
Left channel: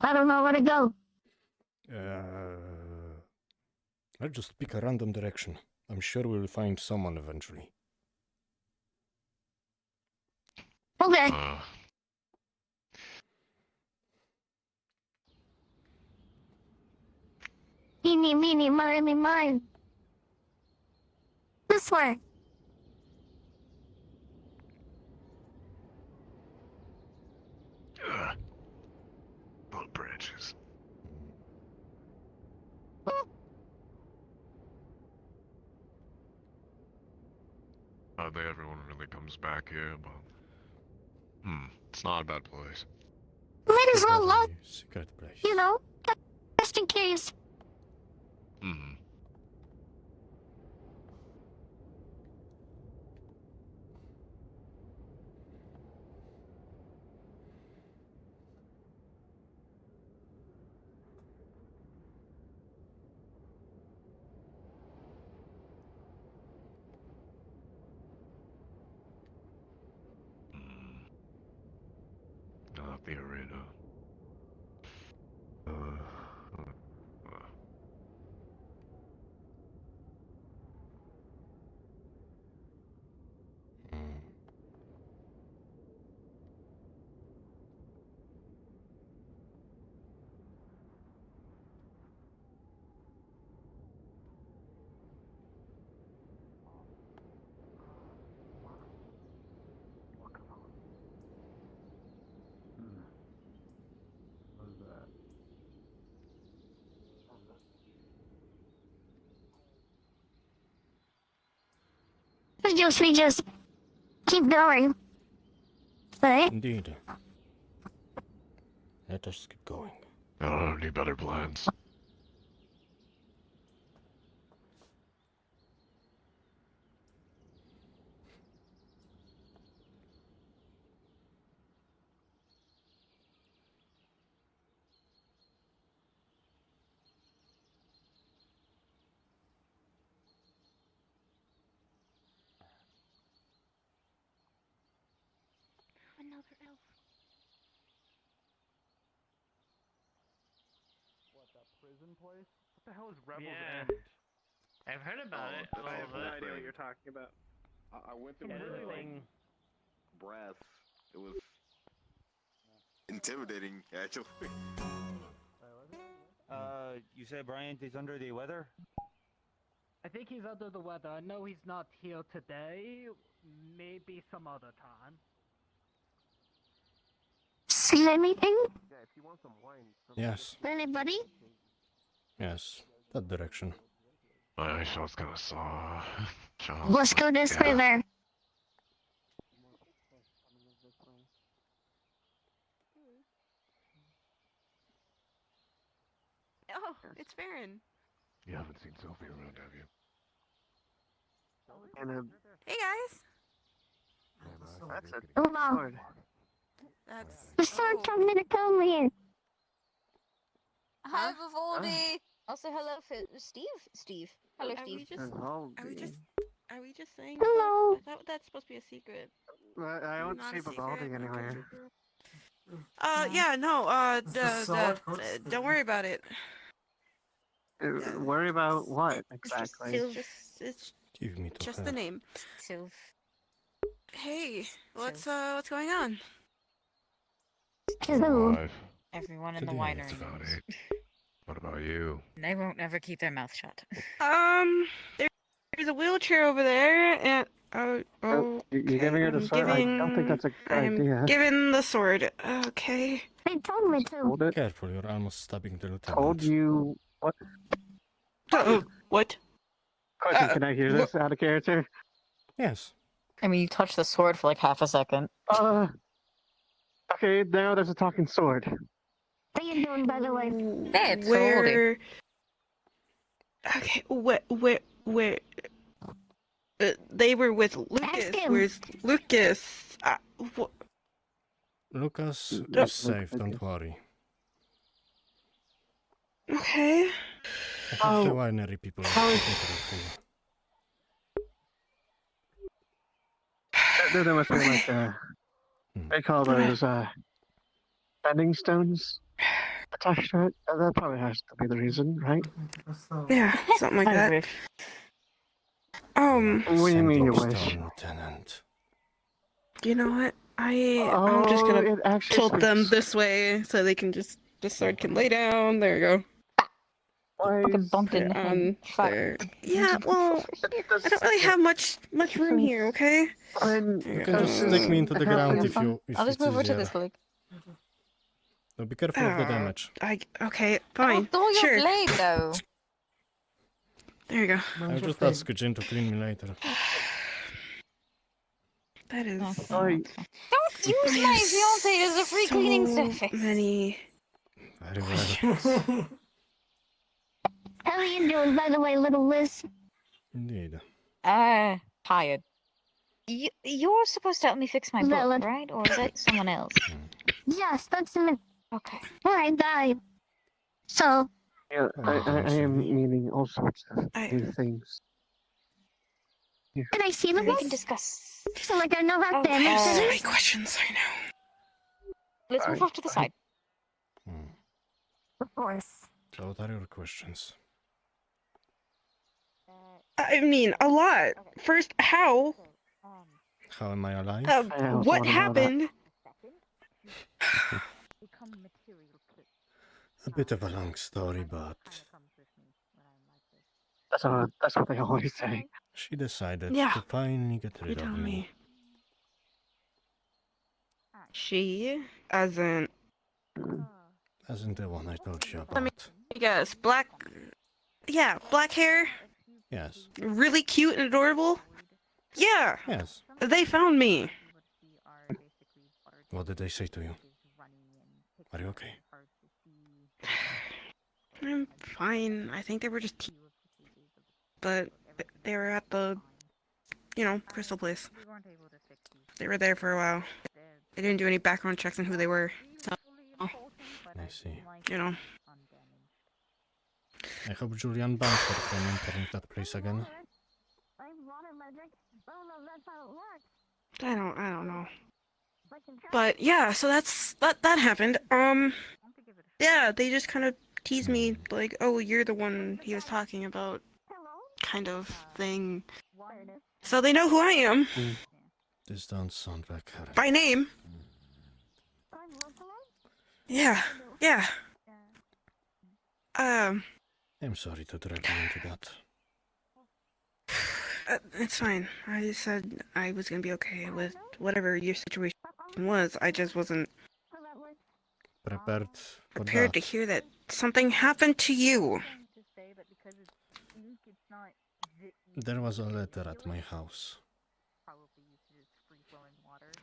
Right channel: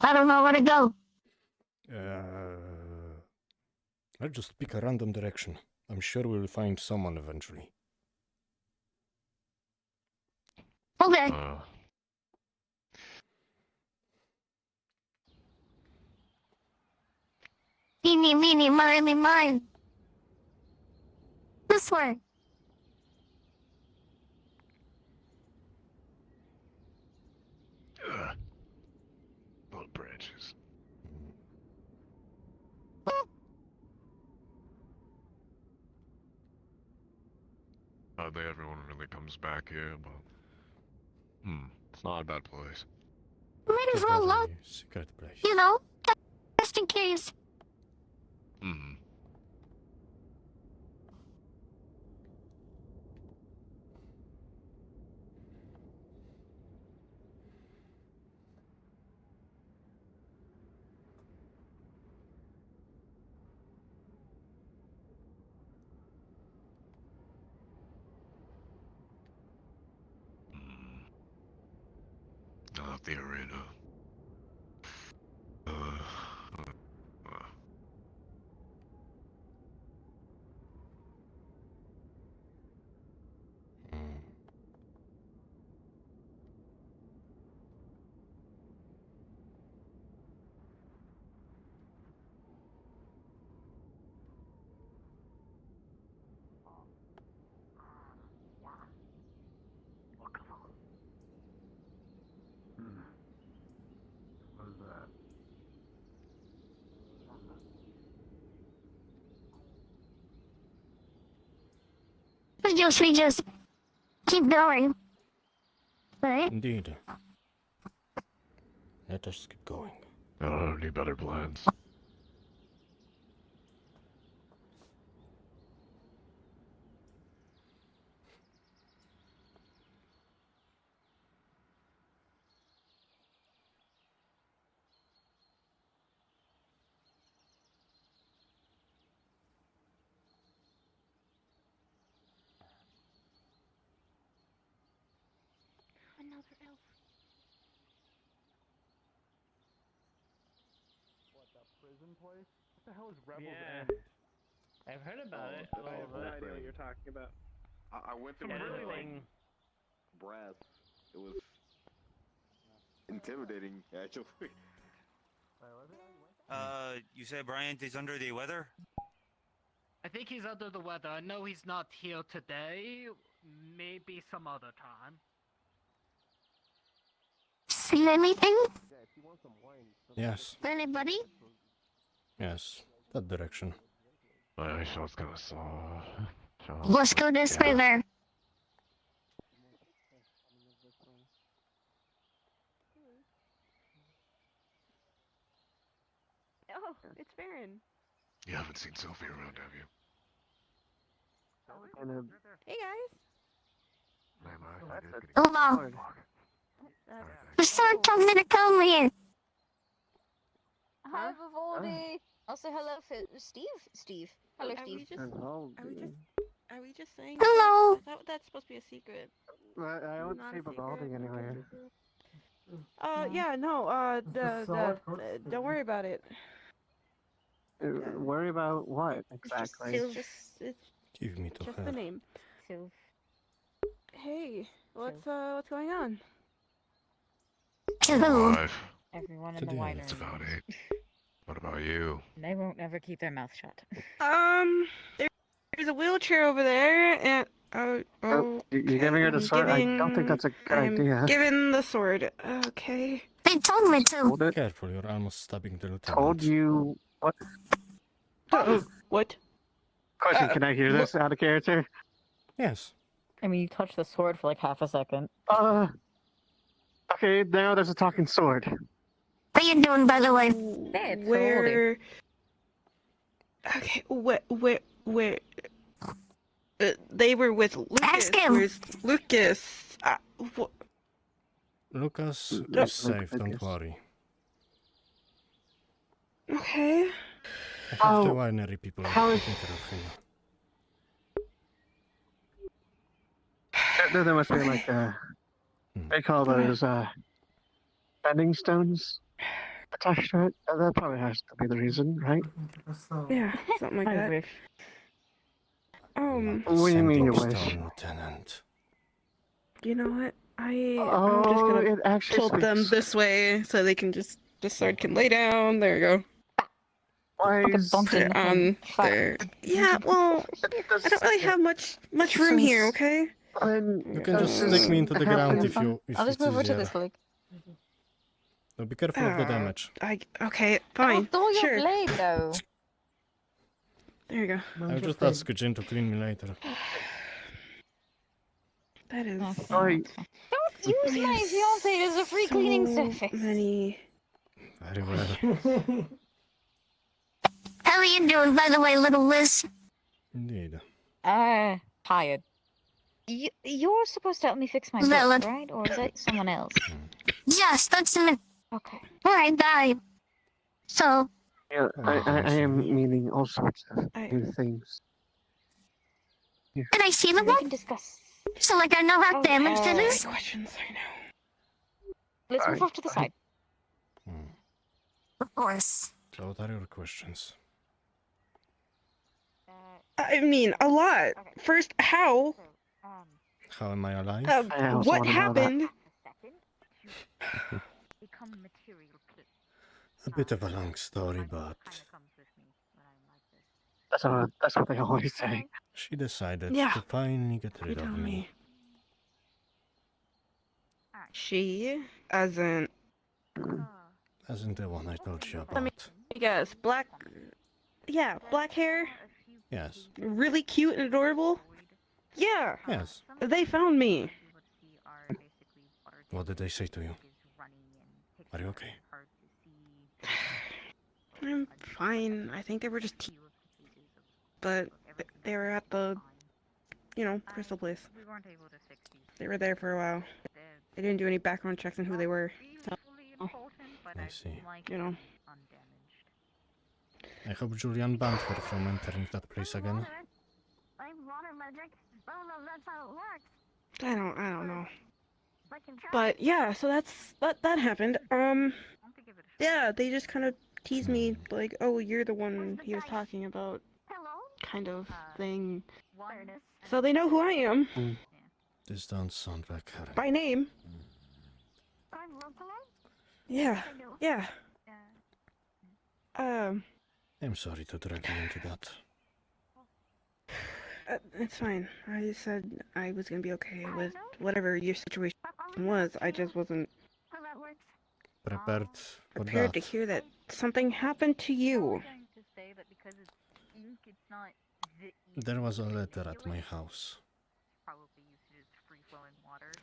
I don't know where to go. Let's just pick a random direction. I'm sure we'll find someone eventually. Okay. Eeny, meeny, miny, mine. This way. Little branches. Hardly everyone really comes back here, but it's not a bad place. Might as well look. Secret place. You know, just in case. Not the arena. We just keep going. Right? Indeed. Let us keep going. I don't have any better plans. Another elf. What, that prison place? What the hell is Rebel's Yeah. End? I've heard about it. I have no idea what you're talking about. I went Yeah, through the the thing. brass. It was intimidating, actually. You say Bryant is under the weather? I think he's under the weather. I know he's not here today. Maybe some other time. See anything? Yeah, if you want some wine. Yes. Anybody? Yes. That direction. I was gonna saw. Let's go this way there. Oh, it's Farron. You haven't seen Sophie around, have you? Hey guys. Hello. The sun told me to come here. Hi, Vivaldi. Also, hello, Steve. Steve. Hello, Are Steve. we just saying? Hello. I thought that's supposed to be a secret. I don't Not see a secret. Vivaldi anywhere. Yeah, no. Don't worry about it. Worry about what exactly? It's Give me to just her. the name. Hey, what's going on? Hello. Five. Everyone in Today the winery. It's about 8. What about you? They won't ever keep their mouth shut. There's a wheelchair over there, and You're okay. giving her the I'm sword? I don't think that's a good idea. I'm giving the sword. Okay. They told me to. Hold it. Careful, you're almost stabbing the lieutenant. Told you. What? What? Question, can I hear this out of character? Yes. I mean, you touched the sword for like half a second. Okay, now there's a talking sword. What are you doing, by the way? Hey, it's Where? Okay, where? They were with Lucas. Ask him. Where's Lucas? Lucas Oh. is safe, don't worry. Okay. I have the winery people taking care of him. There must be like they call those bending stones attached to it. That probably has to be the reason, right? Yeah, something like that. What do you mean you wish? Stone, Lieutenant. You know what? I'm just gonna tilt them this way so they can the sword can lay down. There you go. There. Yeah, well, I don't really have much room here. Okay. You can just stick me into the ground if I'll just it's move over to easier. this leg. No, be careful of the damage. Okay, fine. Oh, sure. your blade, though. There you go. I'll just ask Jin to clean me later. That is. Don't use my fiance as a free cleaning surface. Many. Very well. How are you doing, by the way, little Liz? Indeed. Tired. You're supposed to help me fix my Valid. book, right? Or is that someone else? Yes, that's me. Okay. Well, I died. So, Yeah, I am meaning all sorts of new things. Here. can I see the We book? can discuss. So, like, I know how damaged it is? Questions, I know. Let's move off to the side. Of course. So what are your questions? I mean, a lot. First, how? How am I alive? What happened? A bit of a long story, but That's what they always say. she decided Yeah. to finally get rid of tell me. She, as in, Hasn't the one I told you let me about? guess, black hair, Yes. really cute and adorable. Yeah, Yes. they found me. What did they say to you? Are you okay? I'm fine. I think they were just but they were at the, crystal place. They were there for a while. They didn't do any background checks on who they were. So, I see. I hope Julian banned her from entering that place again. I don't know. But yeah, so that happened. Yeah, they just kind of teased me like, "Oh, you're the one he was talking about," kind of thing. So they know who I am This don't sound like her. by name. Yeah. I'm sorry to drag you into that. It's fine. I just said I was gonna be okay with whatever your situation was. I just wasn't Prepared for prepared that. to hear that something happened to you. There was a letter at my house.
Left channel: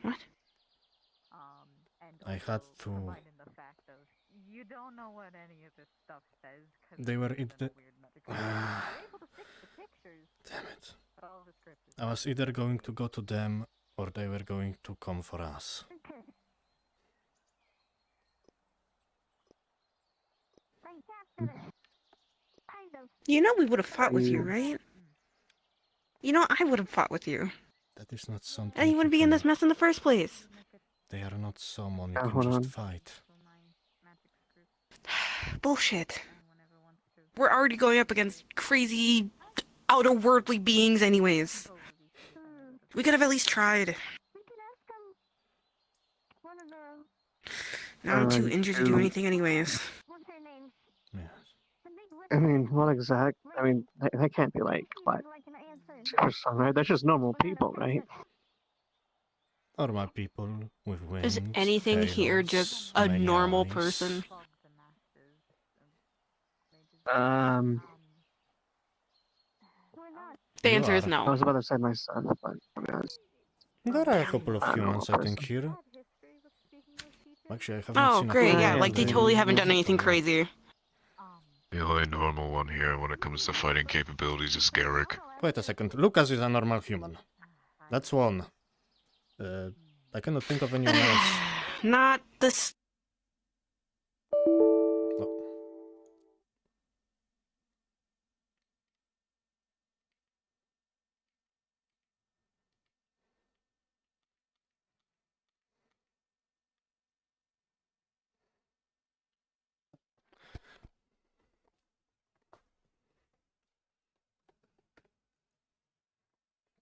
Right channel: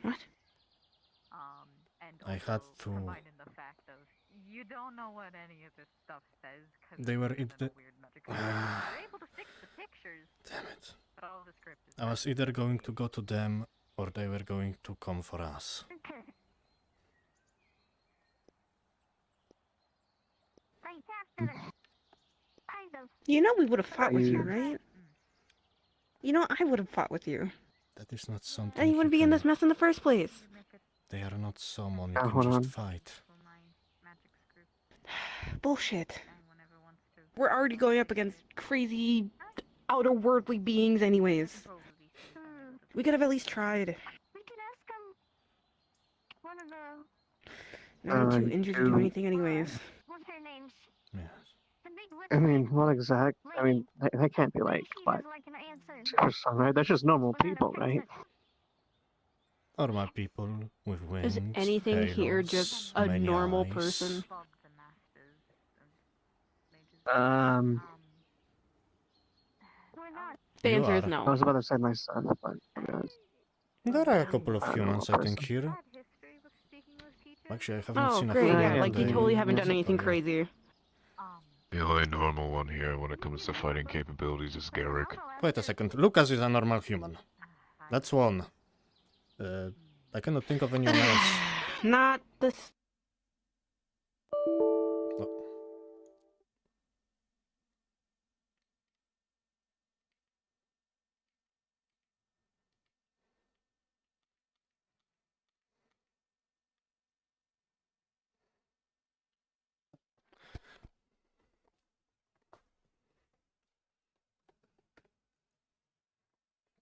What? I had to. They were in the. Damn it. I was either going to go to them or they were going to come for us. You know we would have fought with you, right? You know I would have fought with you. That is not something. Then you wouldn't be in this mess in the first place. They are not someone you hold can on. just fight. Bullshit. We're already going up against crazy, outer-worldly beings anyways. We could have at least tried. Now I'm too injured to do anything anyways. Yes. I mean, what exact? I mean, they can't be like what? Super strong, right? That's just normal people, right? Normal people with wings. Is anything here just halos, a many normal eyes. person? The You answer is are. no. I was about to say myself, but There are a couple of I don't know humans, what I think, person. here. Actually, I haven't Oh, seen a great, human yeah, in like they the- totally haven't done so anything yeah. crazy. The only normal one here when it comes to fighting capabilities is Garrick. Wait a second. Lucas is a normal human. That's one. I cannot think of anyone else. Not this.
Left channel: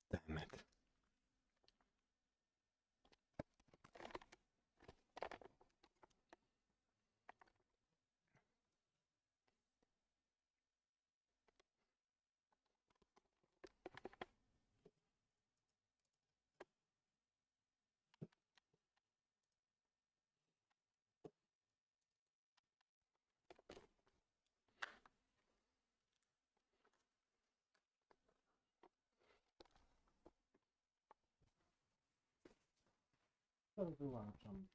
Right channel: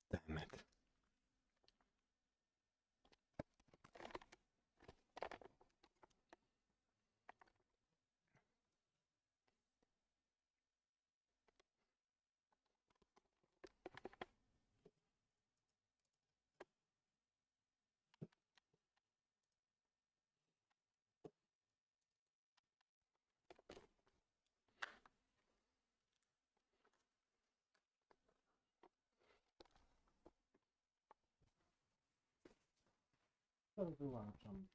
Damn it. Wyłączam.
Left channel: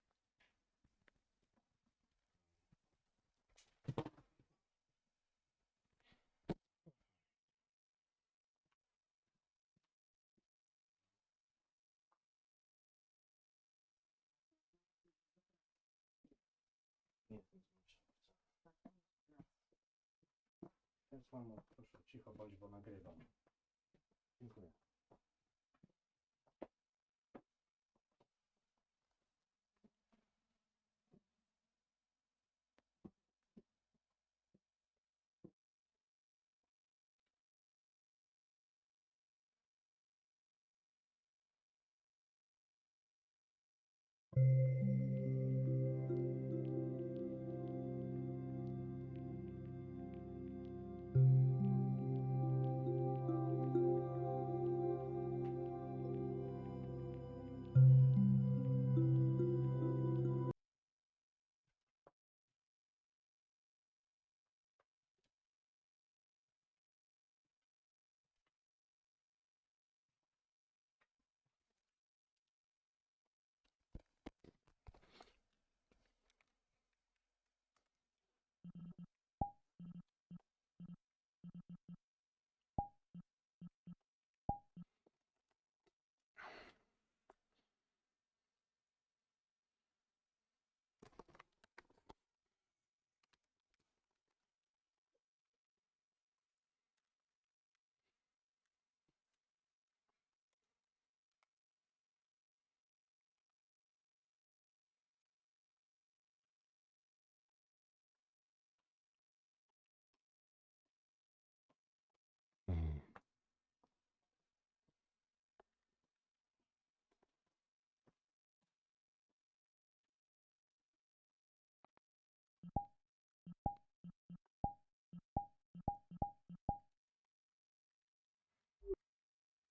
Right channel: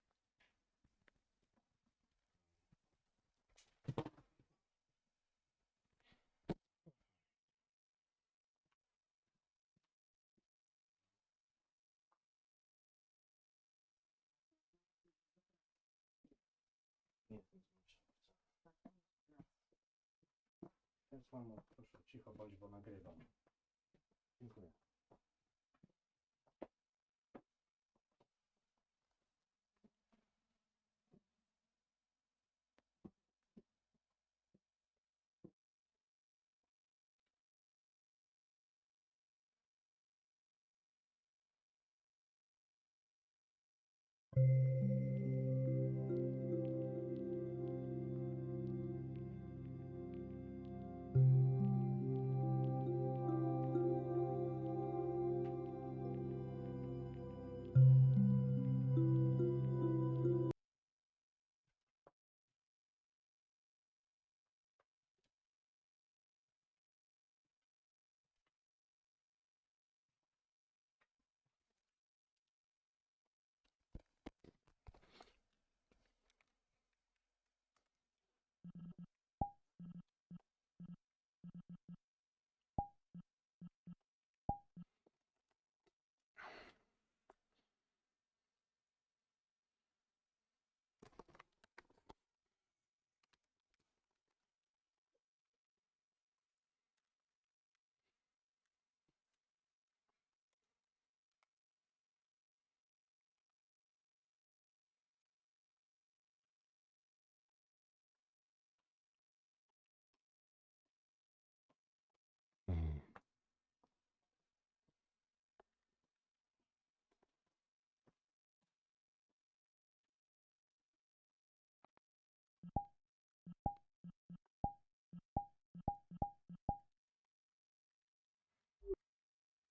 Więc mamo, proszę cicho bądź, bo nagrywam. Dziękuję.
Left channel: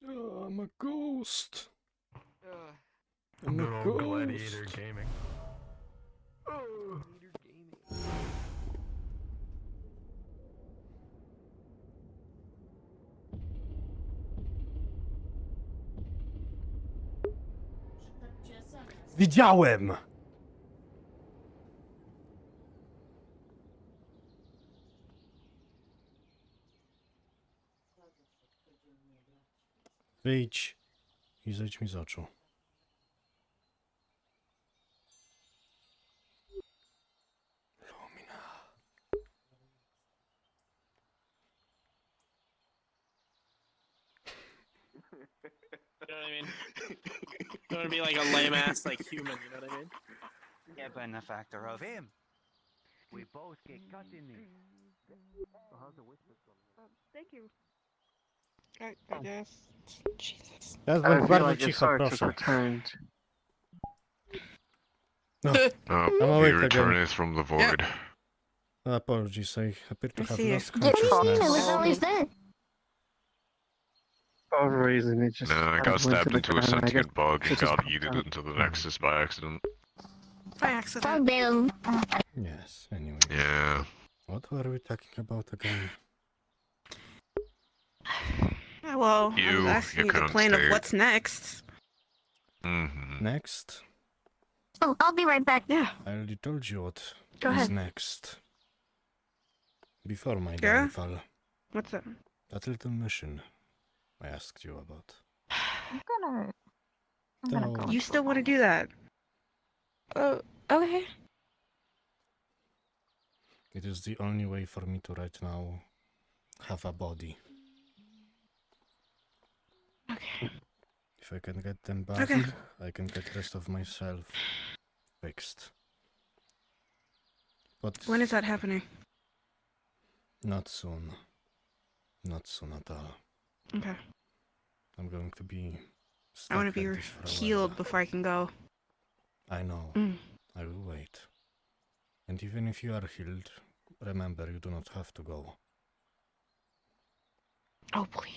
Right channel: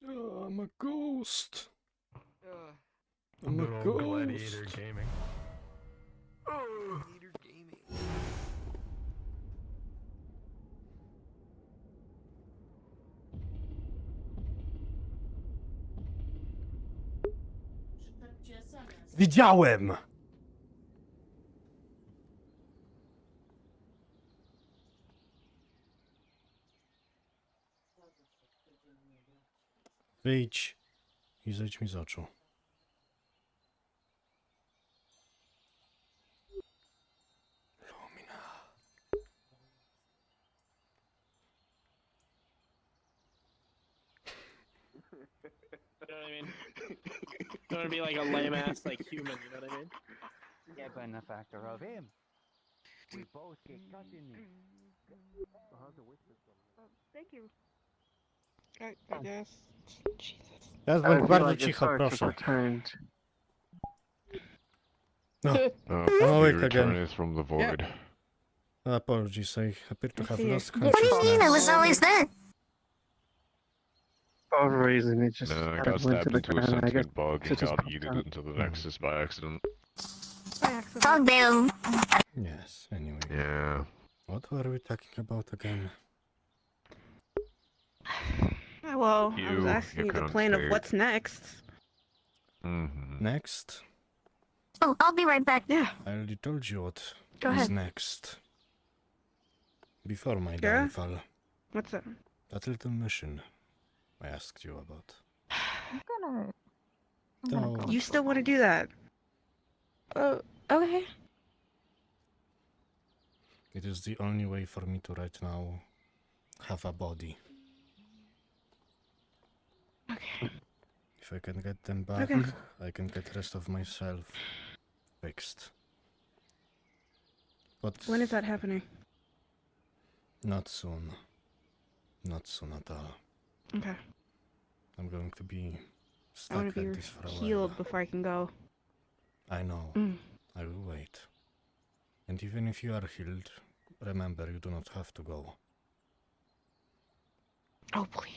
Oh, I'm a ghost. I'm a Good old ghost. Gladiator Gaming. Widziałem! Wyjdź i zejdź mi z oczu. You know what I mean? You want to be like a lame ass like human, you know what I mean? Yeah, but a factor of him. We both get cut in the. Thank you. I guess. Jesus. Teraz I bądź feel bardzo like cicho, it's proszę. returned. No, Oh, I'm he awake again. returneth from the void. Apologies, I appear to have see. lost What do you consciousness. mean? It was always there. For whatever reason, it just No, I kind got of went to stabbed the into a ground, and I guess sentient bug and it just got popped yeeted out. into the Nexus by accident. Dog damn. Yes, anyway. Yeah. What were we talking about again? Well, I was You, asking your you the current plan of state. what's next. Mm-hmm. Next? Oh, I'll be right back. Yeah. I already told you what Go is ahead. next. Before my Yeah? downfall. What's that? That little mission I asked you about. I'm gonna No. You still want to do that? Oh, okay. It is the only way for me to right now have a body. Okay. If I can get them back, Okay. I can get the rest of myself fixed. But When is that happening? not soon. Not soon at all. Okay. I'm going to be I stuck want to be like this for a healed while. before I can go. I know. Mm. I will wait. And even if you are healed, remember you do not have to go. Oh, please.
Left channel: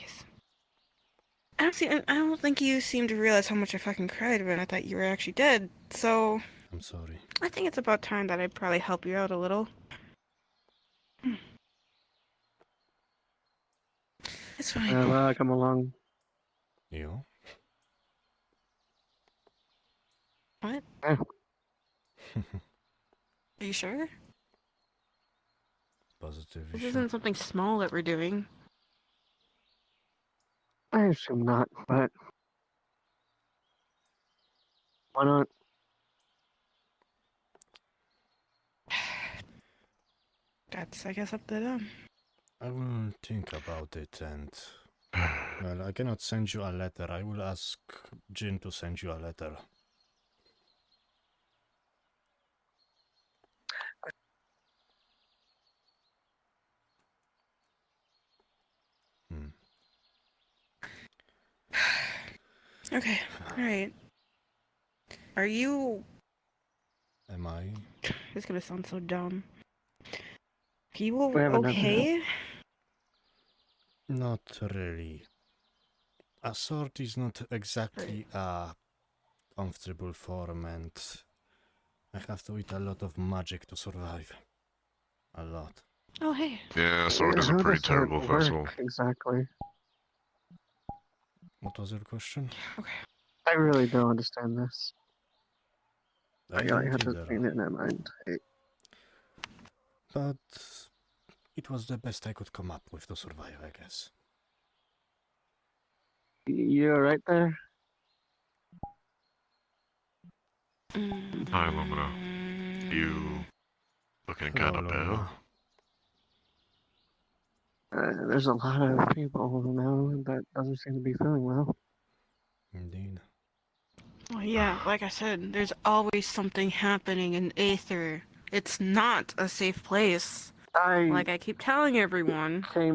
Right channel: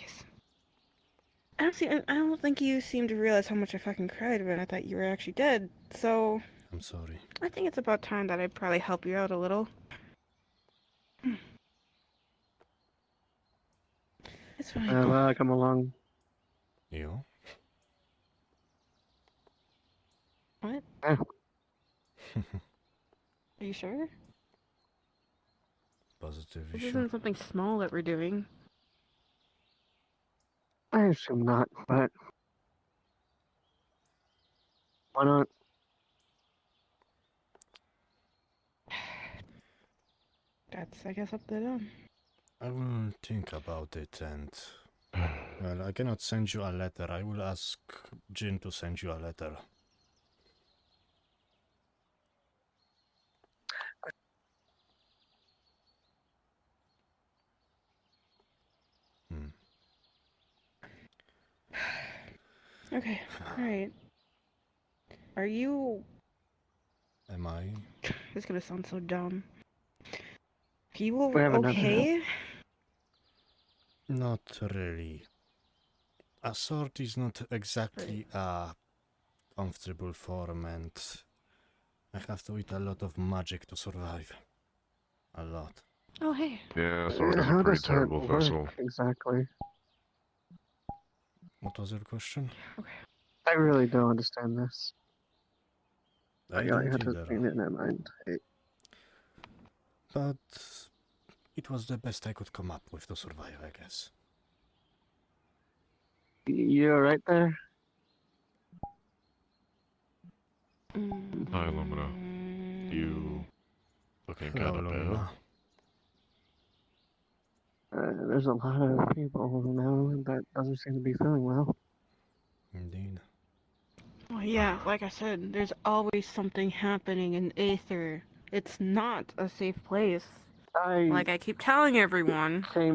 I don't think you seem to realize how much I fucking cried when I thought you were actually dead. So I'm sorry. I think it's about time that I probably help you out a little. It's fine. Well, come along. You? What? Yeah. Are you sure? Positive, This you isn't something small that we're doing. I assume not, but why not? That's, I guess, up to them. I will think about it and... Well, I cannot send you a letter. I will ask Jin to send you a letter. Okay, alright. Are you... Am I? This is gonna sound so dumb. Are you We have enough okay? Not really. A sword is not exactly a comfortable form, and I have to eat a lot of magic to survive. A lot. Oh, hey. Yeah, sword is a How pretty does that terrible work vessel. exactly? What was your question? I really don't understand this. I I don't had to either. think it in my mind. But it was the best I could come up with to survive, I guess. You're right there? Hi, Lumina. You looking Hello, kind of Lumina. There's a lot of people now that doesn't seem to be feeling well. Indeed. Well, yeah, like I said, there's always something happening in Aether. It's not a safe place. Like I keep telling everyone. I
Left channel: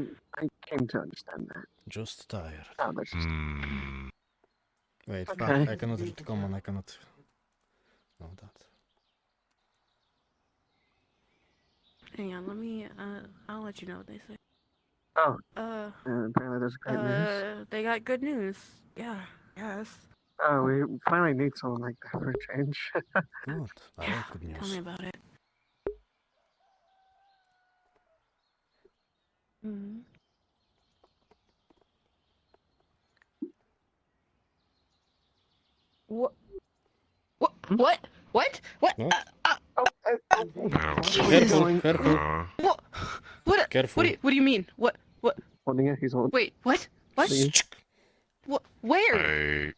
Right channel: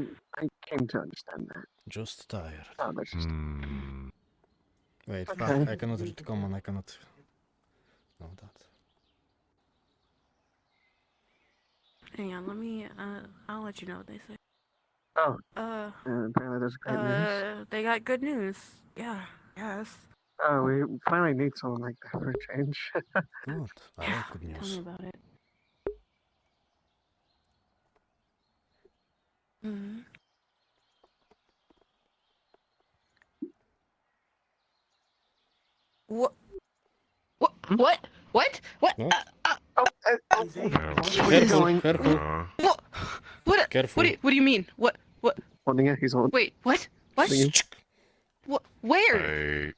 came to understand that. Just tired. Oh, that's just... Wait, Okay. fuck, I cannot read common, I cannot know that. Hang on, let me, I'll let you know what they say. Oh. Apparently there's great news. They got good news. Yeah, yes. Oh, we finally need someone like that for a change. Good. I like good Tell me news. about it. Mm. What? What? What? What? What? Careful, careful. What? What? Careful. What do you mean? What? Holding it, he's holding. Wait, what? What? What? Where?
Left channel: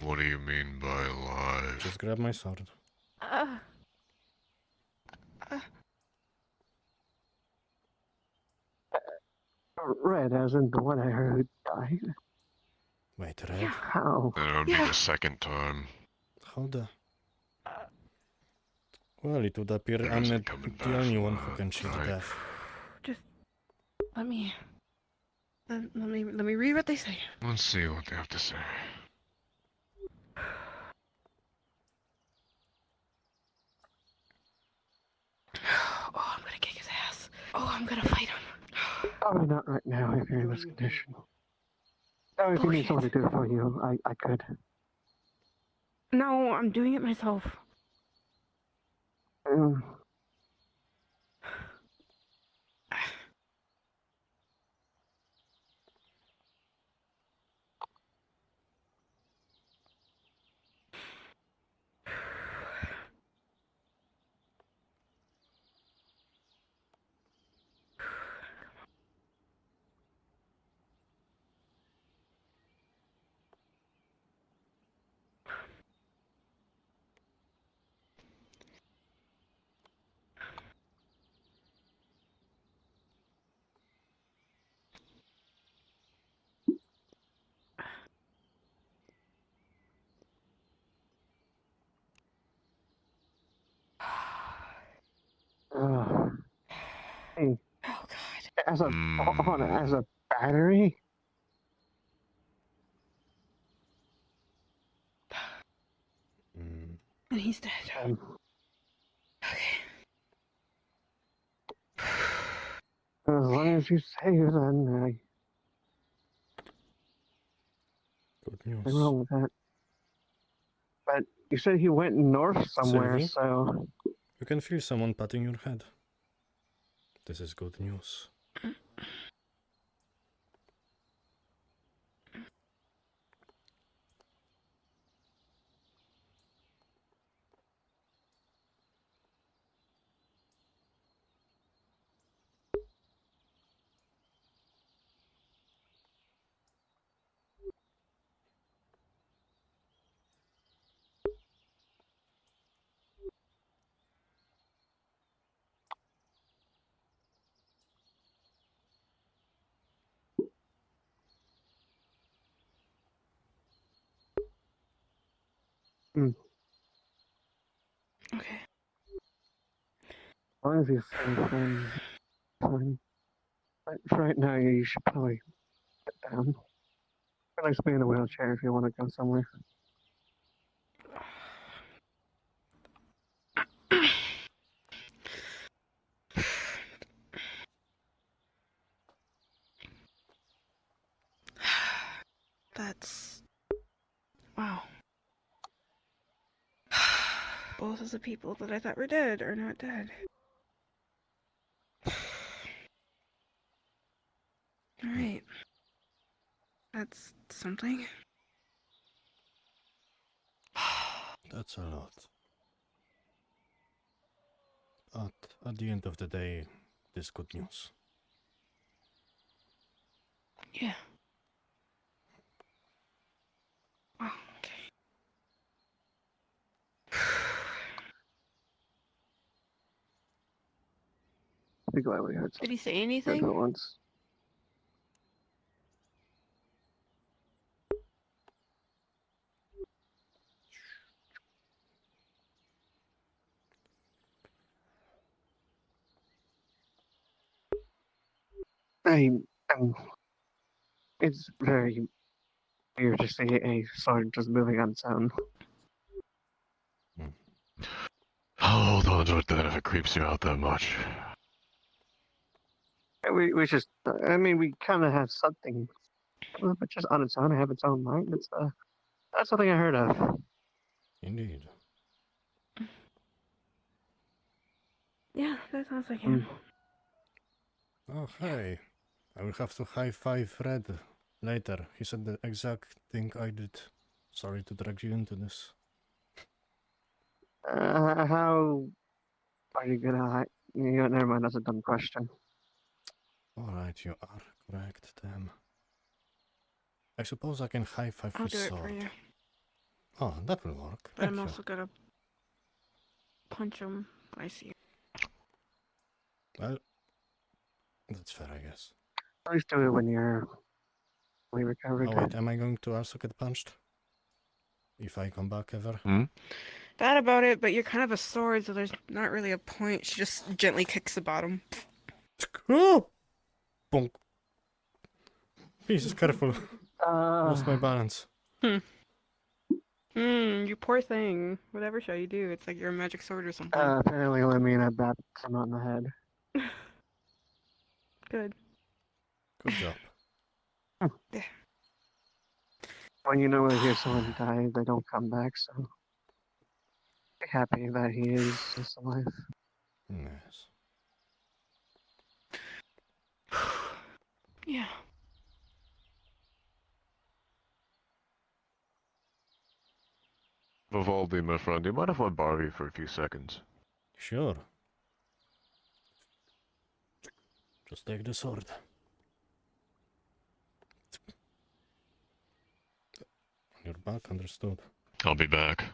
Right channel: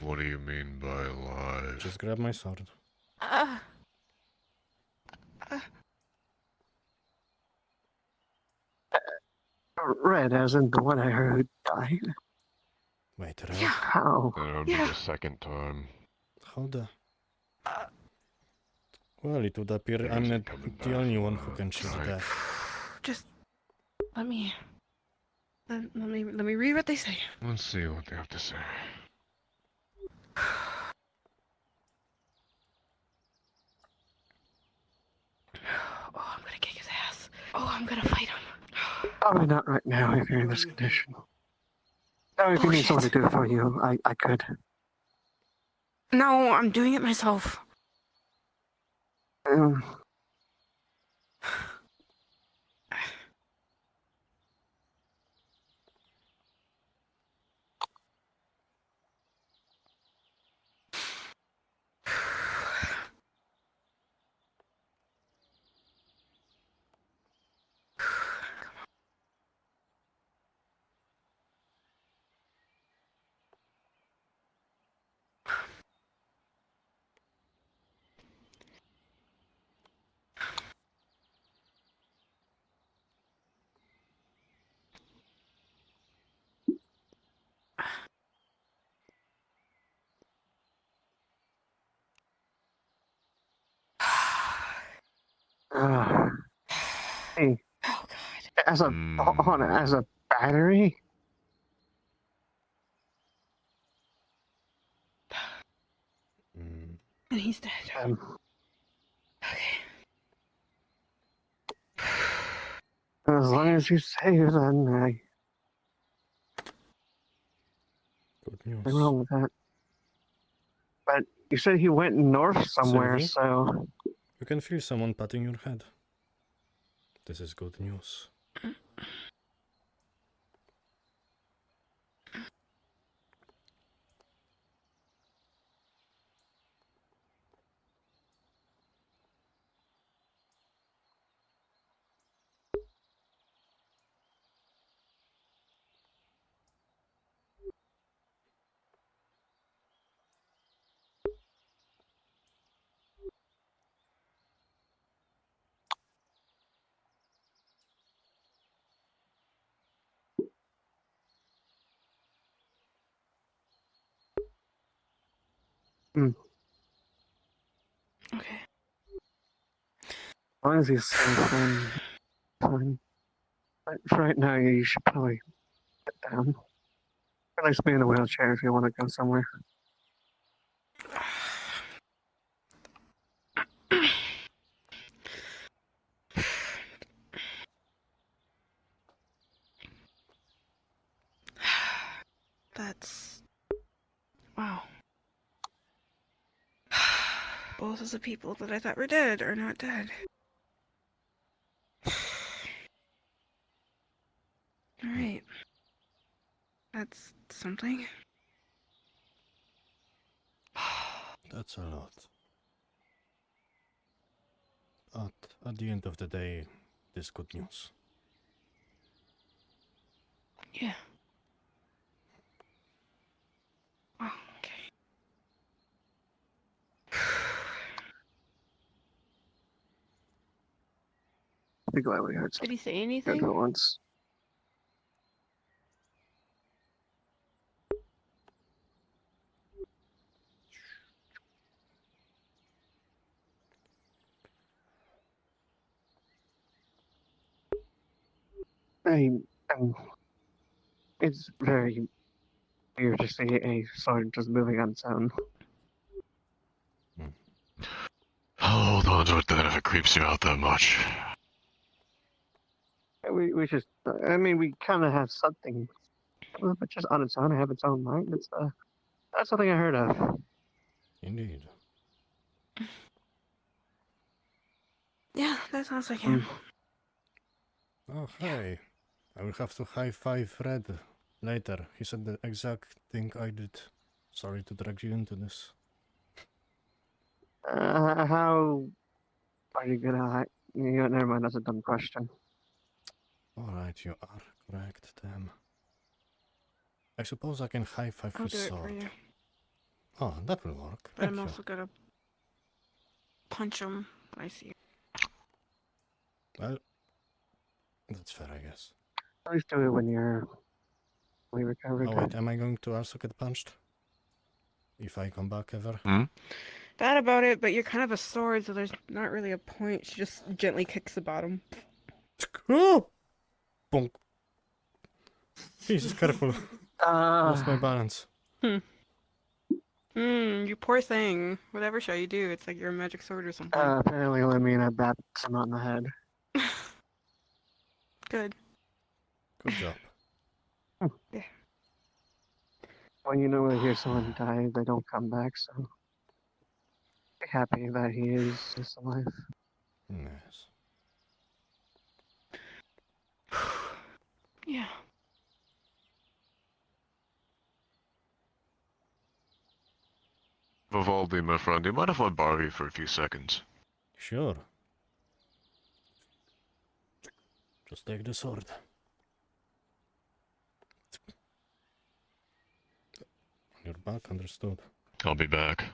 What do you mean by lies? Just grab my sword. Red, as in the one I heard died. Wait, Red? How? That would be the second time. How the... Well, it would appear I'm not the only one who can cheat death. Just let me read what they say. Let's see what they have to say. Oh, I'm gonna Probably not right now if you're in this condition. Oh, if you need someone to do it for you, I could. No, I'm doing it myself. Um, hey, Oh God. as a hold on, as a battery. And he's dead. As long as you say it, then Good nothing news. wrong with that. But you said he went north somewhere, Sylvie? so You can feel someone patting your head. This is good news. Okay. as long as he's safe, then fine. But for right now, you should probably sit down. At least be in a wheelchair if you want to go somewhere. That's wow. Both of the people that I thought were dead are not dead. Alright. That's something. That's a lot. But at the end of the day, this good news. Yeah. Oh, okay. Be glad we heard Did he say at anything? once. I, it's very weird to see a sword just moving on its own. I'll hold on to it then if it creeps you out that much. We just, I mean, we kind of have something, but just on its own, have its own mind. It's that's something I heard of. Indeed. Yeah, that sounds like him. Oh, hey. I will have to high-five Fred later. He said the exact thing I did. Sorry to drag you into this. How are you gonna? Never mind. That's a dumb question. Alright, you are correct, damn. I suppose I can high-five I'll his do it for sword. you. Oh, that will work. But Thank I'm you. also gonna punch him when I see him. Well, that's fair, I guess. At least do it when you're fully recovered. Oh wait, am I going to also get punched? If I come back ever? Bad about it, but you're kind of a sword, so there's not really a point. She just gently kicks the bottom. Oh! Bonk. Jesus, careful. Lost my balance. You poor thing. Whatever shall you do? It's like you're a magic sword or something. Apparently, let me and I bat him on the head. Good. Good job. Yeah. Well, you know, when you hear someone die, they don't come back, so happy that he is alive. Yes. Yeah. Vivaldi, my friend, do you mind if I borrow you for a few seconds? Sure. Just take the sword. You're back, understood. I'll be back.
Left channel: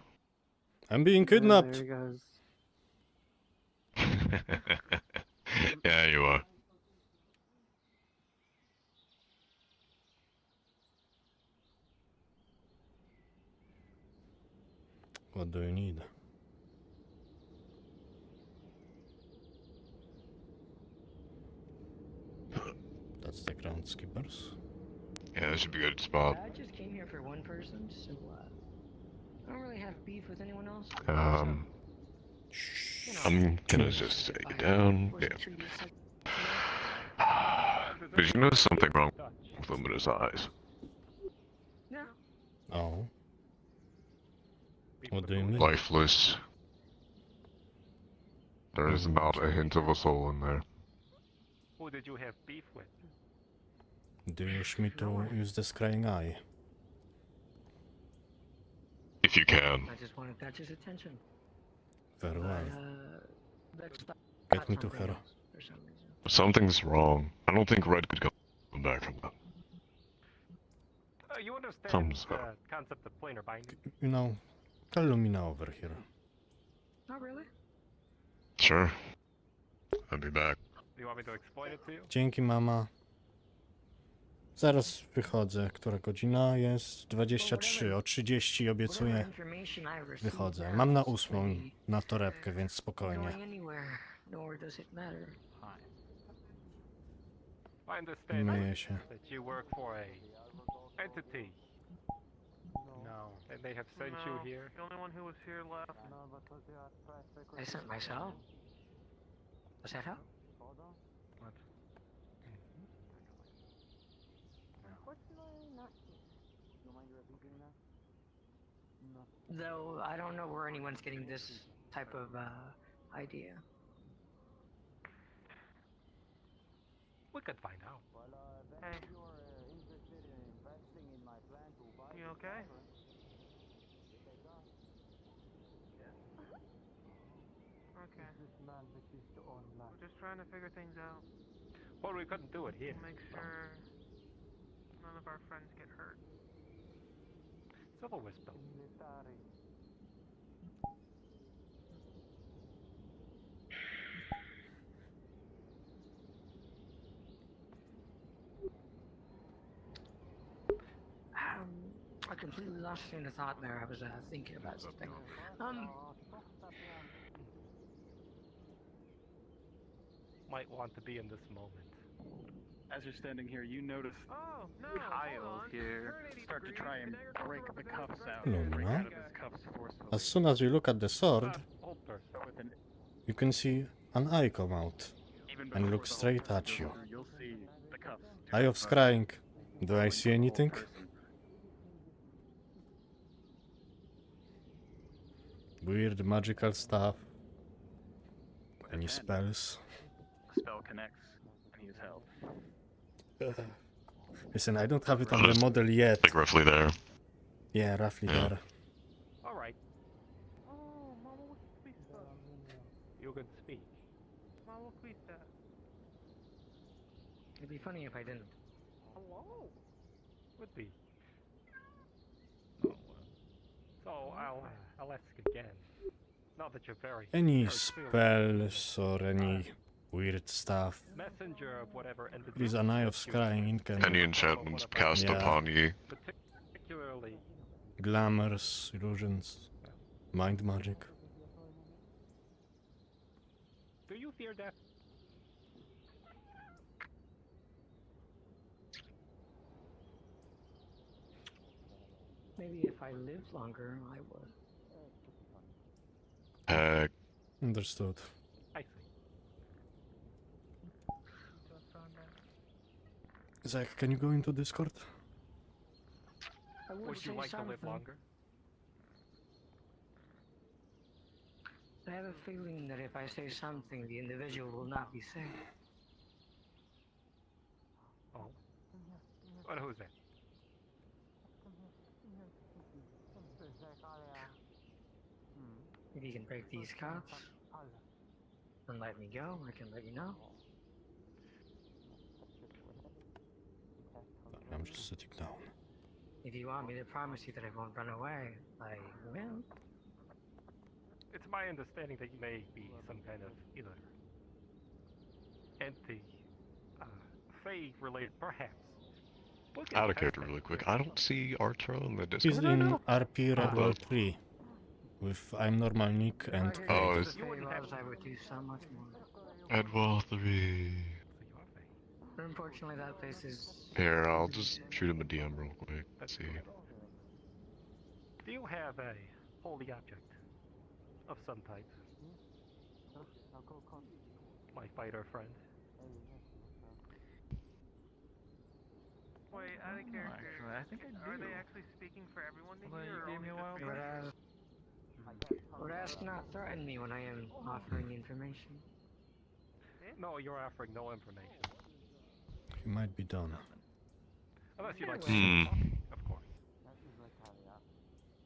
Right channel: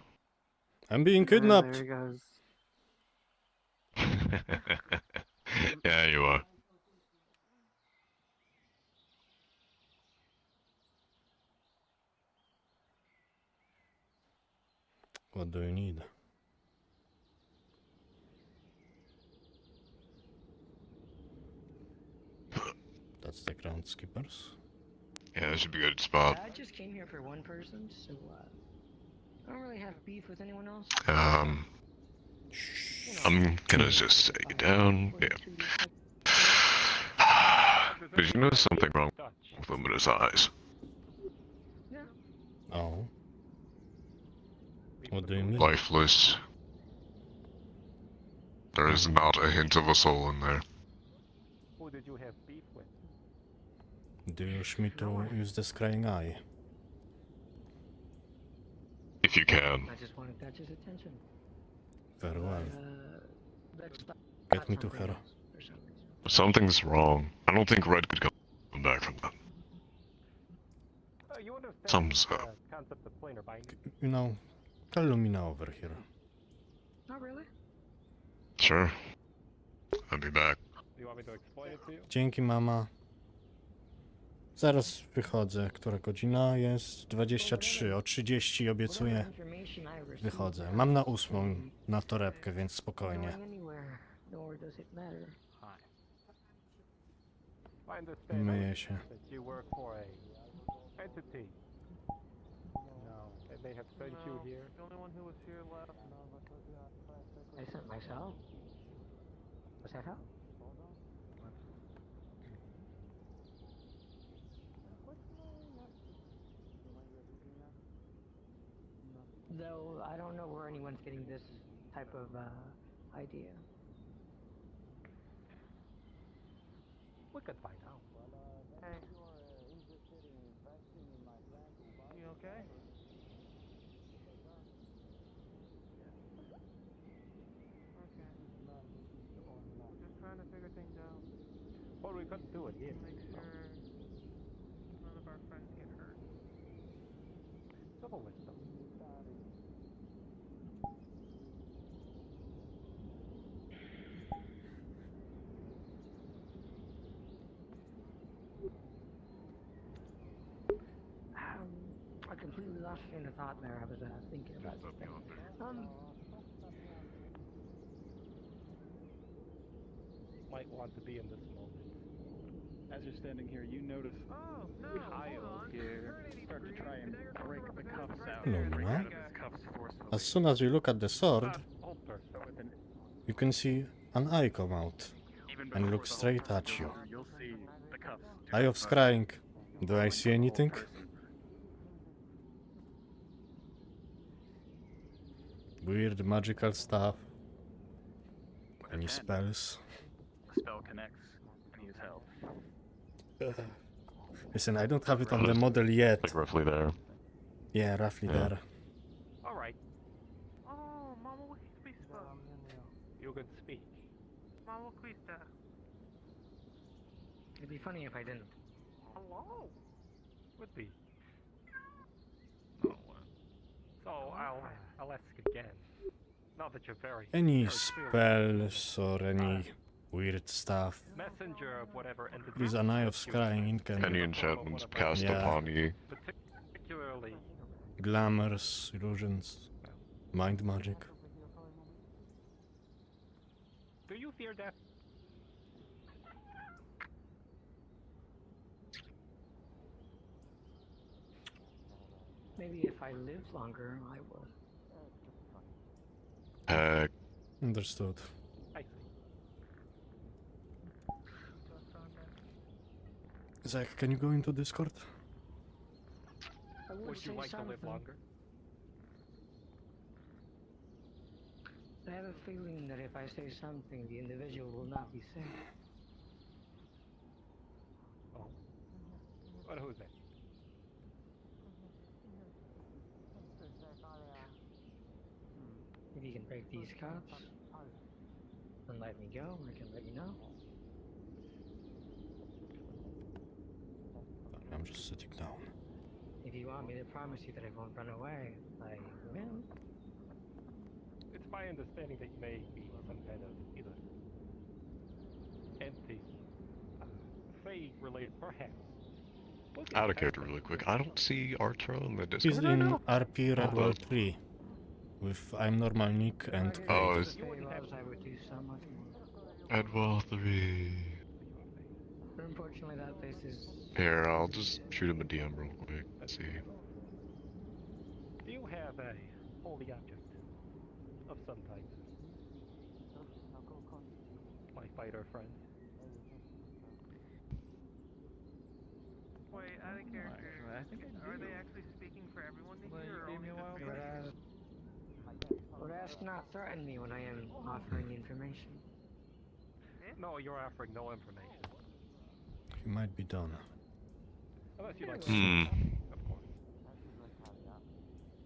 I'm being kidnapped. There he goes. Yeah, you are. What do you need? That's the groundskeepers. Yeah, that should be a good spot. I just came here for one person, so I don't really have beef with anyone else. I'm gonna just take it down. Yeah. But you know something wrong with Luminous eyes. Oh. What do you mean? Lifeless. There is not a hint of a soul in there. Who did you have beef with? Do you wish me to use the scrying eye? If you can. I just want to catch his attention. Very well. Let's stop. Get me to her. Something's wrong. I don't think Red could come back from that. You understand Something's the concept of planar binding? You know, call Lumina over here. Not really. Sure. I'll be back. Do you want me to explain it to you? Dzięki, mama. Zaraz wychodzę. Która godzina jest? 23. O 30 obiecuję. Wychodzę. Mam na 8 na torebkę, więc spokojnie. Myję się. That you work for a entity. No. And they have sent you here. The only one who was here left. I sent myself. Was that how? Though I don't know where anyone's getting this type of idea. We could find out. Hey. You okay? Okay. Just trying to figure things out. Well, we couldn't do it here. Make sure none of our friends get hurt. Silver was built. I completely lost train of thought there. I was thinking about something. Might want to be in this moment. As you're standing here, you notice Kyle here start to try and break the cuffs out. Break out of his cuffs forcefully. As soon as you look at the sword, you can see an eye come out and look straight at you. Eye of Scrying. Do I see anything? Weird magical stuff. Any spells? The spell connects and he is held. Listen, I don't have it on the model yet. Like roughly there. Yeah, roughly Yeah. there. All right. Oh, Mama, you can speak. Mama, please, Dad. It'd be funny if I didn't. Hello. Would be. So I'll ask again. Not that you're very. Any very spells or any weird stuff? messenger of whatever entity. Please, an Eye of Scrying can... Any enchantments cast Yeah. upon ye. Particularly. Glamours, illusions, mind magic. Do you fear death? Maybe if I live longer, I would. Heck. Understood. I see. Zach, can you go into Discord? Would you like to live longer? I have a feeling that if I say something, the individual will not be safe. Oh. What, who's that? If you can break these cuffs and let me go, I can let you know. I'm just sitting down. If you want me to promise you that I won't run away, I will. It's my understanding that you may be some kind of either entity, Fae-related, perhaps. Out of character really quick. I don't see Arturo in the He's Discord. in RP Redwall 3 with I'm normal Nick and Oh, Craig. is I would do so much more. Edwell 3. But unfortunately, that place is. Here, I'll just shoot him a DM real quick. Let's see. Do you have a holy object of some type? My fighter friend. Wait, out of character. Actually, I think I Are do. they actually speaking for everyone to Well, hear, you or gave only me a while just back. Rest not threaten me when I am offering information. No, you're offering no information. He might be done. Unless you like to Hmm. of course.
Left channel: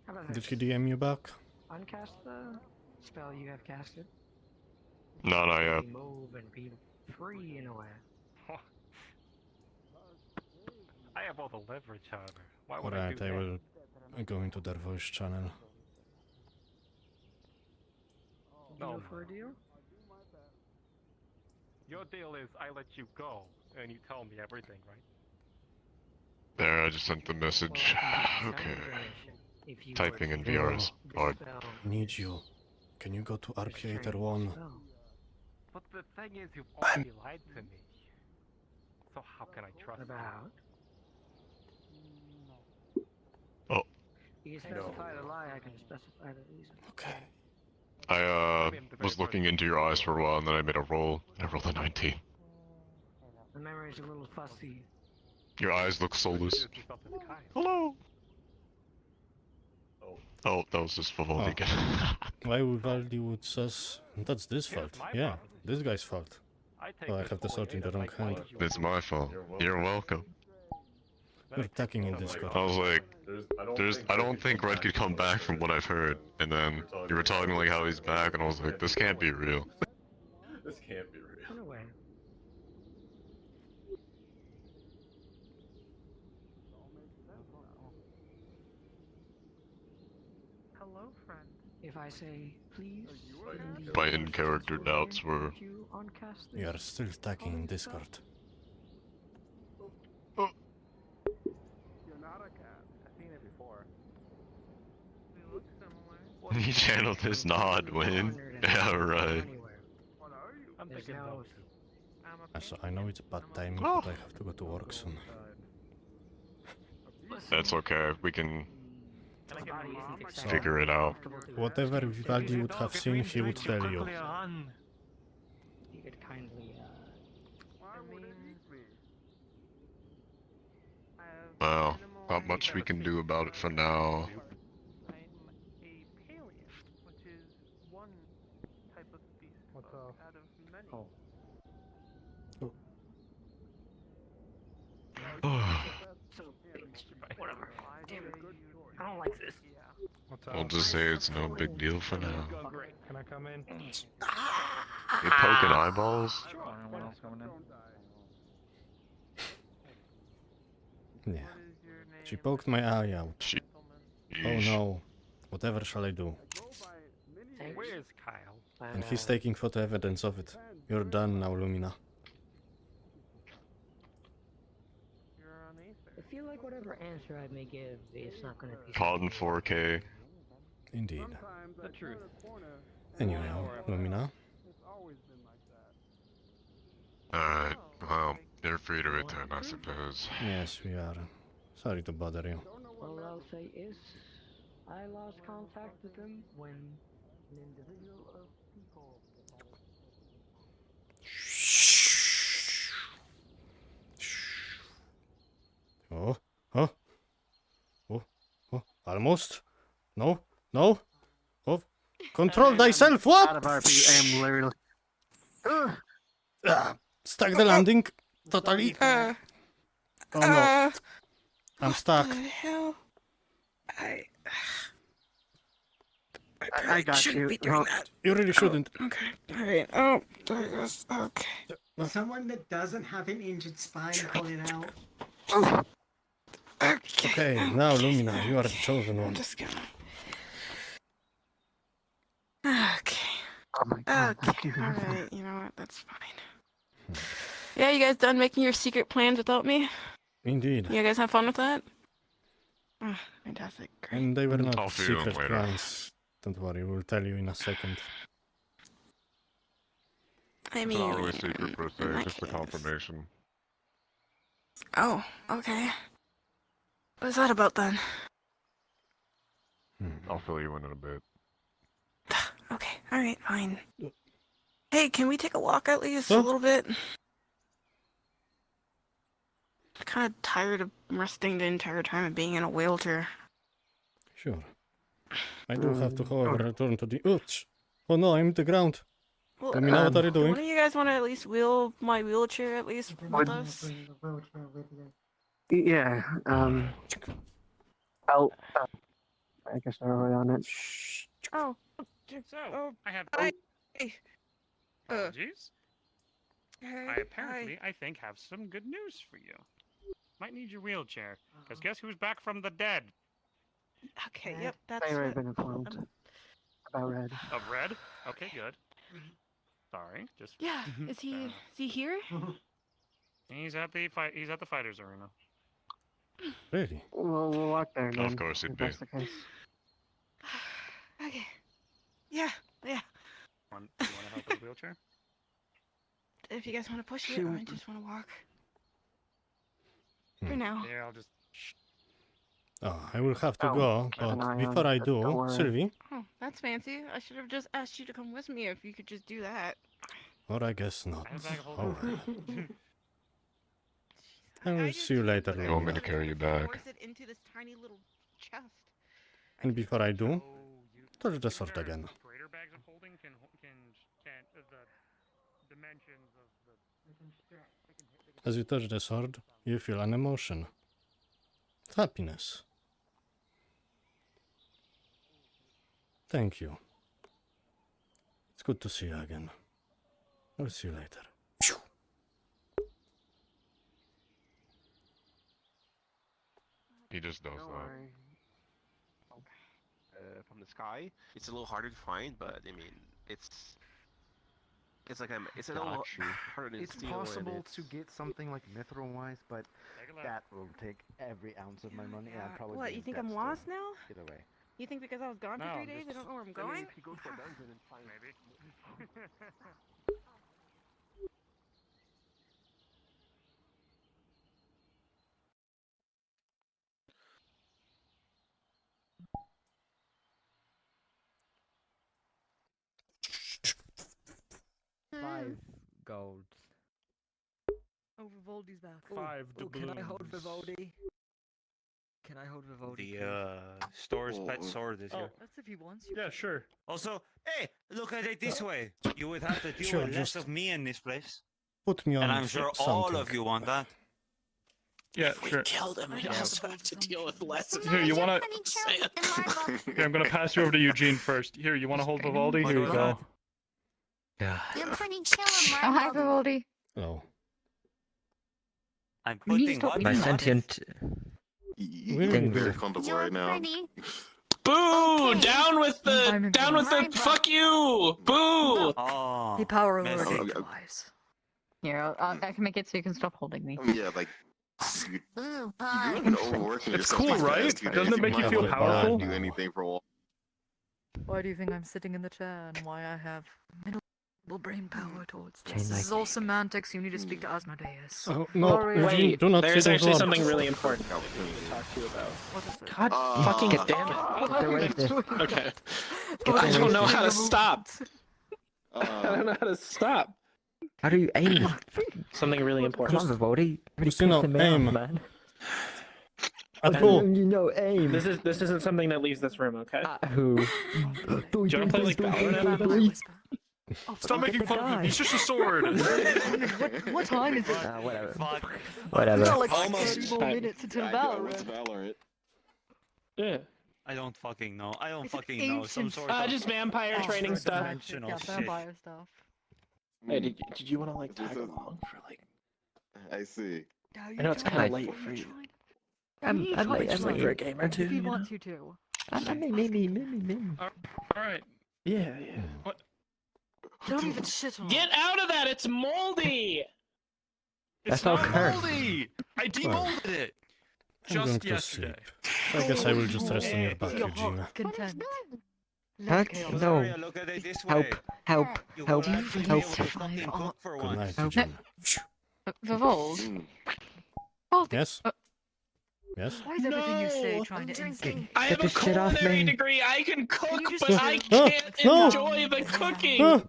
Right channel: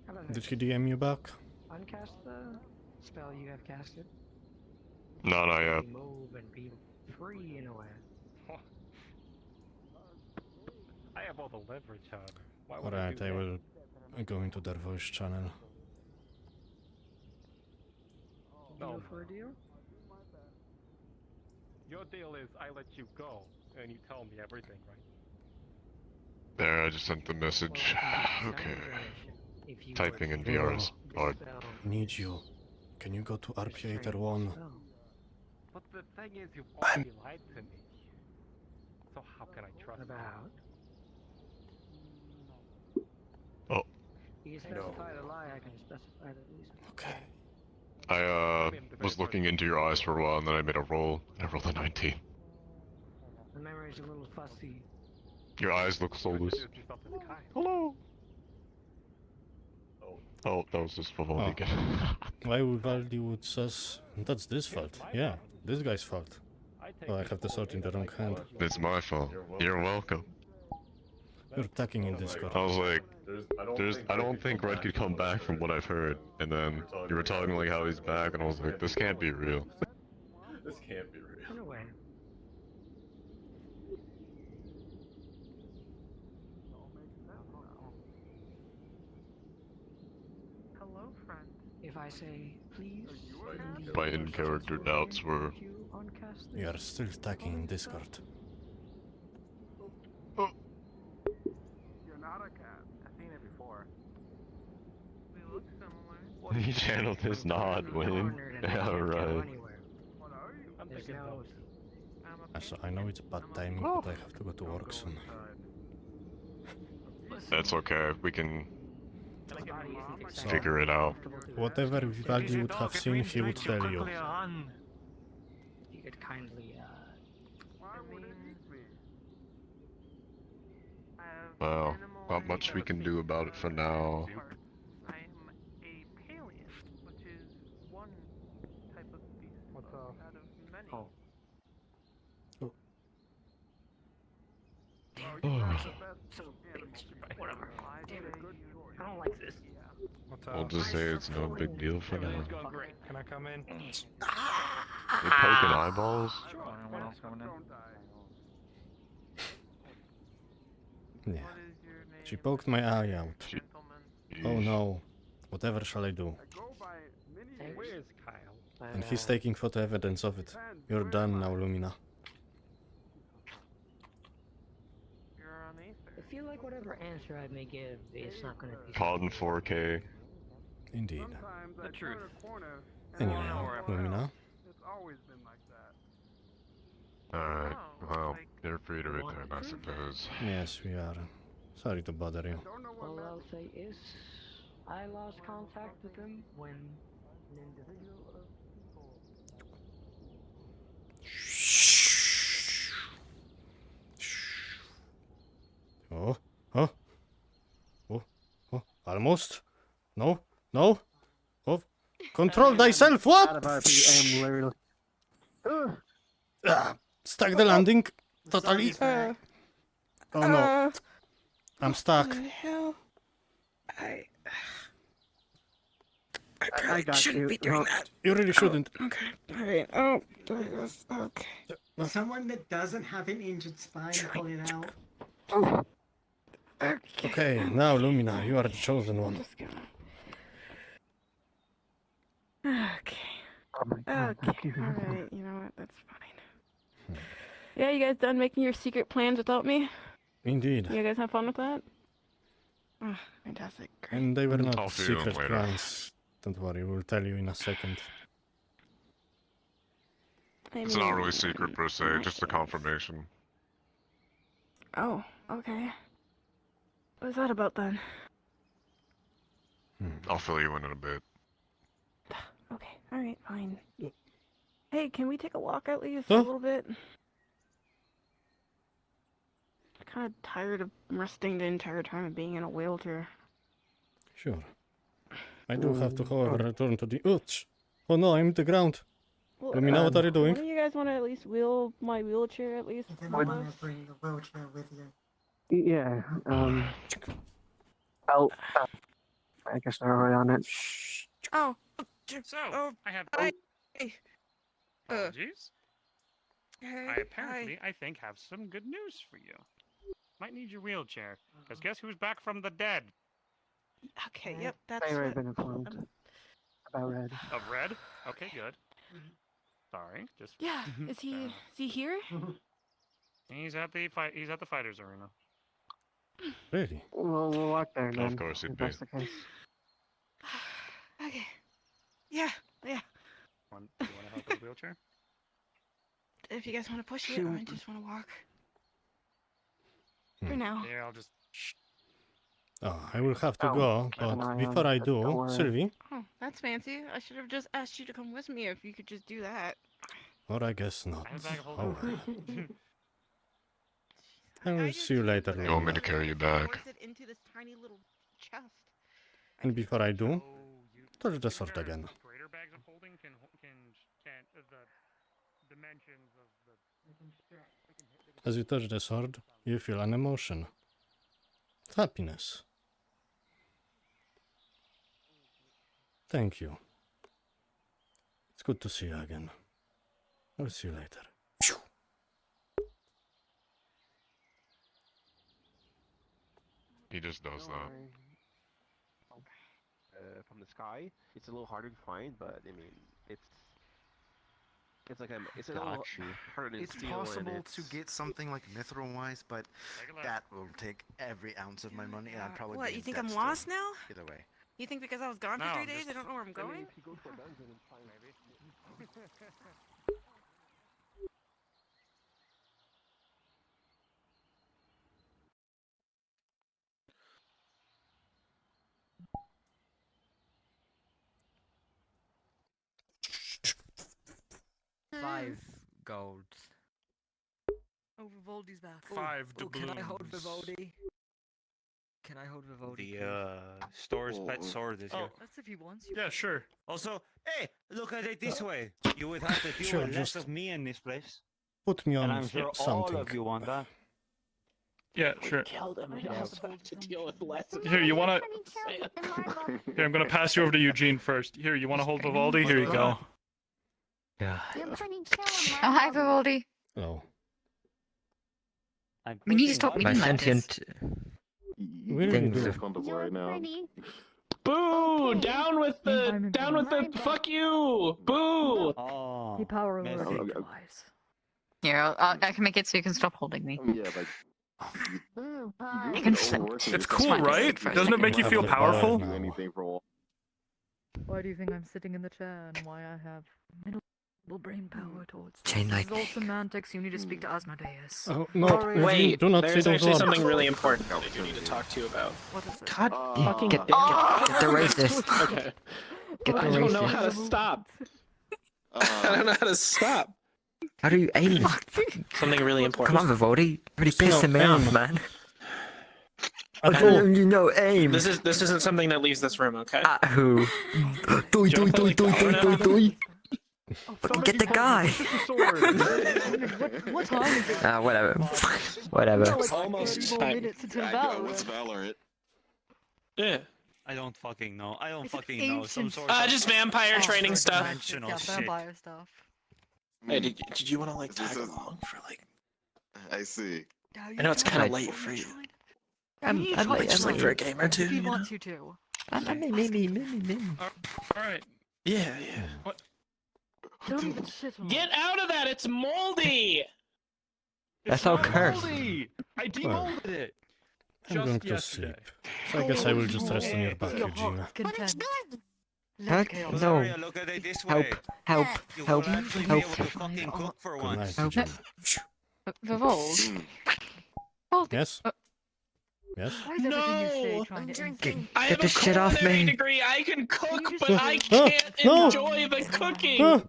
How about Did this? he DM you back? Uncast the spell you have casted. No, not yet. Move and be free in a way. I have all the leverage on. Why would I Alright, do I that? will go into their voice channel. No. For a deal? Your deal is I let you go, and you tell me everything, right? There, I just sent the message. Okay. If you Typing in would VR is dispel hard. Need you. Can you go to RP 1? But the thing is, you've already lied to me. So how can I trust About? Oh. You specify the lie, I can specify the reason. Okay. I was looking into your eyes for a while, and then I made a roll, and I rolled a 19. My memory's a little fussy. Your eyes look soulless. Hello. Oh, that was just full Oh. again. Why Vivaldi would says that's this fault? Yeah, this guy's fault. Well, I have the sword in the wrong hand. It's my fault. You're welcome. You're attacking in Discord. I was like, I don't think Red could come back from what I've heard. And then you were talking like how he's back, and I was like, this can't be real. This can't be real. In a way. Hello, friend. If I say please, My in-character doubts were... You are still attacking in Discord. You're not a cat. I've seen it before. We look similar. He channeled his nod win. Yeah, right. What are you? I'm There's thinking no- both. I know it's bad timing, but I have to go to work soon. That's okay. We can Can I get your mom? figure it out. Whatever Vivaldi would have seen, he would tell you. You could kindly, Why would it eat me? Well, not much we can do about it for now. I'm a paleo, which is one type of beast folk out of many. So, whatever. Damn it. I don't like this. I'll just say it's no big deal for now. Can I come in? You're poking eyeballs? Yeah. She poked my eye out. Oh no. Whatever shall I do? Where's Kyle? And he's taking photo evidence of it. You're done now, Lumina. I feel like whatever answer I may give is not going to be. Caught in 4K. Indeed. The truth. Anyway, Lumina. Alright, well, you're free to return, I suppose. Yes, we are. Sorry to bother you. All I'll say is, I lost contact with him when an individual of people. Almost. No. No. Oh. Control thyself. What? Literally. Stuck the landing. Totally. Oh no. I'm stuck. What the hell? I I got shouldn't you. be doing No. that. You really shouldn't. Okay. Alright. Oh, there it goes. Okay. Someone that doesn't have an injured spine, pull it out. Okay, now Lumina, you are the chosen one. Okay. Okay. Alright. You know what? That's fine. Yeah, you guys done making your secret plans without me? Indeed. You guys have fun with that? Oh, fantastic. Great. And they were not Talk to you secret later. plans. Don't worry, we'll tell you in a second. It's not really secret per se, just a confirmation. Oh, okay. What's that about then? I'll fill you in a bit. Okay, alright, fine. Hey, can we take a walk at least Huh? a little bit? I'm kind of tired of resting the entire time and being in a wheelchair. Sure. I do have to, however, return to the... Ouch! Oh no, I'm in the ground. Well, Lumina, what are you doing? Wouldn't you guys want to at least wheel my wheelchair at least with us? Yeah. I'll. I guess they're already on it. Oh. So, I have Hi. apologies. I Hi. apparently, I think, have some good news for you. Might need your wheelchair, because guess who's back from the dead? Okay, yep, that's I've already what... been informed about Red. Of Red? Okay, good. Sorry, just... Yeah, is he here? He's at the fighters arena. Really? We'll walk there then. Of course if it'd be. that's the case. Okay. Yeah. Do you want to help with the wheelchair? If you guys want to push it, or I just want to walk. For now. Yeah, I'll just... Oh, I will have to Oh, go, keep an but eye before on I it, don't do, worry. Sylvie, Oh, that's fancy. I should have just asked you to come with me if you could just do that. or I guess not. I have a bag of Oh holding. well. I will see you later, You want me Lumina. to carry you back? Force it into this tiny little chest. And before I do, touch the sword again. Greater bags of holding can the dimensions of the... As you touch the sword, you feel an emotion. Happiness. Thank you. It's good to see you again. I'll see you later. He just does that. From the sky, it's a little harder to find, but I mean, it's like it's a little harder to It's steal, possible and to get something like mithril-wise, but that will take every ounce of my money, and I'd probably What, be you in think debt I'm still. lost now? Either way. You think because I was gone for No, 3 days just- I don't know where I'm going? if you go to a dungeon and find Maybe. $5 gold. Oh, Vivaldi's back. Can I hold Vivaldi? Can I hold Vivaldi? The store's pet sword is here. That's if he wants. Yeah, sure. Also, hey, look at it this way. You would have to deal Sure, with less just of me in this place. put me And on I'm sure something. all of you want that. Yeah, sure. Killed him. We also have to deal with less of Here, you wanna... Here, I'm gonna pass you over to Eugene first. Here, you wanna hold Vivaldi? Here you go. Yeah. Oh, hi, Vivaldi. Oh. I'm We need to putting stop what? My eating that. sentient Really things do. are comfortable right now. Boo! Down with the fuck you! Boo! Oh, Hey, Power Lord. messy. Wise. Here, I can make it so you can stop holding me. Yeah, like you overworking It's yourself. cool, right? Doesn't it make you feel powerful? Do anything for a while. Why do you think I'm sitting in the chair and why I have minimal brain power towards this? Chain This is all lightning. semantics. You need to speak to Asmodeus. Oh, no, Eugene, Wait, do not say there's those actually words. something really important that we need to talk to you about. What is it? God fucking Get damn it. the racist. Okay. Get the I don't know racist. how to stop. I don't know how to stop. How do you aim? Something really Come important. on, Vivaldi. Really Just, you know, pissing me off, aim. man. At all. You know, aim. This isn't something that leaves this room, okay? At who? Do you wanna play, like, domino? Get the guy. It's just a sword. What time is it? Whatever. Whatever. Almost 30 more minutes until Valorant. Valorant? Yeah. I don't fucking know. I don't fucking know. Some sort of Just vampire training stuff. dimensional Yeah, shit. vampire stuff. Hey, did you want to like tag along for like? I see. I know it's kind of late for you. I'm late. Just like for a game or two. He You know? wants you to. Maybe. Alright. Yeah. What? Don't even shit on Get out of that! It's moldy! That's all cursed. Moldy! I demolded it! I'm going to sleep. So I guess I will just rest on your back, Your Eugenia. heart's content. Huh? No. Look at it this Help. way. Help. You Help. will actually be Help. able to fucking cook for Good once. night, Eugenia. Revolt. Yes? Yes? Why is everything you say trying to insult? I have Get the a shit off culinary me. degree. I can cook, but just- I can't no. enjoy the cooking.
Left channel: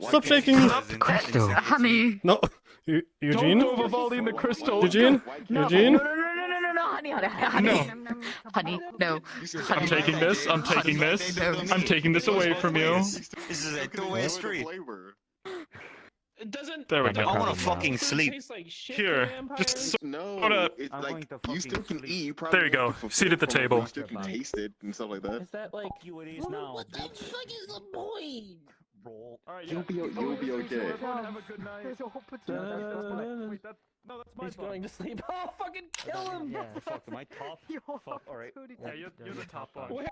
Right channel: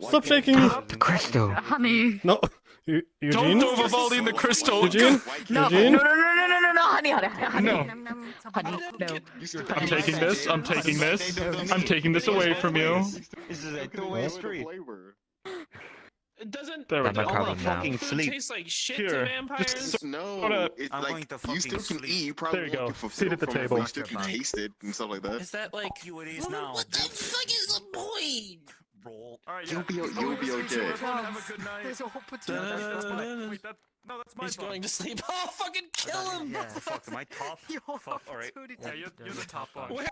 Stop shaking me! Crystal. Honey. No! Eugene? Don't throw Vivaldi in the crystal. Eugene? No, Eugene? no, honey, No. honey, no. I'm taking this. I'm taking this. I'm taking this away from you. This is a two-way street. It doesn't. There we I'm go. not I wanna problem now. fucking sleep. Tastes like shit Here, to vampires. just No, it's I'm like going to you fucking still can sleep. eat. You probably There you won't go. be fulfilled Seat at the from it, but table. you still can taste it and stuff like that. Is that like? You it is now. What the fuck is the point? Roll. Alright, You'll be okay. Have a good night. There's a whole Wait, no, that's my He's phone. going to sleep. Oh, fucking kill him! Yeah, fuck, am I top? Your Fuck, alright. opportunity Yeah, you're the top one.